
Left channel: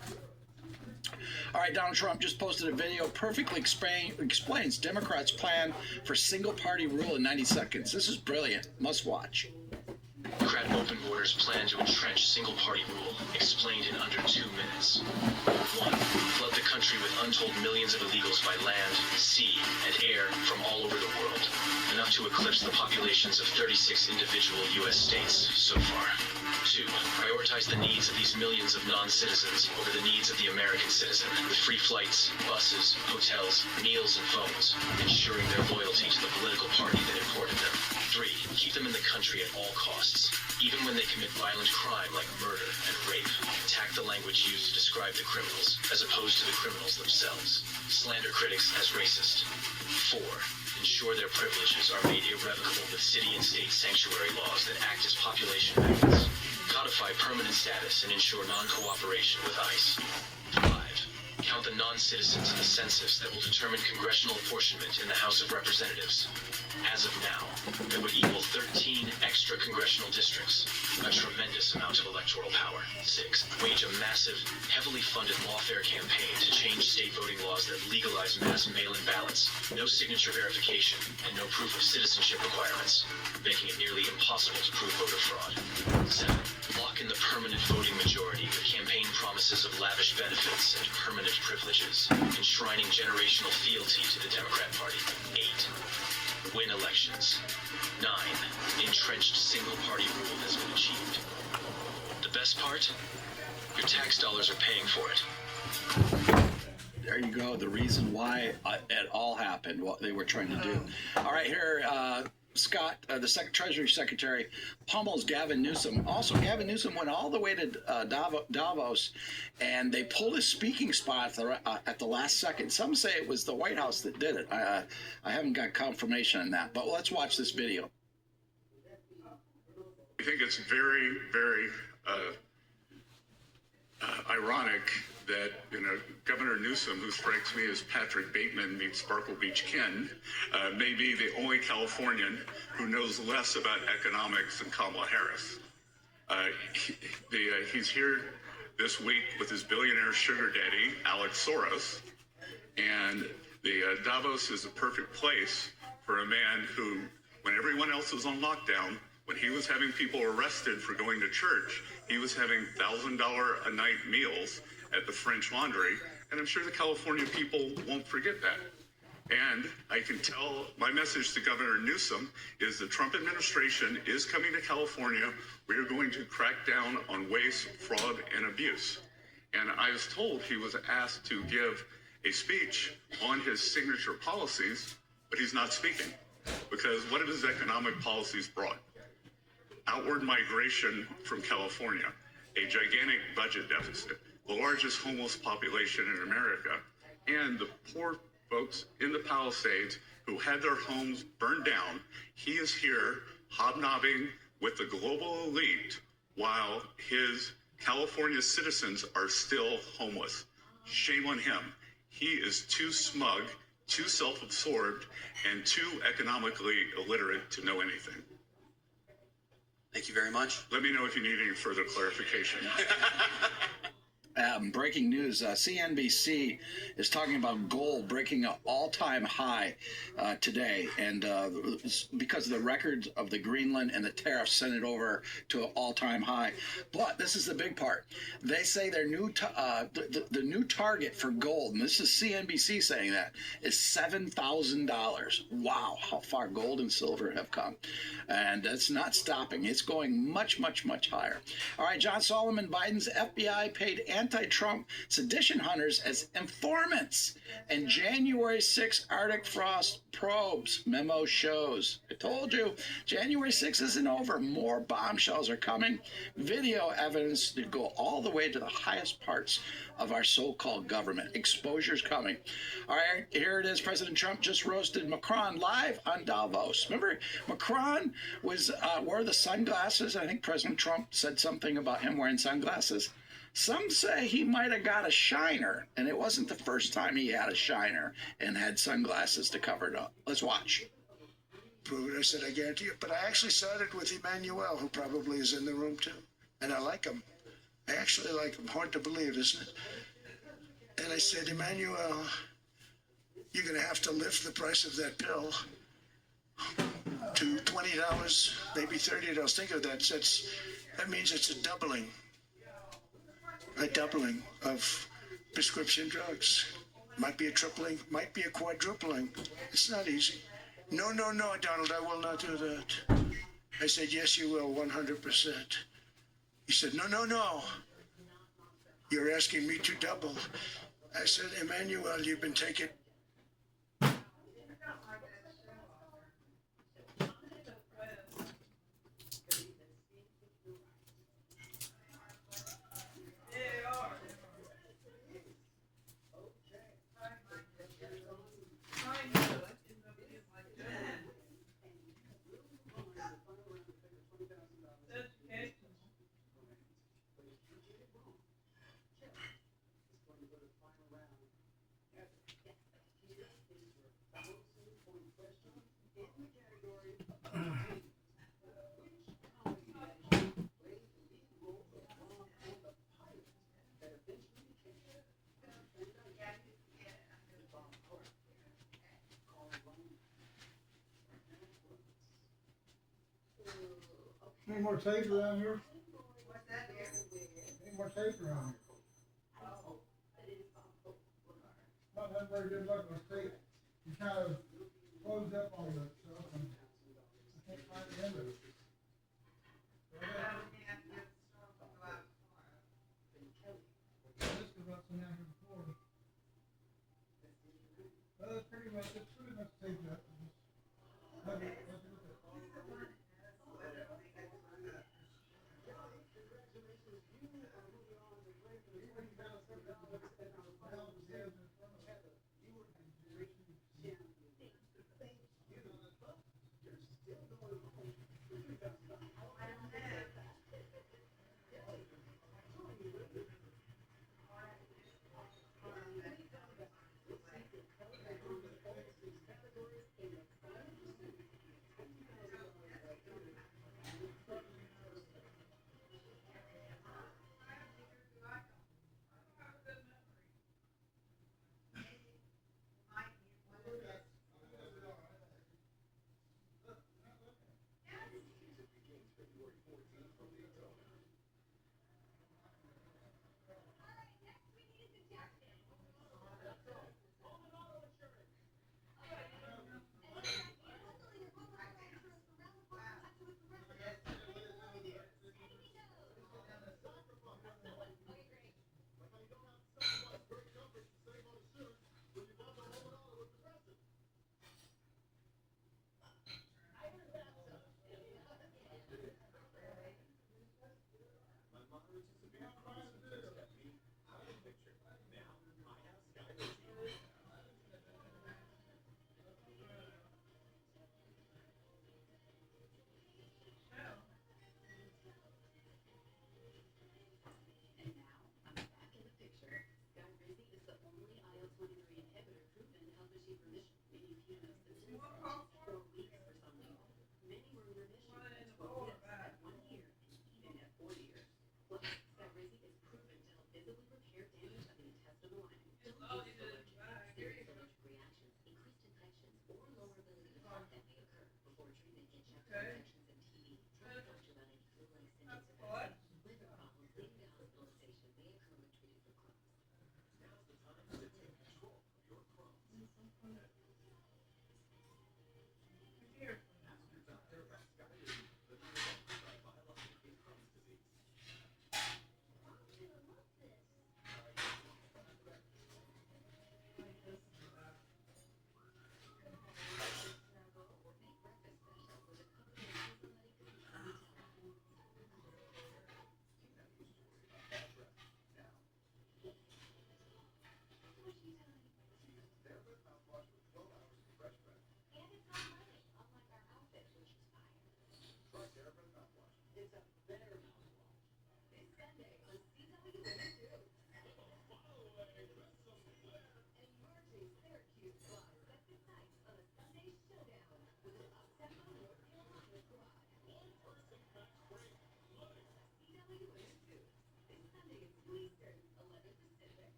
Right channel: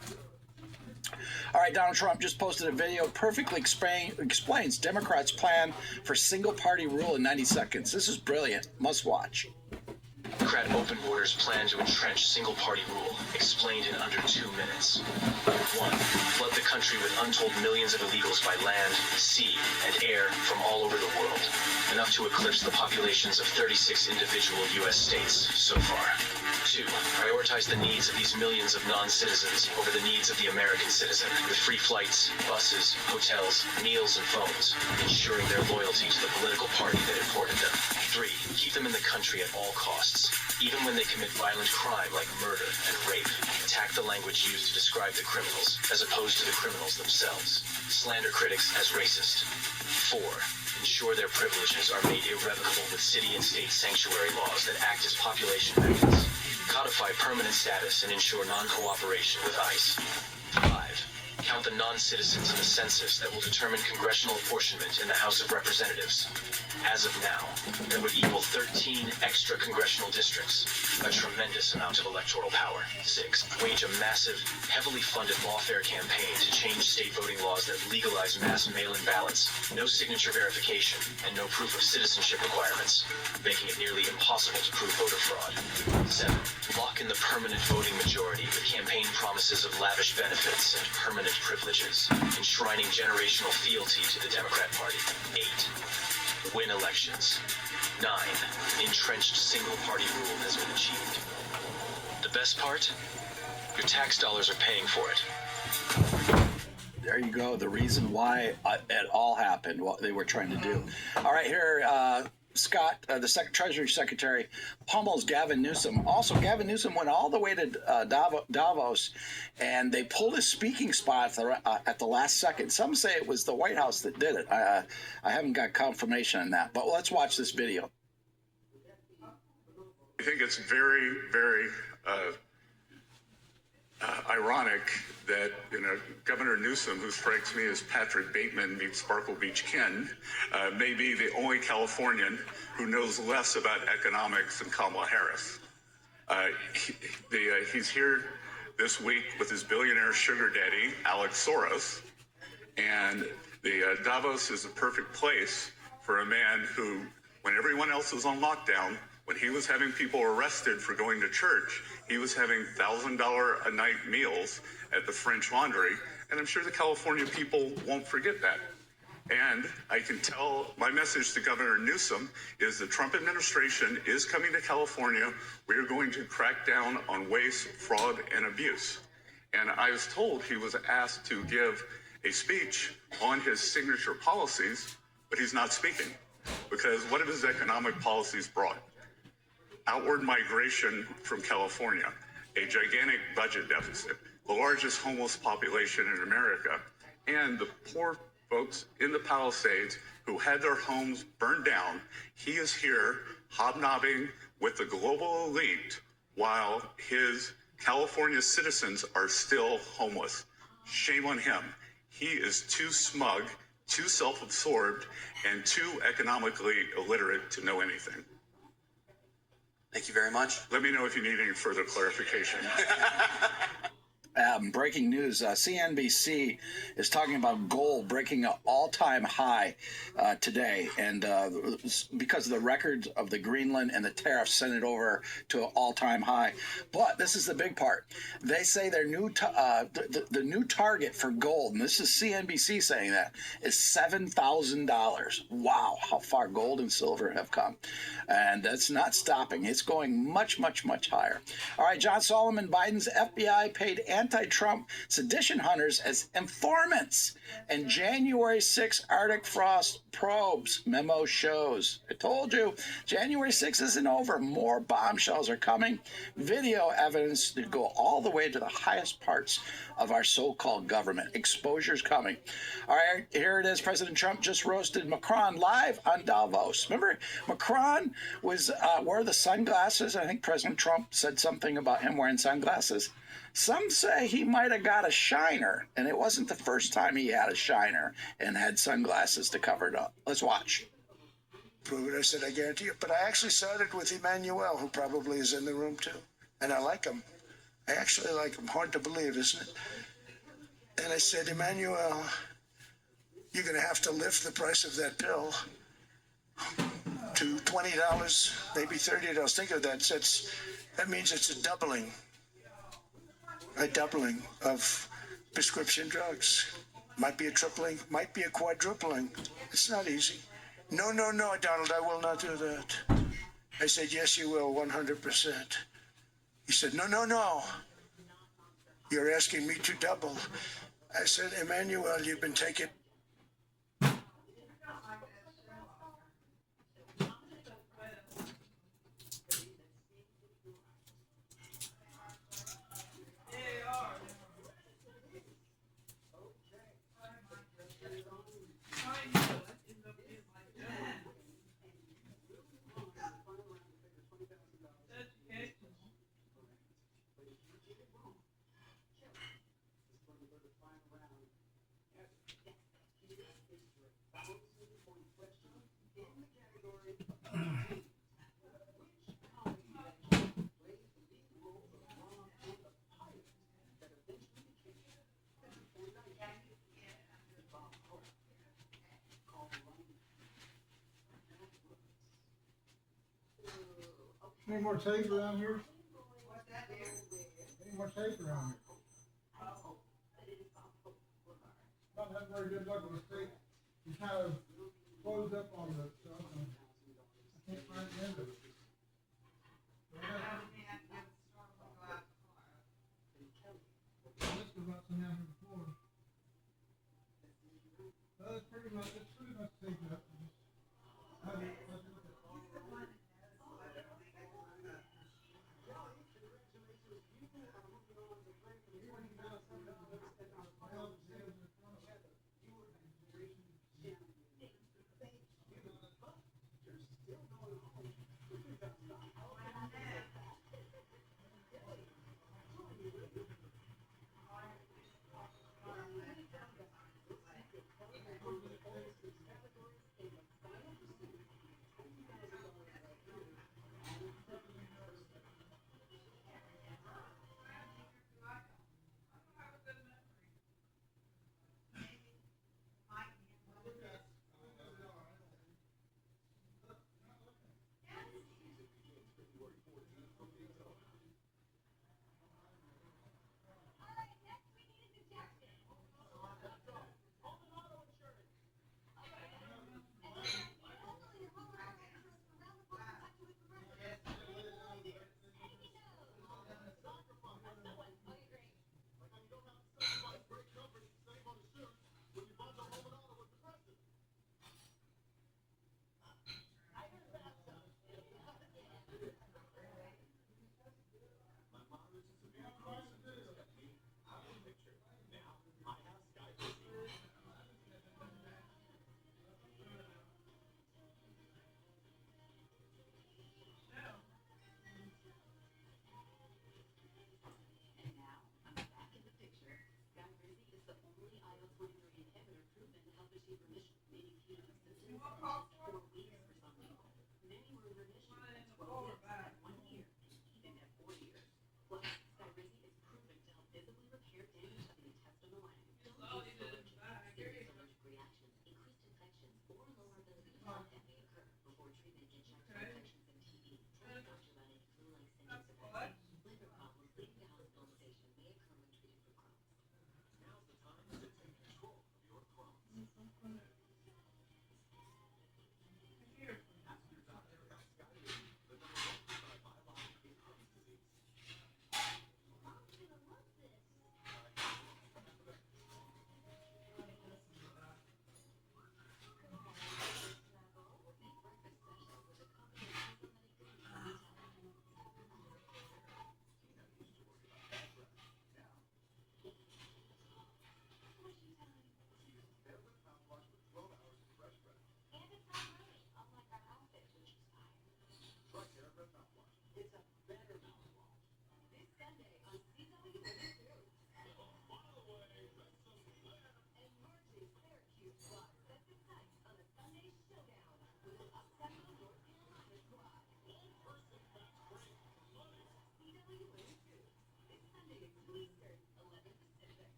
All right, Donald Trump just posted a video perfectly explains Democrats' plan for single-party rule in 90 seconds. This is brilliant. Must watch. Democrat open borders plan to entrench single-party rule, explained in under 2 minutes. 1. Flood the country with untold millions of illegals by land, sea, and air from all over the world, enough to eclipse the populations of 36 individual U.S. states so far. 2. Prioritize the needs of these millions of non-citizens over the needs of the American citizen, with free flights, buses, hotels, meals, and phones, ensuring their loyalty to the political party that imported them. 3. Keep them in the country at all costs, even when they commit violent crime like murder and rape. Attack the language used to describe the criminals, as opposed to the criminals themselves. Slander critics as racist. 4. Ensure their privileges are made irrevocable with city and state sanctuary laws that act as population magnets. Codify permanent status and ensure non-cooperation with ICE. 5. Count count the non-citizens in the census that will determine congressional apportionment in the House of Representatives. As of now, that would equal 13 extra congressional districts, a tremendous amount of electoral power. 6. Wage a massive, heavily funded lawfare campaign to change state voting laws that legalize mass mail-in ballots, no signature verification, and no proof of citizenship requirements, making it nearly impossible to prove voter fraud. 7. Lock in the permanent voting majority with campaign promises of lavish benefits and permanent privileges, enshrining generational fealty to the Democrat Party. 8. Win elections. 9. Entrenched single-party rule has been achieved. The best part? Your tax dollars are paying for it. There you go. The reason why it all happened, what they were trying to do. All right, here, Scott, the Treasury Secretary, pummels Gavin Newsom. Also, Gavin Newsom went all the way to Davos, and they pulled his speaking spot at the last second. Some say it was the White House that did it. I haven't got confirmation on that, but let's watch this video. I think it's very, very ironic that, Governor Newsom, who strikes me as Patrick Bateman meets Sparkle Beach Ken, may be the only Californian who knows less about economics than Kamala Harris. He's here this week with his billionaire sugar daddy, Alex Soros, and the Davos is the perfect place for a man who, when everyone else was on lockdown, when he was having people arrested for going to church, he was having $1,000 a night meals at the French Laundry, and I'm sure the California people won't forget that. And I can tell my message to Governor Newsom is the Trump administration is coming to California. We are going to crack down on waste, fraud, and abuse. And I was told he was asked to give a speech on his signature policies, but he's not speaking because what have his economic policies brought? Outward migration from California, a gigantic budget deficit, the largest homeless population in America, and the poor folks in the Palisades who had their homes burned down. He is here hobnobbing with the global elite while his California citizens are still homeless. Shame on him. He is too smug, too self-absorbed, and too economically illiterate to know anything. Thank you very much. Let me know if you need any further clarification. Breaking news, CNBC is talking about gold breaking an all-time high today, and because of the records of the Greenland and the tariffs sent it over to an all-time high. But this is the big part. They say their new the new target for gold, and this is CNBC saying that, is $7,000. Wow, how far gold and silver have come. And that's not stopping. It's going much, much, much higher. All right, John Solomon, Biden's FBI paid anti-Trump sedition hunters as informants. And January 6 Arctic frost probes memo shows. I told you, January 6 isn't over. More bombshells are coming. Video evidence to go all the way to the highest parts of our so-called government. Exposure's coming. All right, here it is. President Trump just roasted Macron live on Davos. Remember, Macron was wore the sunglasses. I think President Trump said something about him wearing sunglasses. Some say he might have got a shiner, and it wasn't the first time he had a shiner and had sunglasses to cover it up. Let's watch. Prove it. I said, I guarantee you. But I actually started with Emmanuel, who probably is in the room too. And I like him. I actually like him. Hard to believe, isn't it? And I said, Emmanuel, you're going to have to lift the price of that pill to $20, maybe $30. Think of that. That means it's a doubling of prescription drugs. Might be a tripling, might be a quadrupling. It's not easy. No, Donald, I will not do that. I said, yes, you will, 100%. He said, no. You're asking me to double. I said, Emmanuel, you've been taking... Any more tape around here? What's that, dear? Any more tape around here? Not having very good luck with tape. You kind of close up on the stuff and I can't find the end of it. So I gotta, this was what's in here before. It's pretty much taped up. Have it, let's look at it.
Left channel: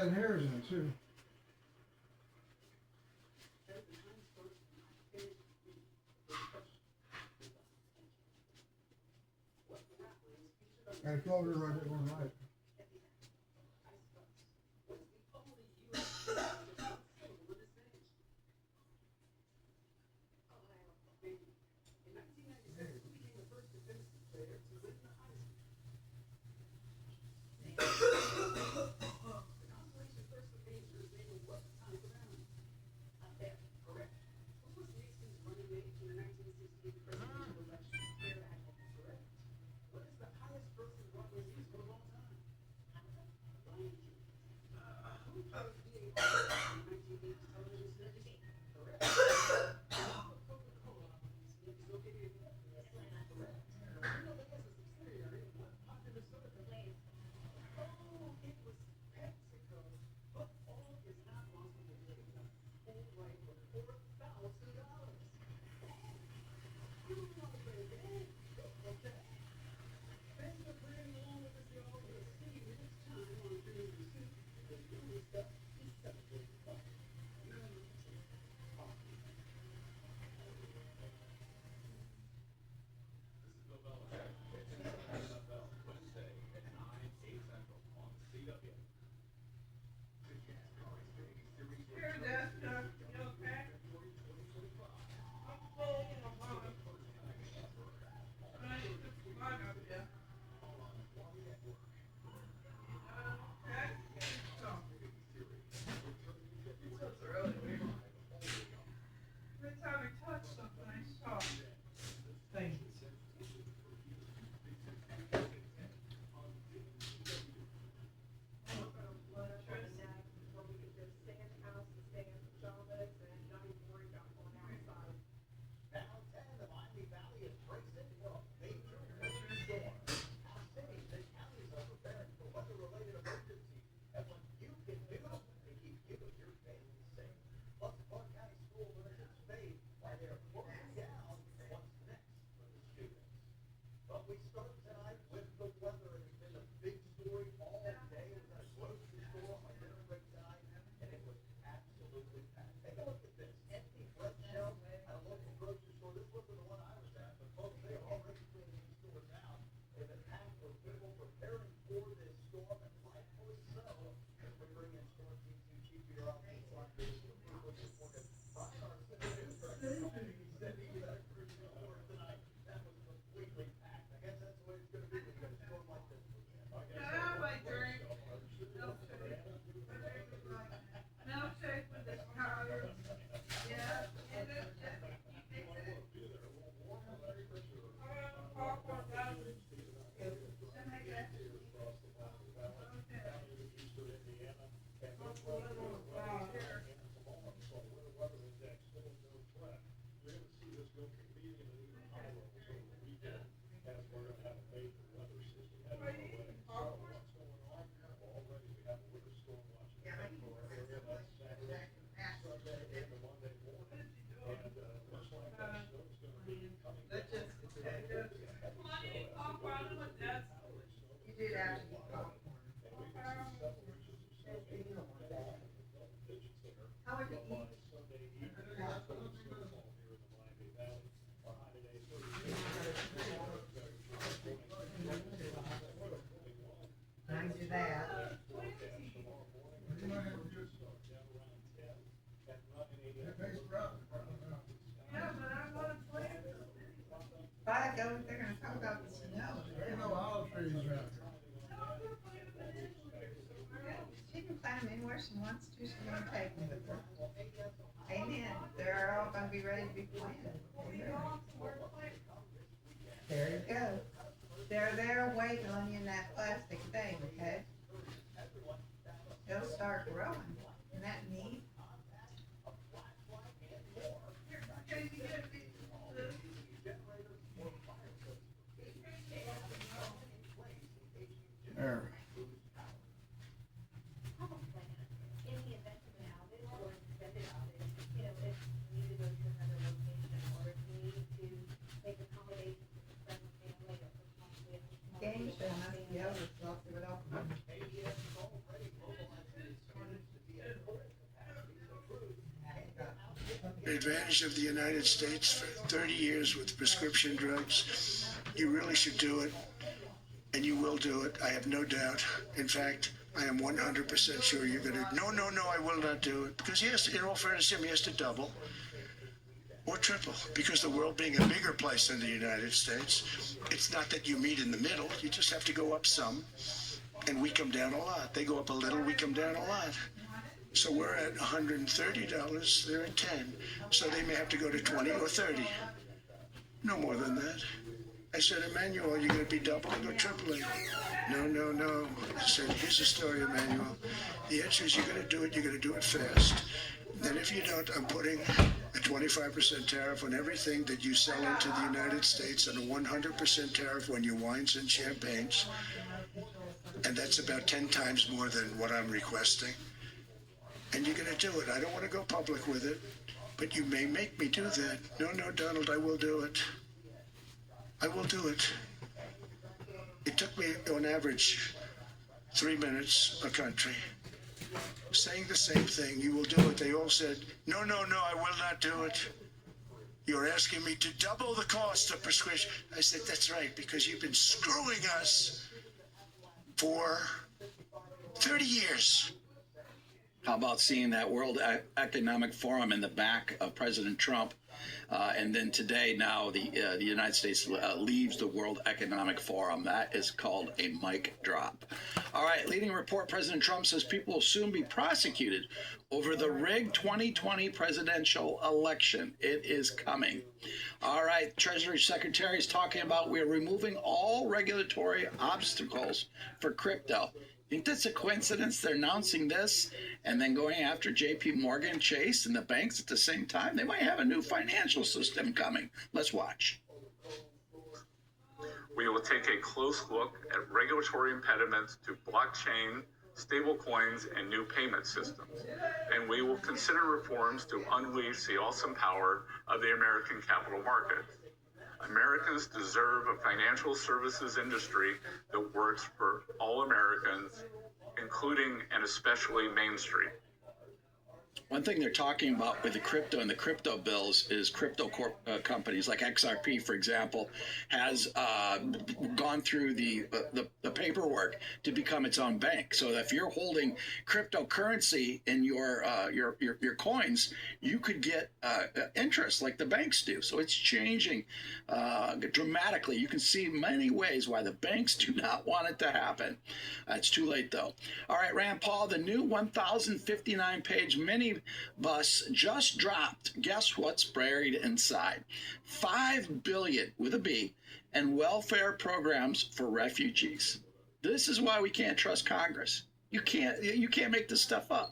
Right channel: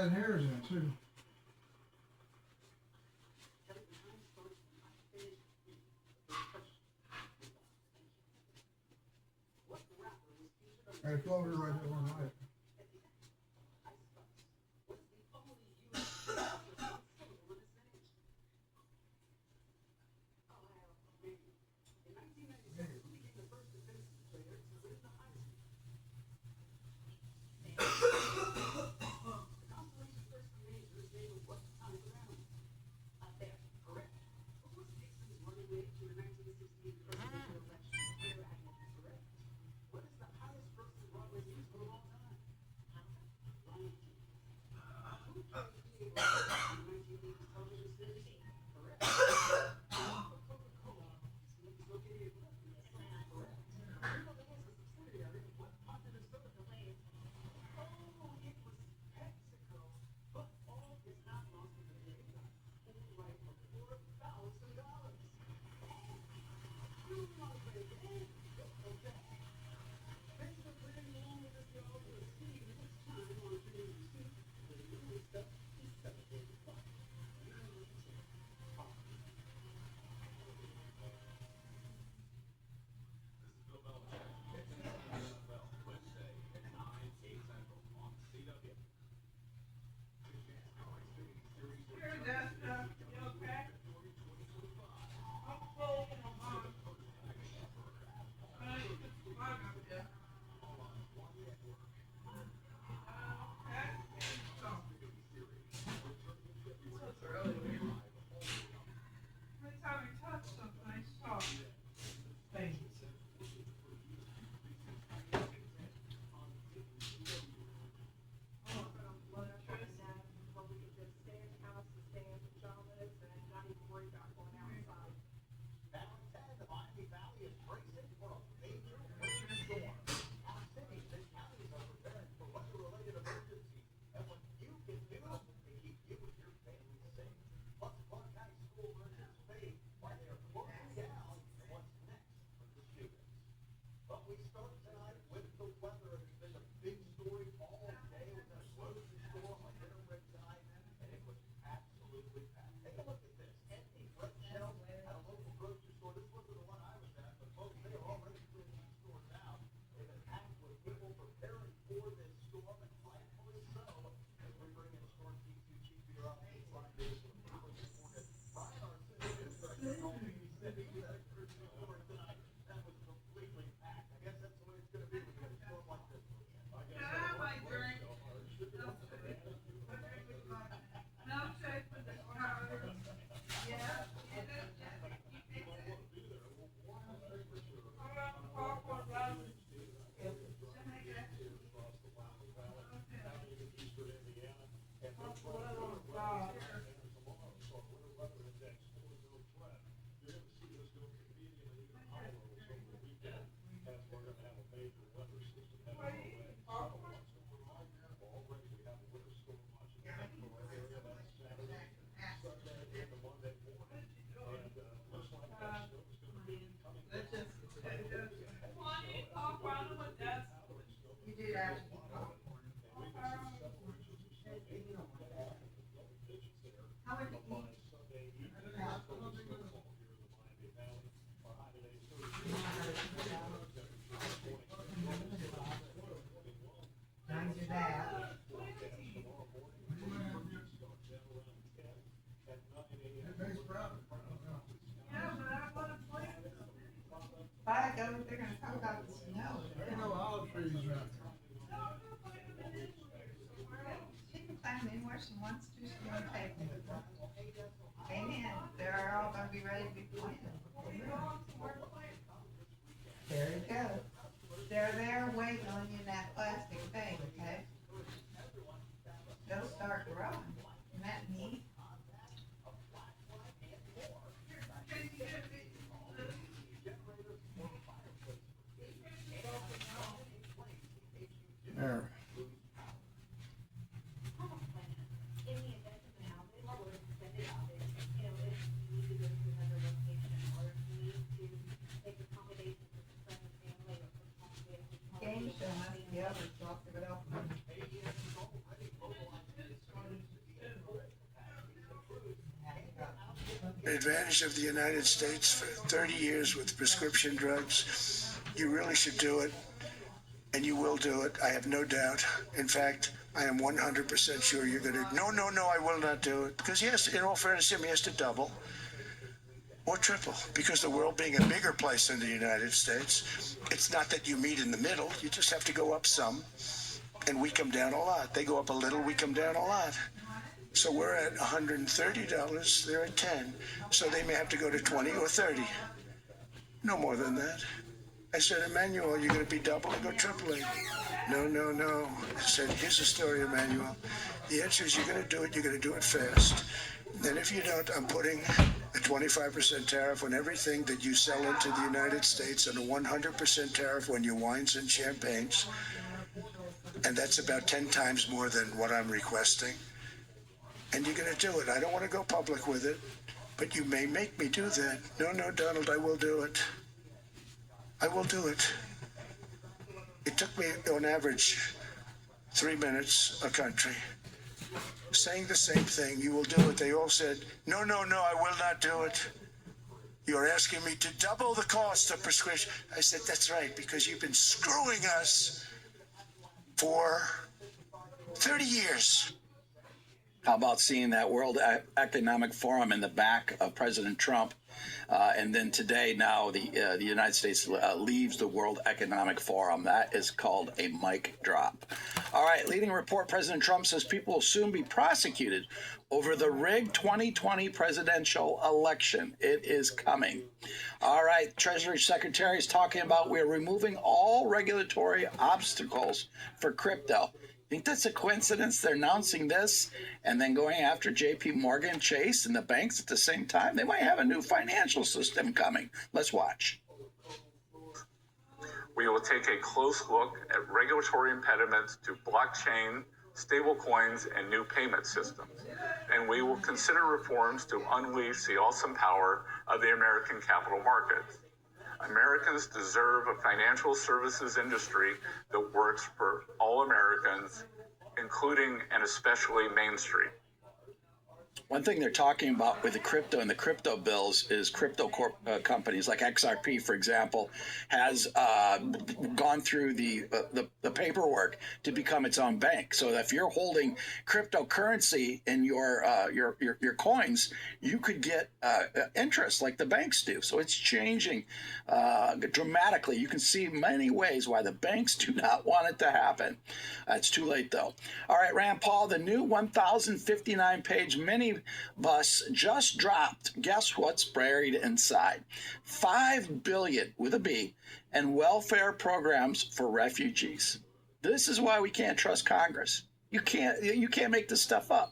red hairs in it too. I told her right there one night. You do that. How would you eat? I do that. If I go, they're gonna talk about the snow. There ain't no olive trees right there. She can plant them anywhere she wants to, she's gonna take them. Amen, they're all gonna be ready to be planted. There you go. They're there waiting on you in that plastic thing, okay? They'll start growing. Isn't that neat? There. Game show must be over, so I'll see what else. advantage of the United States for 30 years with prescription drugs, you really should do it, and you will do it. I have no doubt. In fact, I am 100% sure you're going to. No, I will not do it. Because yes, in all fairness, he has to double or triple. Because the world being a bigger place than the United States, it's not that you meet in the middle. You just have to go up some, and we come down a lot. They go up a little, we come down a lot. So we're at $130, they're at 10. So they may have to go to 20 or 30. No more than that. I said, Emmanuel, you're going to be doubling or tripling? No. I said, here's the story, Emmanuel. The answer is you're going to do it fast. And if you don't, I'm putting a 25% tariff on everything that you sell into the United States and a 100% tariff on your wines and champagnes. And that's about 10 times more than what I'm requesting. And you're going to do it. I don't want to go public with it, but you may make me do that. No, Donald, I will do it. I will do it. It took me, on average, 3 minutes a country, saying the same thing. You will do it. They all said, no, I will not do it. You're asking me to double the cost of prescription. I said, that's right, because you've been screwing us for 30 years. How about seeing that World Economic Forum in the back of President Trump? And then today, now the United States leaves the World Economic Forum. That is called a mic drop. All right, leading report, President Trump says people will soon be prosecuted over the rigged 2020 presidential election. It is coming. All right, Treasury Secretary is talking about we're removing all regulatory obstacles for crypto. Think that's a coincidence? They're announcing this and then going after JP Morgan Chase and the banks at the same time. They might have a new financial system coming. Let's watch. We will take a close look at regulatory impediments to blockchain, stablecoins, and new payment systems. And we will consider reforms to unleash the awesome power of the American capital markets. Americans deserve a financial services industry that works for all Americans, including and especially Main Street. One thing they're talking about with the crypto and the crypto bills is crypto companies like XRP, for example, has gone through the paperwork to become its own bank. So if you're holding cryptocurrency in your coins, you could get interest like the banks do. So it's changing dramatically. You can see many ways why the banks do not want it to happen. It's too late though. All right, Rand Paul, the new 1,059-page minibus just dropped. Guess what's buried inside? $5 billion with a B and welfare programs for refugees. This is why we can't trust Congress. You can't make this stuff up.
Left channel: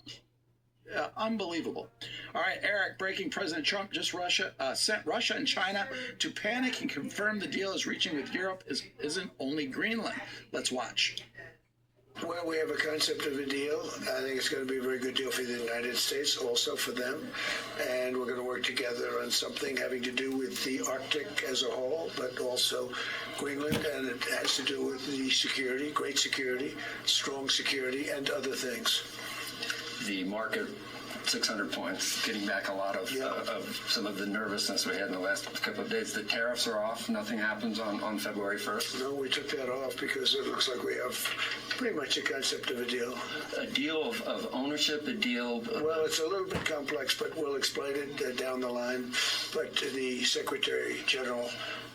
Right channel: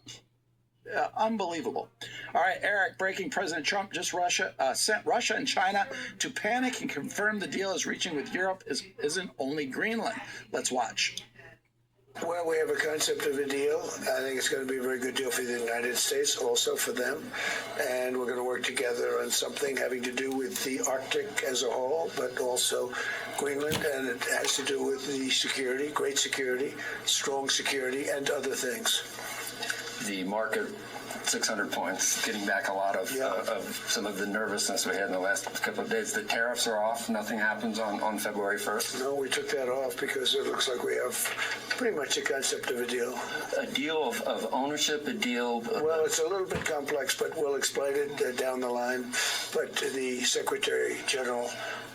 Unbelievable. All right, Eric, breaking. President Trump just sent Russia and China to panic and confirm the deal is reaching with Europe isn't only Greenland. Let's watch. Well, we have a concept of a deal. I think it's going to be a very good deal for the United States, also for them. And we're going to work together on something having to do with the Arctic as a whole, but also Greenland. And it has to do with the security, great security, strong security, and other things. The market, 600 points, getting back a lot of some of the nervousness we had in the last couple of days. The tariffs are off. Nothing happens on February 1st. No, we took that off because it looks like we have pretty much a concept of a deal. A deal of ownership, a deal... Well, it's a little bit complex, but we'll explain it down the line. But the Secretary General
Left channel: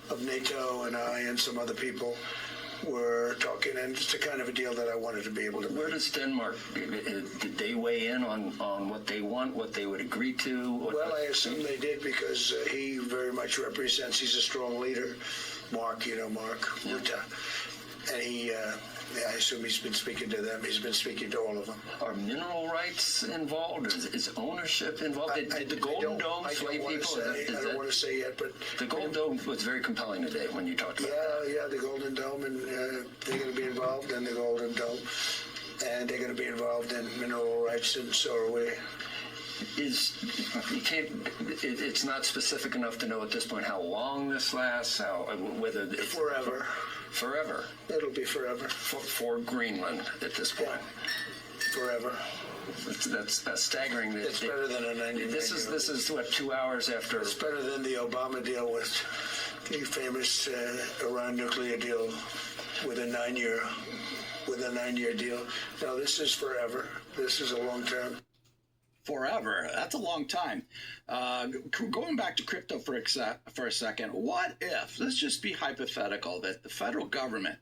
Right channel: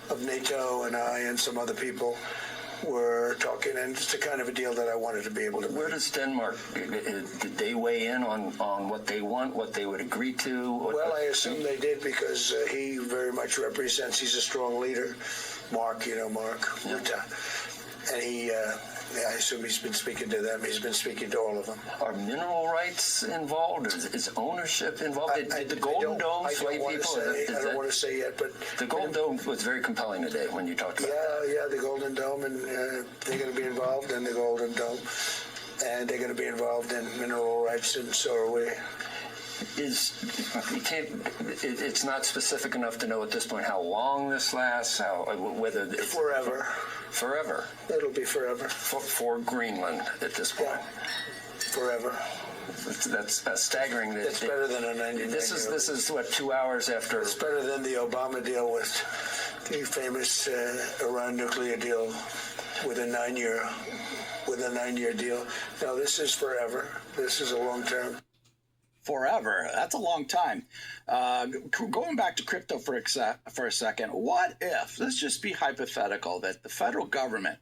of NATO and I and some other people were talking, and it's the kind of a deal that I wanted to be able to make. Where does Denmark, did they weigh in on what they want, what they would agree to? Well, I assume they did because he very much represents, he's a strong leader. Mark, you know Mark Rutte. And he, I assume he's been speaking to them. He's been speaking to all of them. Are mineral rights involved? Is ownership involved? Did the Golden Dome sway people? I don't want to say yet, but... The Golden Dome was very compelling today when you talked about that. Yeah, the Golden Dome, and they're going to be involved in the Golden Dome. And they're going to be involved in mineral rights, and so are we. It's not specific enough to know at this point how long this lasts, whether it's... Forever. Forever. It'll be forever. For Greenland at this point. Yeah. Forever. That's staggering. It's better than a 99. This is what, 2 hours after. It's better than the Obama deal with the famous Iran nuclear deal with a 9-year deal. No, this is forever. This is a long term. Forever. That's a long time. Going back to crypto for a second, what if, let's just be hypothetical, that the federal government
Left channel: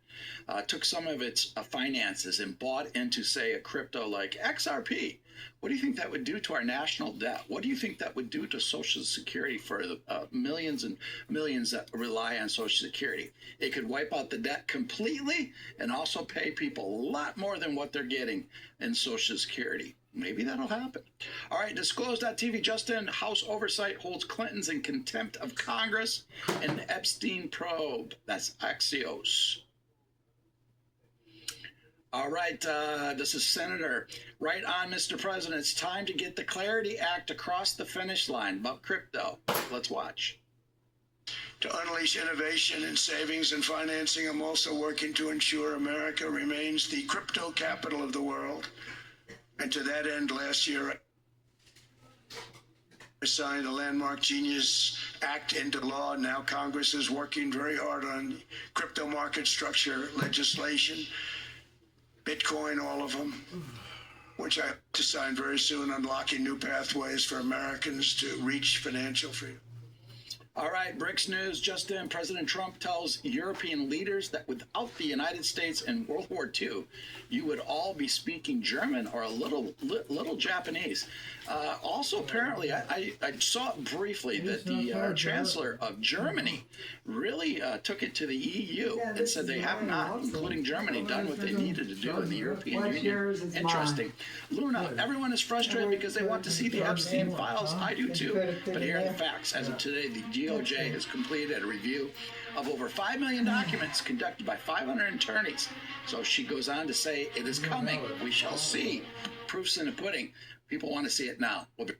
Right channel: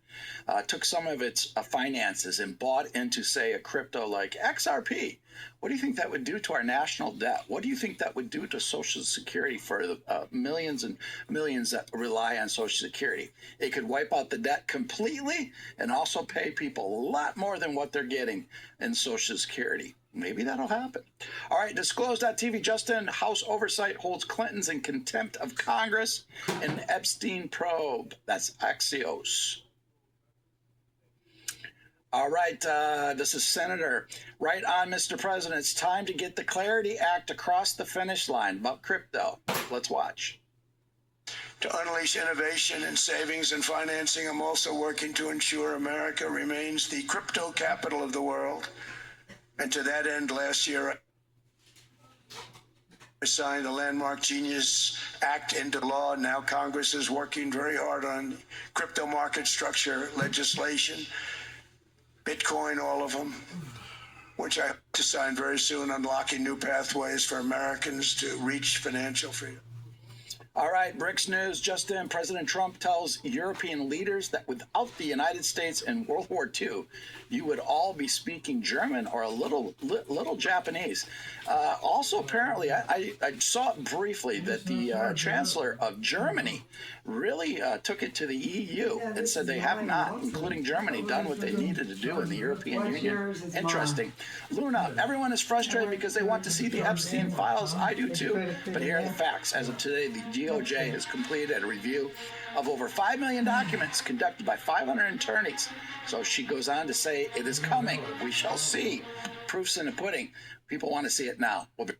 took some of its finances and bought into, say, a crypto like XRP? What do you think that would do to our national debt? What do you think that would do to Social Security for the millions and millions that rely on Social Security? It could wipe out the debt completely and also pay people a lot more than what they're getting in Social Security. Maybe that'll happen. All right, Disclose.tv, Justin, House Oversight holds Clintons in contempt of Congress in Epstein probe. That's Axios. All right, this is Senator. Right on, Mr. President. It's time to get the Clarity Act across the finish line about crypto. Let's watch. To unleash innovation in savings and financing, I'm also working to ensure America remains the crypto capital of the world. And to that end, last year, I signed the Landmark Genius Act into law. Now Congress is working very hard on crypto market structure legislation, Bitcoin, all of them, which I hope to sign very soon, unlocking new pathways for Americans to reach financial freedom. All right, BRICS News. Just in, President Trump tells European leaders that without the United States in World War II, you would all be speaking German or a little Japanese. Also, apparently, I saw briefly that the Chancellor of Germany really took it to the EU and said they have not, including Germany, done what they needed to do in the European Union. Interesting. Luna, everyone is frustrated because they want to see the Epstein files. I do too. But here are the facts. As of today, the DOJ has completed a review of over 5 million documents conducted by 500 attorneys. So she goes on to say, it is coming. We shall see. Proof's in the pudding. People want to see it now. We'll be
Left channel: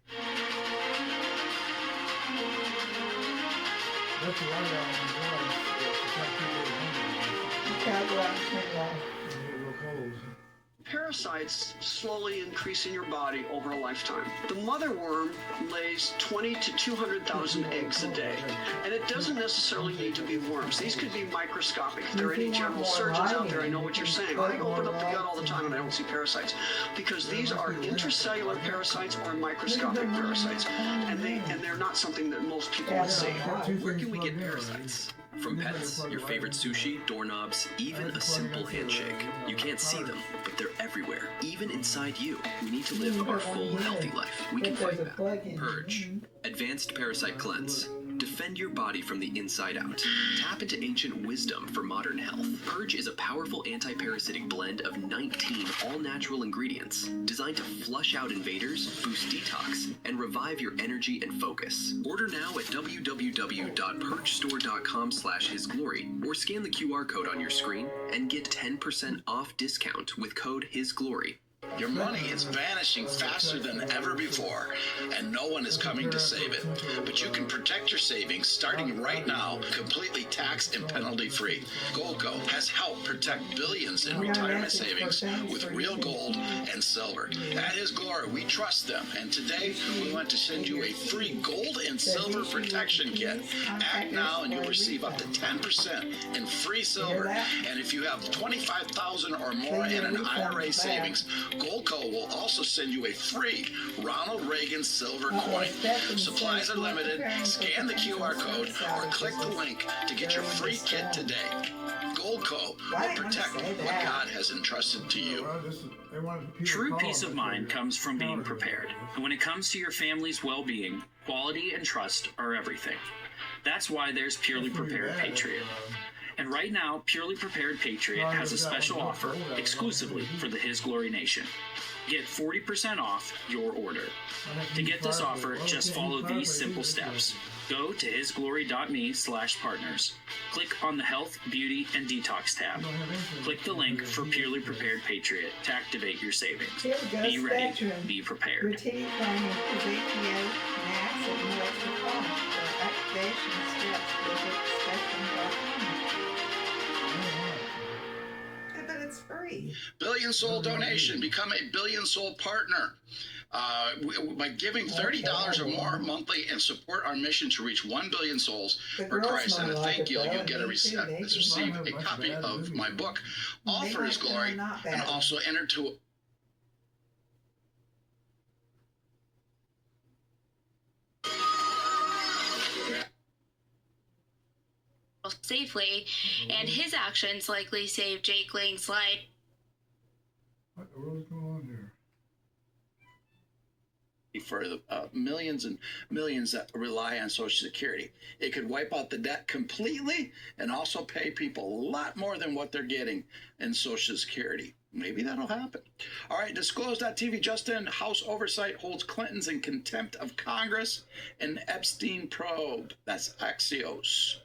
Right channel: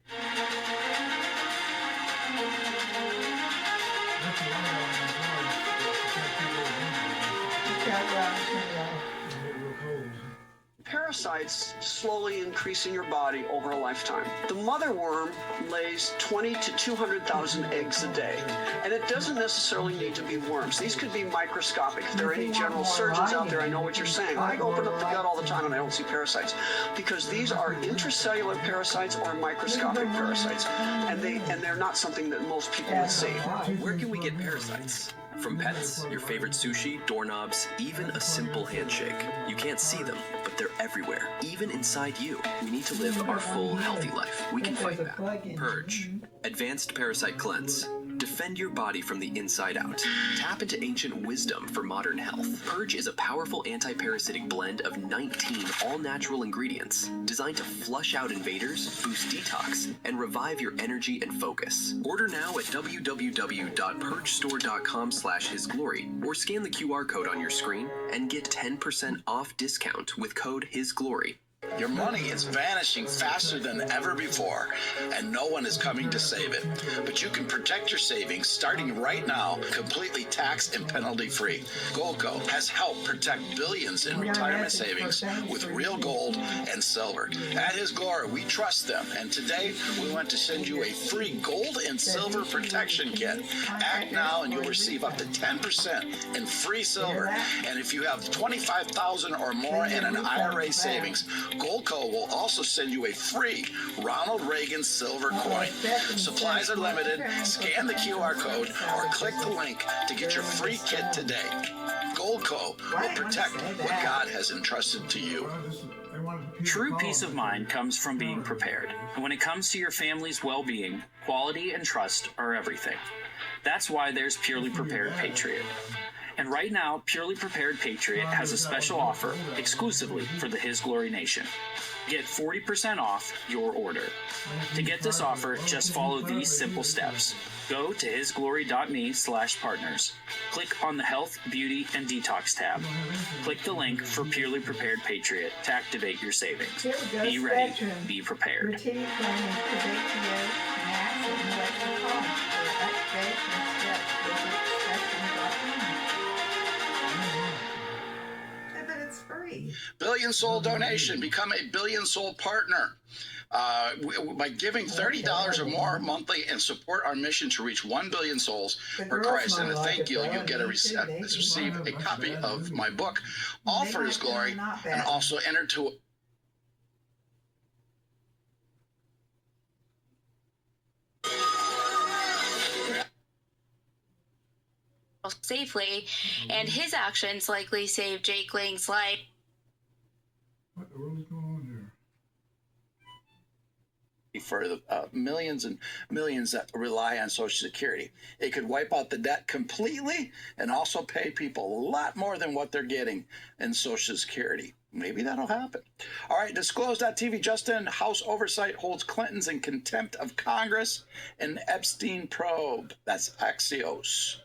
Parasites slowly increase in your body over a lifetime. The mother worm lays 20 to 200,000 eggs a day, and it doesn't necessarily need to be worms. These could be microscopic. If there are any general surgeons out there, I know what you're saying. I open up the gut all the time and I don't see parasites, because these are intracellular parasites or microscopic parasites, and they're not something that most people would see. Where can we get parasites? From pets, your favorite sushi, doorknobs, even a simple handshake. You can't see them, but they're everywhere, even inside you. We need to live our full, healthy life. We can fight back. Purge. Advanced Parasite Cleanse. Defend your body from the inside out. Tap into ancient wisdom for modern health. Purge is a powerful anti-parasitic blend of 19 all-natural ingredients designed to flush out invaders, boost detox, and revive your energy and focus. Order now at www.purgestore.com/hisglory or scan the QR code on your screen and get 10% off discount with code HISGLORY. Your money is vanishing faster than ever before, and no one is coming to save it. But you can protect your savings starting right now, completely tax and penalty free. Goldco has helped protect billions in retirement savings with real gold and silver. At His Glory, we trust them, and today we want to send you a free gold and silver protection kit. Act now and you'll receive up to 10% in free silver. And if you have $25,000 or more in an IRA savings, Goldco will also send you a free Ronald Reagan silver coin. Supplies are limited. Scan the QR code or click the link to get your free kit today. Goldco will protect what God has entrusted to you. True peace of mind comes from being prepared. And when it comes to your family's well-being, quality and trust are everything. That's why there's Purely Prepared Patriot. And right now, Purely Prepared Patriot has a special offer exclusively for the His Glory Nation. Get 40% off your order. To get this offer, just follow these simple steps. Go to hisglory.me/partners. Click on the Health, Beauty, and Detox tab. Click the link for Purely Prepared Patriot to activate your savings. Be ready. Be prepared. Billion Soul donation. Become a Billion Soul partner. By giving $30 or more monthly and support our mission to reach 1 billion souls for Christ. And a thank you, you'll get receive a copy of my book, All for His Glory, and also enter to safely, and his actions likely saved Jake Lang's life. What the world is going on there? For the millions and millions that rely on Social Security. It could wipe out the debt completely and also pay people a lot more than what they're getting in Social Security. Maybe that'll happen. All right, Disclose.tv, Justin, House Oversight holds Clintons in contempt of Congress and Epstein probe. That's Axios.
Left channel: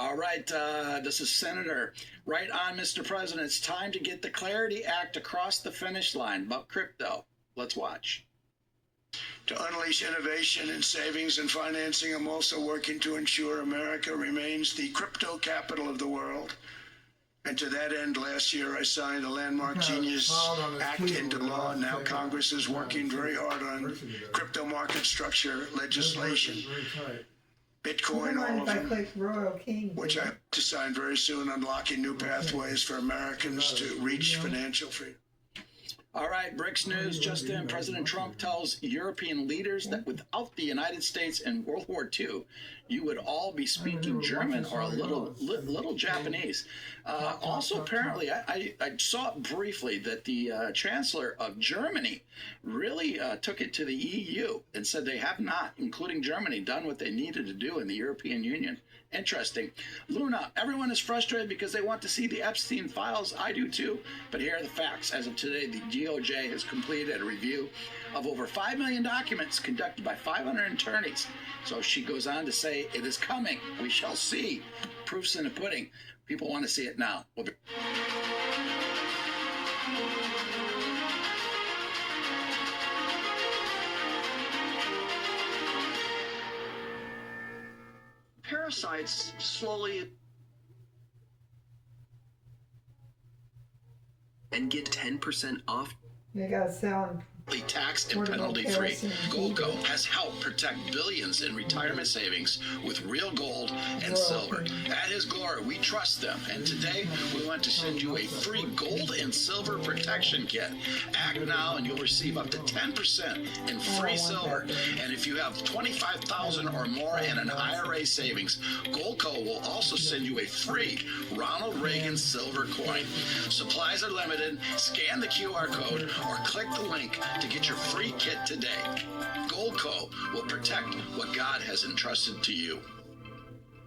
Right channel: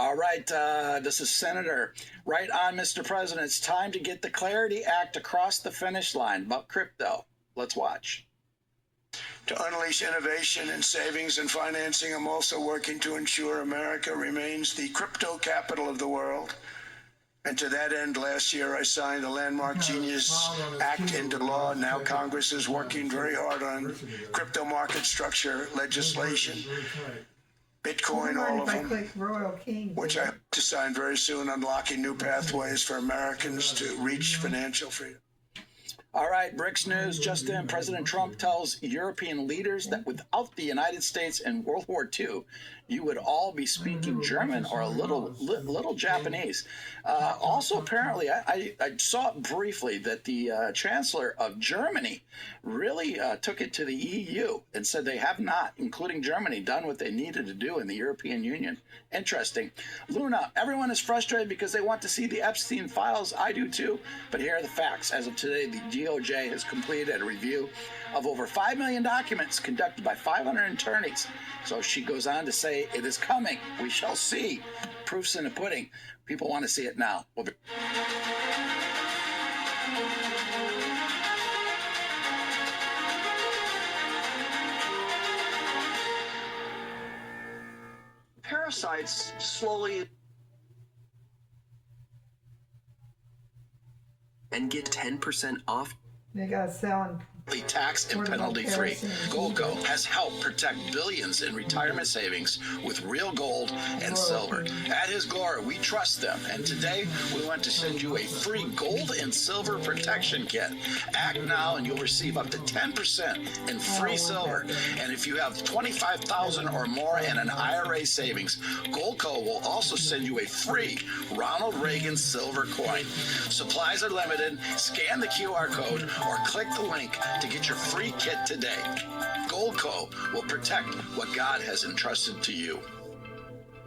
All right, this is Senator. Right on, Mr. President. It's time to get the Clarity Act across the finish line about crypto. Let's watch. To unleash innovation in savings and financing, I'm also working to ensure America remains the crypto capital of the world. And to that end, last year I signed the landmark Genius Act into law. Now Congress is working very hard on crypto market structure legislation. Bitcoin, all of them, which I hope to sign very soon, unlocking new pathways for Americans to reach financial freedom. All right, BRICS News. Justin, President Trump tells European leaders that without the United States in World War II, you would all be speaking German or a little Japanese. Also, apparently, I saw briefly that the Chancellor of Germany really took it to the EU and said they have not, including Germany, done what they needed to do in the European Union. Interesting. Luna, everyone is frustrated because they want to see the Epstein files. I do too. But here are the facts. As of today, the DOJ has completed a review of over 5 million documents conducted by 500 attorneys. So she goes on to say, it is coming. We shall see. Proof's in the pudding. People want to see it now. We'll be Parasites slowly and get 10% off. They got selling. Tax and penalty free. Goldco has helped protect billions in retirement savings with real gold and silver. At His Glory, we trust them. And today, we want to send you a free gold and silver protection kit. Act now and you'll receive up to 10% in free silver. And if you have $25,000 or more in an IRA savings, Goldco will also send you a free Ronald Reagan silver coin. Supplies are limited. Scan the QR code or click the link to get your free kit today. Goldco will protect what God has entrusted to you.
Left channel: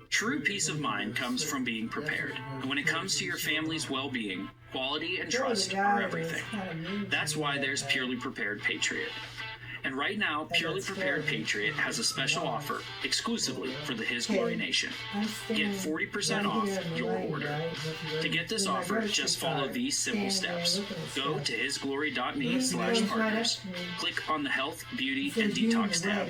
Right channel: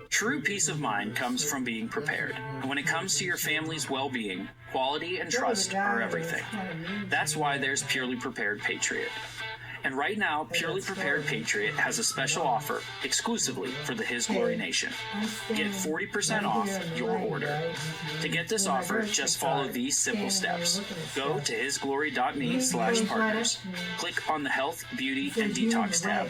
True peace of mind comes from being prepared. And when it comes to your family's well-being, quality and trust are everything. That's why there's Purely Prepared Patriot. And right now, Purely Prepared Patriot has a special offer exclusively for the His Glory Nation. Get 40% off your order. To get this offer, just follow these simple steps. Go to hisglory.me/partners. Click on the Health, Beauty, and Detox tab.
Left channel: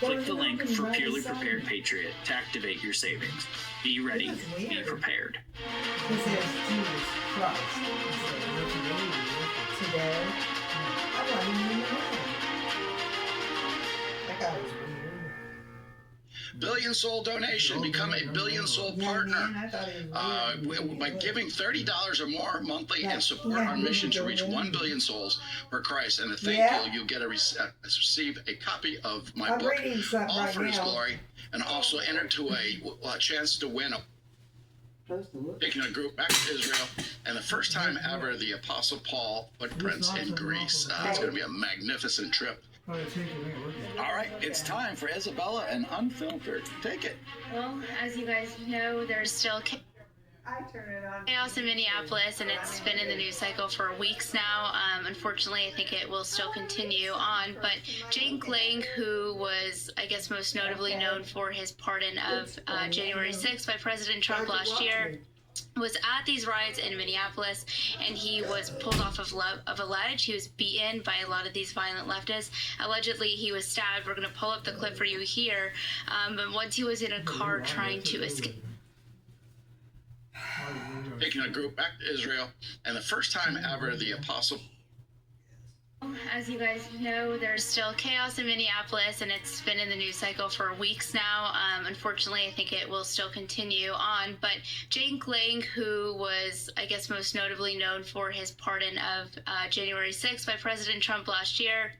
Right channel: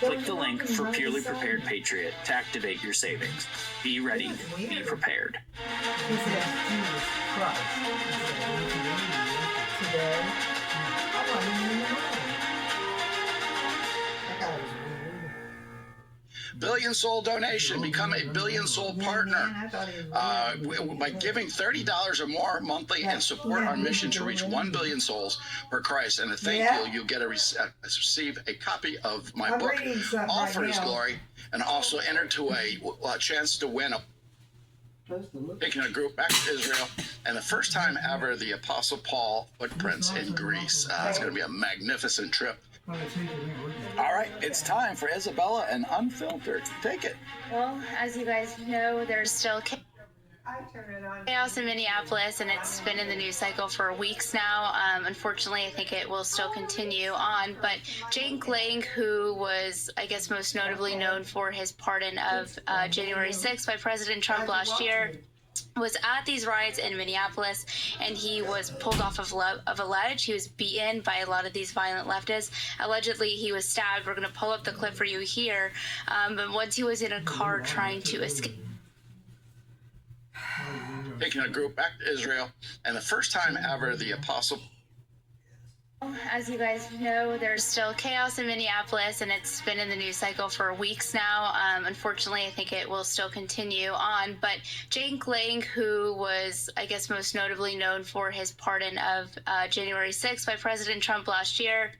Click the link for Purely Prepared Patriot to activate your savings. Be ready. Be prepared. Billion Soul donation. Become a Billion Soul partner. By giving $30 or more monthly and support our mission to reach 1 billion souls for Christ. And a thank you, you'll get receive a copy of my book, All for His Glory, and also enter to a chance to win picking a group back to Israel, and the first time ever, the Apostle Paul footprints in Greece. It's going to be a magnificent trip. All right, it's time for Isabella and Unfiltered. Take it. Well, as you guys know, there's still chaos in Minneapolis, and it's been in the news cycle for weeks now. Unfortunately, I think it will still continue on. But Jake Lang, who was, I guess, most notably known for his pardon of January 6th by President Trump last year, was at these riots in Minneapolis, and he was pulled off of a ledge. He was beaten by a lot of these violent leftists. Allegedly, he was stabbed. We're going to pull up the clip for you here. But once he was in a car trying to escape. taking a group back to Israel, and the first time ever the apostle. As you guys know, there's still chaos in Minneapolis, and it's been in the news cycle for weeks now. Unfortunately, I think it will still continue on. But Jake Lang, who was, I guess, most notably known for his pardon of January 6th by President Trump last year,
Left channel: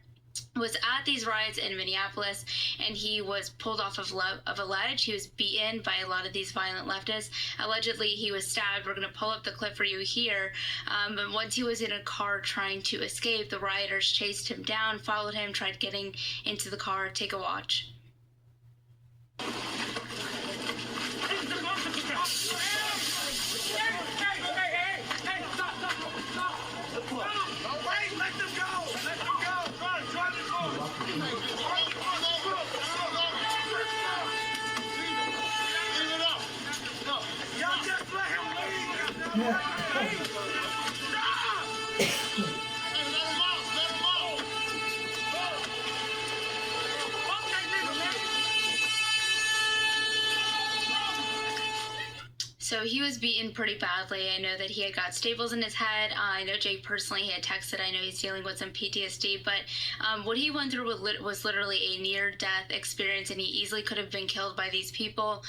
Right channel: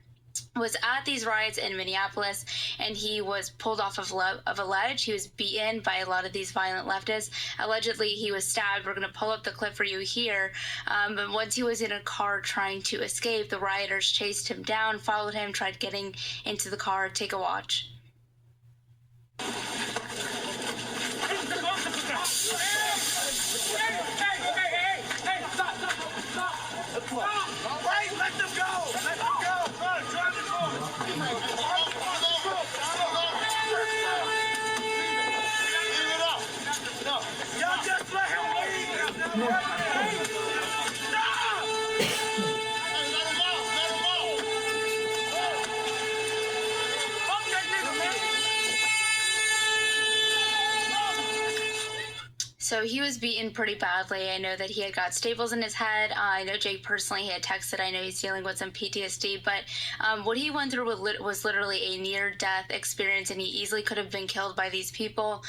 was at these riots in Minneapolis, and he was pulled off of a ledge. He was beaten by a lot of these violent leftists. Allegedly, he was stabbed. We're going to pull up the clip for you here. But once he was in a car trying to escape, the rioters chased him down, followed him, tried getting into the car. Take a watch. All right, let them go. Let them go. Drive the car. Leave it up. No. Y'all just let him leave. Stop. Hey, let him out. Let him out. Okay, nigga, man. So he was beaten pretty badly. I know that he had got staples in his head. I know Jake personally, he had texted. I know he's dealing with some PTSD, but what he went through was literally a near-death experience, and he easily could have been killed by these people.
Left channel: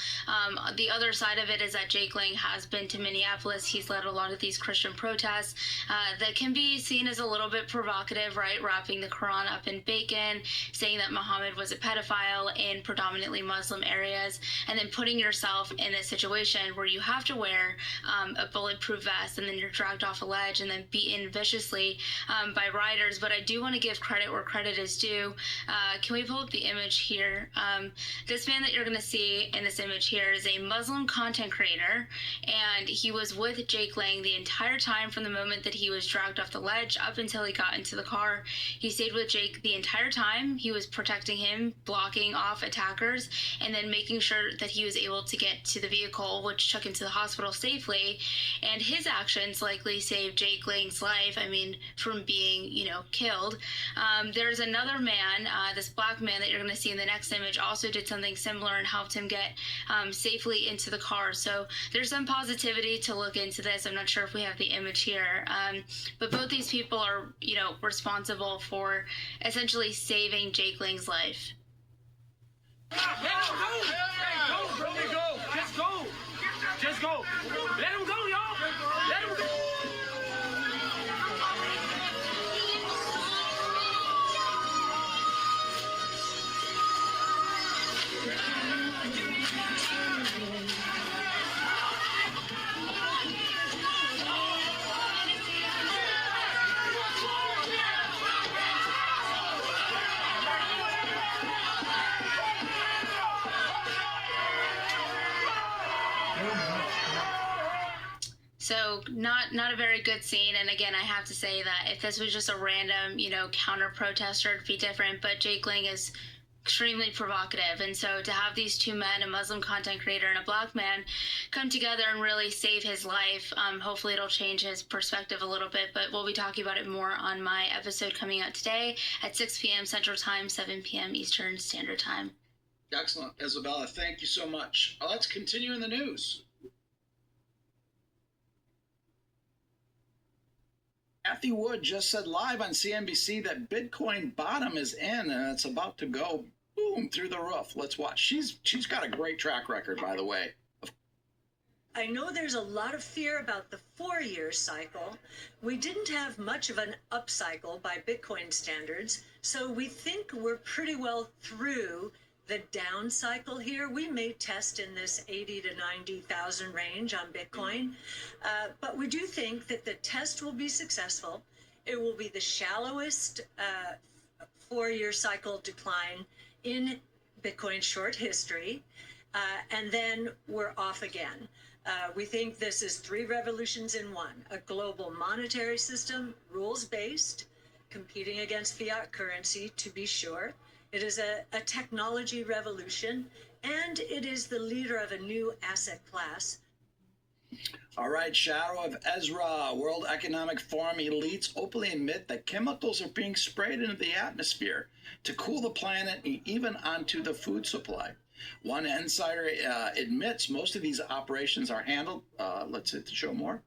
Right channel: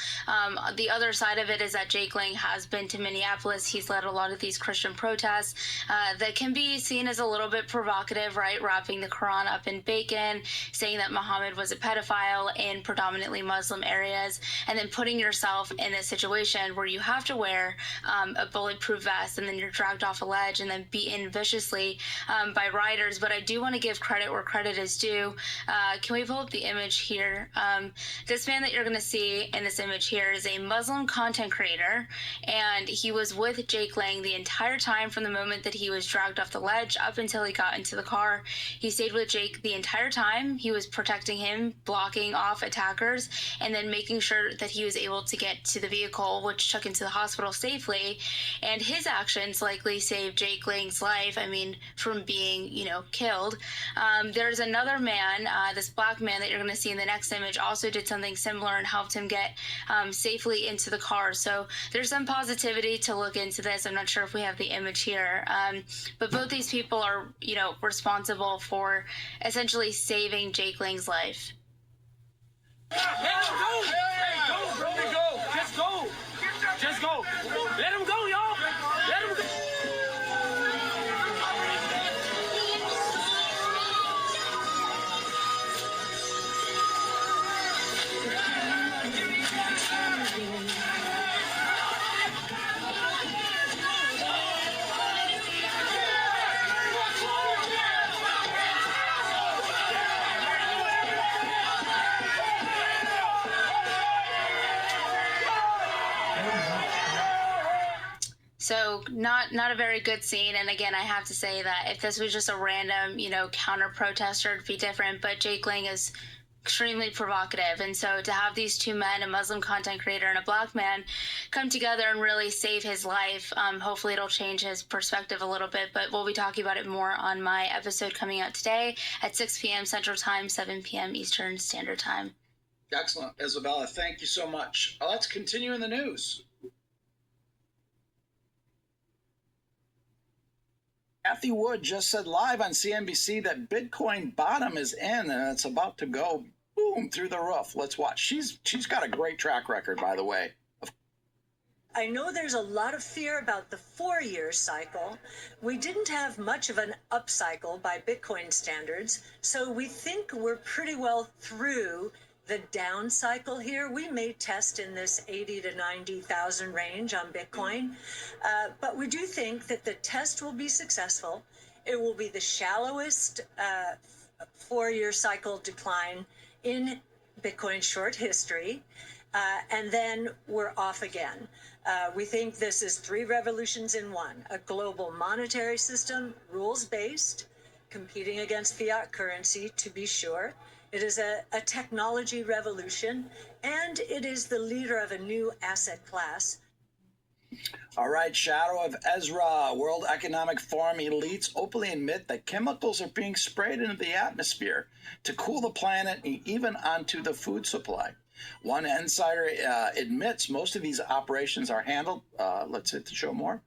The other side of it is that Jake Lang has been to Minneapolis. He's led a lot of these Christian protests that can be seen as a little bit provocative, right? Wrapping the Quran up in bacon, saying that Muhammad was a pedophile in predominantly Muslim areas, and then putting yourself in a situation where you have to wear a bulletproof vest, and then you're dragged off a ledge and then beaten viciously by rioters. But I do want to give credit where credit is due. Can we pull up the image here? This man that you're going to see in this image here is a Muslim content creator, and he was with Jake Lang the entire time from the moment that he was dragged off the ledge up until he got into the car. He stayed with Jake the entire time. He was protecting him, blocking off attackers, and then making sure that he was able to get to the vehicle, which took him to the hospital safely. And his actions likely saved Jake Lang's life, from being, killed. There's another man, this black man that you're going to see in the next image, also did something similar and helped him get safely into the car. So there's some positivity to look into this. I'm not sure if we have the image here, but both these people are, responsible for essentially saving Jake Lang's life. Let him go! Hey, go, bro. Go. Just go. Just go. Let him go, y'all. Let him go. So not a very good scene. And again, I have to say that if this was just a random, counter protester, it'd be different. But Jake Lang is extremely provocative. And so to have these two men, a Muslim content creator and a black man, come together and really save his life, hopefully it'll change his perspective a little bit. But we'll be talking about it more on my episode coming out today at 6 p.m. Central Time, 7 p.m. Eastern Standard Time. Excellent, Isabella. Thank you so much. Let's continue in the news. Kathy Wood just said live on CNBC that Bitcoin bottom is in and it's about to go boom through the roof. Let's watch. She's got a great track record, by the way. I know there's a lot of fear about the 4-year cycle. We didn't have much of an upcycle by Bitcoin standards, so we think we're pretty well through the down cycle here. We may test in this 80 to 90,000 range on Bitcoin, but we do think that the test will be successful. It will be the shallowest 4-year cycle decline in Bitcoin short history, and then we're off again. We think this is 3 revolutions in one: a global monetary system, rules-based, competing against fiat currency, to be sure. It is a technology revolution, and it is the leader of a new asset class. All right, Shadow of Ezra. World Economic Forum elites openly admit that chemicals are being sprayed into the atmosphere to cool the planet and even onto the food supply. One insider admits most of these operations are handled, let's hit the show more,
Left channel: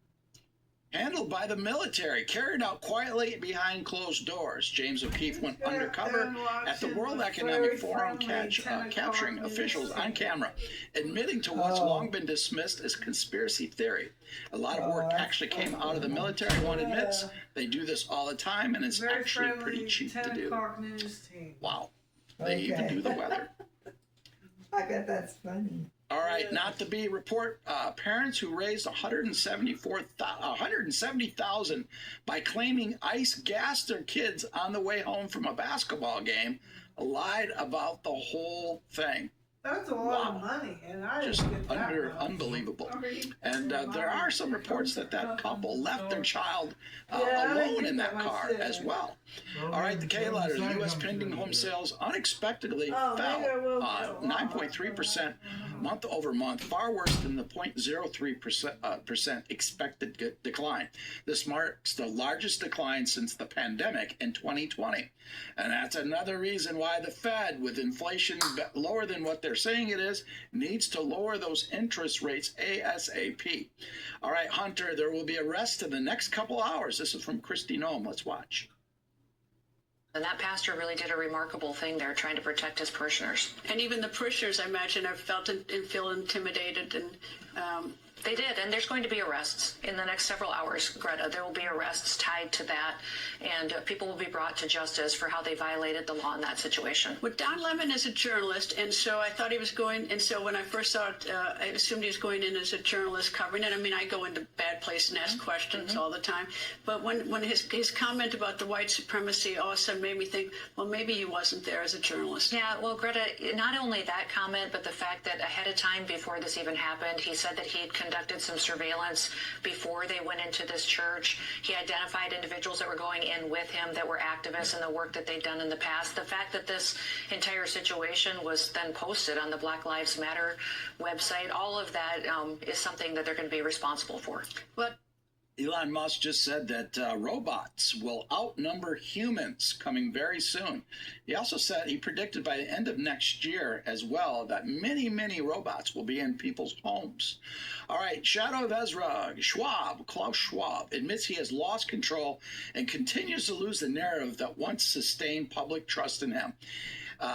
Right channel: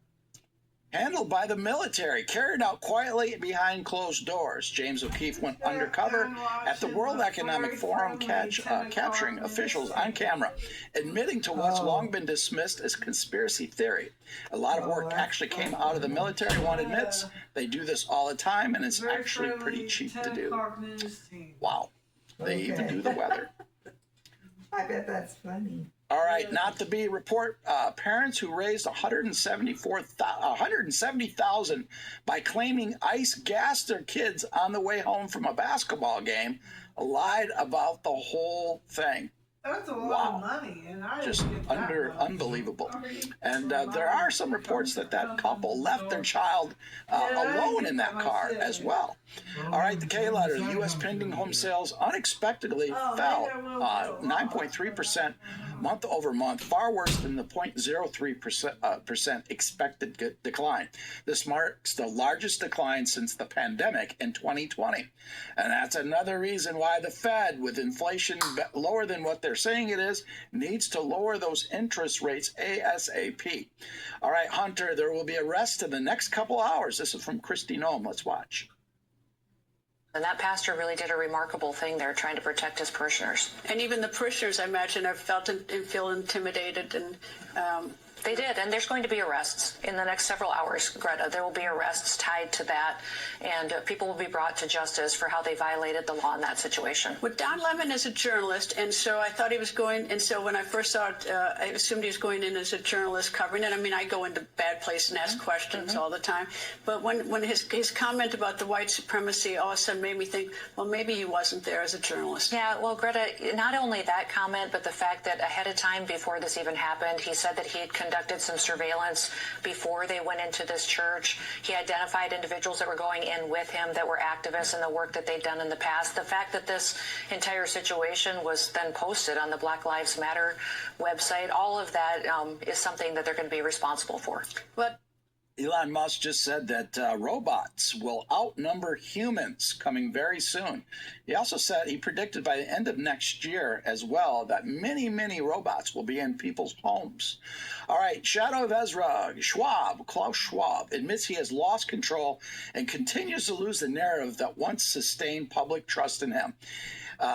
handled by the military, carried out quietly behind closed doors. James O'Keefe went undercover at the World Economic Forum, capturing officials on camera, admitting to what's long been dismissed as conspiracy theory. A lot of work actually came out of the military, one admits. They do this all the time, and it's actually pretty cheap to do. Wow. They even do the weather. I bet that's funny. All right, not to be report parents who raised $170,000 by claiming ICE gassed their kids on the way home from a basketball game lied about the whole thing. That's a lot of money, and I just didn't get that much. unbelievable. And there are some reports that couple left their child alone in that car as well. All right, the K letter, the U.S. pending home sales unexpectedly fell 9.3% month over month, far worse than the 0.03% expected decline. This marks the largest decline since the pandemic in 2020. And that's another reason why the Fed, with inflation lower than what they're saying it is, needs to lower those interest rates ASAP. All right, Hunter, there will be arrests in the next couple hours. This is from Christy Noem. Let's watch. And that pastor really did a remarkable thing there, trying to protect his parishioners. And even the parishioners, I imagine, have felt and feel intimidated. And they did, and there's going to be arrests in the next several hours, Greta. There will be arrests tied to that, and people will be brought to justice for how they violated the law in that situation. Well, Don Lemon is a journalist, and so I thought he was going, and so when I first saw it, I assumed he was going in as a journalist covering it. I mean, I go into bad places and ask questions all the time, but when his comment about the white supremacy all of a sudden made me think, well, maybe he wasn't there as a journalist. Yeah, well, Greta, not only that comment, but the fact that ahead of time, before this even happened, he said that he had conducted some surveillance before they went into this church. He identified individuals that were going in with him that were activists in the work that they'd done in the past. The fact that this entire situation was then posted on the Black Lives Matter website, all of that is something that they're going to be responsible for. But Elon Musk just said that robots will outnumber humans coming very soon. He also said he predicted by the end of next year as well that many, many robots will be in people's homes. All right, Shadow of Ezra, Klaus Schwab, admits he has lost control and continues to lose the narrative that once sustained public trust in him.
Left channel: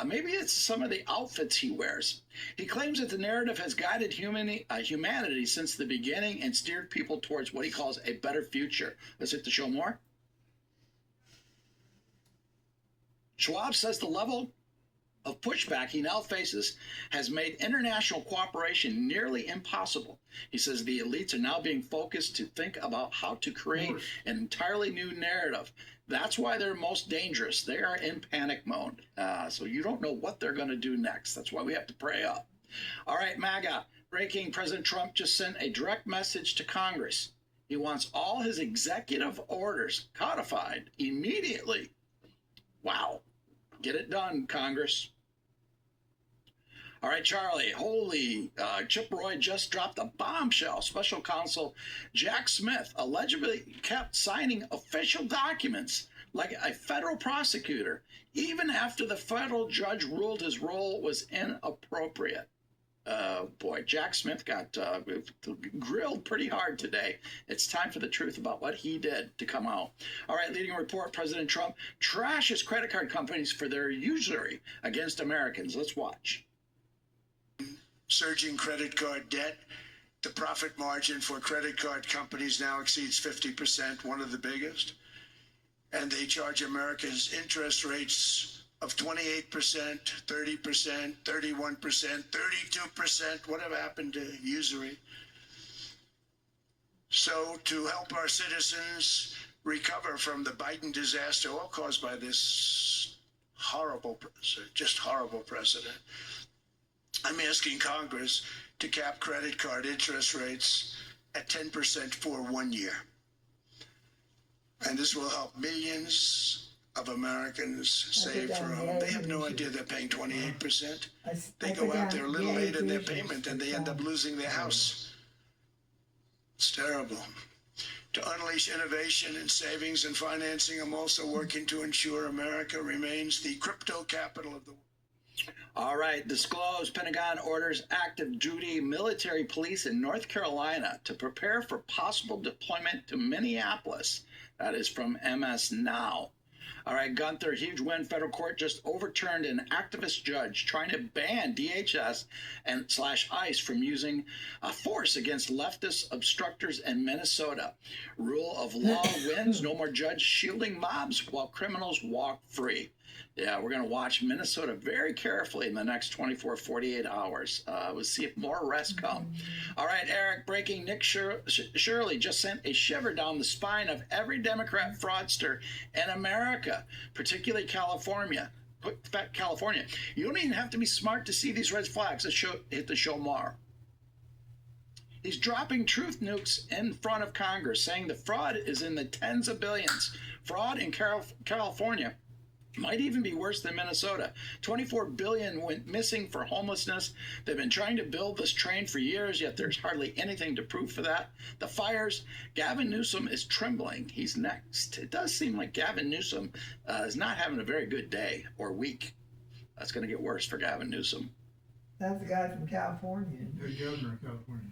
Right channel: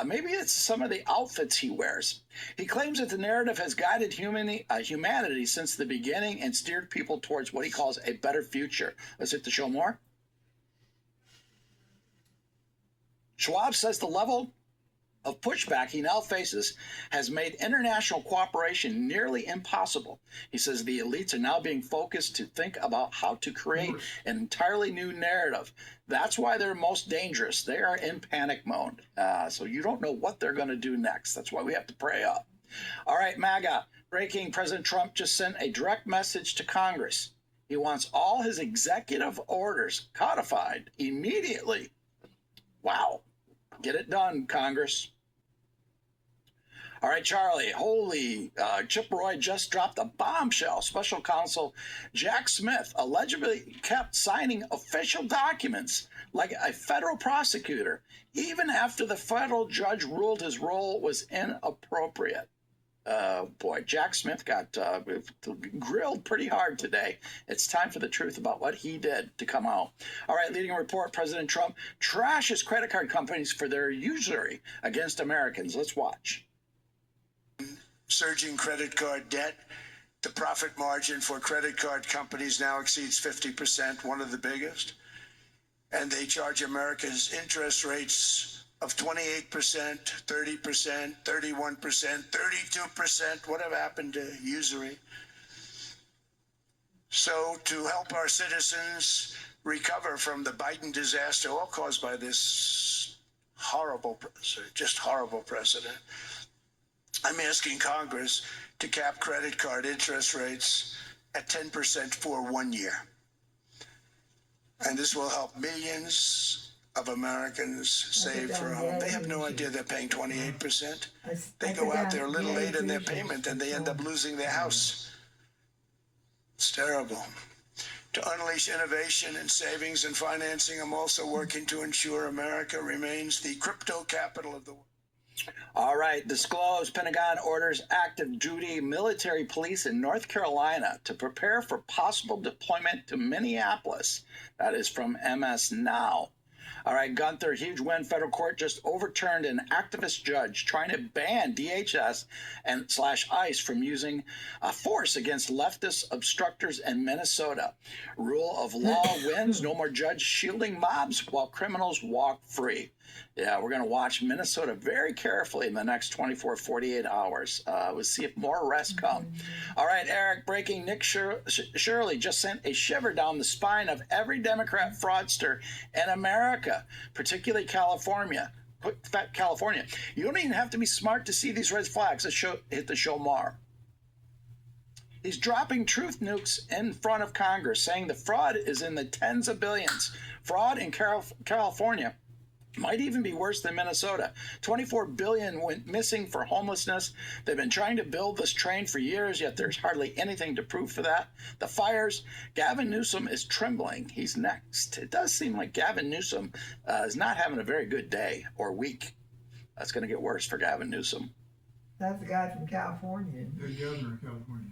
Maybe it's some of the outfits he wears. He claims that the narrative has guided humanity since the beginning and steered people towards what he calls a better future. Let's hit the show more. Schwab says the level of pushback he now faces has made international cooperation nearly impossible. He says the elites are now being focused to think about how to create an entirely new narrative. That's why they're most dangerous. They are in panic mode. So you don't know what they're going to do next. That's why we have to pray up. All right, MAGA. Breaking, President Trump just sent a direct message to Congress. He wants all his executive orders codified immediately. Wow. Get it done, Congress. All right, Charlie, holy, Chip Roy just dropped a bombshell. Special counsel Jack Smith allegedly kept signing official documents like a federal prosecutor, even after the federal judge ruled his role was inappropriate. Boy, Jack Smith got grilled pretty hard today. It's time for the truth about what he did to come out. All right, leading report, President Trump trashes credit card companies for their usury against Americans. Let's watch. Surging credit card debt. The profit margin for credit card companies now exceeds 50%, one of the biggest. And they charge Americans interest rates of 28%, 30%, 31%, 32%. Whatever happened to usury? So to help our citizens recover from the Biden disaster, all caused by this horrible precedent, I'm asking Congress to cap credit card interest rates at 10% for 1 year. And this will help millions of Americans save for a home. They have no idea they're paying 28%. They go out there a little late in their payment and they end up losing their house. It's terrible. To unleash innovation in savings and financing, I'm also working to ensure America remains the crypto capital of the world. All right, disclose Pentagon orders active duty military police in North Carolina to prepare for possible deployment to Minneapolis. That is from MS Now. All right, Gunther, huge win. Federal court just overturned an activist judge trying to ban DHS and /ICE from using force against leftist obstructors in Minnesota. Rule of law wins. No more judge shielding mobs while criminals walk free. Yeah, we're going to watch Minnesota very carefully in the next 24, 48 hours. We'll see if more arrests come. All right, Eric, breaking. Nick Shirley just sent a shiver down the spine of every Democrat fraudster in America, particularly California. California. You don't even have to be smart to see these red flags that hit the show more. He's dropping truth nukes in front of Congress, saying the fraud is in the tens of billions. Fraud in California might even be worse than Minnesota. $24 billion went missing for homelessness. They've been trying to build this train for years, yet there's hardly anything to prove for that. The fires, Gavin Newsom is trembling. He's next. It does seem like Gavin Newsom is not having a very good day or week. That's going to get worse for Gavin Newsom. That's the guy from California. The governor of California.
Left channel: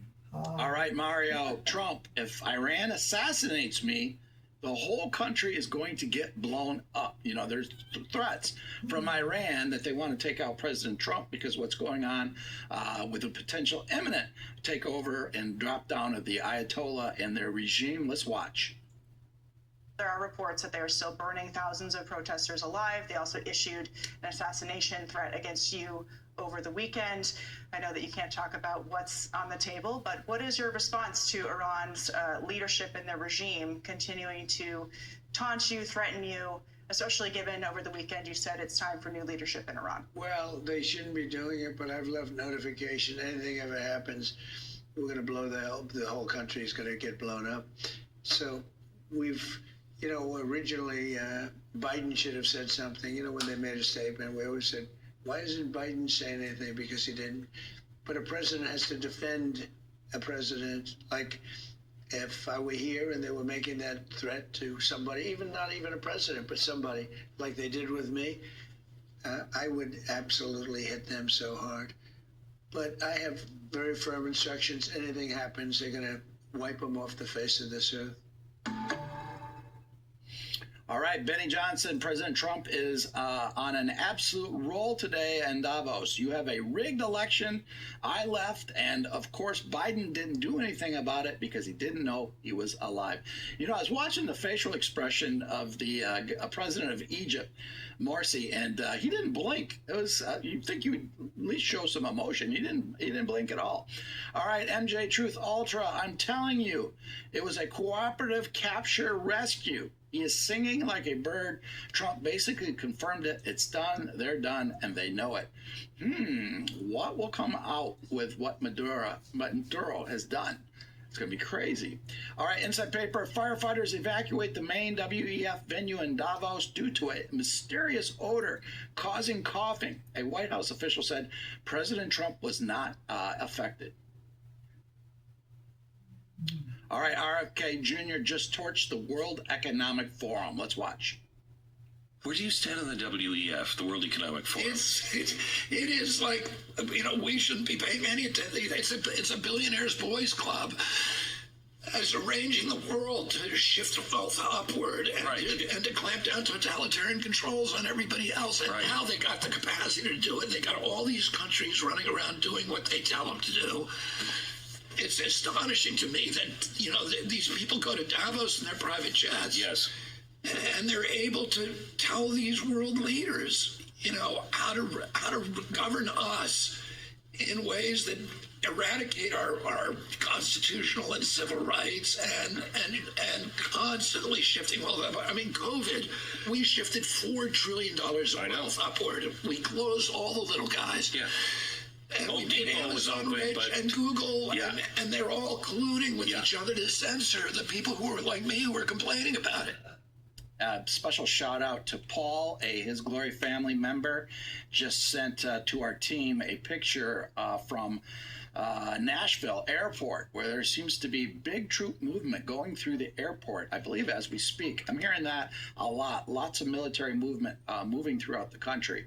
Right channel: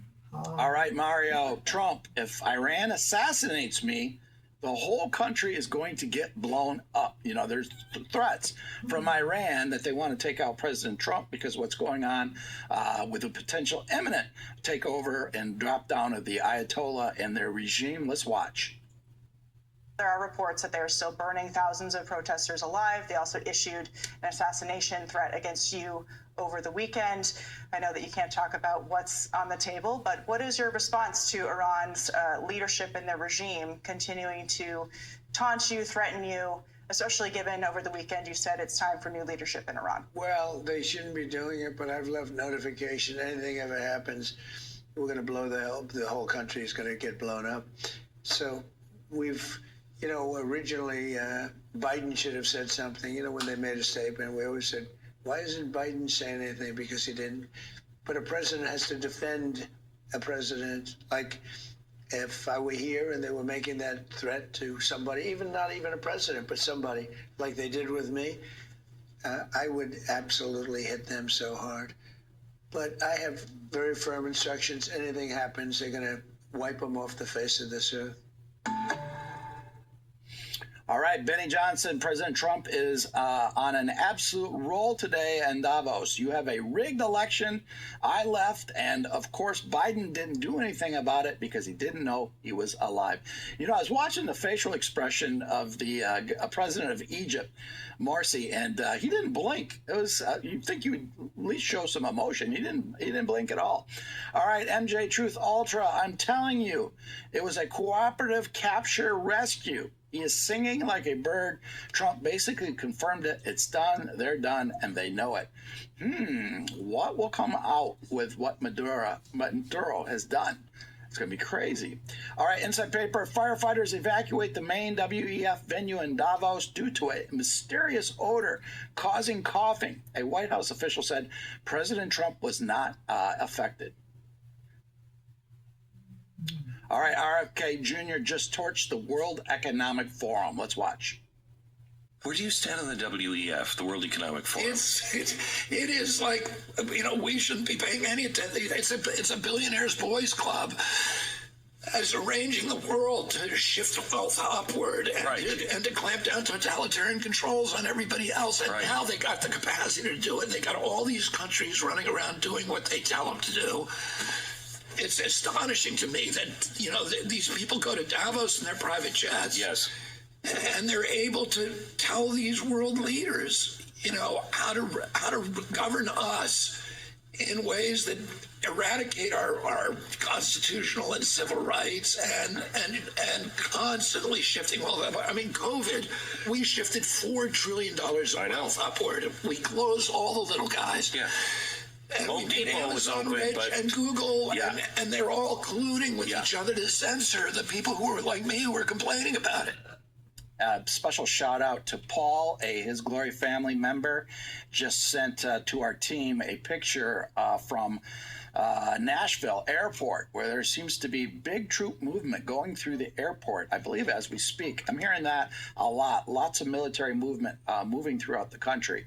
All right, Mario. Trump, if Iran assassinates me, the whole country is going to get blown up. You know, there's threats from Iran that they want to take out President Trump because what's going on with a potential imminent takeover and drop down of the Ayatollah and their regime. Let's watch. There are reports that they are still burning thousands of protesters alive. They also issued an assassination threat against you over the weekend. I know that you can't talk about what's on the table, but what is your response to Iran's leadership in their regime continuing to taunt you, threaten you, especially given over the weekend you said it's time for new leadership in Iran? Well, they shouldn't be doing it, but I've left notification. Anything ever happens, we're going to blow the whole country is going to get blown up. So we've, you know, originally Biden should have said something. You know, when they made a statement, we always said, why isn't Biden saying anything? Because he didn't. But a president has to defend a president. Like if I were here and they were making that threat to somebody, even not even a president, but somebody like they did with me, I would absolutely hit them so hard. But I have very firm instructions. Anything happens, they're going to wipe them off the face of this earth. All right, Benny Johnson, President Trump is on an absolute roll today in Davos. You have a rigged election. I left, and of course, Biden didn't do anything about it because he didn't know he was alive. You know, I was watching the facial expression of the president of Egypt, Morsi, and he didn't blink. It was you'd think you would at least show some emotion. He didn't blink at all. All right, MJ Truth Ultra, I'm telling you, it was a cooperative capture rescue. He is singing like a bird. Trump basically confirmed it. It's done. They're done, and they know it. What will come out with what Maduro has done? It's going to be crazy. All right, Inside Paper. Firefighters evacuate the main WEF venue in Davos due to a mysterious odor causing coughing. A White House official said President Trump was not affected. All right, RFK Jr. just torched the World Economic Forum. Let's watch. Where do you stand on the WEF, the World Economic Forum? It is like, you know, we shouldn't be paying any attention. It's a billionaires' boys club. As arranging the world to shift wealth upward and to clamp down totalitarian controls on everybody else. And now they got the capacity to do it. They got all these countries running around doing what they tell them to do. It's astonishing to me that, you know, these people go to Davos in their private jets. Yes. And they're able to tell these world leaders, you know, how to govern us in ways that eradicate our constitutional and civil rights and constantly shifting wealth. I mean, COVID, we shifted $4 trillion of wealth upward. We closed all the little guys. Yeah. And we made Amazon rich and Google, and they're all colluding with each other to censor the people who are like me who are complaining about it. A special shout out to Paul, a His Glory family member, just sent to our team a picture from Nashville airport, where there seems to be big troop movement going through the airport, I believe, as we speak. I'm hearing that a lot. Lots of military movement moving throughout the country.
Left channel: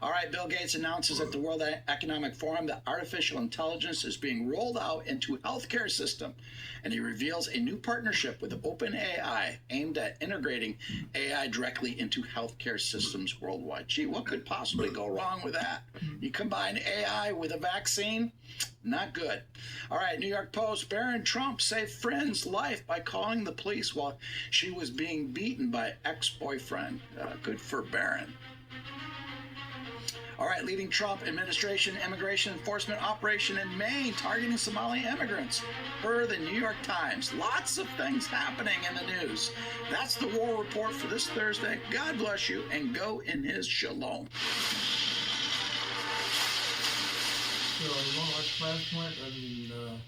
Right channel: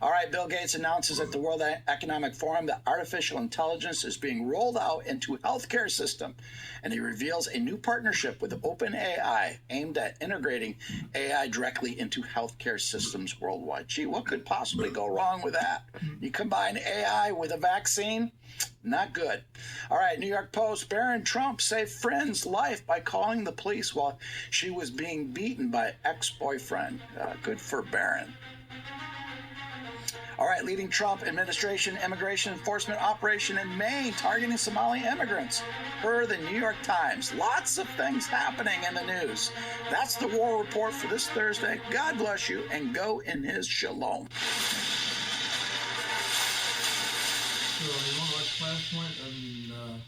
All right, Bill Gates announces at the World Economic Forum that artificial intelligence is being rolled out into healthcare system, and he reveals a new partnership with OpenAI aimed at integrating AI directly into healthcare systems worldwide. Gee, what could possibly go wrong with that? You combine AI with a vaccine? Not good. All right, New York Post, Barron Trump saved friend's life by calling the police while she was being beaten by ex-boyfriend. Good for Barron. All right, leading Trump administration immigration enforcement operation in Maine targeting Somali immigrants. Per the New York Times. Lots of things happening in the news. That's the War Report for this Thursday. God bless you and go in his shalom. So you want to watch Flashpoint on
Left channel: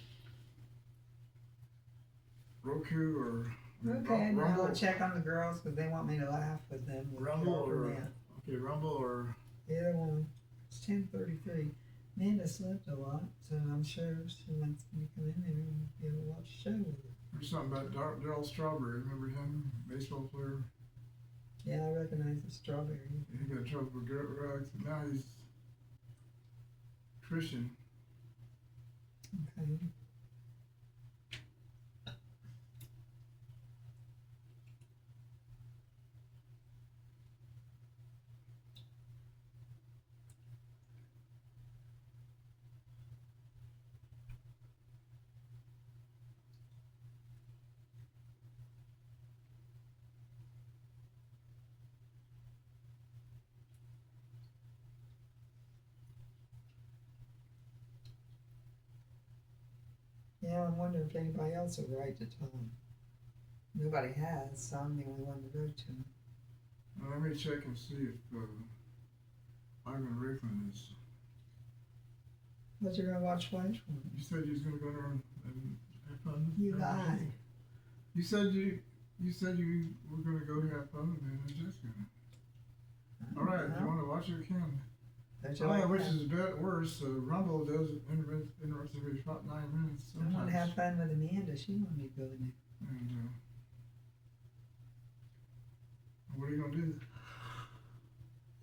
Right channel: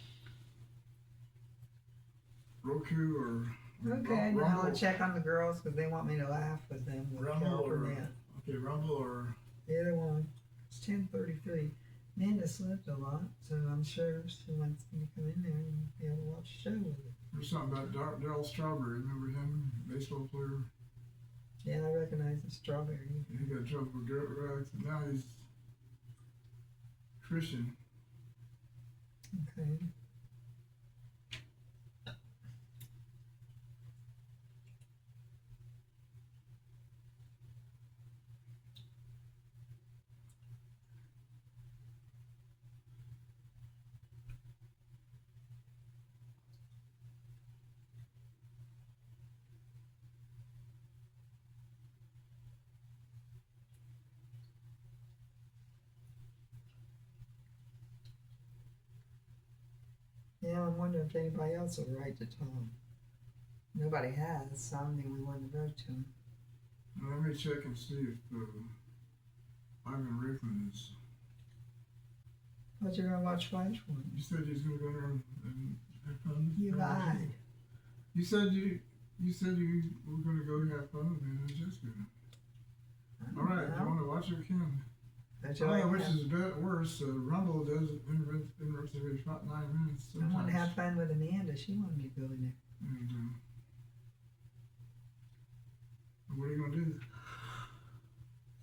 Roku or Okay, and I Rumble? want to check on the girls because they want me to laugh with them. With Rumble or Net. okay, Rumble or Either one. It's 10:33. Amanda slept a lot, so I'm sure she wants me to come in there and be able to watch the show with her. there's something about Darryl Strawberry. Remember him, baseball player? Yeah, I recognize the strawberry. He got in trouble with drugs, but now he's Christian. Okay. Yeah, I'm wondering if anybody else will write to Tom. Nobody has, so I'm the only one to go to. Well, let me check and see if Ivan Rickman is. But you're gonna watch Flashpoint. You said you was gonna go there and have fun. You lied. You said you were gonna go have fun with me and Jessica. All right, if you want to watch it, can. I don't know which is worse. Rumble does interrupt every 9 minutes. I want to have fun with Amanda. She wanted me to go in there. There you go. What are you gonna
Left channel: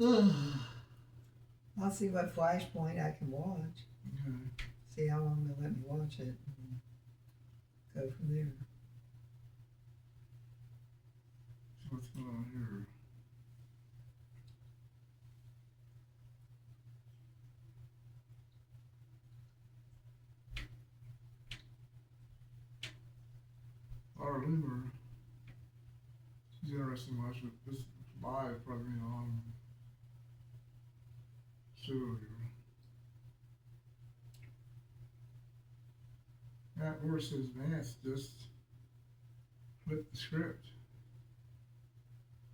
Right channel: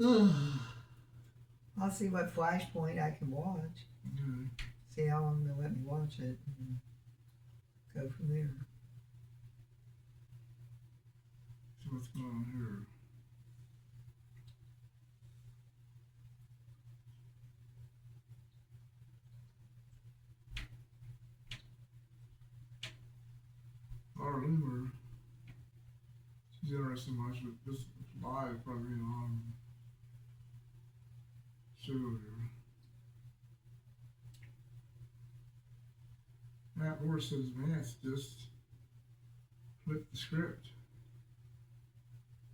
do? I'll see what Flashpoint I can watch. Okay. See how long they'll let me watch it and go from there. So what's going on here? Laura Loomer, she's interested in watching this live, probably on show here. Matt Moore says Vance just flipped the script.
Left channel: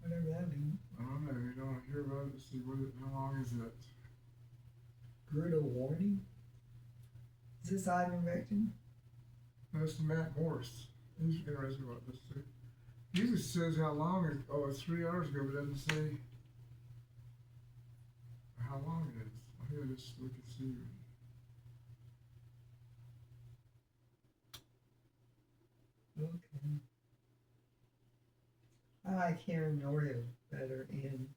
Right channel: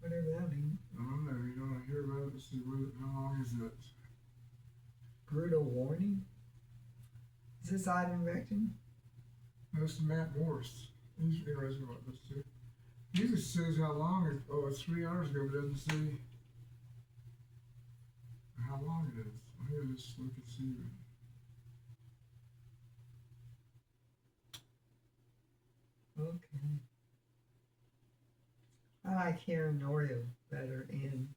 Whatever that means. I don't know, you don't hear about it. Let's see, how long is that? Brutal warning? Is this Ivan Recton? That's Matt Morris. He's interested about this too. He just says how long it, it's 3 hours ago, but doesn't say how long it is. Here, let's look and see. Okay. I like hearing Oreo better in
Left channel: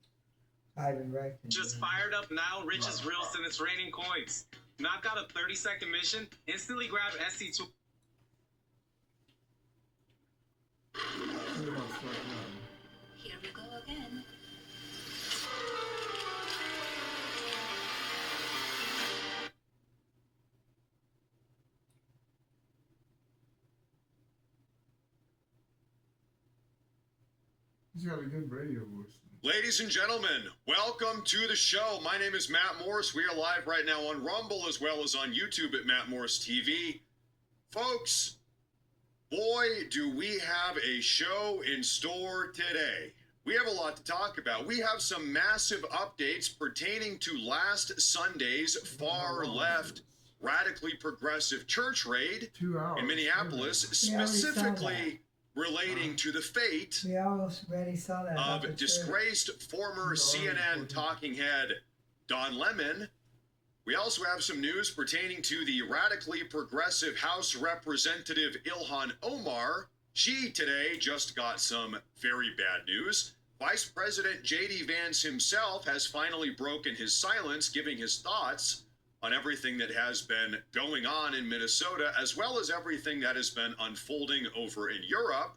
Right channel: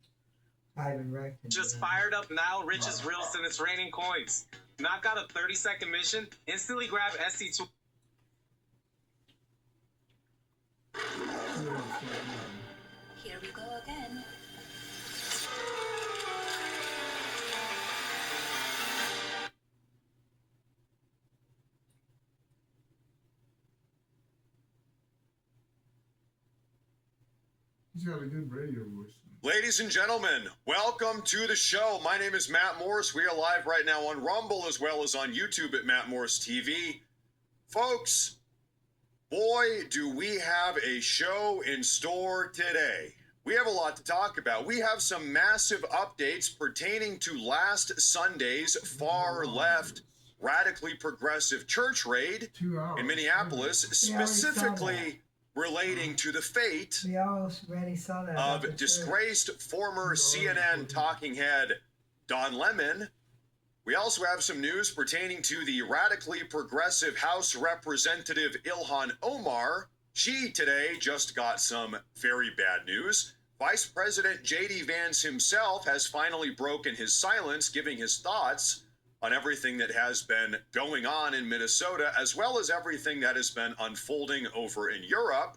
Ivan Recton. Just fired up now, rich as real, and it's raining coins. Knock out a 30-second mission, instantly grab SC2. Here we go again. He's got a good radio voice. Ladies and gentlemen, welcome to the show. My name is Matt Morris. We are live right now on Rumble as well as on YouTube at Matt Morris TV. Folks, boy, do we have a show in store today. We have a lot to talk about. We have some massive updates pertaining to last Sunday's far-left, radically progressive church raid in Minneapolis, specifically relating to the fate We already saw that. of disgraced former CNN talking head Don Lemon. We also have some news pertaining to the radically progressive House Representative Ilhan Omar. She today just got some very bad news. Vice President J.D. Vance himself has finally broken his silence, giving his thoughts on everything that has been going on in Minnesota, as well as everything that has been unfolding over in Europe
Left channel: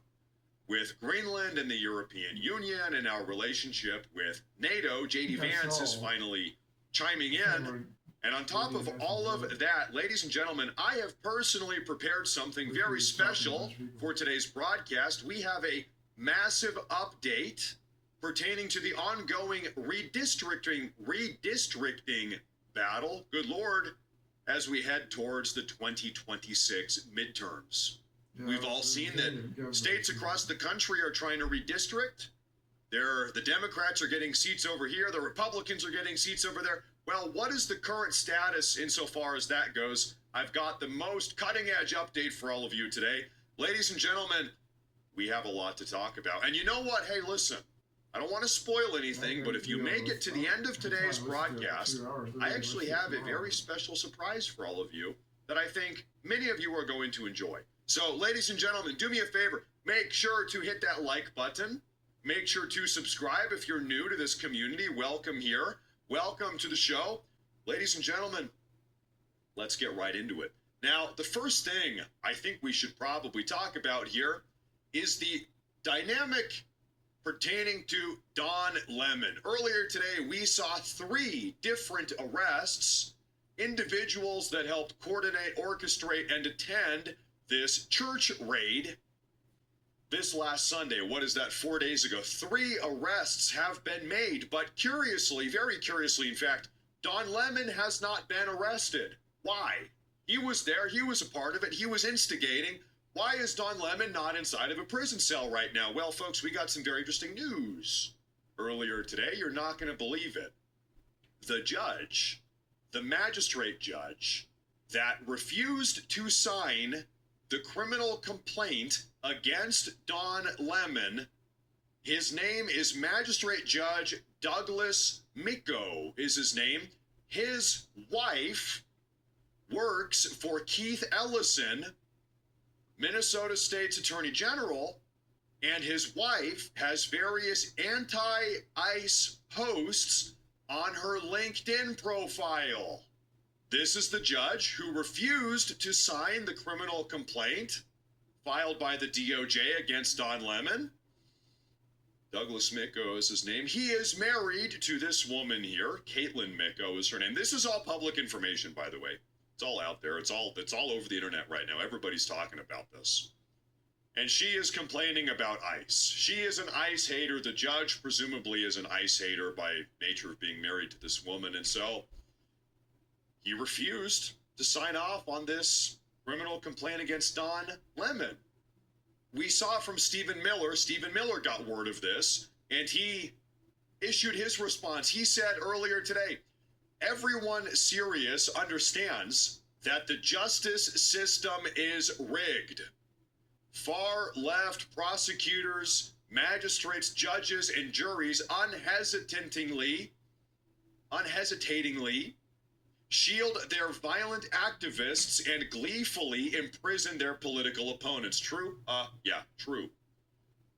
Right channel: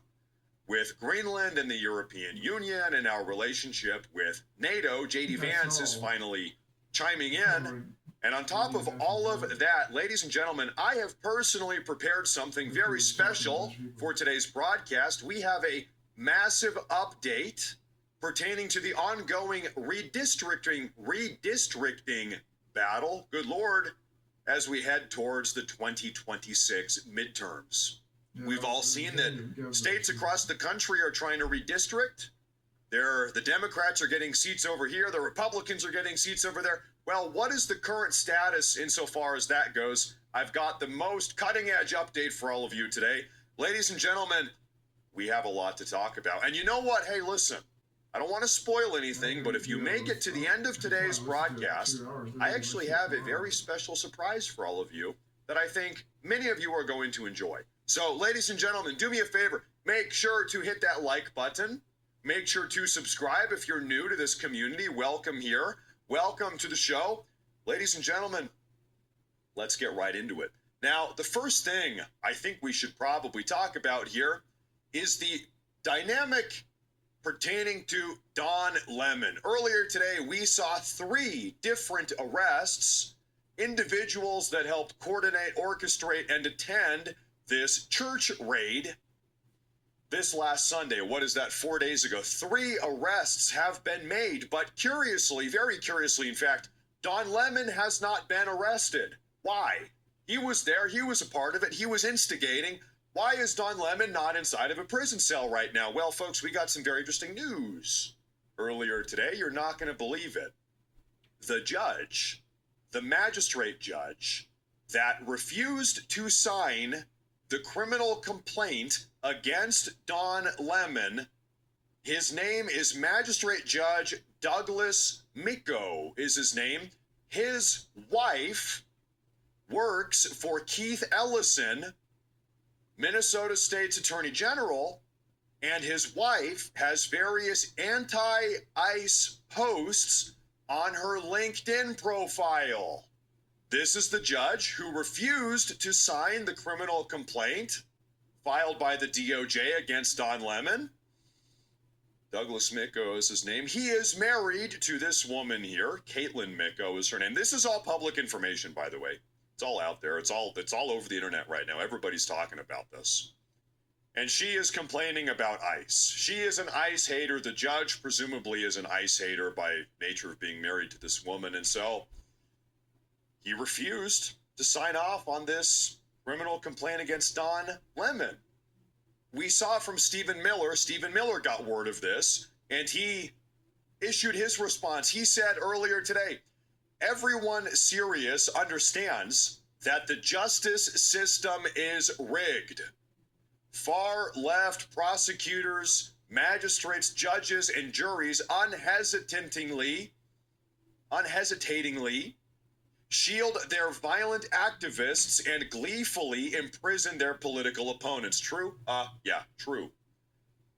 with Greenland and the European Union and our relationship with NATO. J.D. Vance is finally chiming in. And on top of all of that, ladies and gentlemen, I have personally prepared something very special for today's broadcast. We have a massive update pertaining to the ongoing redistricting battle, good Lord, as we head towards the 2026 midterms. We've all seen that states across the country are trying to redistrict. The Democrats are getting seats over here. The Republicans are getting seats over there. Well, what is the current status insofar as that goes? I've got the most cutting-edge update for all of you today. Ladies and gentlemen, we have a lot to talk about. And you know what? Hey, listen, I don't want to spoil anything, but if you make it to the end of today's broadcast, I actually have a very special surprise for all of you that I think many of you are going to enjoy. So, ladies and gentlemen, do me a favor. Make sure to hit that like button. Make sure to subscribe if you're new to this community. Welcome here. Welcome to the show. Ladies and gentlemen, let's get right into it. Now, the first thing I think we should probably talk about here is the dynamic pertaining to Don Lemon. Earlier today, we saw 3 different arrests, individuals that helped coordinate, orchestrate, and attend this church raid this last Sunday. What is that, 4 days ago? 3 arrests have been made, but curiously, very curiously, in fact, Don Lemon has not been arrested. Why? He was there. He was a part of it. He was instigating. Why is Don Lemon not inside of a prison cell right now? Well, folks, we got some very interesting news earlier today. You're not going to believe it. The judge, the magistrate judge that refused to sign the criminal complaint against Don Lemon, his name is Magistrate Judge Douglas Micko is his name. His wife works for Keith Ellison, Minnesota State's Attorney General, and his wife has various anti-ICE posts on her LinkedIn profile. This is the judge who refused to sign the criminal complaint filed by the DOJ against Don Lemon. Douglas Micko is his name. He is married to this woman here. Caitlin Micko is her name. This is all public information, by the way. It's all out there. It's all over the internet right now. Everybody's talking about this. And she is complaining about ICE. She is an ICE hater. The judge presumably is an ICE hater by nature of being married to this woman. And so he refused to sign off on this criminal complaint against Don Lemon. We saw from Stephen Miller. Stephen Miller got word of this, and he issued his response. He said earlier today, everyone serious understands that the justice system is rigged. Far left prosecutors, magistrates, judges, and juries unhesitatingly shield their violent activists and gleefully imprison their political opponents. True? Yeah, true.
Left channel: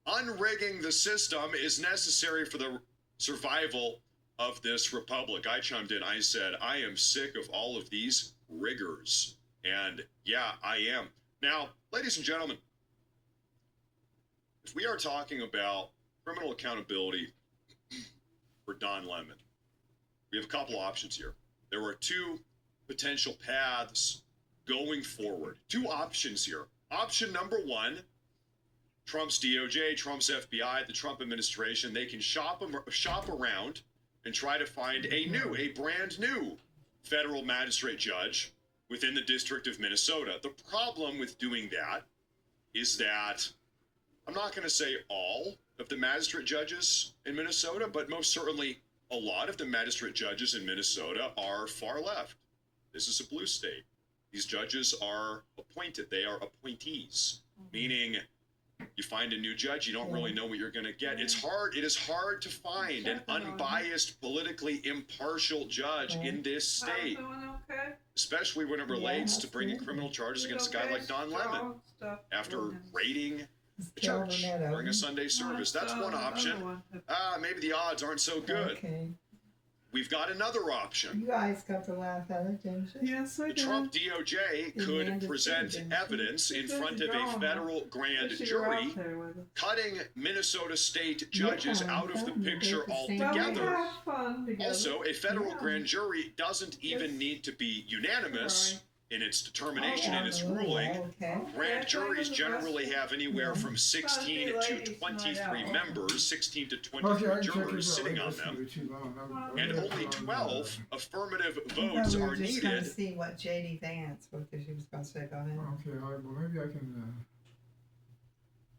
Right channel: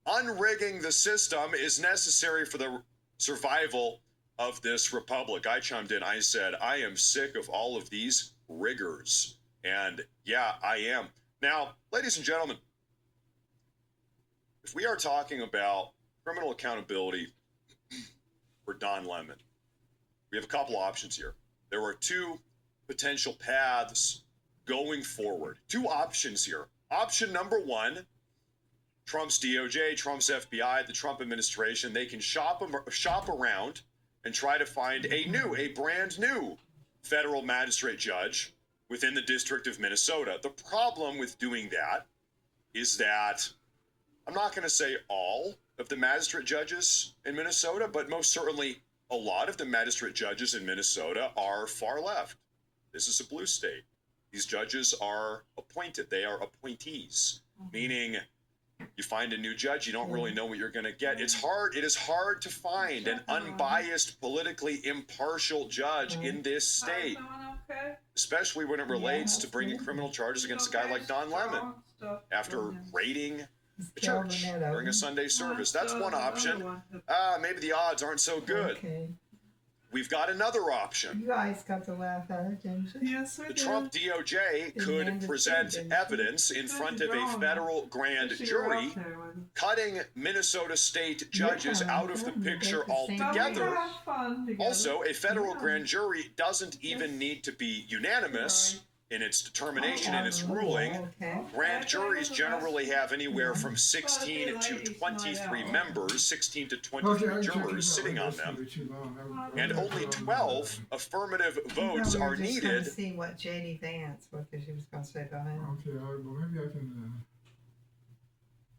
Unrigging the system is necessary for the survival of this republic. I chimed in. I said, I am sick of all of these riggers. And yeah, I am. Now, ladies and gentlemen, if we are talking about criminal accountability for Don Lemon, we have a couple options here. There are 2 potential paths going forward. 2 options here. Option number 1, Trump's DOJ, Trump's FBI, the Trump administration, they can shop around and try to find a brand new federal magistrate judge within the District of Minnesota. The problem with doing that is that I'm not going to say all of the magistrate judges in Minnesota, but most certainly a lot of the magistrate judges in Minnesota are far left. This is a blue state. These judges are appointed. They are appointees, meaning You find a new judge, you don't really know what you're going to get. It's hard. It is hard to find an unbiased, politically impartial judge in this state, especially when it relates to bringing criminal charges against a guy like Don Lemon after raiding the church during a Sunday service. That's one option. Maybe the odds aren't so good. Okay. We've got another option. You guys got to laugh at it, didn't you? Yes, The Trump DOJ could present evidence in front of a federal grand jury, cutting Minnesota state judges out of the picture altogether. Also, a federal grand jury doesn't even need to be unanimous in its determination, in its ruling. Grand juries generally have anywhere from 16 to 23 members, 16 to 23 jurors sitting on them, and only 12 affirmative votes are needed. To see what J.D. Vance, what she was going to say about him. Okay, all right, well, maybe I can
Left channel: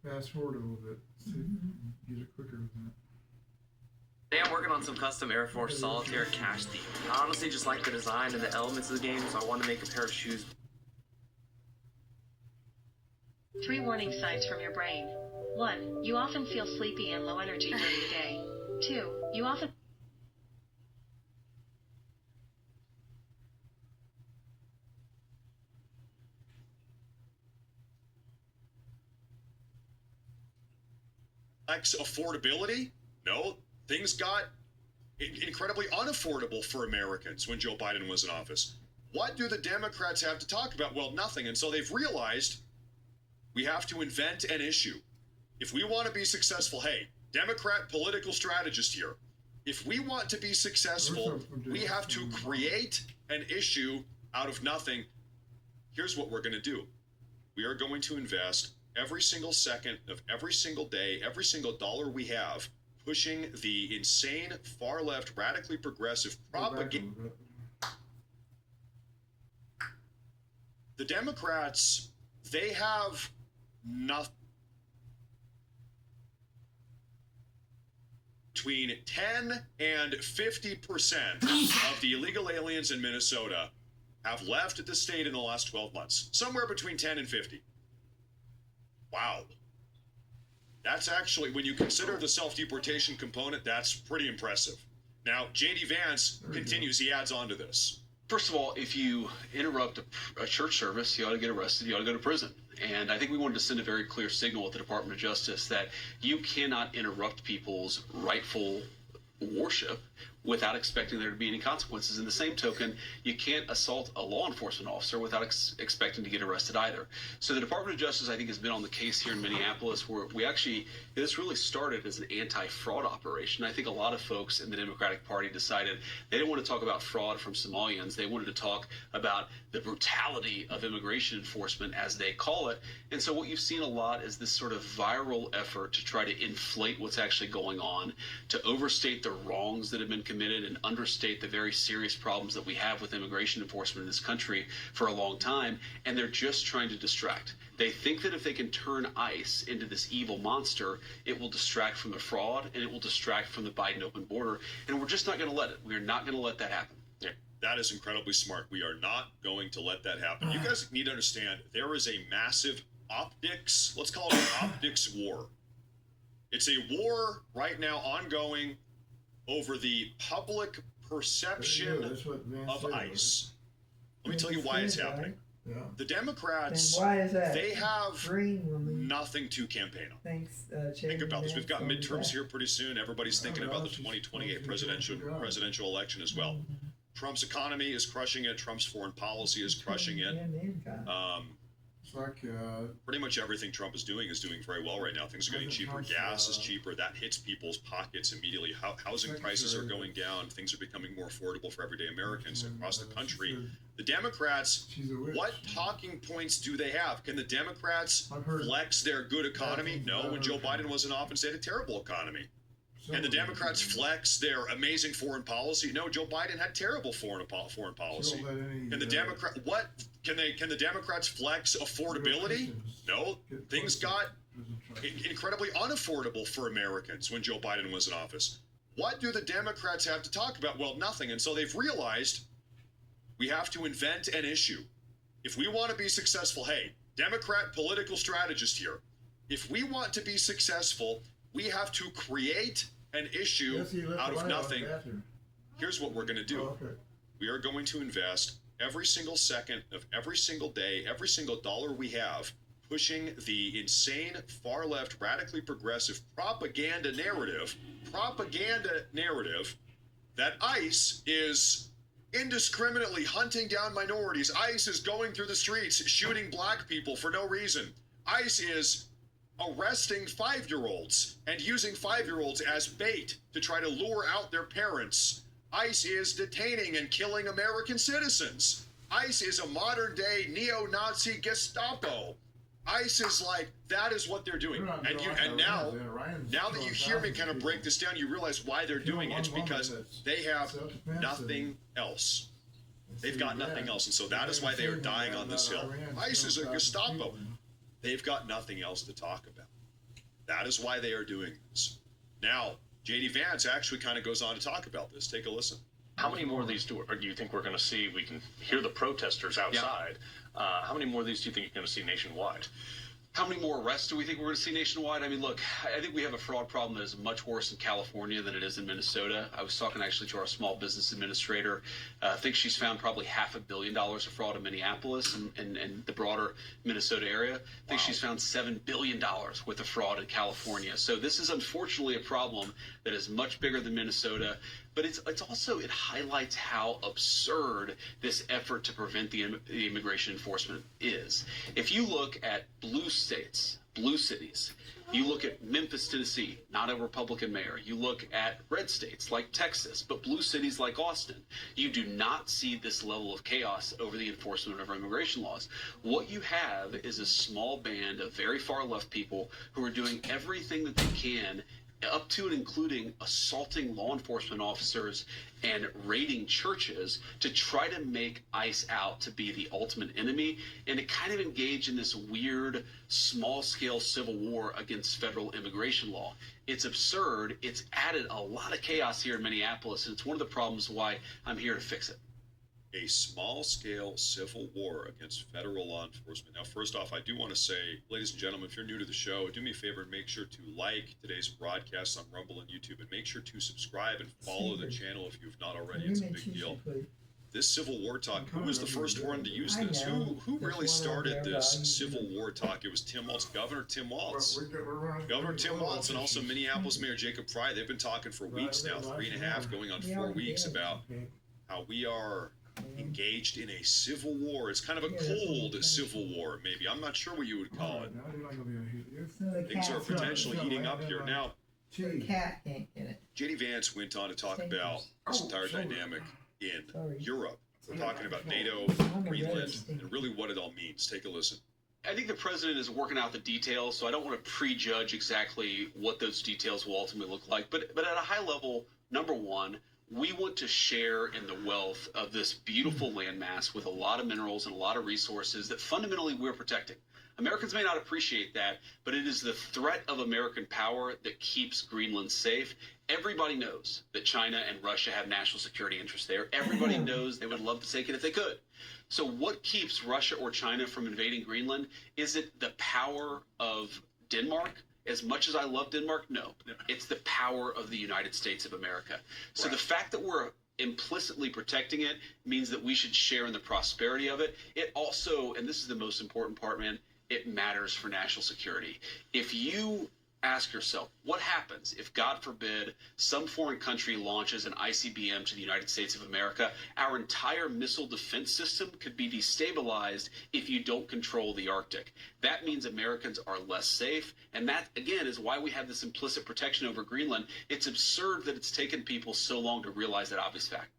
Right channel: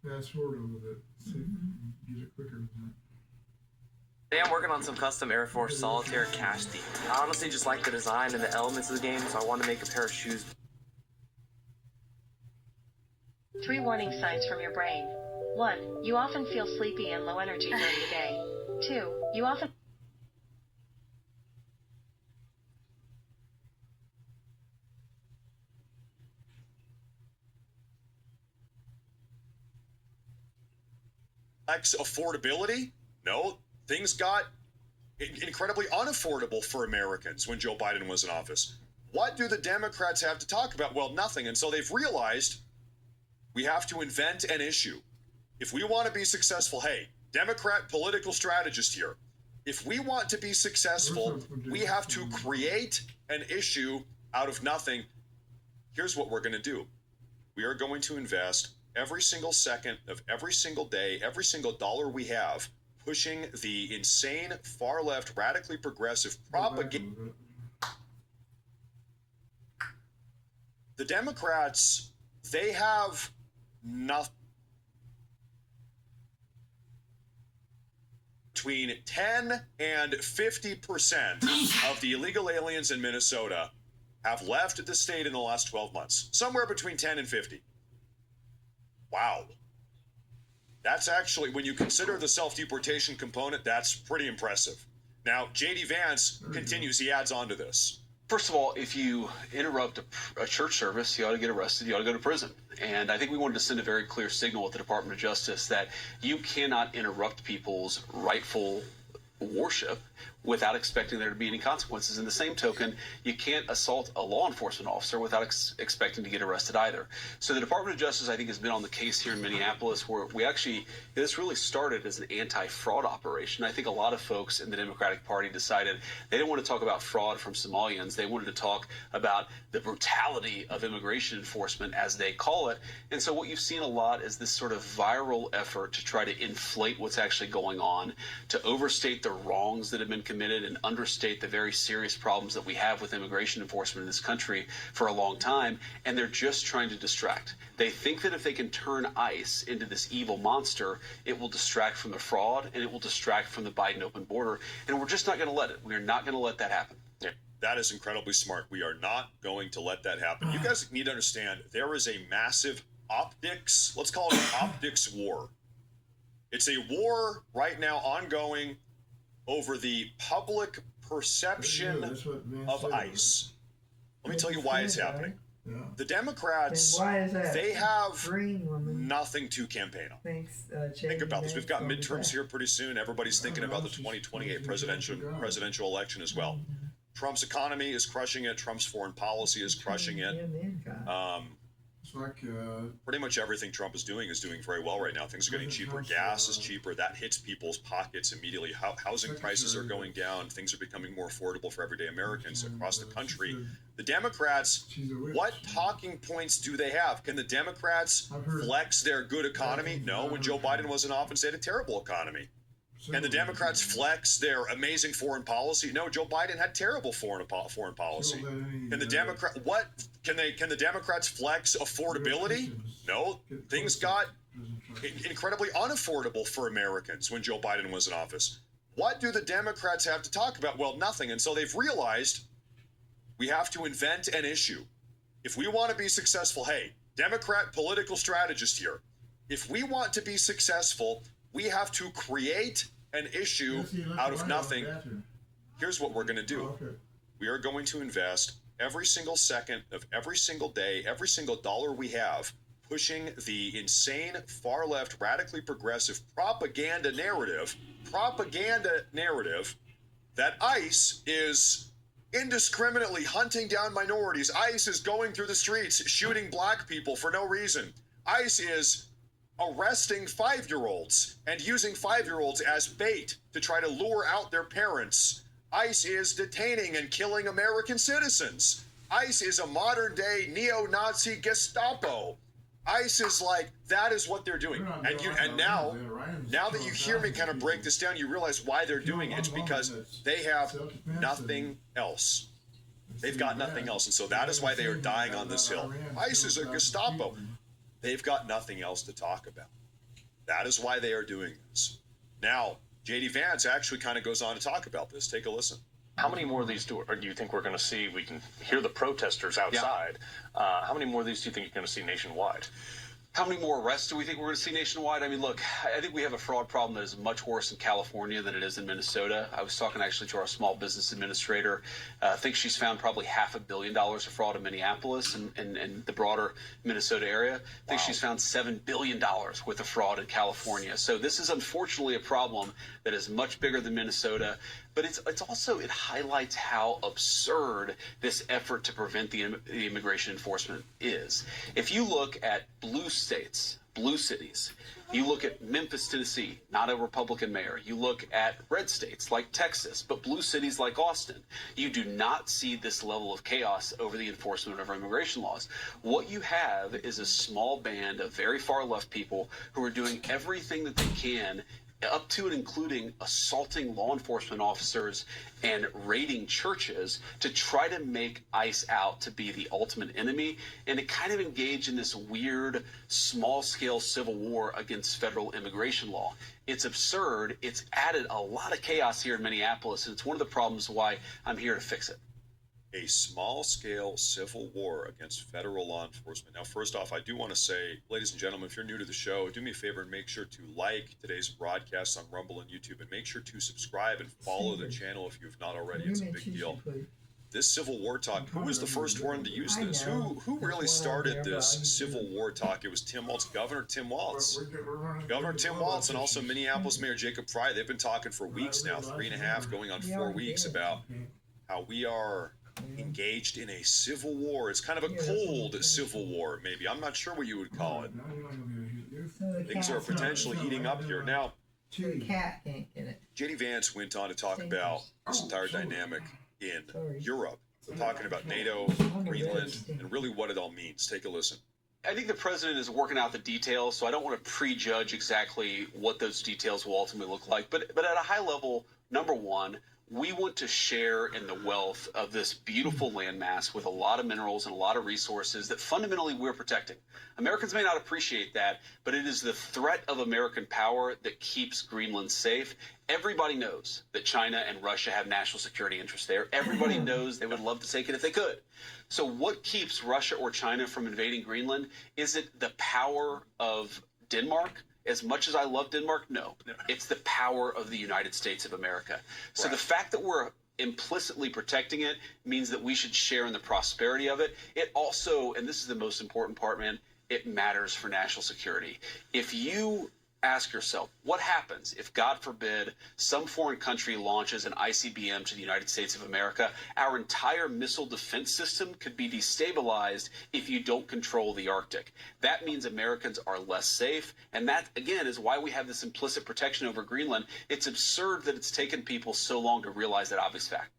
fast forward a little bit, see if we can get it quicker than that. Today I'm working on some custom Air Force Solitaire cash theme. I honestly just like the design and the elements of the game, so I want to make a pair of shoes. 3 warning signs from your brain. 1. You often feel sleepy and low energy during the day. 2. You often... Affordability? No. Things got incredibly unaffordable for Americans when Joe Biden was in office. What do the Democrats have to talk about? Well, nothing. And so they've realized we have to invent an issue. If we want to be successful, hey, Democrat political strategist here. If we want to be successful, we have to create an issue out of nothing. Here's what we're going to do. We are going to invest every single second of every single day, every single dollar we have, pushing the insane far-left, radically progressive propaganda. The Democrats, they have nothing. Between 10 and 50% of the illegal aliens in Minnesota have left the state in the last 12 months. Somewhere between 10 and 50. Wow. That's actually, when you consider the self-deportation component, that's pretty impressive. Now, J.D. Vance continues, he adds on to this. First of all, if you interrupt a church service, you ought to get arrested, you ought to go to prison. And I think we wanted to send a very clear signal at the Department of Justice that you cannot interrupt people's rightful worship without expecting there to be any consequences. In the same token, you can't assault a law enforcement officer without expecting to get arrested either. So the Department of Justice, I think, has been on the case here in Minneapolis, where this really started as an anti-fraud operation. I think a lot of folks in the Democratic Party decided they didn't want to talk about fraud from Somalians. They wanted to talk about the brutality of immigration enforcement, as they call it. And so what you've seen a lot is this sort of viral effort to try to inflate what's actually going on, to overstate the wrongs that have been committed and understate the very serious problems that we have with immigration enforcement in this country for a long time. And they're just trying to distract. They think that if they can turn ICE into this evil monster, it will distract from the fraud and it will distract from the Biden open border. And we're just not going to let it. We are not going to let that happen. Yeah, that is incredibly smart. We are not going to let that happen. You guys need to understand there is a massive optics, let's call it an optics war. It's a war right now ongoing over the public perception of ICE. Let me tell you why it's happening. Yeah. The Democrats, they have nothing to campaign on. Think about this. We've got midterms here pretty soon. Everybody's thinking about the 2028 presidential election as well. Trump's economy is crushing it. Trump's foreign policy is crushing it. Pretty much everything Trump is doing very well right now. Things are getting cheaper. Gas is cheaper. That hits people's pockets immediately. Housing prices are going down. Things are becoming more affordable for everyday Americans across the country. The Democrats, what talking points do they have? Can the Democrats flex their good economy? No. When Joe Biden was in office, they had a terrible economy. Can the Democrats flex their amazing foreign policy? No, Joe Biden had terrible foreign policy. Can the Democrats flex affordability? No. Things got incredibly unaffordable for Americans when Joe Biden was in office. What do the Democrats have to talk about? Well, nothing. And so they've realized we have to invent an issue. If we want to be successful, hey, Democrat political strategist here. If we want to be successful, we have to create an issue out of nothing. Here's what we're going to do. We are going to invest every single second of every single day, every single dollar we have, pushing the insane far left, radically progressive propaganda narrative that ICE is indiscriminately hunting down minorities. ICE is going through the streets shooting black people for no reason. ICE is arresting 5-year-olds and using 5-year-olds as bait to try to lure out their parents. ICE is detaining and killing American citizens. ICE is a modern-day neo-Nazi Gestapo. ICE is like, that is what they're doing. And now that you hear me kind of break this down, you realize why they're doing it. It's because they have nothing else. They've got nothing else. And so that is why they are dying on this hill. ICE is a Gestapo. They've got nothing else to talk about. That is why they are doing this. Now, J.D. Vance actually kind of goes on to talk about this. Take a listen. How many more of these do you think we're going to see? We can hear the protesters outside. Yeah. How many more of these do you think you're going to see nationwide? How many more arrests do we think we're going to see nationwide? I mean, look, I think we have a fraud problem that is much worse in California than it is in Minnesota. I was talking actually to our small business administrator. I think she's found probably $500 million of fraud in Minneapolis and the broader Minnesota area. I think she's found $7 billion worth of fraud in California. So this is unfortunately a problem that is much bigger than Minnesota. But it's also, it highlights how absurd this effort to prevent the immigration enforcement is. If you look at blue states, blue cities, you look at Memphis, Tennessee, not a Republican mayor. You look at red states like Texas, but blue cities like Austin. You do not see this level of chaos over the enforcement of our immigration laws. What you have is a small band of very far left people who are doing everything that they can, up to and including assaulting law enforcement officers and raiding churches, to try to make ICE out to be the ultimate enemy and to kind of engage in this weird small-scale civil war against federal immigration law. It's absurd. It's added a lot of chaos here in Minneapolis, and it's one of the problems why I'm here to fix it. A small-scale civil war against federal law enforcement. Now, first off, I do want to say, ladies and gentlemen, if you're new to the show, do me a favor and make sure to like today's broadcast on Rumble and YouTube, and make sure to subscribe and follow the channel if you've not already. It's a big deal. This Civil War talk, who was the first one to use this? Who really started this Civil War talk? It was Tim Walz, Governor Tim Walz. Governor Tim Walz, and also Minneapolis Mayor Jacob Frey. They've been talking for weeks now, 3.5, going on 4 weeks, about how we are engaged in a civil war. It's kind of a cold civil war, maybe. I'm not sure what you would call it. Things are potentially heating up here. Now, J.D. Vance went on to talk about this entire dynamic in Europe, talking about NATO, Greenland, and really what it all means. Take a listen. I think the president is working out the details, so I don't want to prejudge exactly what those details will ultimately look like. But at a high level, number one, we want to share in the wealth of this beautiful landmass with a lot of minerals and a lot of resources that fundamentally we're protecting. Americans may not appreciate that, but it is the threat of American power that keeps Greenland safe. Everybody knows that China and Russia have national security interests there. Everybody knows they would love to take it if they could. So what keeps Russia or China from invading Greenland? Is it the power of Denmark? As much as I love Denmark, no. It's the power of the United States of America. So the fact that we're implicitly protecting it means that we should share in the prosperity of it. It also, and this is the most important part, man, it matters for national security. If you ask yourself, what happens if, God forbid, some foreign country launches an ICBM to the United States of America? Our entire missile defense system could be destabilized if you don't control the Arctic. That means Americans are less safe, and that, again, is why we have this implicit protection over Greenland. It's absurd that it's taken people so long to realize that obvious fact.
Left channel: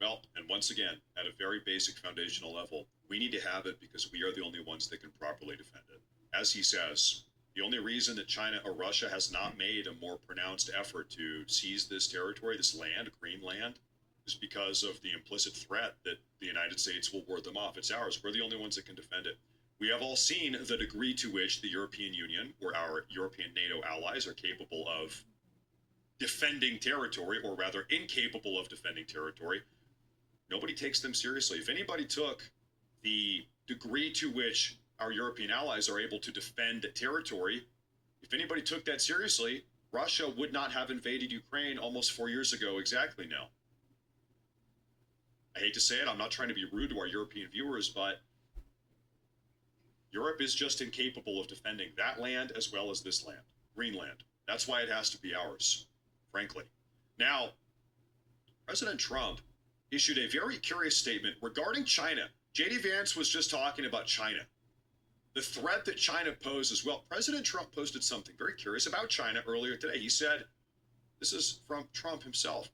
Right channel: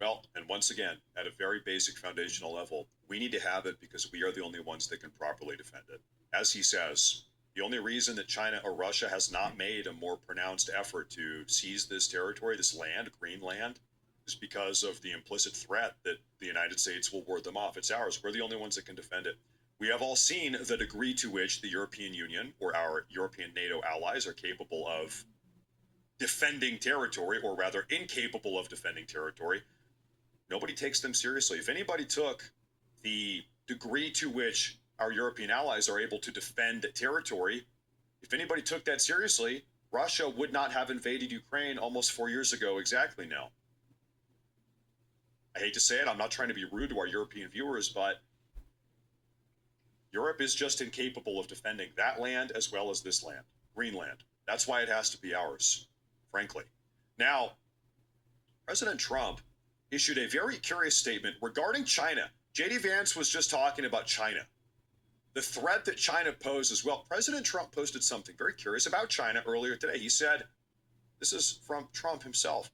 Well, and once again, at a very basic foundational level, we need to have it because we are the only ones that can properly defend it. As he says, the only reason that China or Russia has not made a more pronounced effort to seize this territory, this land, Greenland, is because of the implicit threat that the United States will ward them off. It's ours. We're the only ones that can defend it. We have all seen the degree to which the European Union or our European NATO allies are capable of defending territory, or rather incapable of defending territory. Nobody takes them seriously. If anybody took the degree to which our European allies are able to defend territory anybody took that seriously, Russia would not have invaded Ukraine almost 4 years ago exactly now. I hate to say it, I'm not trying to be rude to our European viewers, but Europe is just incapable of defending that land as well as this land, Greenland. That's why it has to be ours, frankly. Now, President Trump issued a very curious statement regarding China. J.D. Vance was just talking about China. The threat that China poses. Well, President Trump posted something very curious about China earlier today. He said, this is from Trump himself,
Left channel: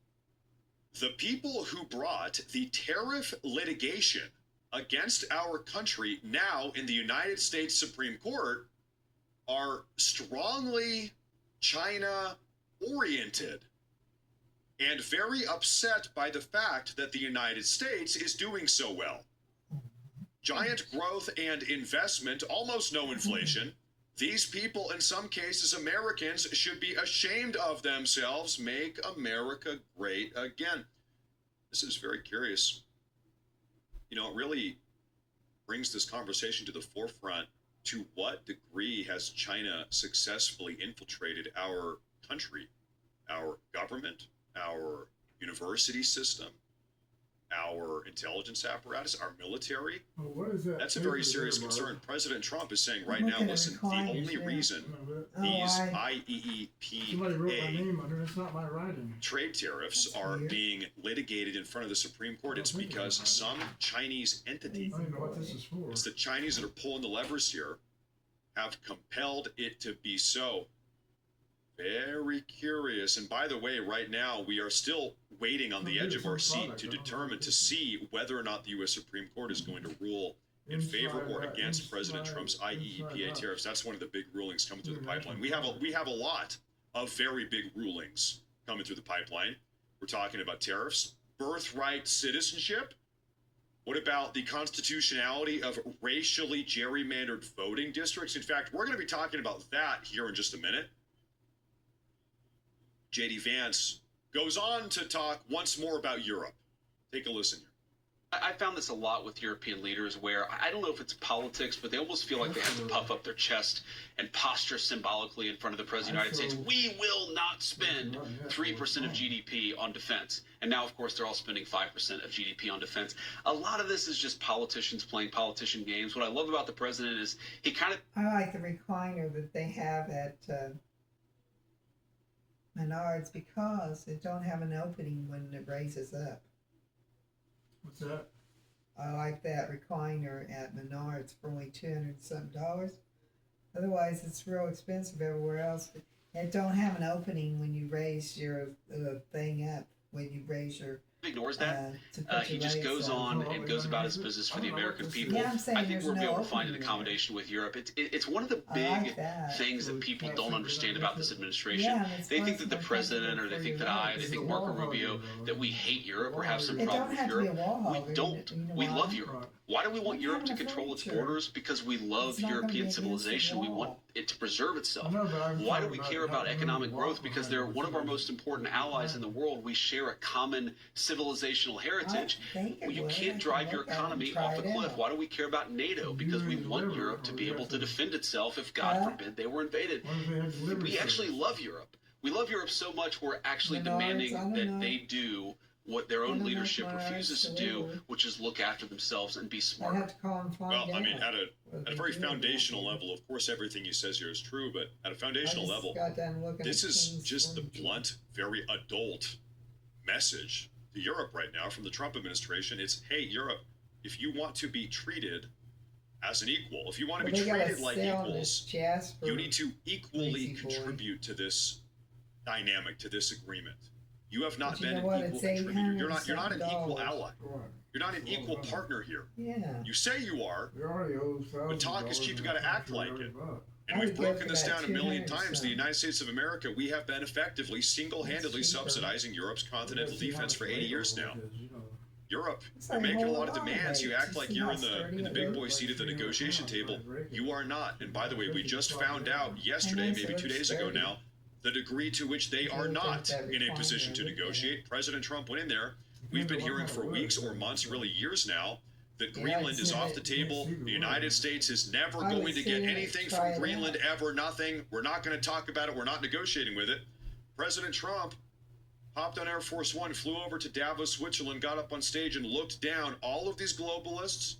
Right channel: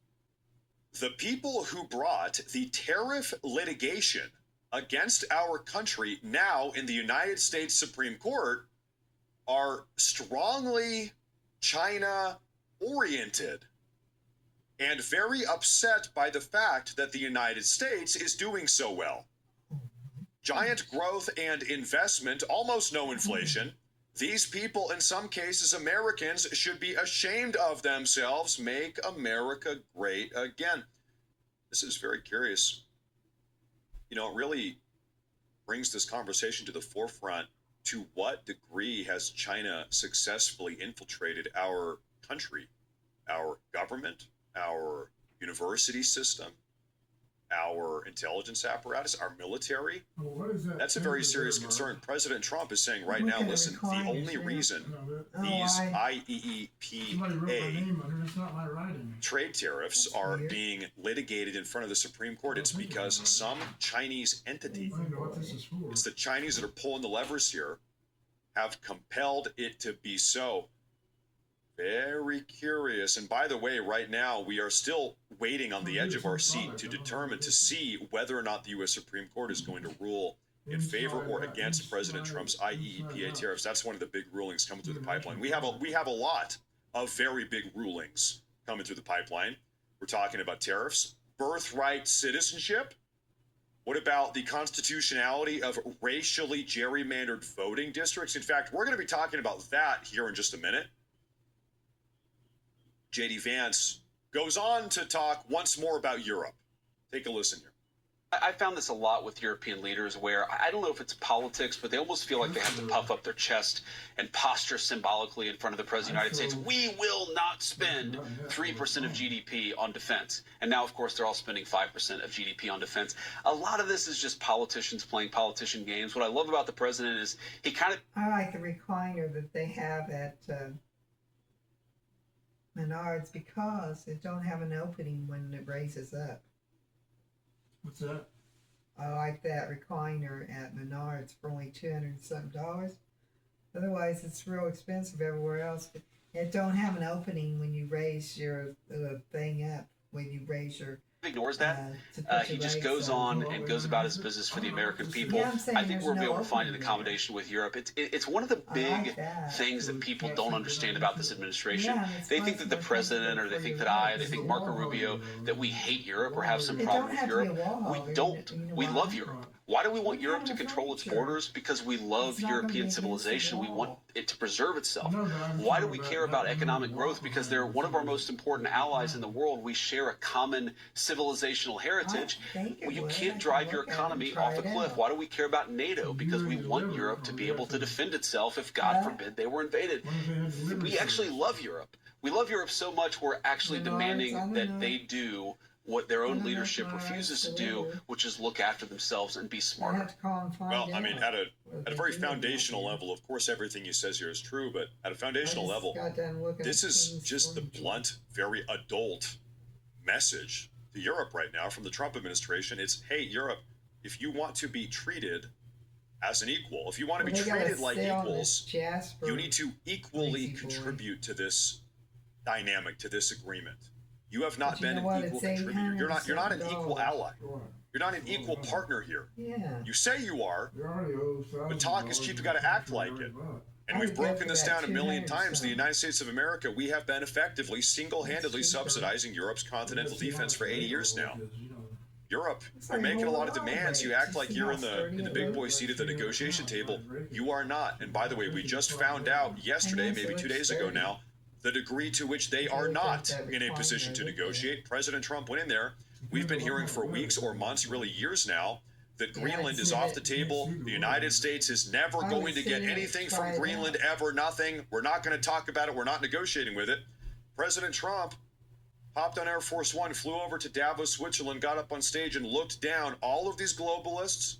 the people who brought the tariff litigation against our country now in the United States Supreme Court are strongly China-oriented and very upset by the fact that the United States is doing so well. Giant growth and investment, almost no inflation. These people, in some cases, Americans, should be ashamed of themselves. Make America great again. This is very curious. You know, it really brings this conversation to the forefront. To what degree has China successfully infiltrated our country, our government, our university system, our intelligence apparatus, our military? What is that? That's a very serious concern. President Trump is saying right now, listen, the only reason these IEEPA trade tariffs are being litigated in front of the Supreme Court, it's because some Chinese entity, it's the Chinese that are pulling the levers here, have compelled it to be so. Very curious. And by the way, right now, we are still waiting on the edge of our seat to determine, to see whether or not the U.S. Supreme Court is going to rule in favor or against President Trump's IEEPA tariffs. That's one of the big rulings coming through the pipeline. We have a lot of very big rulings coming through the pipeline. We're talking about tariffs, birthright citizenship. What about the constitutionality of racially gerrymandered voting districts? In fact, we're going to be talking about that here in just a minute. J.D. Vance goes on to talk once more about Europe. Take a listen here. I found this a lot with European leaders where I don't know if it's politics, but they almost feel like they have to puff up their chest and posture symbolically in front of the President of the United States. We will not spend 3% of GDP on defense. And now, of course, they're all spending 5% of GDP on defense. A lot of this is just politicians playing politician games. What I love about the president is he kind of... I like the recliner that they have at Menards because it don't have an opening when it raises up. What's that? I like that recliner at Menards for only $200-something. Otherwise, it's real expensive everywhere else. But it don't have an opening when you raise your thing up. When you raise your ignores that. He just goes on and goes about his business for the American people. Yeah, I think we'll be able to find an accommodation with Europe. It's one of the big things that people don't understand about this administration. Yeah, they think that the president, or they think that they think Marco Rubio, that we hate Europe or have some problem with Europe. We don't. We love Europe. Why do we want Europe to control its borders? Because we love European civilization. We want it to preserve itself. Why do we care about economic growth? Because they're one of our most important allies in the world. We share a common civilizational heritage. You can't drive your economy off a cliff. Why do we care about NATO? Because we want Europe to be able to defend itself if, God forbid, they were invaded. We actually love Europe. We love Europe so much we're actually demanding that they do what their own leadership refuses to do, which is look after themselves and be smarter. Well, I mean, at a very foundational level, of course, everything he says here is true, but at a foundational level, this is just the blunt, very adult message to Europe right now from the Trump administration. It's, hey, Europe, if you want to be treated as an equal, if you want to be treated like equals, you need to equally contribute to this dynamic, to this agreement. You have not been an equal contributor. You're not an equal ally. You're not an equal partner here. Yeah. You say you are, but talk is cheap. You got to act like it. And we've broken this down a million times. The United States of America, we have been effectively, single-handedly subsidizing Europe's continental defense for 80 years now. Europe, you're making a lot of demands. You act like you're in the big boy seat at the negotiation table. You are not. And by the way, we just found out yesterday, maybe 2 days ago now, the degree to which they are not in a position to negotiate. President Trump went in there. We've been hearing for weeks or months, really years now, that Greenland is off the table. The United States is never going to get anything from Greenland ever, nothing. We're not going to talk about it. We're not negotiating with it. President Trump hopped on Air Force One, flew over to Davos, Switzerland, got up on stage and looked down all of these globalists,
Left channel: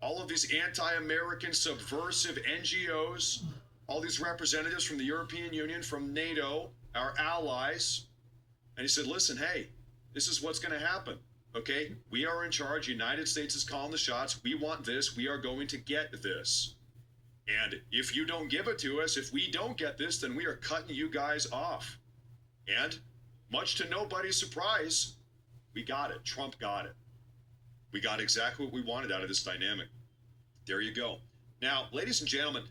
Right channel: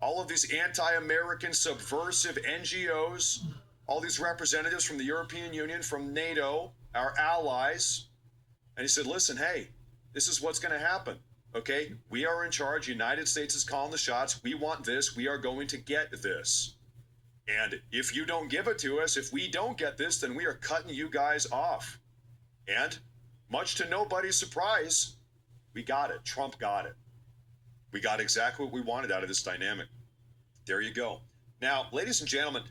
all of these anti-American subversive NGOs, all these representatives from the European Union, from NATO, our allies. And he said, listen, hey, this is what's going to happen. Okay, we are in charge. United States is calling the shots. We want this. We are going to get this. And if you don't give it to us, if we don't get this, then we are cutting you guys off. And much to nobody's surprise, we got it. Trump got it. We got exactly what we wanted out of this dynamic. There you go. Now, ladies and gentlemen,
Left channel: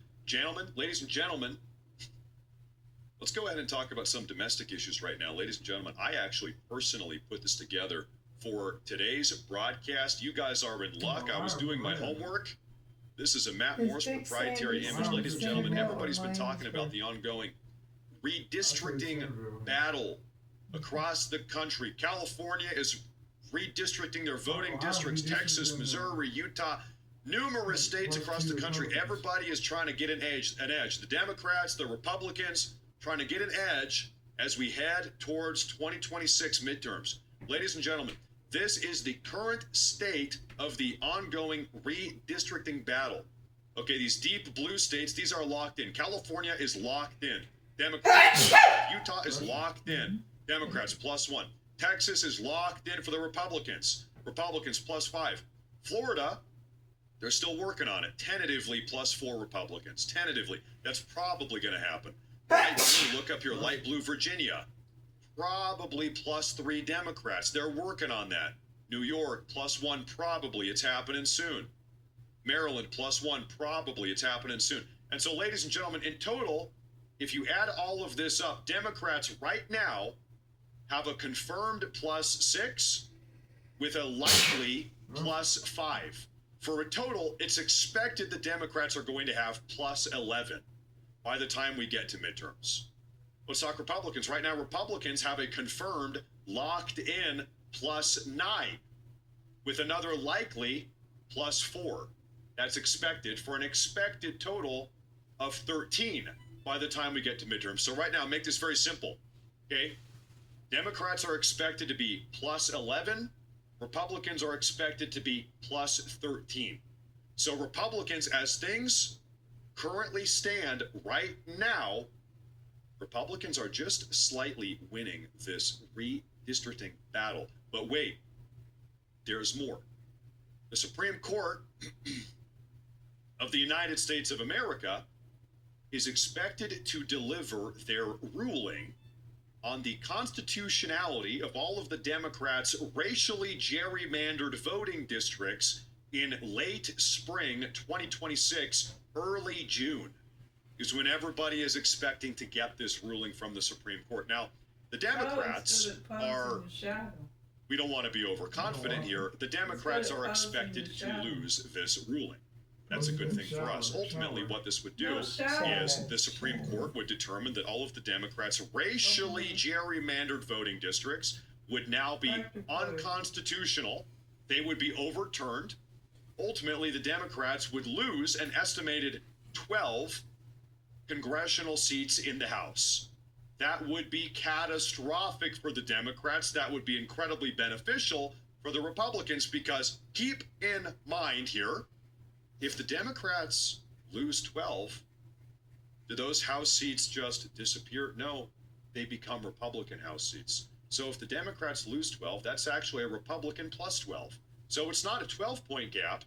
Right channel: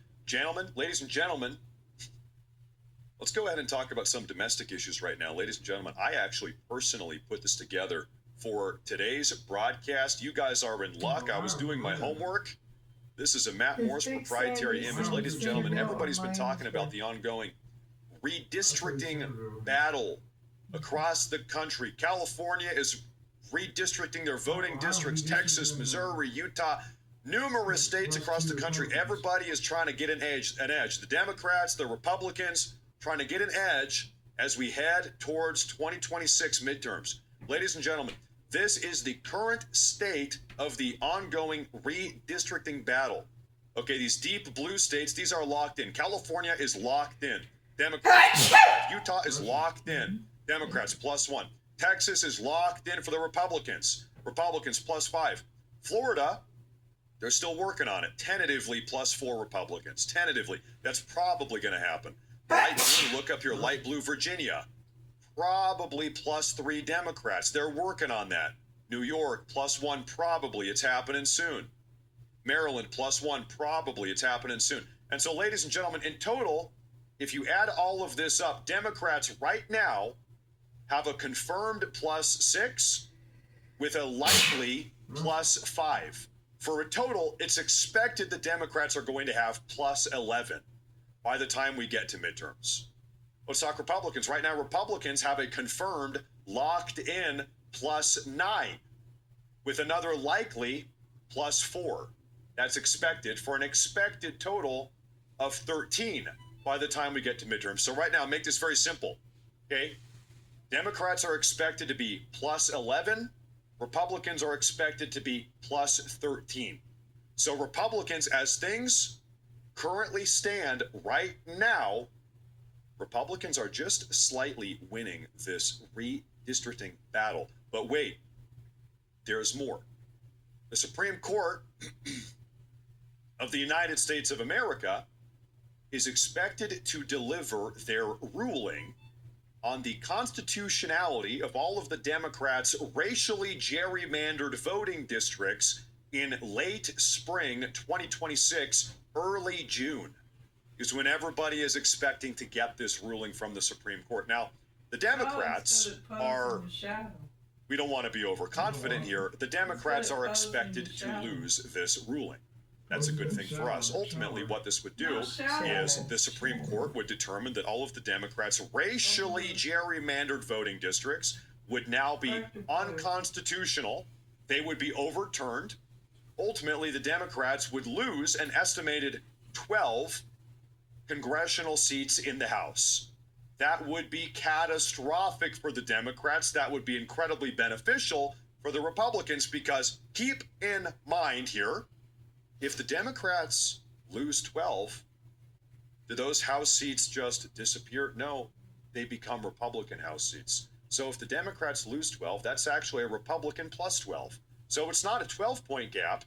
ladies and gentlemen, let's go ahead and talk about some domestic issues right now. Ladies and gentlemen, I actually personally put this together for today's broadcast. You guys are in luck. I was doing my homework. This is a Matt Morris proprietary image. Ladies and gentlemen, everybody's been talking about the ongoing redistricting battle across the country. California is redistricting their voting districts. Texas, Missouri, Utah, numerous states across the country. Everybody is trying to get an edge. The Democrats, the Republicans, trying to get an edge as we head towards 2026 midterms. Ladies and gentlemen, this is the current state of the ongoing redistricting battle. Okay, these deep blue states, these are locked in. California is locked in. Democrats. Utah is locked in. Democrats +1. Texas is locked in for the Republicans. Republicans +5. Florida, they're still working on it. Tentatively +4 Republicans. Tentatively. That's probably going to happen. Light blue, look up here. Light blue, Virginia. Probably +3 Democrats. They're working on that. New York +1, probably. It's happening soon. Maryland +1, probably. It's happening soon. And so, ladies and gentlemen, in total, if you add all of this up, Democrats right now have a confirmed +6 with a likely +5. For a total, it's expected the Democrats are going to have +11 by the time we get to midterms. Let's talk Republicans. Right now, Republicans have a confirmed, locked-in +9 with another likely +4. That's expected for an expected total of 13 by the time we get to midterms. So right now, make this very simple, okay? Democrats are expected to be +11. Republicans are expected to be +13. So Republicans, as things currently stand right now, Republicans are just slightly winning this redistricting battle. But wait, there's more. The Supreme Court of the United States of America is expected to deliver their ruling on the constitutionality of all of the Democrats' racially gerrymandered voting districts in late spring 2026, early June, is when everybody is expecting to get this ruling from the Supreme Court. Now, the Democrats are, we don't want to be overconfident here, the Democrats are expected to lose this ruling. That's a good thing for us. Ultimately, what this would do is the Supreme Court would determine that all of the Democrats' racially gerrymandered voting districts would now be unconstitutional. They would be overturned. Ultimately, the Democrats would lose an estimated 12 congressional seats in the House. That would be catastrophic for the Democrats. That would be incredibly beneficial for the Republicans, because keep in mind here, if the Democrats lose 12, do those House seats just disappear? No, they become Republican House seats. So if the Democrats lose 12, that's actually a Republican +12. So it's not a 12-point gap.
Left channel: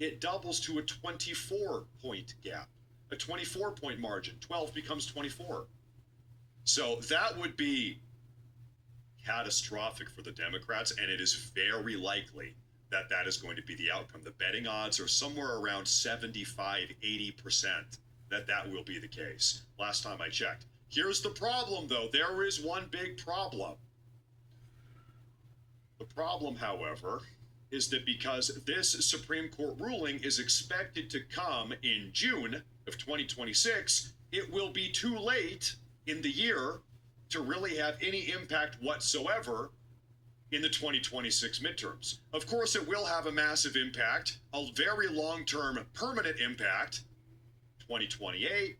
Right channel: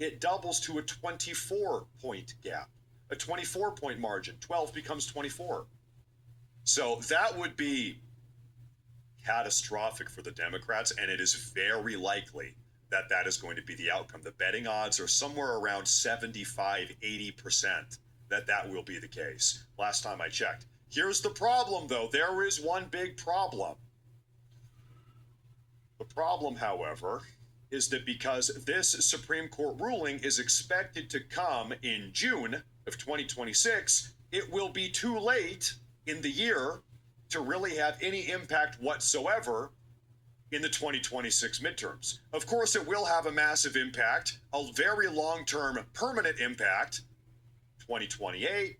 It doubles to a 24-point gap, a 24-point margin. 12 becomes 24. So that would be catastrophic for the Democrats, and it is very likely that that is going to be the outcome. The betting odds are somewhere around 75-80% that that will be the case. Last time I checked. Here's the problem, though. There is one big problem. The problem, however, is that because this Supreme Court ruling is expected to come in June of 2026, it will be too late in the year to really have any impact whatsoever in the 2026 midterms. Of course, it will have a massive impact, a very long-term permanent impact, 2028,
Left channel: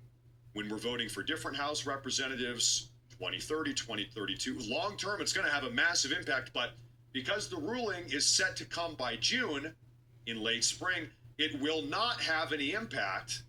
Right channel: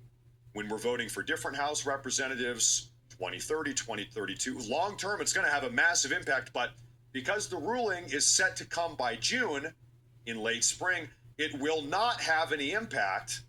when we're voting for different House representatives, 2030, 2032. Long-term, it's going to have a massive impact, but because the ruling is set to come by June, in late spring, it will not have any impact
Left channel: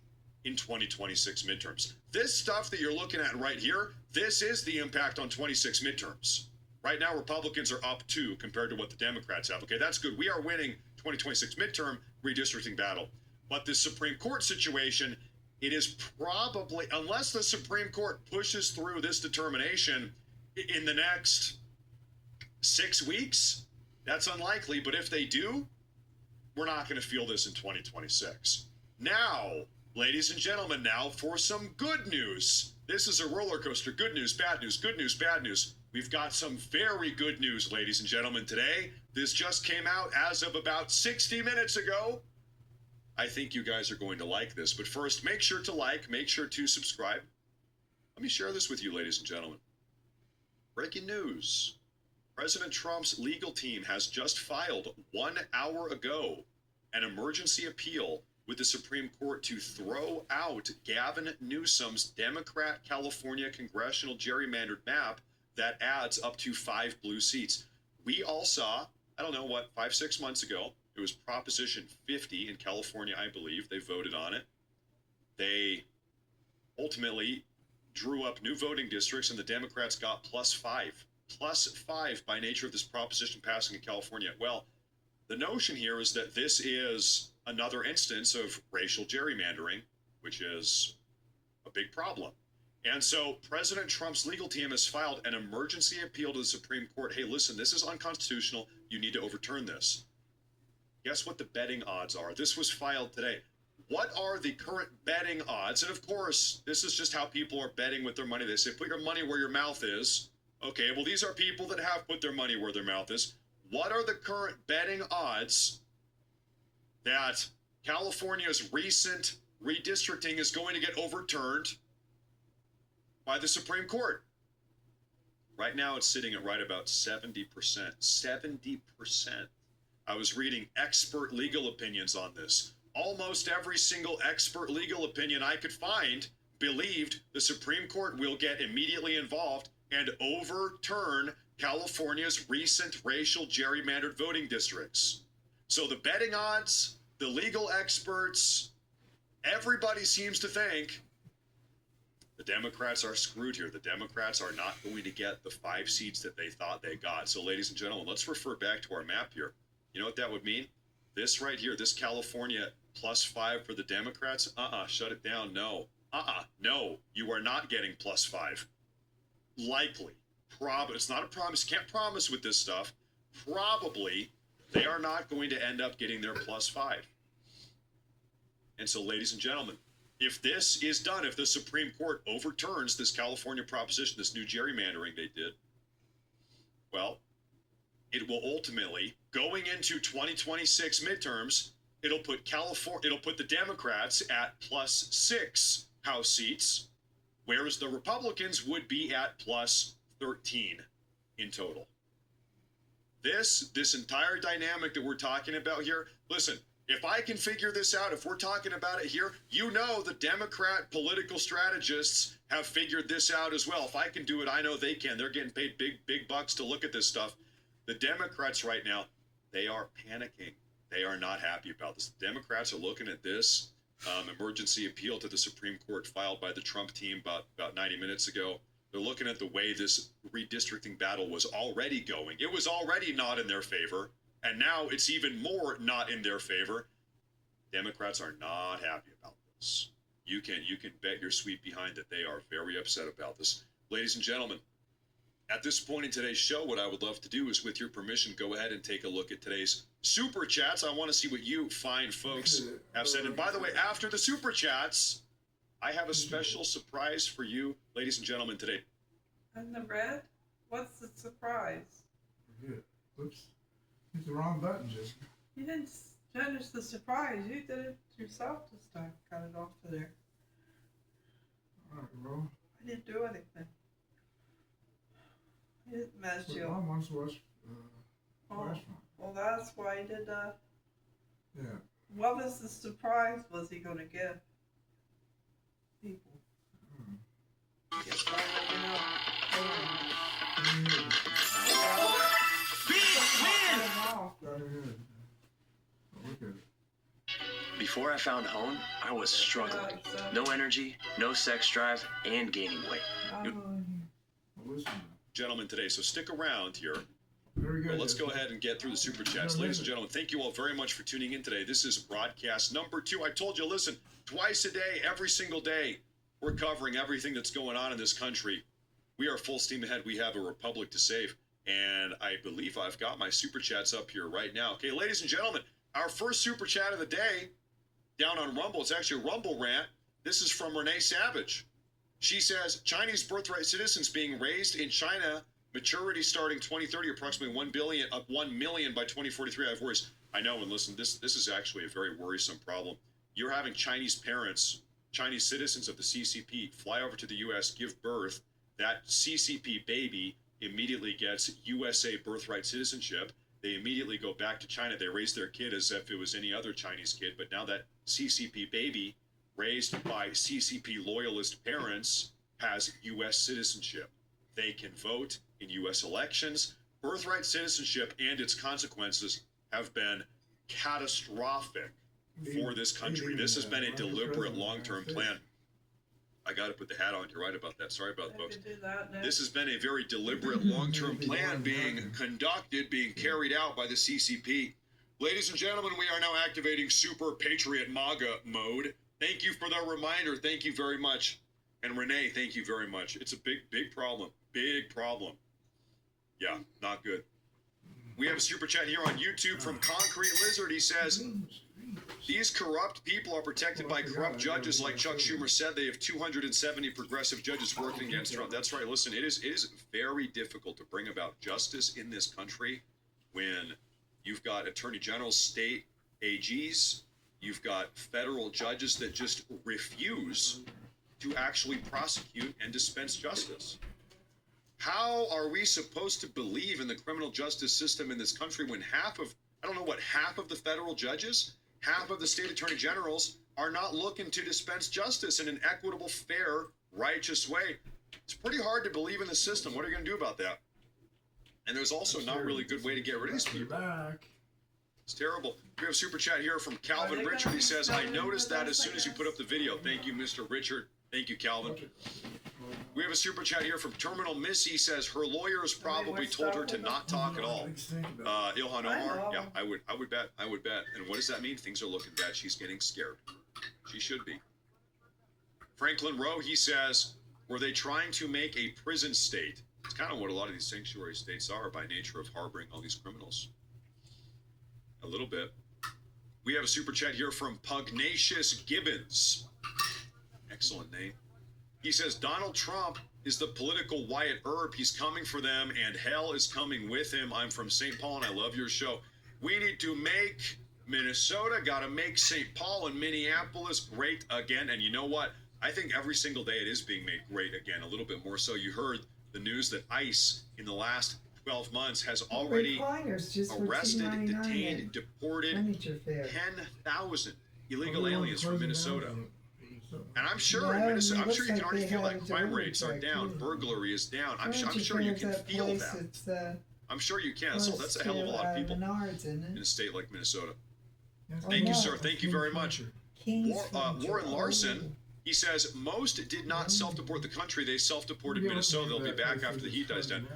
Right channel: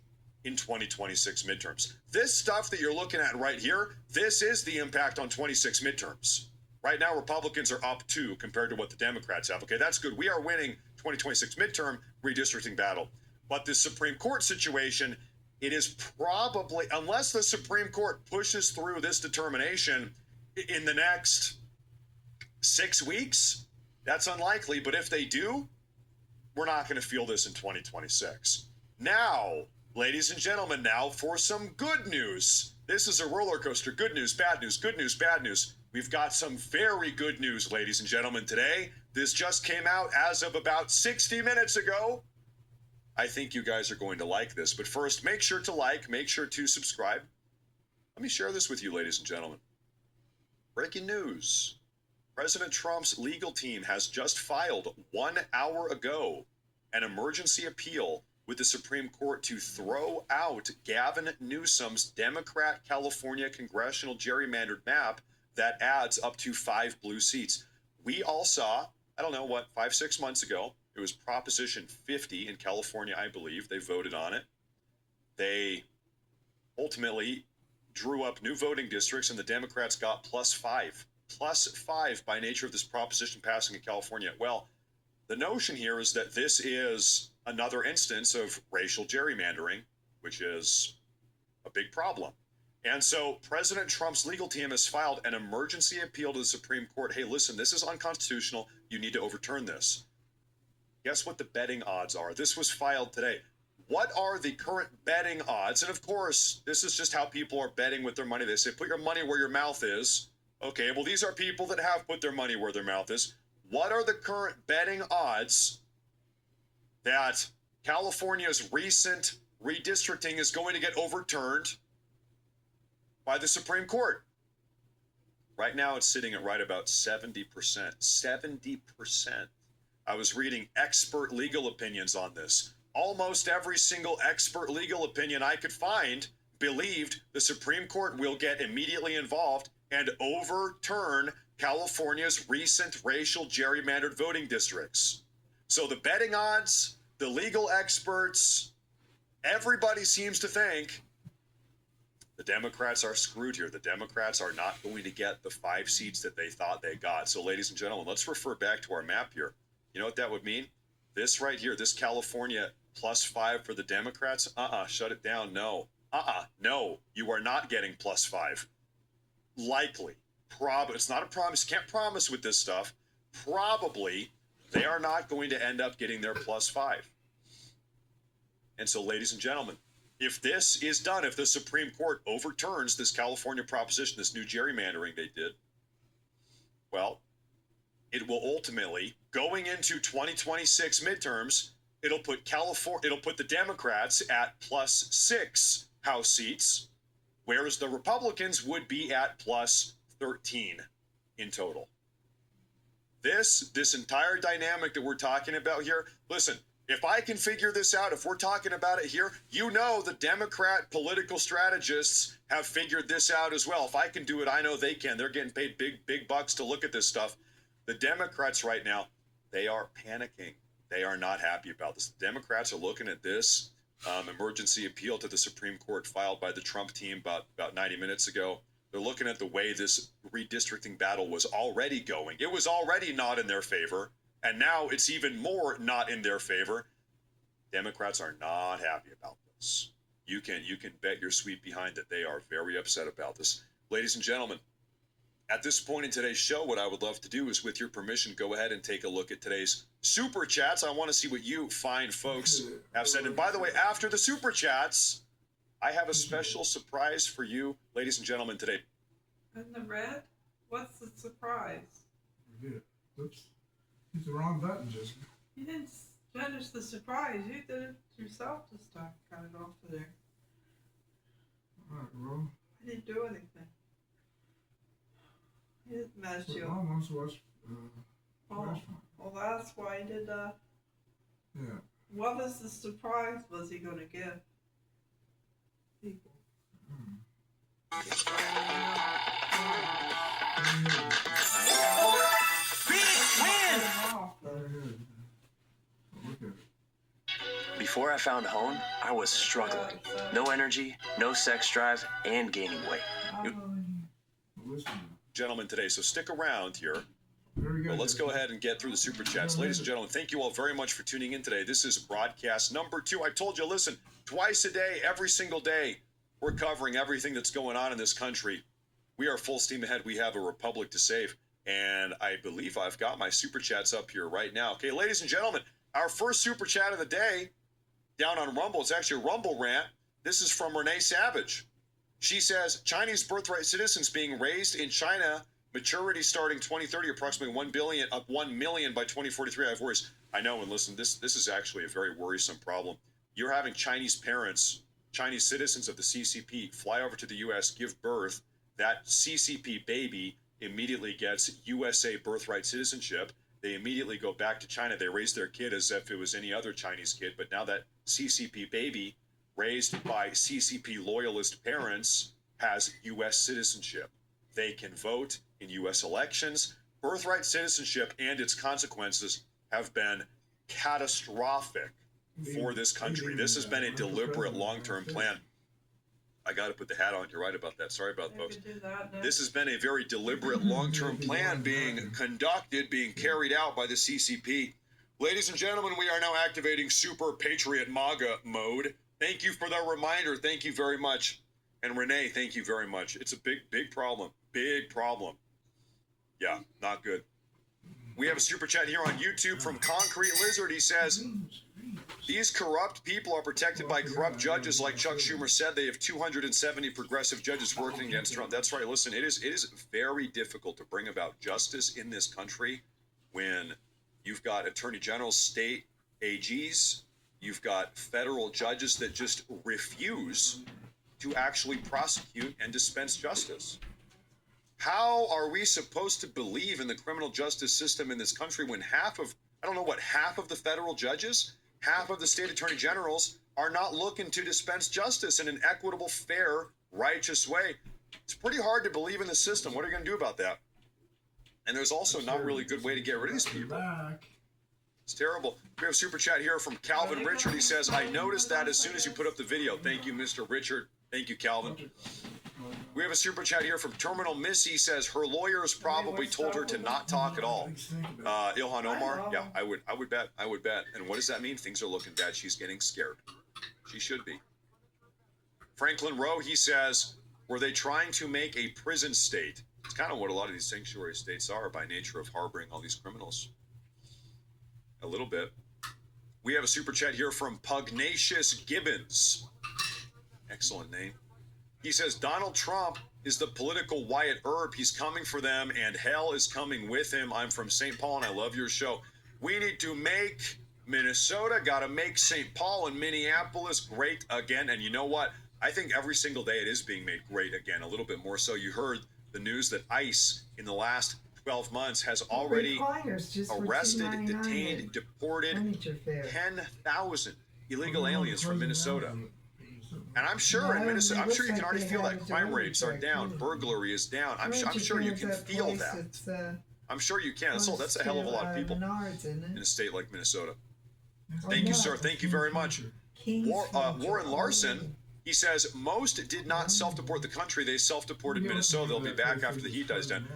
in 2026 midterms. This stuff that you're looking at right here, this is the impact on 26 midterms. Right now, Republicans are up 2 compared to what the Democrats have. Okay, that's good. We are winning 2026 midterm redistricting battle. But the Supreme Court situation, it is probably, unless the Supreme Court pushes through this determination in the next 6 weeks, that's unlikely. But if they do, we're not going to feel this in 2026. Now, ladies and gentlemen, now for some good news. This is a roller coaster. Good news, bad news, good news, bad news. We've got some very good news, ladies and gentlemen, today. This just came out as of about 60 minutes ago. I think you guys are going to like this. But first, make sure to like, make sure to subscribe. Let me share this with you, ladies and gentlemen. Breaking news. President Trump's legal team has just filed 1 hour ago an emergency appeal with the Supreme Court to throw out Gavin Newsom's Democrat California congressional gerrymandered map that adds up to 5 blue seats. We all saw, I don't know what, 5-6 months ago, it was Proposition 50 in California, I believe. They voted on it. They ultimately drew up new voting districts, and the Democrats got +5. +5 by nature of this proposition passing in California. Well, the notion here is that this is another instance of racial gerrymandering, which is a big problem. And so President Trump's legal team has filed an emergency appeal to the Supreme Court. Hey, listen, this is unconstitutional. You need to overturn this. Guess what the betting odds are? This was filed today. What are the current betting odds? And of course, this is just how people are betting with their money. They say, put your money where your mouth is. Okay, well, these are people that have put their money where their mouth is. What are the current betting odds that California's recent redistricting is going to get overturned by the Supreme Court? Right now, it's sitting at right about 70%. 70%. I was reading expert legal opinions on this. Almost every single expert legal opinion I could find believed the Supreme Court will get immediately involved and overturn California's recent racial gerrymandered voting districts. So the betting odds, the legal experts, everybody seems to think the Democrats are screwed here. The Democrats are not going to get the 5 seats that they thought they got. So, ladies and gentlemen, let's refer back to our map here. You know what that would mean? This right here, this California +5 for the Democrats, shut it down, no. No, you are not getting +5. Likely. It's not a promise. You can't promise with this stuff. Probably they are not going to end up getting their +5. And so, ladies and gentlemen, if this is done, if the Supreme Court overturns this California proposition, this new gerrymandering they did, well, it will ultimately, going into 2026 midterms, it'll put the Democrats at +6 House seats, whereas the Republicans would be at +13 in total. This entire dynamic that we're talking about here, listen, if I can figure this out, if we're talking about it here, you know the Democrat political strategists have figured this out as well. If I can do it, I know they can. They're getting paid big bucks to look at this stuff. The Democrats right now, they are panicking. They are not happy about this. The Democrats are looking at this emergency appeal to the Supreme Court filed by the Trump team about 90 minutes ago. They're looking at the way this redistricting battle was already going. It was already not in their favor, and now it's even more not in their favor. Democrats are not happy about this. You can bet your sweet behind that they are very upset about this. Ladies and gentlemen, at this point in today's show, what I would love to do is, with your permission, go ahead and take a look at today's Super Chats. I want to see what you fine folks have said. And by the way, after the Super Chats, I have a special surprise for you, ladies and gentlemen, today. And the red? What's the surprise? Good. Oops. Hit the wrong button, Jessica. You didn't finish the surprise. You did it yourself this time. Got it off of there. All right, well. I didn't do anything. You didn't mess What you I up. once was Well, that's why he did. Yeah. What was the surprise was he going to give people? Before I found Hone, I was struggling. No energy, no sex drive, and gaining weight. Gentlemen, today, so stick around here. Very good. Well, let's go ahead and get through the super chats. Ladies and gentlemen, thank you all very much for tuning in today. This is broadcast number 2. I told you, listen, twice a day, every single day, we're covering everything that's going on in this country. We are full steam ahead. We have a republic to save. And I believe I've got my super chats up here right now. Okay, ladies and gentlemen, our first super chat of the day down on Rumble. It's actually a Rumble rant. This is from Renee Savage. She says, Chinese birthright citizens being raised in China, maturity starting 2030, approximately 1 million by 2043. I have worries. I know, and listen, this is actually a very worrisome problem. You're having Chinese parents, Chinese citizens of the CCP, fly over to the U.S., give birth. That CCP baby immediately gets USA birthright citizenship. They immediately go back to China. They raise their kid as if it was any other Chinese kid. But now that CCP baby, raised by CCP loyalist parents, has U.S. citizenship. They can vote in U.S. elections. Birthright citizenship and its consequences have been catastrophic for this country. This has been a deliberate long-term plan. I got to put the hat on. You're right about that. Sorry about that, folks. This has been a very deliberate long-term plan being conducted, being carried out by the CCP. Ladies and gentlemen, we are now activating Super Patriot MAGA mode. Thank you for the reminder. Thank you very much. And Renee, thank you very much. It's a big problem. Big problem. Yeah, not good. We have a super chat here on YouTube from Concrete Lizard. He says, these corrupt people are protected by corrupt judges. Like Chuck Schumer said, they have 270 progressive judges working against Trump. That's right. Listen, it is very difficult to bring about justice in this country when you've got attorney generals, state AGs, you've got federal judges that just refuse to actually prosecute and dispense justice. How are we supposed to believe in the criminal justice system in this country when half of the federal judges, half of the state attorney generals are not looking to dispense justice in an equitable, fair, righteous way? It's pretty hard to believe in the system. What are you going to do about that? And there's also not really a good way to get rid of these people. It's terrible. We have a super chat here from Calvin Richard. He says, I noticed that as soon as you put up the video. Thank you, Mr. Richard. Thank you, Calvin. We have a super chat here from Terminal Missy. Says her lawyers probably told her to not talk at all. Ilhan Omar, yeah, I would bet. And what does that mean? Things are looking bad. She's getting scared. She should be. Franklin Rowe, he says, were they trying to make a prison state? It's kind of what a lot of these sanctuary states are by nature of harboring all these criminals. A little bit. We have a super chat here from Pugnacious Gibbons. Excellent name. He says, Donald Trump is the political Wyatt Earp. He's coming for them, and hell is coming with him. I'm from St. Paul, and I love your show. We need to make Minnesota, got to make St. Paul and Minneapolis great again. And you know what? I think every single day it is being made great again, a little bit more so. You heard the news that ICE in the last 12 months has already arrested, detained, deported 10,000 illegal aliens from Minnesota. And I'm sure in Minnesota, I'm sure you can already feel that crime rates are down, burglary is down. I'm sure you can feel that. I'm sure you can. That's a hell of a lot of people in a state like Minnesota. Thank you, sir. Thank you very much. Warren Larson, he says, most did not self-deport the country. They self-deported Minnesota. They'll be back after the heat dies down.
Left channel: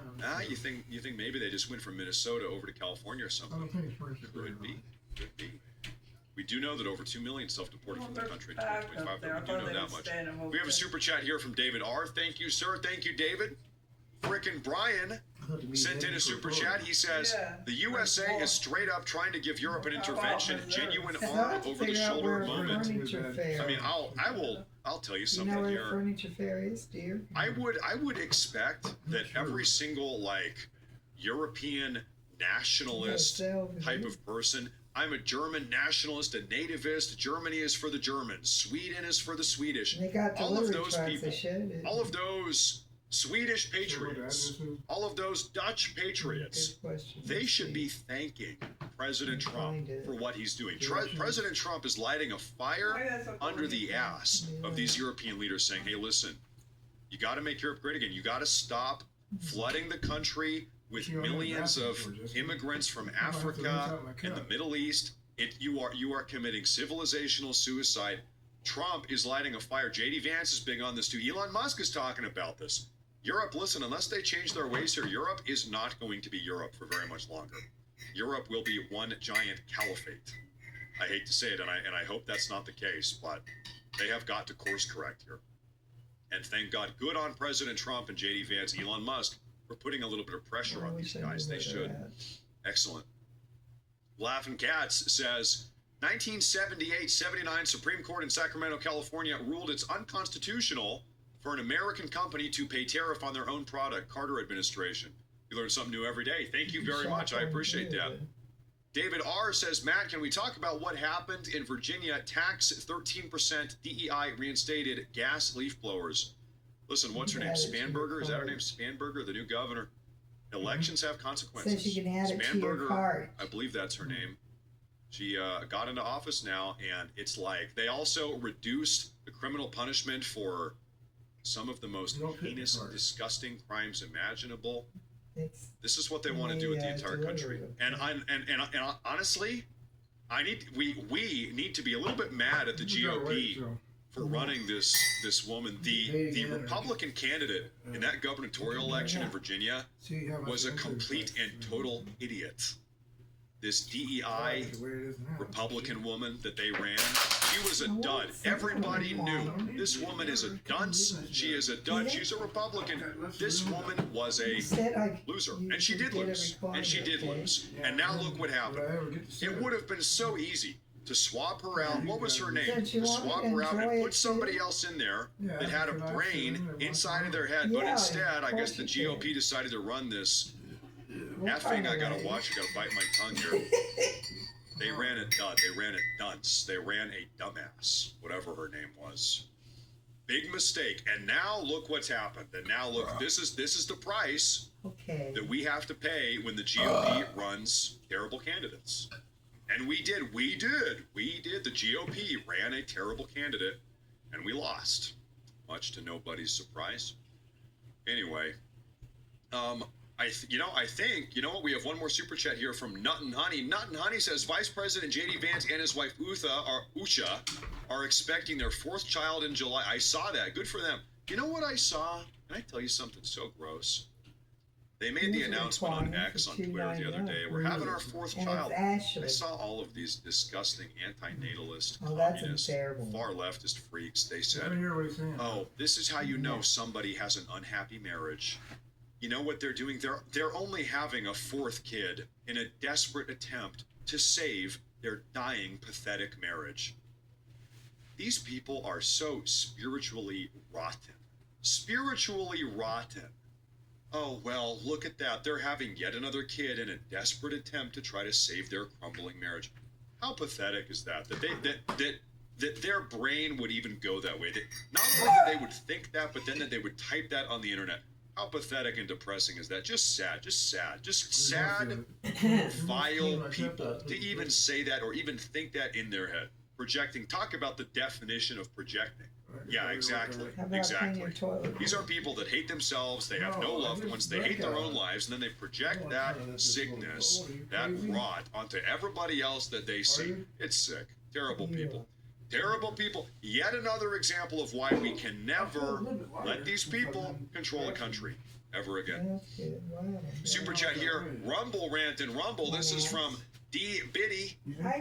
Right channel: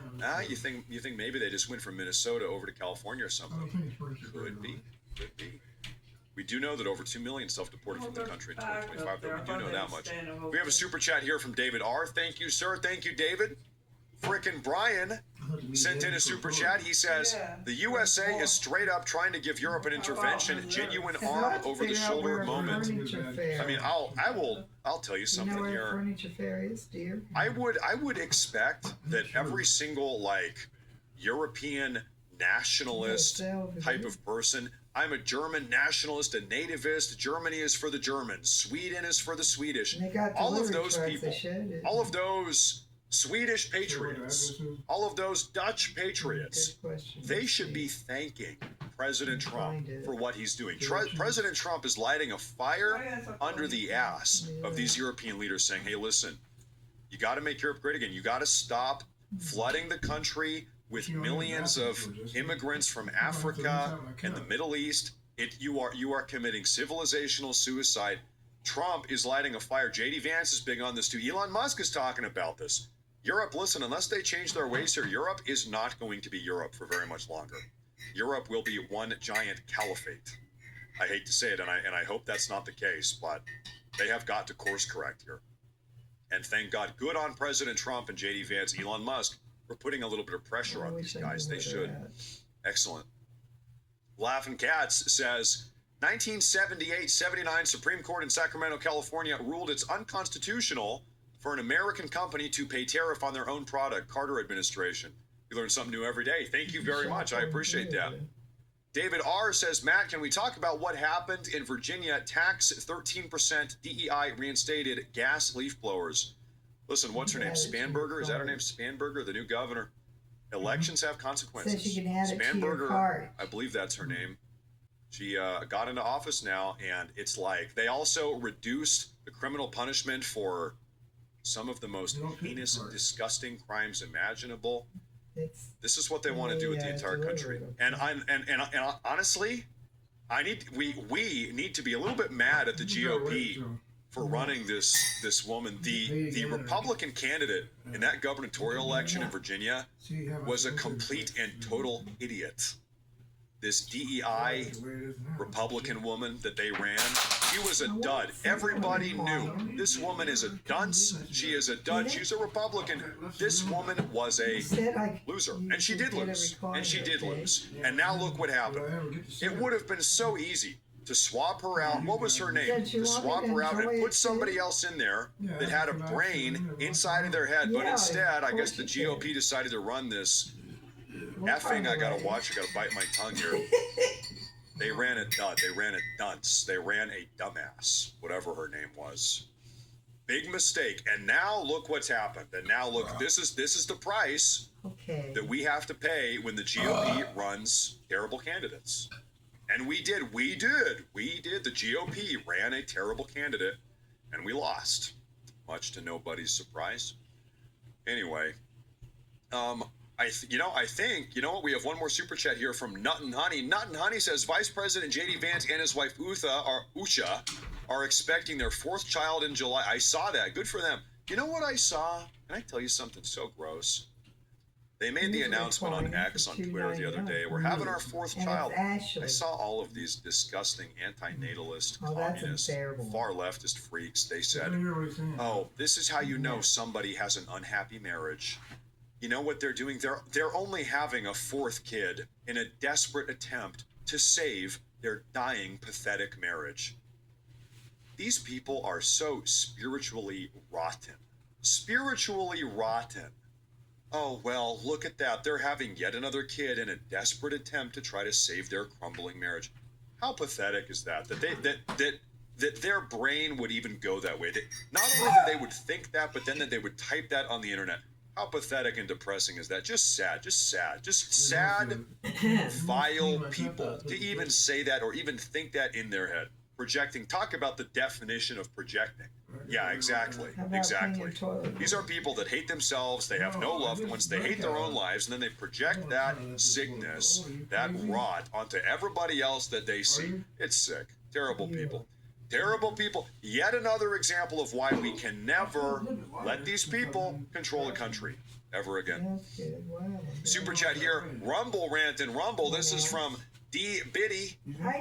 You think maybe they just went from Minnesota over to California or something? Could be. We do know that over 2 million self-deported from the country in 2025. We do know that much. We have a super chat here from David R. Thank you, sir. Thank you, David. Frickin' Brian sent in a super chat. He says, the USA is straight up trying to give Europe an intervention, genuine arm over the shoulder moment. I mean, I'll tell you something here. Furniture fair is, dear. I would expect that every single European nationalist type of person. I'm a German nationalist, a nativist. Germany is for the Germans. Sweden is for the Swedish. All of those people, all of those Swedish patriots, all of those Dutch patriots, they should be thanking President Trump for what he's doing. President Trump is lighting a fire under the ass of these European leaders, saying, hey, listen, you got to make Europe great again. You got to stop flooding the country with millions of immigrants from Africa and the Middle East. You are committing civilizational suicide. Trump is lighting a fire. J.D. Vance is big on this too. Elon Musk is talking about this. Europe, listen, unless they change their ways here, Europe is not going to be Europe for very much longer. Europe will be one giant caliphate. I hate to say it, and I hope that's not the case, but they have got to course correct here. And thank God, good on President Trump and J.D. Vance, Elon Musk, for putting a little bit of pressure on these guys. They should. Excellent. Laughing Cats says, 1978-79 Supreme Court in Sacramento, California ruled it's unconstitutional for an American company to pay tariff on their own product. Carter administration. You learn something new every day. Thank you very much. I appreciate that. David R. says, Matt, can we talk about what happened in Virginia? Tax 13% DEI reinstated gas leaf blowers. Listen, what's her name? Spanberger? Is that her name? Spanberger, the new governor. Elections have consequences. So she can add it to your Spanberger, cart. I believe that's her name. She got into office now, and it's like they also reduced the criminal punishment for some of the most heinous and disgusting crimes imaginable. This is what they want to do with the entire country. And honestly, we need to be a little bit mad at the GOP for running this woman. The Republican candidate in that gubernatorial election in Virginia was a complete and total idiot. This DEI Republican woman that they ran, she was a dud. Everybody knew this woman is a dunce. She is a dud. She's a Republican. This woman was a loser, and she did lose. And she did lose. And now look what happened. It would have been so easy to swap her out. What was her name? To swap her out and put somebody else in there that had a brain inside of their head. But instead, I guess the GOP decided to run this effing, I gotta watch, I gotta bite my tongue here. They ran a dud, they ran a dunce, they ran a dumbass, whatever her name was. Big mistake. And now look what's happened. And now look, this is the price that we have to pay when the GOP runs terrible candidates. And we did. The GOP ran a terrible candidate, and we lost, much to nobody's surprise. Anyway, I think, you know what? We have one more super chat here from Nut and Honey. Nut and Honey says, Vice President J.D. Vance and his wife Usha are expecting their fourth child in July. I saw that. Good for them. You know what I saw? Can I tell you something so gross? They made the announcement on X on Twitter the other day. We're having our fourth child. I saw all of these disgusting anti-natalist, communist, far leftist freaks. They said, oh, this is how you know somebody has an unhappy marriage. You know what they're doing? They're only having a fourth kid in a desperate attempt to save their dying, pathetic marriage. These people are so spiritually rotten. Spiritually rotten. Oh, well, look at that. They're having yet another kid in a desperate attempt to try to save their crumbling marriage. How pathetic is that? That their brain would even go that way. Not only that they would think that, but then that they would type that on the internet. How pathetic and depressing is that? Just sad, vile people to even say that or even think that in their head. Projecting. Talk about the definition of projecting. Yeah, exactly. These are people that hate themselves. They have no loved ones. They hate their own lives. And then they project that sickness, that rot onto everybody else that they see. It's sick. Terrible people. Terrible people. Yet another example of why we can never let these people control a country ever again. Super chat here. Rumble rant and rumble. This is from D. Biddy.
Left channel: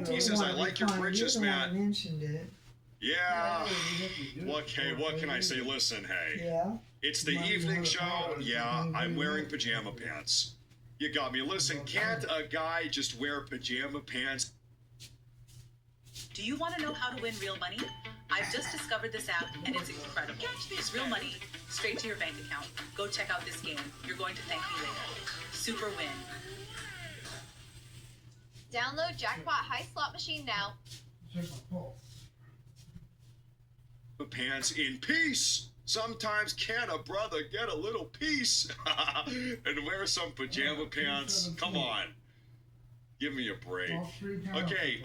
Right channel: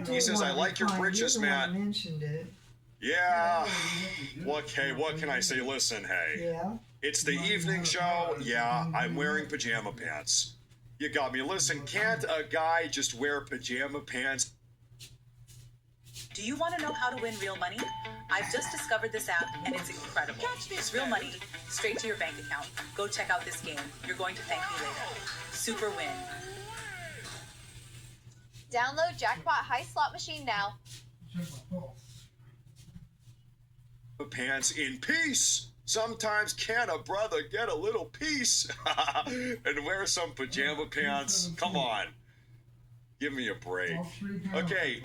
He says, I like your britches, Matt. Yeah. Okay, what can I say? Listen, hey. It's the evening show. Yeah, I'm wearing pajama pants. You got me. Listen, can't a guy just wear pajama pants? Do you want to know how to win real money? I've just discovered this app, and it's incredible. It's real money, straight to your bank account. Go check out this game. You're going to thank me later. Super win. Download Jackpot High Slot Machine now. Pants in peace. Sometimes can a brother get a little peace and wear some pajama pants? Come on. Give me a break. Okay,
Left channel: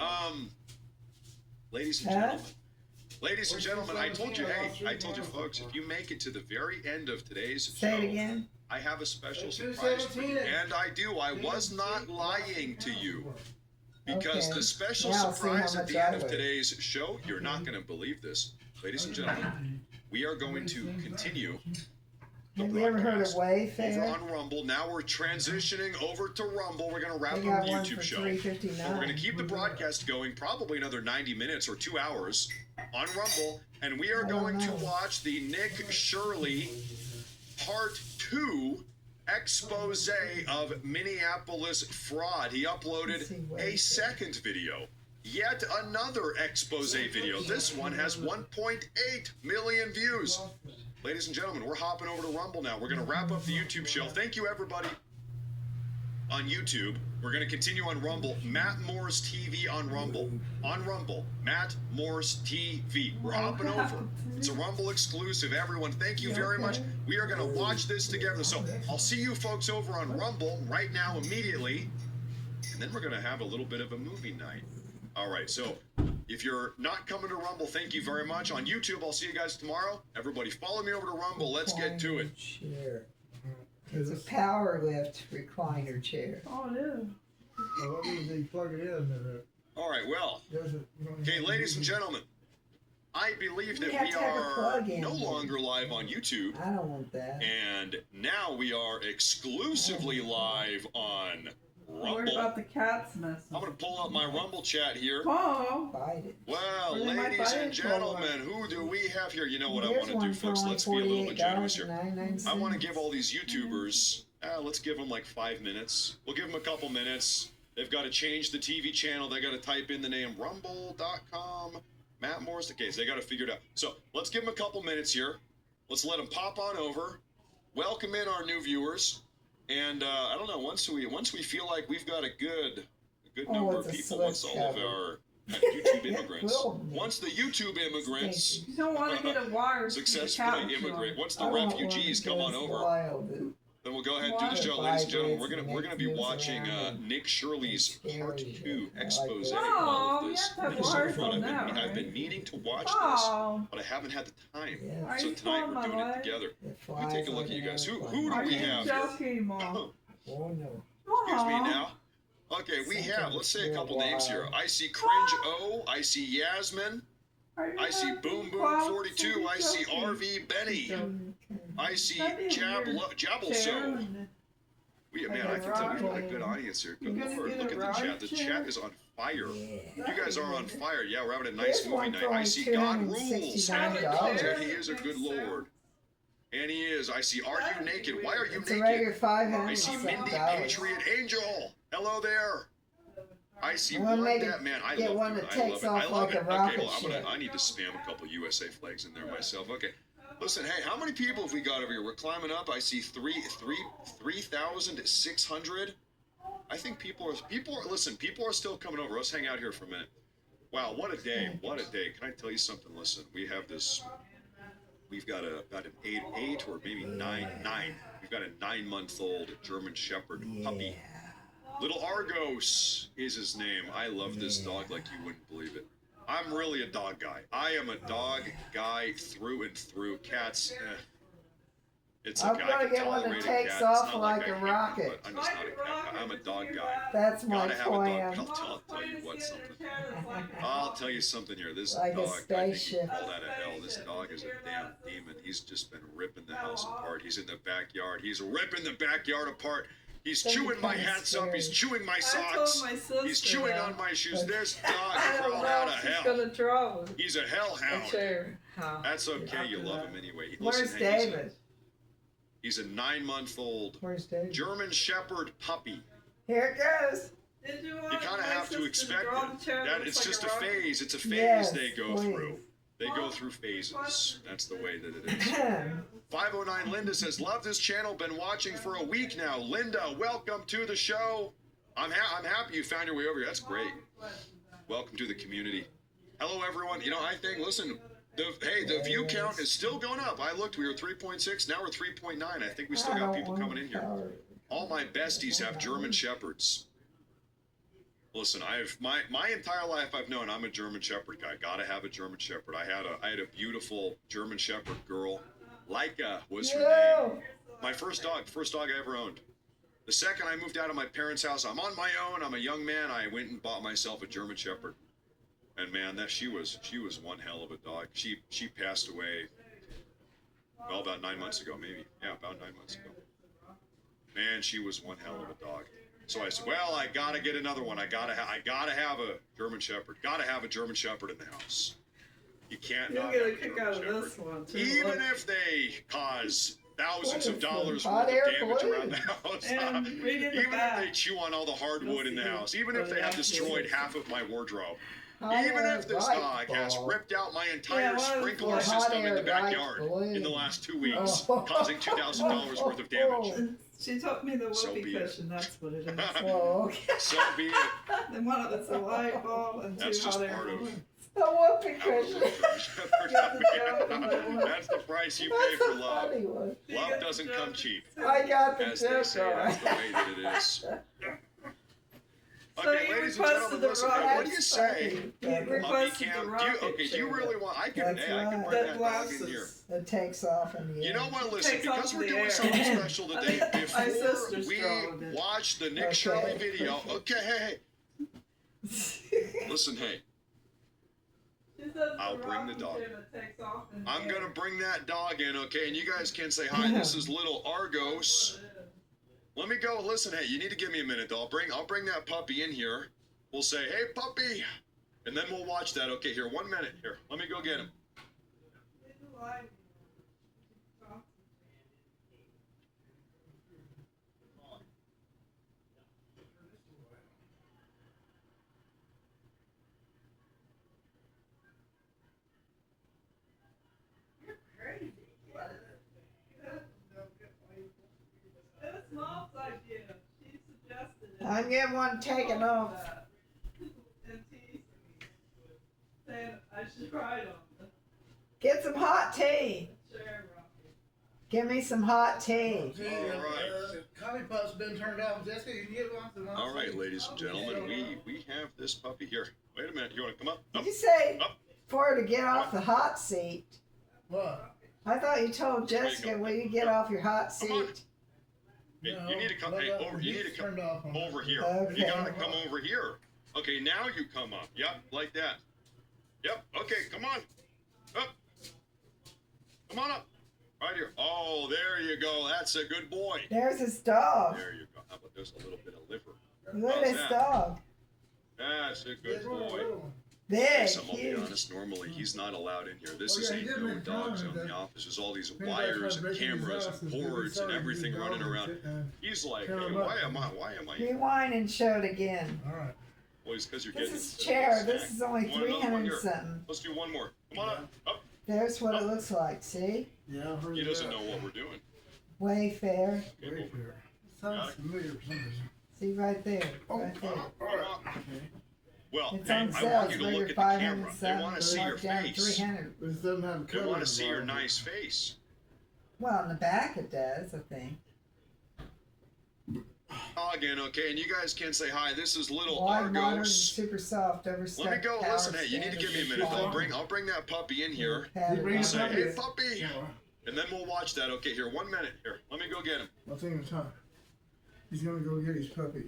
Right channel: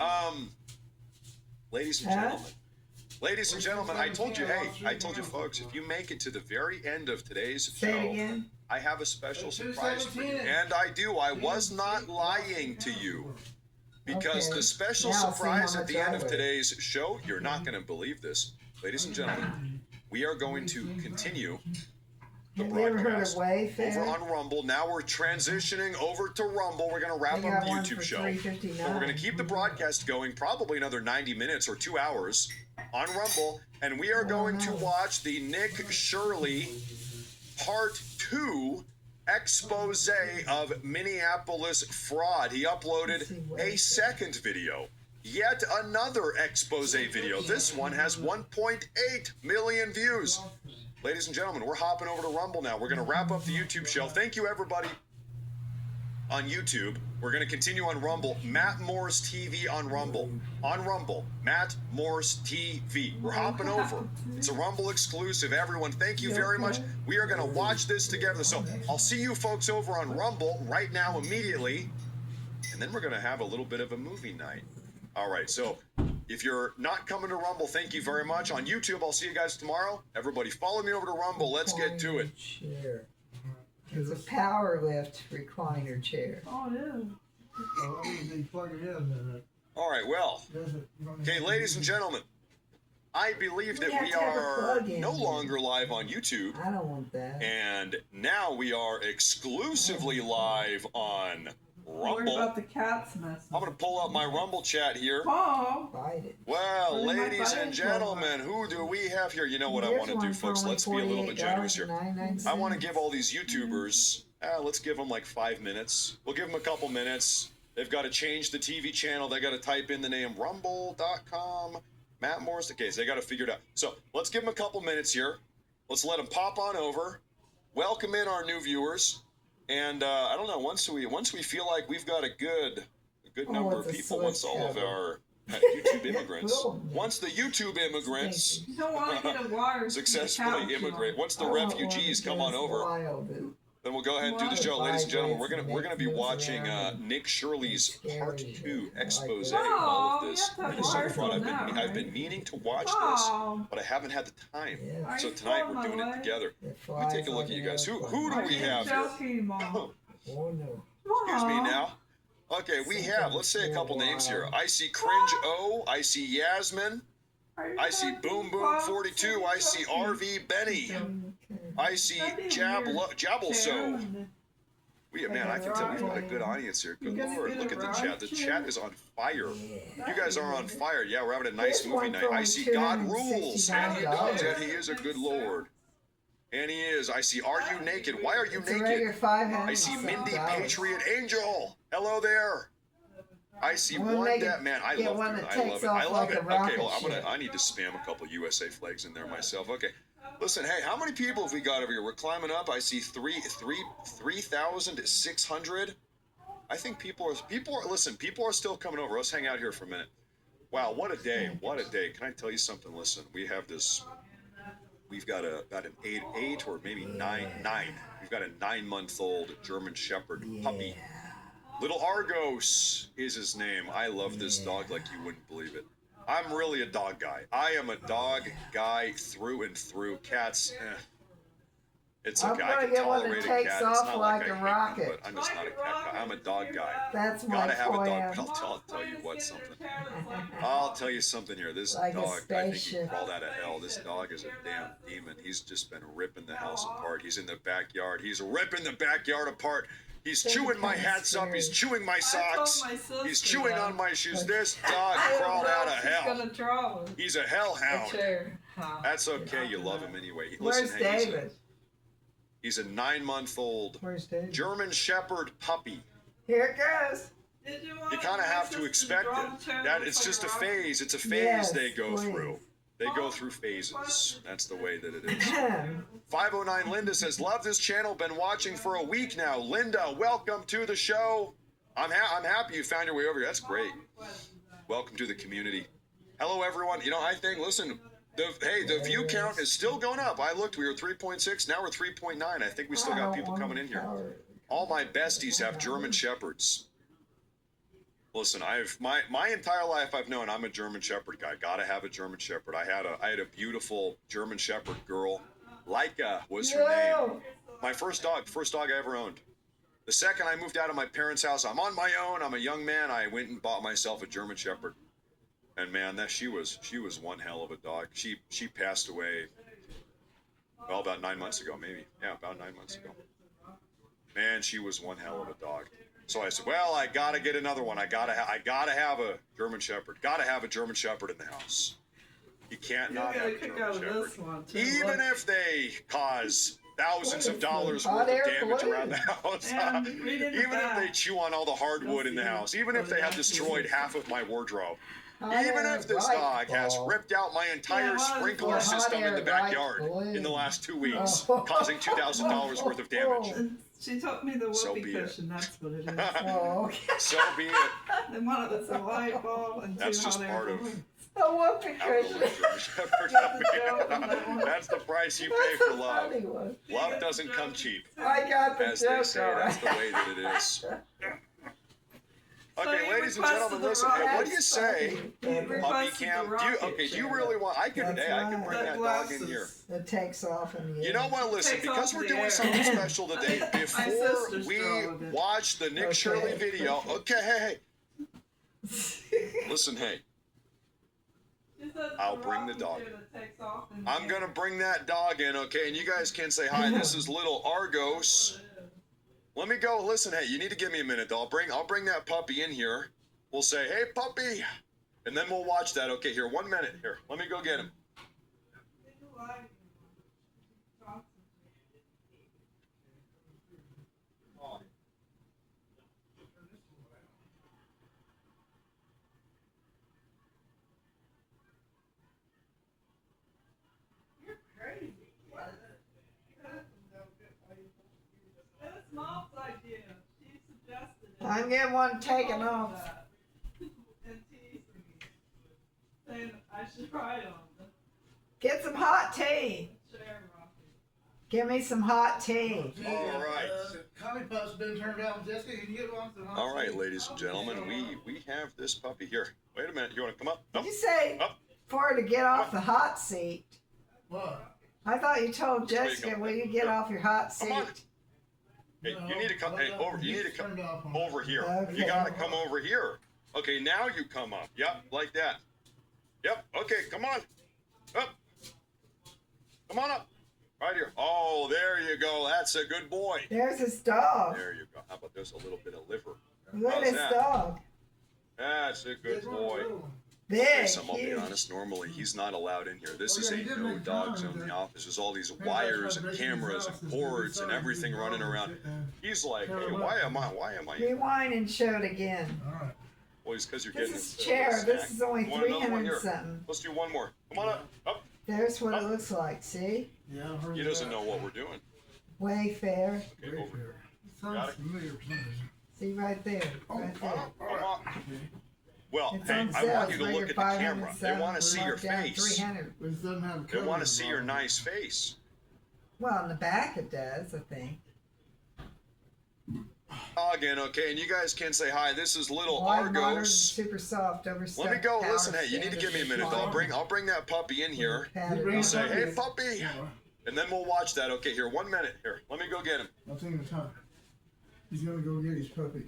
ladies and gentlemen. Ladies and gentlemen, I told you, folks, if you make it to the very end of today's show, Say it again. I have a special surprise for you. And I do. I was not lying to you. Because the special surprise at the end of today's show, you're not going to believe this. Ladies and gentlemen, we are going to continue the broadcast over on Rumble. Now we're transitioning over to Rumble. We're going to wrap up the YouTube show. But we're going to keep the broadcast going probably another 90 minutes or 2 hours on Rumble. And we are going to watch the Nick Shirley Part 2 expose of Minneapolis fraud. He uploaded a second video. Yet another expose video. This one has 1.8 million views. Ladies and gentlemen, we're hopping over to Rumble now. We're going to wrap up the YouTube show. Thank you, everybody on YouTube. We're going to continue on Rumble. Matt Morris TV on Rumble. On Rumble, Matt Morris TV. We're hopping over. It's a Rumble exclusive. Everyone, thank you very much. We are going to watch this together. So I'll see you folks over on Rumble right now immediately. And then we're going to have a little bit of a movie night. All right, so if you're not coming to Rumble, thank you very much. On YouTube, I'll see you guys tomorrow. Everybody follow me over to Rumble. Let's get to it. Chair. It's a power lift recliner chair. Oh, it is. All right, well, okay, ladies and gentlemen, I believe that we are no longer live on YouTube. I don't want that. And now we are exclusively live on Rumble. What about the cat's mess? I'm going to pull up my Rumble chat here. Oh. Well, ladies and gentlemen, who do we have here? You know what I want to do, folks? Let's be a little bit generous here. I want to give all these YouTubers, let's give them like 5 minutes. We'll give them a couple minutes. They've got to change the TV channel. They got to type in the name rumble.com, Matt Morris. Okay, so they got to figure it out. So let's give them a couple minutes here. Let's let them pop on over. Welcome in our new viewers. And I don't know. Once we feel like we've got a good number of people, once all of our YouTube immigrants, once the YouTube immigrants successfully immigrate, once the refugees come on over, then we'll go ahead and do the show, ladies and gentlemen. We're gonna be watching Nick Shirley's Part 2 expose of all of this Minnesota fraud. I've been meaning to watch this, but I haven't had the time. So tonight we're doing it together. Let me take a look at you guys. Who do we have here? Excuse me now. Okay, we have, let's say a couple names here. I see Cringe O, I see Yasmin, I see Boom Boom 42, I see RV Benny, I see Jabelso. Man, I think that we've got a good audience here. Good Lord, look at the chat. The chat is on fire. You guys are on fire. Yeah, we're having a nice movie night. I see God Rules, and he is a good Lord. And he is. I see Are You Naked? Why are you naked? I see Mindy Patriot Angel. Hello there. I see one that man. I love it. I love it. Okay, well, I need to spam a couple USA flags in there myself. Okay. Listen, hey, how many people have we got over here? We're climbing up. I see 3,600. I think people are still coming over. Let's hang out here for a minute. Wow, what a day. What a day. Can I tell you something? Listen, we've got an eight or maybe nine. We've got a 9-month-old German Shepherd puppy. Little Argos is his name. I love this dog like you wouldn't believe it. I'm really a dog guy. I am a dog guy through and through. Cats, it's okay. I can tolerate a cat. It's not like I hate them, but I'm just not a cat guy. I'm a dog guy. That's my Gotta have a dog. But I'll tell you what, something. I'll tell you something here. This dog, I think you call that a hell. This dog is a damn demon. He's just been ripping the house apart. He's in the backyard. He's ripping the backyard apart. He's chewing my hats up. He's chewing my socks. He's chewing on my shoes. This dog crawled out of hell. He's a hellhound. That's okay. You love him anyway. Where's David? He's a 9-month-old German Shepherd puppy. Here it goes. You kind of have to expect it. That it's just a phase. It's a phase they go through. They go through phases. That's the way that it is. 509 Linda says, love this channel. Been watching for a week now. Linda, welcome to the show. I'm happy you found your way over here. That's great. Welcome to the community. Hello, everyone. You know, I think, listen, The view count is still going up. I looked, we were 3.6, now we're 3.9. I think we still got people coming in here. All my besties have German Shepherds. Listen, my entire life I've known I'm a German Shepherd guy. Gotta have a German Shepherd. I had a beautiful German Shepherd girl. Leica was her name. My first dog I ever owned. The second I moved out of my parents' house, I'm on my own. I'm a young man. I went and bought myself a German Shepherd. And man, she was one hell of a dog. She passed away, well, about 9 months ago, maybe. Yeah, about 9 months ago. Man, she was one hell of a dog. So I said, well, I gotta get another one. I gotta have a German Shepherd. Gotta have a German Shepherd in the house. You can't not have a German Shepherd, even if they cause thousands of dollars worth of damage around the house. Even if they chew on all the hardwood in the house. Even if they have destroyed half of my wardrobe. Even if this dog has ripped out my entire sprinkler system in the backyard in the last 2 weeks, causing $2,000 worth of damage. She taught me the whoopee cushion. That's what it is. So be it. And one of it's a light bulb and That's two just hot air part of. balloons. A whoopee cushion. That's the price you pay for love. Love doesn't come cheap. I got the As they joke, say, all that's the right. way that it is. So Okay, you ladies and requested gentlemen, the listen. Hey, what do you say? You Puppy requested cam. the rocket Do you chair. really want? I can bring that dog in here. It takes off in the You know what? Listen, Takes because off we're the doing air. something special today, My before sister's we throwing it. watch the Nick Shirley video. Okay, hey. Listen, hey. I'll bring the dog. I'm gonna bring that dog in, okay? And you guys can say hi. This is little Argos. Let me go. Listen, hey, you need to give me a minute though. I'll bring that puppy in here. We'll say, hey, puppy, and then we'll watch that. Okay, here, 1 minute. Here, let me go get him. I'm getting one taken off. And teasing me, saying I should try it on. Get some hot tea. Give me some hot tea. All right. Coffee pup's been turned off. Jessica, you can get one. All right, ladies and gentlemen, we have this puppy here. Wait a minute. You want to come up? Did you say Up. for her to get off the hot seat? What? I thought you told There you Jessica, go. will you get off your hot seat? Come on. Hey, you need to come. Hey, over. You need to come over here. You Okay. gotta come over here. Okay, now you come up. Yep, like that. Yep. Okay, come on. Up. Come on up. Right here. Oh, there you go. That's a good boy. There's his dog. There you go. How about this? A little bit of liver. Look at How's his that? dog. That's a good boy. Big, I'll be huge. honest, normally he's not allowed in here. This is a no dog zone in the office. There's all these wires and cameras and cords and everything running around. He's like, hey, why am I Rewind and show it again. Well, it's because you're This getting is this chair. snack. This is only You want another one? 300 Here. something. Let's do one more. Come on up. Up. There's what it looks like. See? Yeah, He doesn't know what we're doing. Wayfair. Okay, over here. Sounds familiar for some reason. See right there. Right there. Come on. Well, It's hey, on I sale. want you It's to look rated at the 500 camera. They something. want to see your Marked down face. 300. But it doesn't have They want to covers see on your it. nice face. Well, in the back it does, I think. Again, okay, and you guys can say hi. This is little Wide, modern, Argos. super soft, overstuffed. Let me go. power Listen, hey, you need to give me a minute. Though. I'll bring that puppy in here. Padded And say, on. hey, puppy, and then we'll watch that. Okay, here, 1 minute. Here, let me go get him. I'll take him time. He's gonna go get his puppy,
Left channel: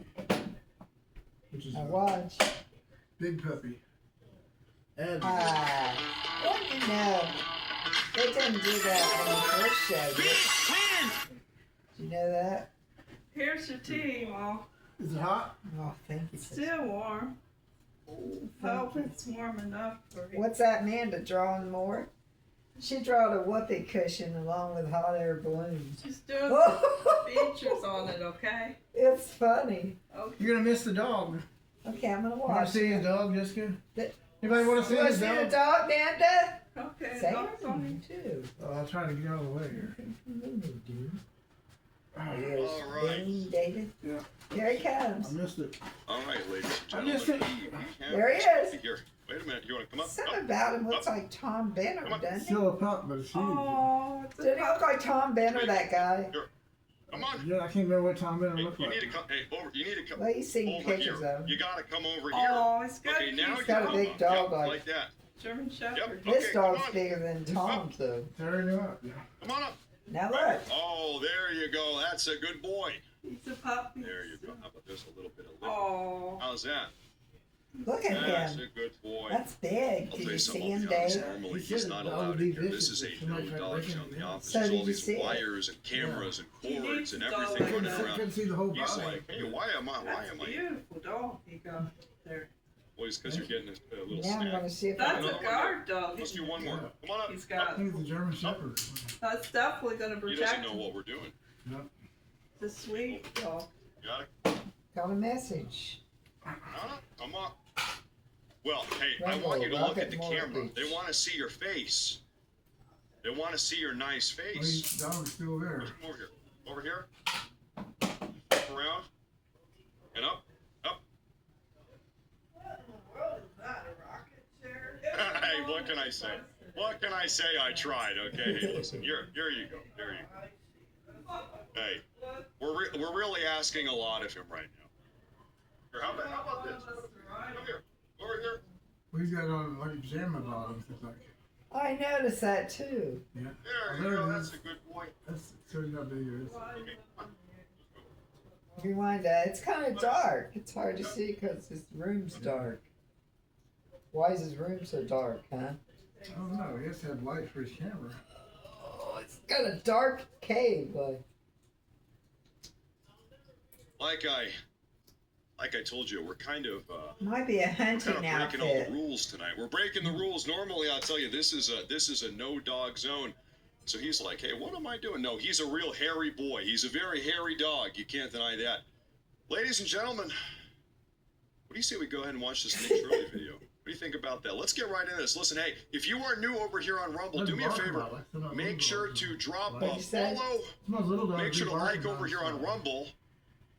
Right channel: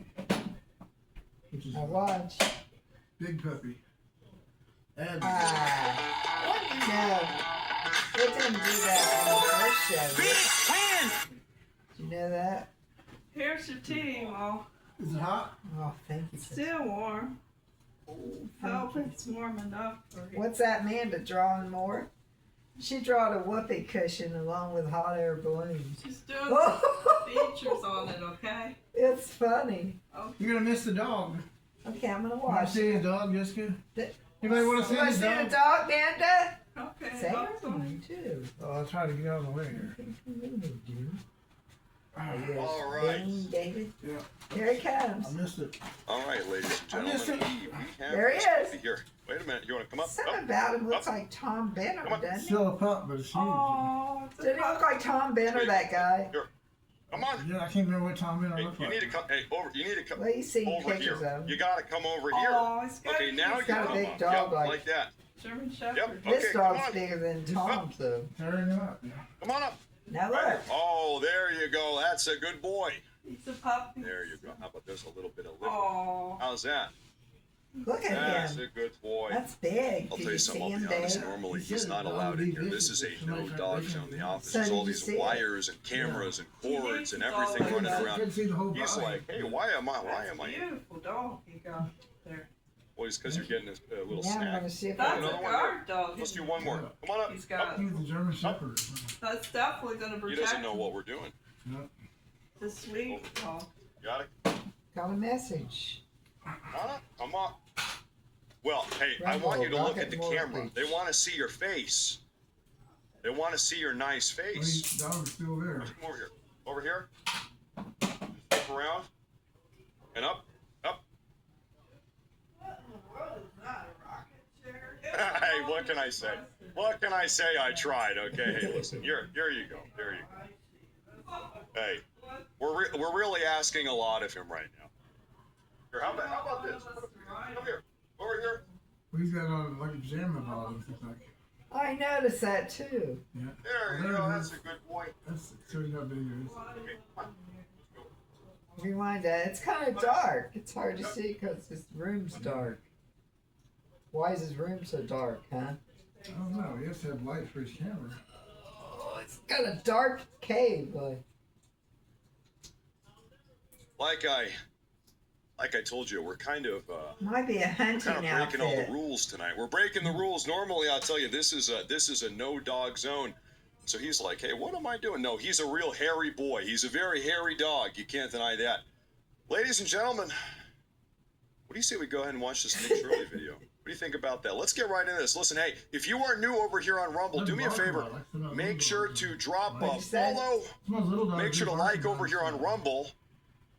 which is Now watch. big puppy. And No. It didn't do that when I first showed it. Did you know that? Here's your tea, Ma. is it hot? Oh, thank you. Still warm. Hope it's warm enough for you. What's that Amanda drawing more? She drawed a whoopee cushion along with hot air balloons. She's doing some features on it, okay? It's funny. You're gonna miss the dog. Okay, I'm gonna Want to watch. see the dog, Jessica? The- Anybody want to see Wanna the see dog? the dog, Nanda? Okay, Say dog's on it too. Well, I'll try to get out of the way here. All right. Dean David. Yeah. Here he comes. I missed it. All right, ladies and I missed gentlemen. it. We have There he this is. puppy here. Wait a minute. You want to come up? Something Up, about him looks up. like Tom Benner, Come on. doesn't he? Still a pup, but it's huge. Oh, doesn't he look like Tom Benner, that guy? Here. Come on. Yeah, I can't remember what Tom Benner Hey, looked you like. need to come. Hey, over. You need to come Well, he's seen over pictures here. of him. You got to come over here. Oh, he's got Okay, now He's you got a come big up. dog Yep, like- that. German Shepherd. Yep. This Okay, come dog's on. bigger than Tom's, though. Tearing him up. Yeah. Come on up. Now Right here. look. Oh, there you go. That's a good boy. He's a puppy. There you go. How about there's a little bit of liquid? Oh. How's that? Look at That's him. a good boy. That's big. I'll Did tell you you something, see I'll him, be honest, Dave? normally He he's said not dog allowed would in be here. This is visible. a no Somebody dog tried zone. The office So is did all you these see it? wires and cameras and cords and He needs a everything dog running like that. around. Couldn't see the whole He's body. like, hey, why am I Beautiful dog you got there. Well, it's because you're getting a little Now I'm snack. going to see if That's I a Another one guard dog. Let's do one more. Come on up. He's I got. think it's a German Shepherd. That's definitely gonna He protect doesn't know him. what we're doing. Yep. It's a sweet dog. Got it? got a message. Come on. Well, hey, I Rumble, want you to look Rocket at the Mortal camera. Beach. They want to see your face. They want to see your nice Well, face. the dog's still there. Come over here. Over here. Flip around. And up. Up. What in the world is that? A rocket chair? Hey, what can I say? What can I say? I tried. Okay. Hey, listen. Here you go. There you go. Hey, we're really asking a lot of him right now. Here, how about this? Come here. Over here. Well, he's got a lot of like pajama bottoms. It's like, I noticed that, too. yeah. There you go. That's a good boy. That's shows you how big it is. Okay, come on. If you want that, it's kind of dark. It's hard to see because his room's dark. Why is his room so dark, huh? I don't know. He has to have light for his camera. Oh, it's got a dark cave. Like I told you, we're kind of Might be a hunting breaking all the outfit. rules tonight. We're breaking the rules. Normally, I'll tell you, this is a no dog zone. So he's like, hey, what am I doing? No, he's a real hairy boy. He's a very hairy dog. You can't deny that. Ladies and gentlemen, what do you say we go ahead and watch this Nick Shirley video? What do you think about that? Let's get right into this. Listen, hey, if you are new over here on Rumble, do me a favor. Make sure to drop a follow. Make sure to like over here on Rumble.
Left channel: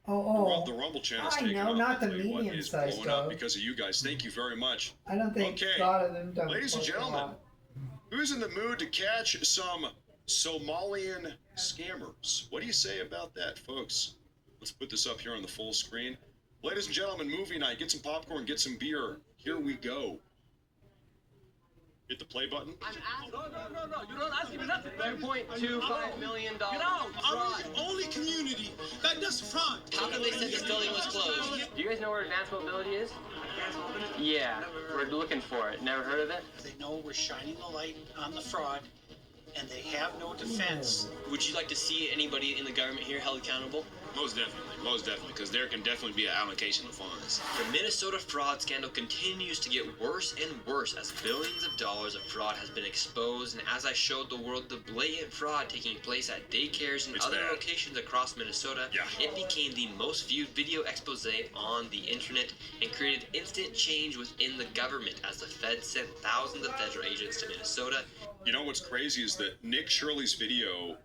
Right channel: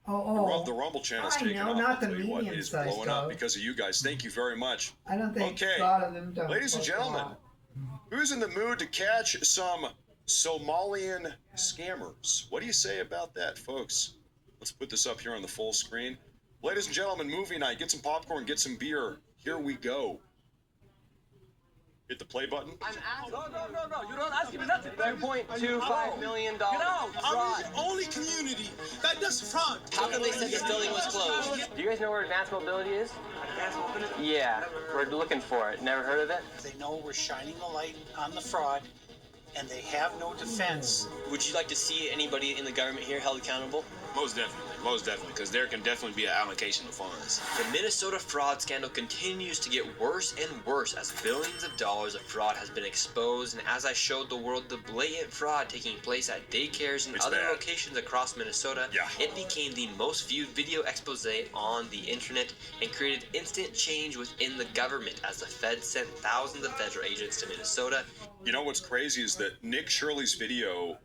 The Rumble channel's I taking know, off. not I'll the tell you what, medium it's size blowing up dog. because of you guys. Thank you very much. I don't think Okay. a lot of them don't. Ladies and look gentlemen, alike. who's in the mood to catch some Somalian scammers? What do you say about that, folks? Let's put this up here on the full screen. Ladies and gentlemen, movie night. Get some popcorn, get some beer. Here we go. Hit the play button. No. You don't ask me nothing. $2.25 million. Get out. Are we the only community that does fraud? How come they said this building was closed? Do you guys know where advanced mobility is? Advanced mobility? Yeah, we're looking for it. Never heard of it? They know we're shining the light on the fraud, and they have no defense. Would you like to see anybody in the government here held accountable? Most definitely, because there can definitely be an allocation of funds. The Minnesota fraud scandal continues to get worse and worse as billions of dollars of fraud has been exposed, and as I showed the world the blatant fraud taking place at daycares and other locations across Minnesota, it became the most viewed video expose on the internet and created instant change within the government as the Fed sent thousands of federal agents to Minnesota. You know what's crazy is that Nick Shirley's video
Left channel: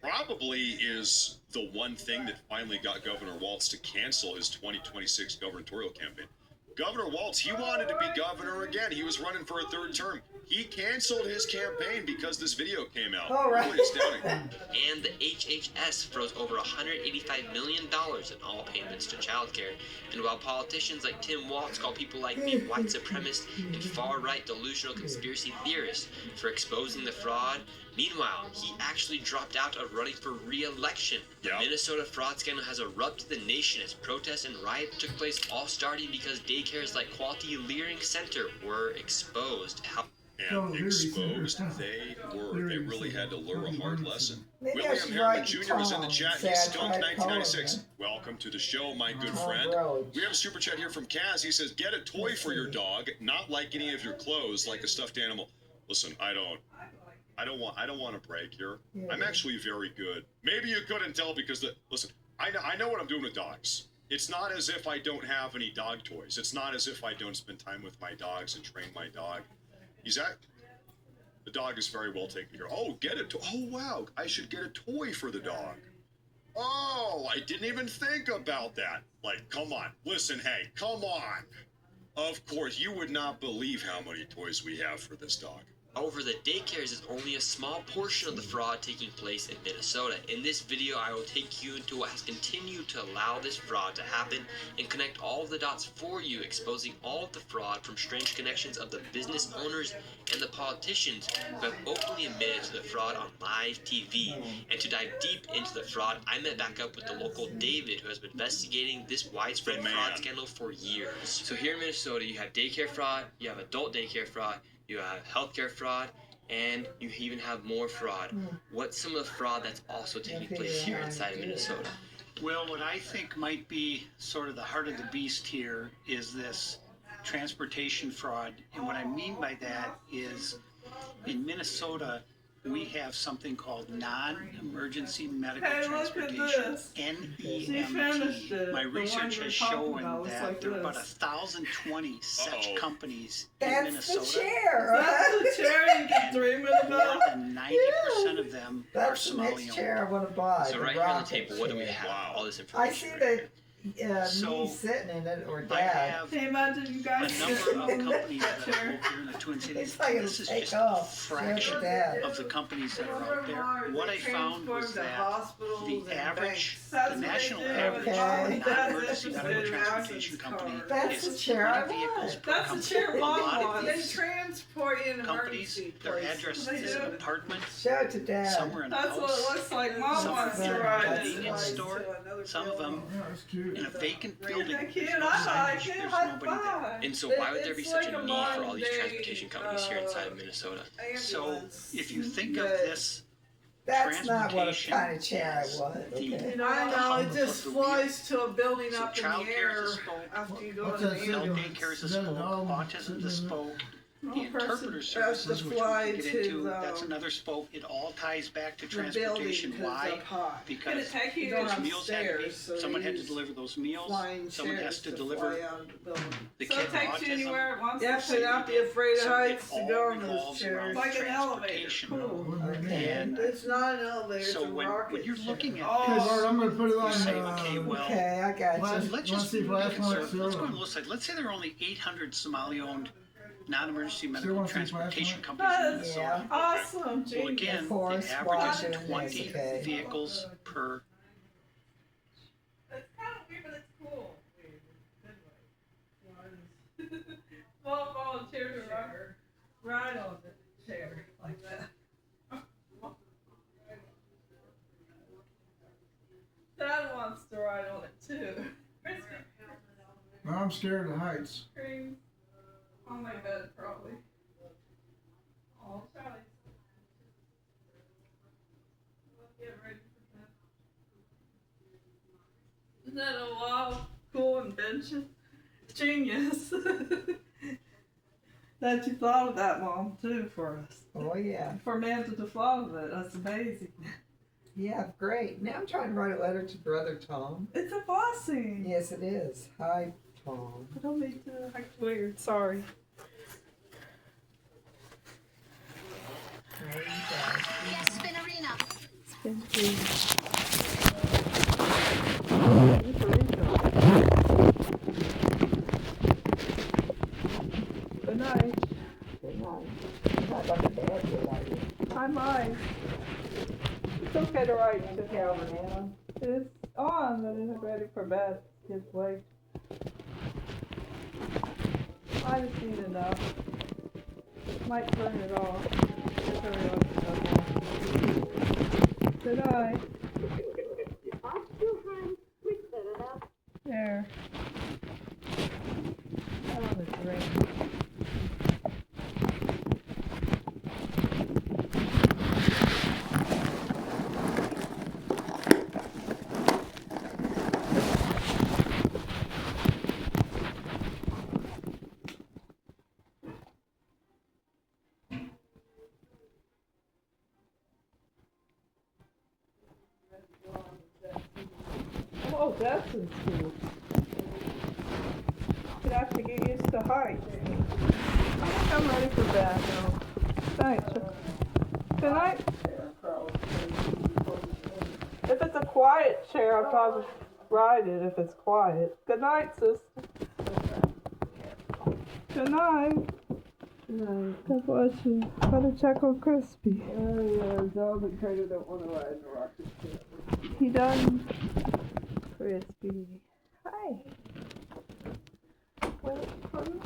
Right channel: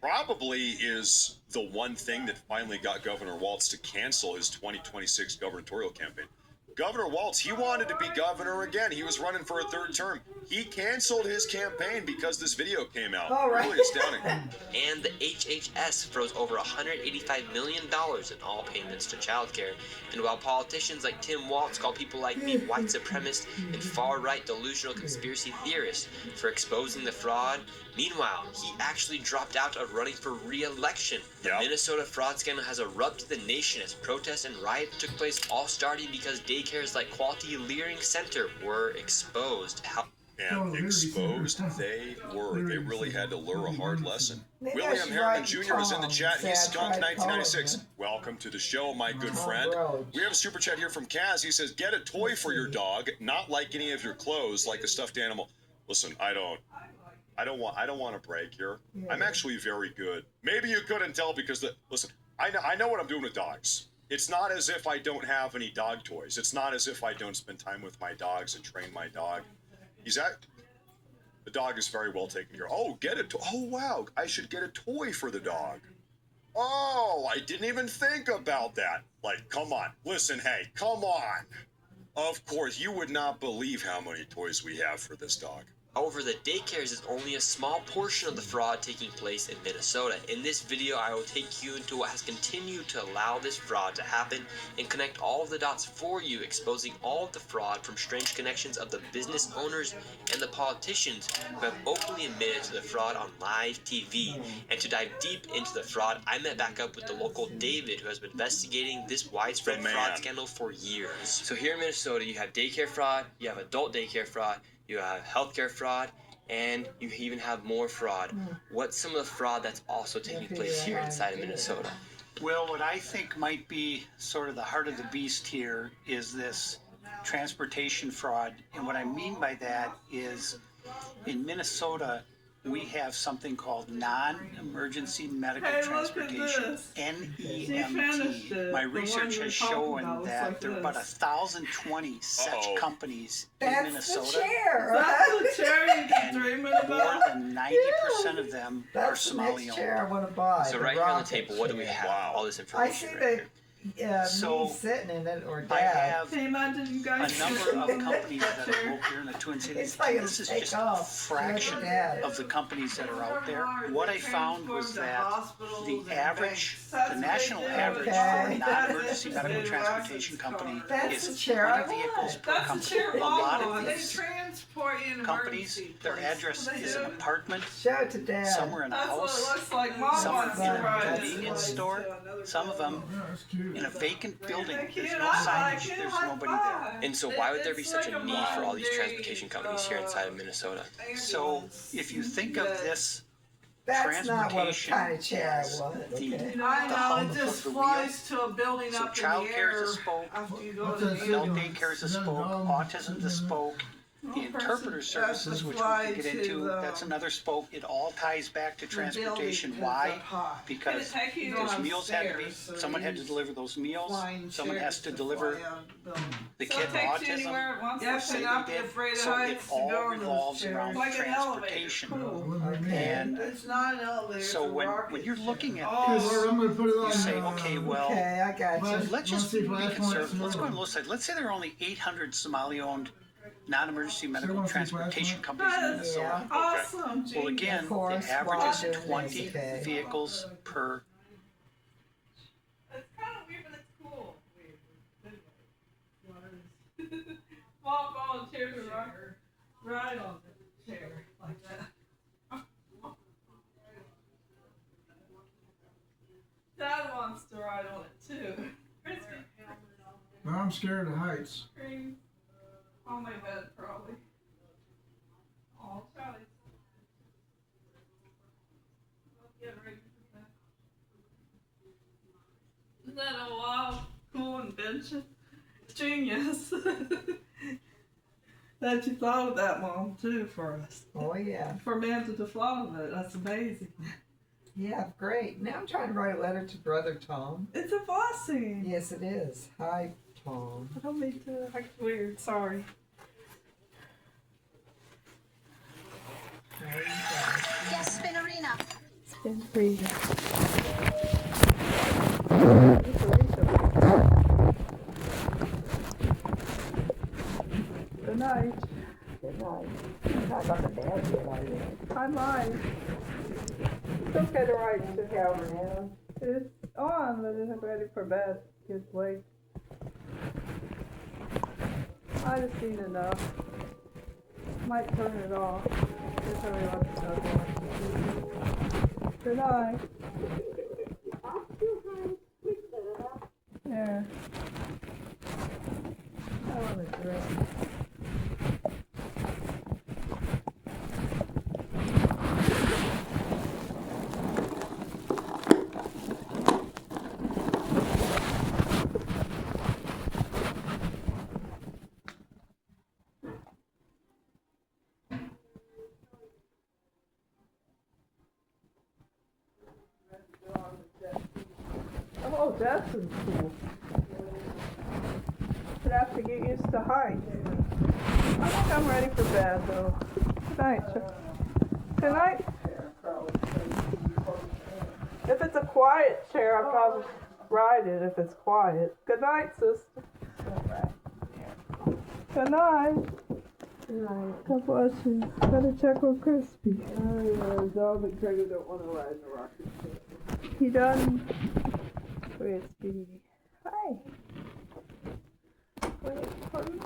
probably is the one thing that finally got Governor Walz to cancel his 2026 gubernatorial campaign. Governor Walz, he wanted to be governor again. He was running for a third term. He canceled his campaign because this video came out. Really astounding. And the HHS froze over $185 million in all payments to childcare. And while politicians like Tim Walz call people like me white supremacists and far-right delusional conspiracy theorists for exposing the fraud, meanwhile, he actually dropped out of running for re-election. The Minnesota fraud scandal has erupted the nation as protests and riots took place, all starting because daycares like Quality Learning Center were exposed. And exposed they were. They really had to learn a hard lesson. William Harriman Jr. is in the chat. He's Skunk 1996. Welcome to the show, my good friend. We have a super chat here from Kaz. He says, get a toy for your dog, not like any of your clothes, like a stuffed animal. Listen, I don't want to brag here. I'm actually very good. Maybe you couldn't tell because listen, I know what I'm doing with dogs. It's not as if I don't have any dog toys. It's not as if I don't spend time with my dogs and train my dog. The dog is very well taken care of. Oh, get it. Oh, wow. I should get a toy for the dog. Oh, I didn't even think about that. Like, come on. Listen, hey, come on. Of course, you would not believe how many toys we have for this dog. However, the daycares is only a small portion of the fraud taking place in Minnesota. In this video, I will take you into what has continued to allow this fraud to happen and connect all of the dots for you, exposing all of the fraud from strange connections of the business owners and the politicians who have openly admitted to the fraud on live TV. And to dive deep into the fraud, I met back up with the local David, who has been investigating this widespread fraud scandal for years. So here in Minnesota, you have daycare fraud, you have adult daycare fraud, you have healthcare fraud, and you even have more fraud. What's some of the fraud that's also taking place here inside of Minnesota? Well, what I think might be sort of the heart of the beast here is this transportation fraud. And what I mean by that is in Minnesota, we have something called non-emergency medical transportation, NEMT. My research has shown that there are about 1,020 such companies in Minnesota. That's the chair you've been dreaming about. More than 90% of them are Somali owned. Chair I want to buy. So right here on the table, what do we have? All this information. I see right that me sitting in it or Dad. I have a number of companies that are located here in the Twin Cities. This is just a fraction of the companies that are out there. What I found was that the average, the national average for a non-emergency medical transportation company is 20 vehicles per company. A lot of these companies, their address is an apartment, somewhere in a house, some of them in a convenience store, some of them in a vacant building. There's no signage, there's nobody there. And so why would there be such a need for all these transportation companies here inside of Minnesota? So if you think of this That's not what transportation kind of chair as I want. the Okay. hub It just of the flies wheel. to a building So up in child the care air is a spoke, after you go adult to the daycare is a spoke, autism is a spoke, the interpreter services, which we can get into, that's another spoke. It all ties back to transportation. Why? Because those meals had to be, someone had to deliver those meals, someone has to deliver the kid with autism. You have to not be afraid of So it heights to go all in revolves those chairs. around Like an elevator. transportation. And It's not an elevator. so when you're looking at Oh. this, I'm gonna put it on, you say, okay, well, Okay, I got you. let's just be conservative. Let's go on the low side. Let's say there are only 800 Somali-owned non-emergency medical transportation companies in Minnesota. Awesome, Well, again, the average Washington is 20 okay. vehicles per. It's kind of weird, but it's cool. Small volunteer to ride on the chair like that. Dad wants to ride on it too. Well, I'm scared of heights. On my bed, probably. Oh, Charlie. Get ready for that. Isn't that a wild, cool invention? Genius. That you thought of that, Mom, too, for us. Oh, yeah. For Amanda to thought of it. That's amazing. Yeah, great. Now I'm trying to write a letter to Brother Tom. It's a blessing. Yes, it is. Hi, Tom. I don't mean to act weird. Sorry. Yes, Spinnerina. Good night. Good night. Not on the bed yet, are you? I might. It's okay to write to Calvin. It's on, but it's ready for bed. Kids wait. I just seen enough. Might turn it off. Just hurry up. Okay. Good night. There. I want a drink. Oh, that's cool. You'd have to get used to heights. I think I'm ready for bed, though. Good night. Good night. If it's a quiet chair, I'll probably ride it if it's quiet. Good night, sister. Good night. Good night. God bless you. Better check on Crispy. Yeah, Dog and Trader don't want to ride in the rocket chair. He done. Crispy. Hi. Wait for me.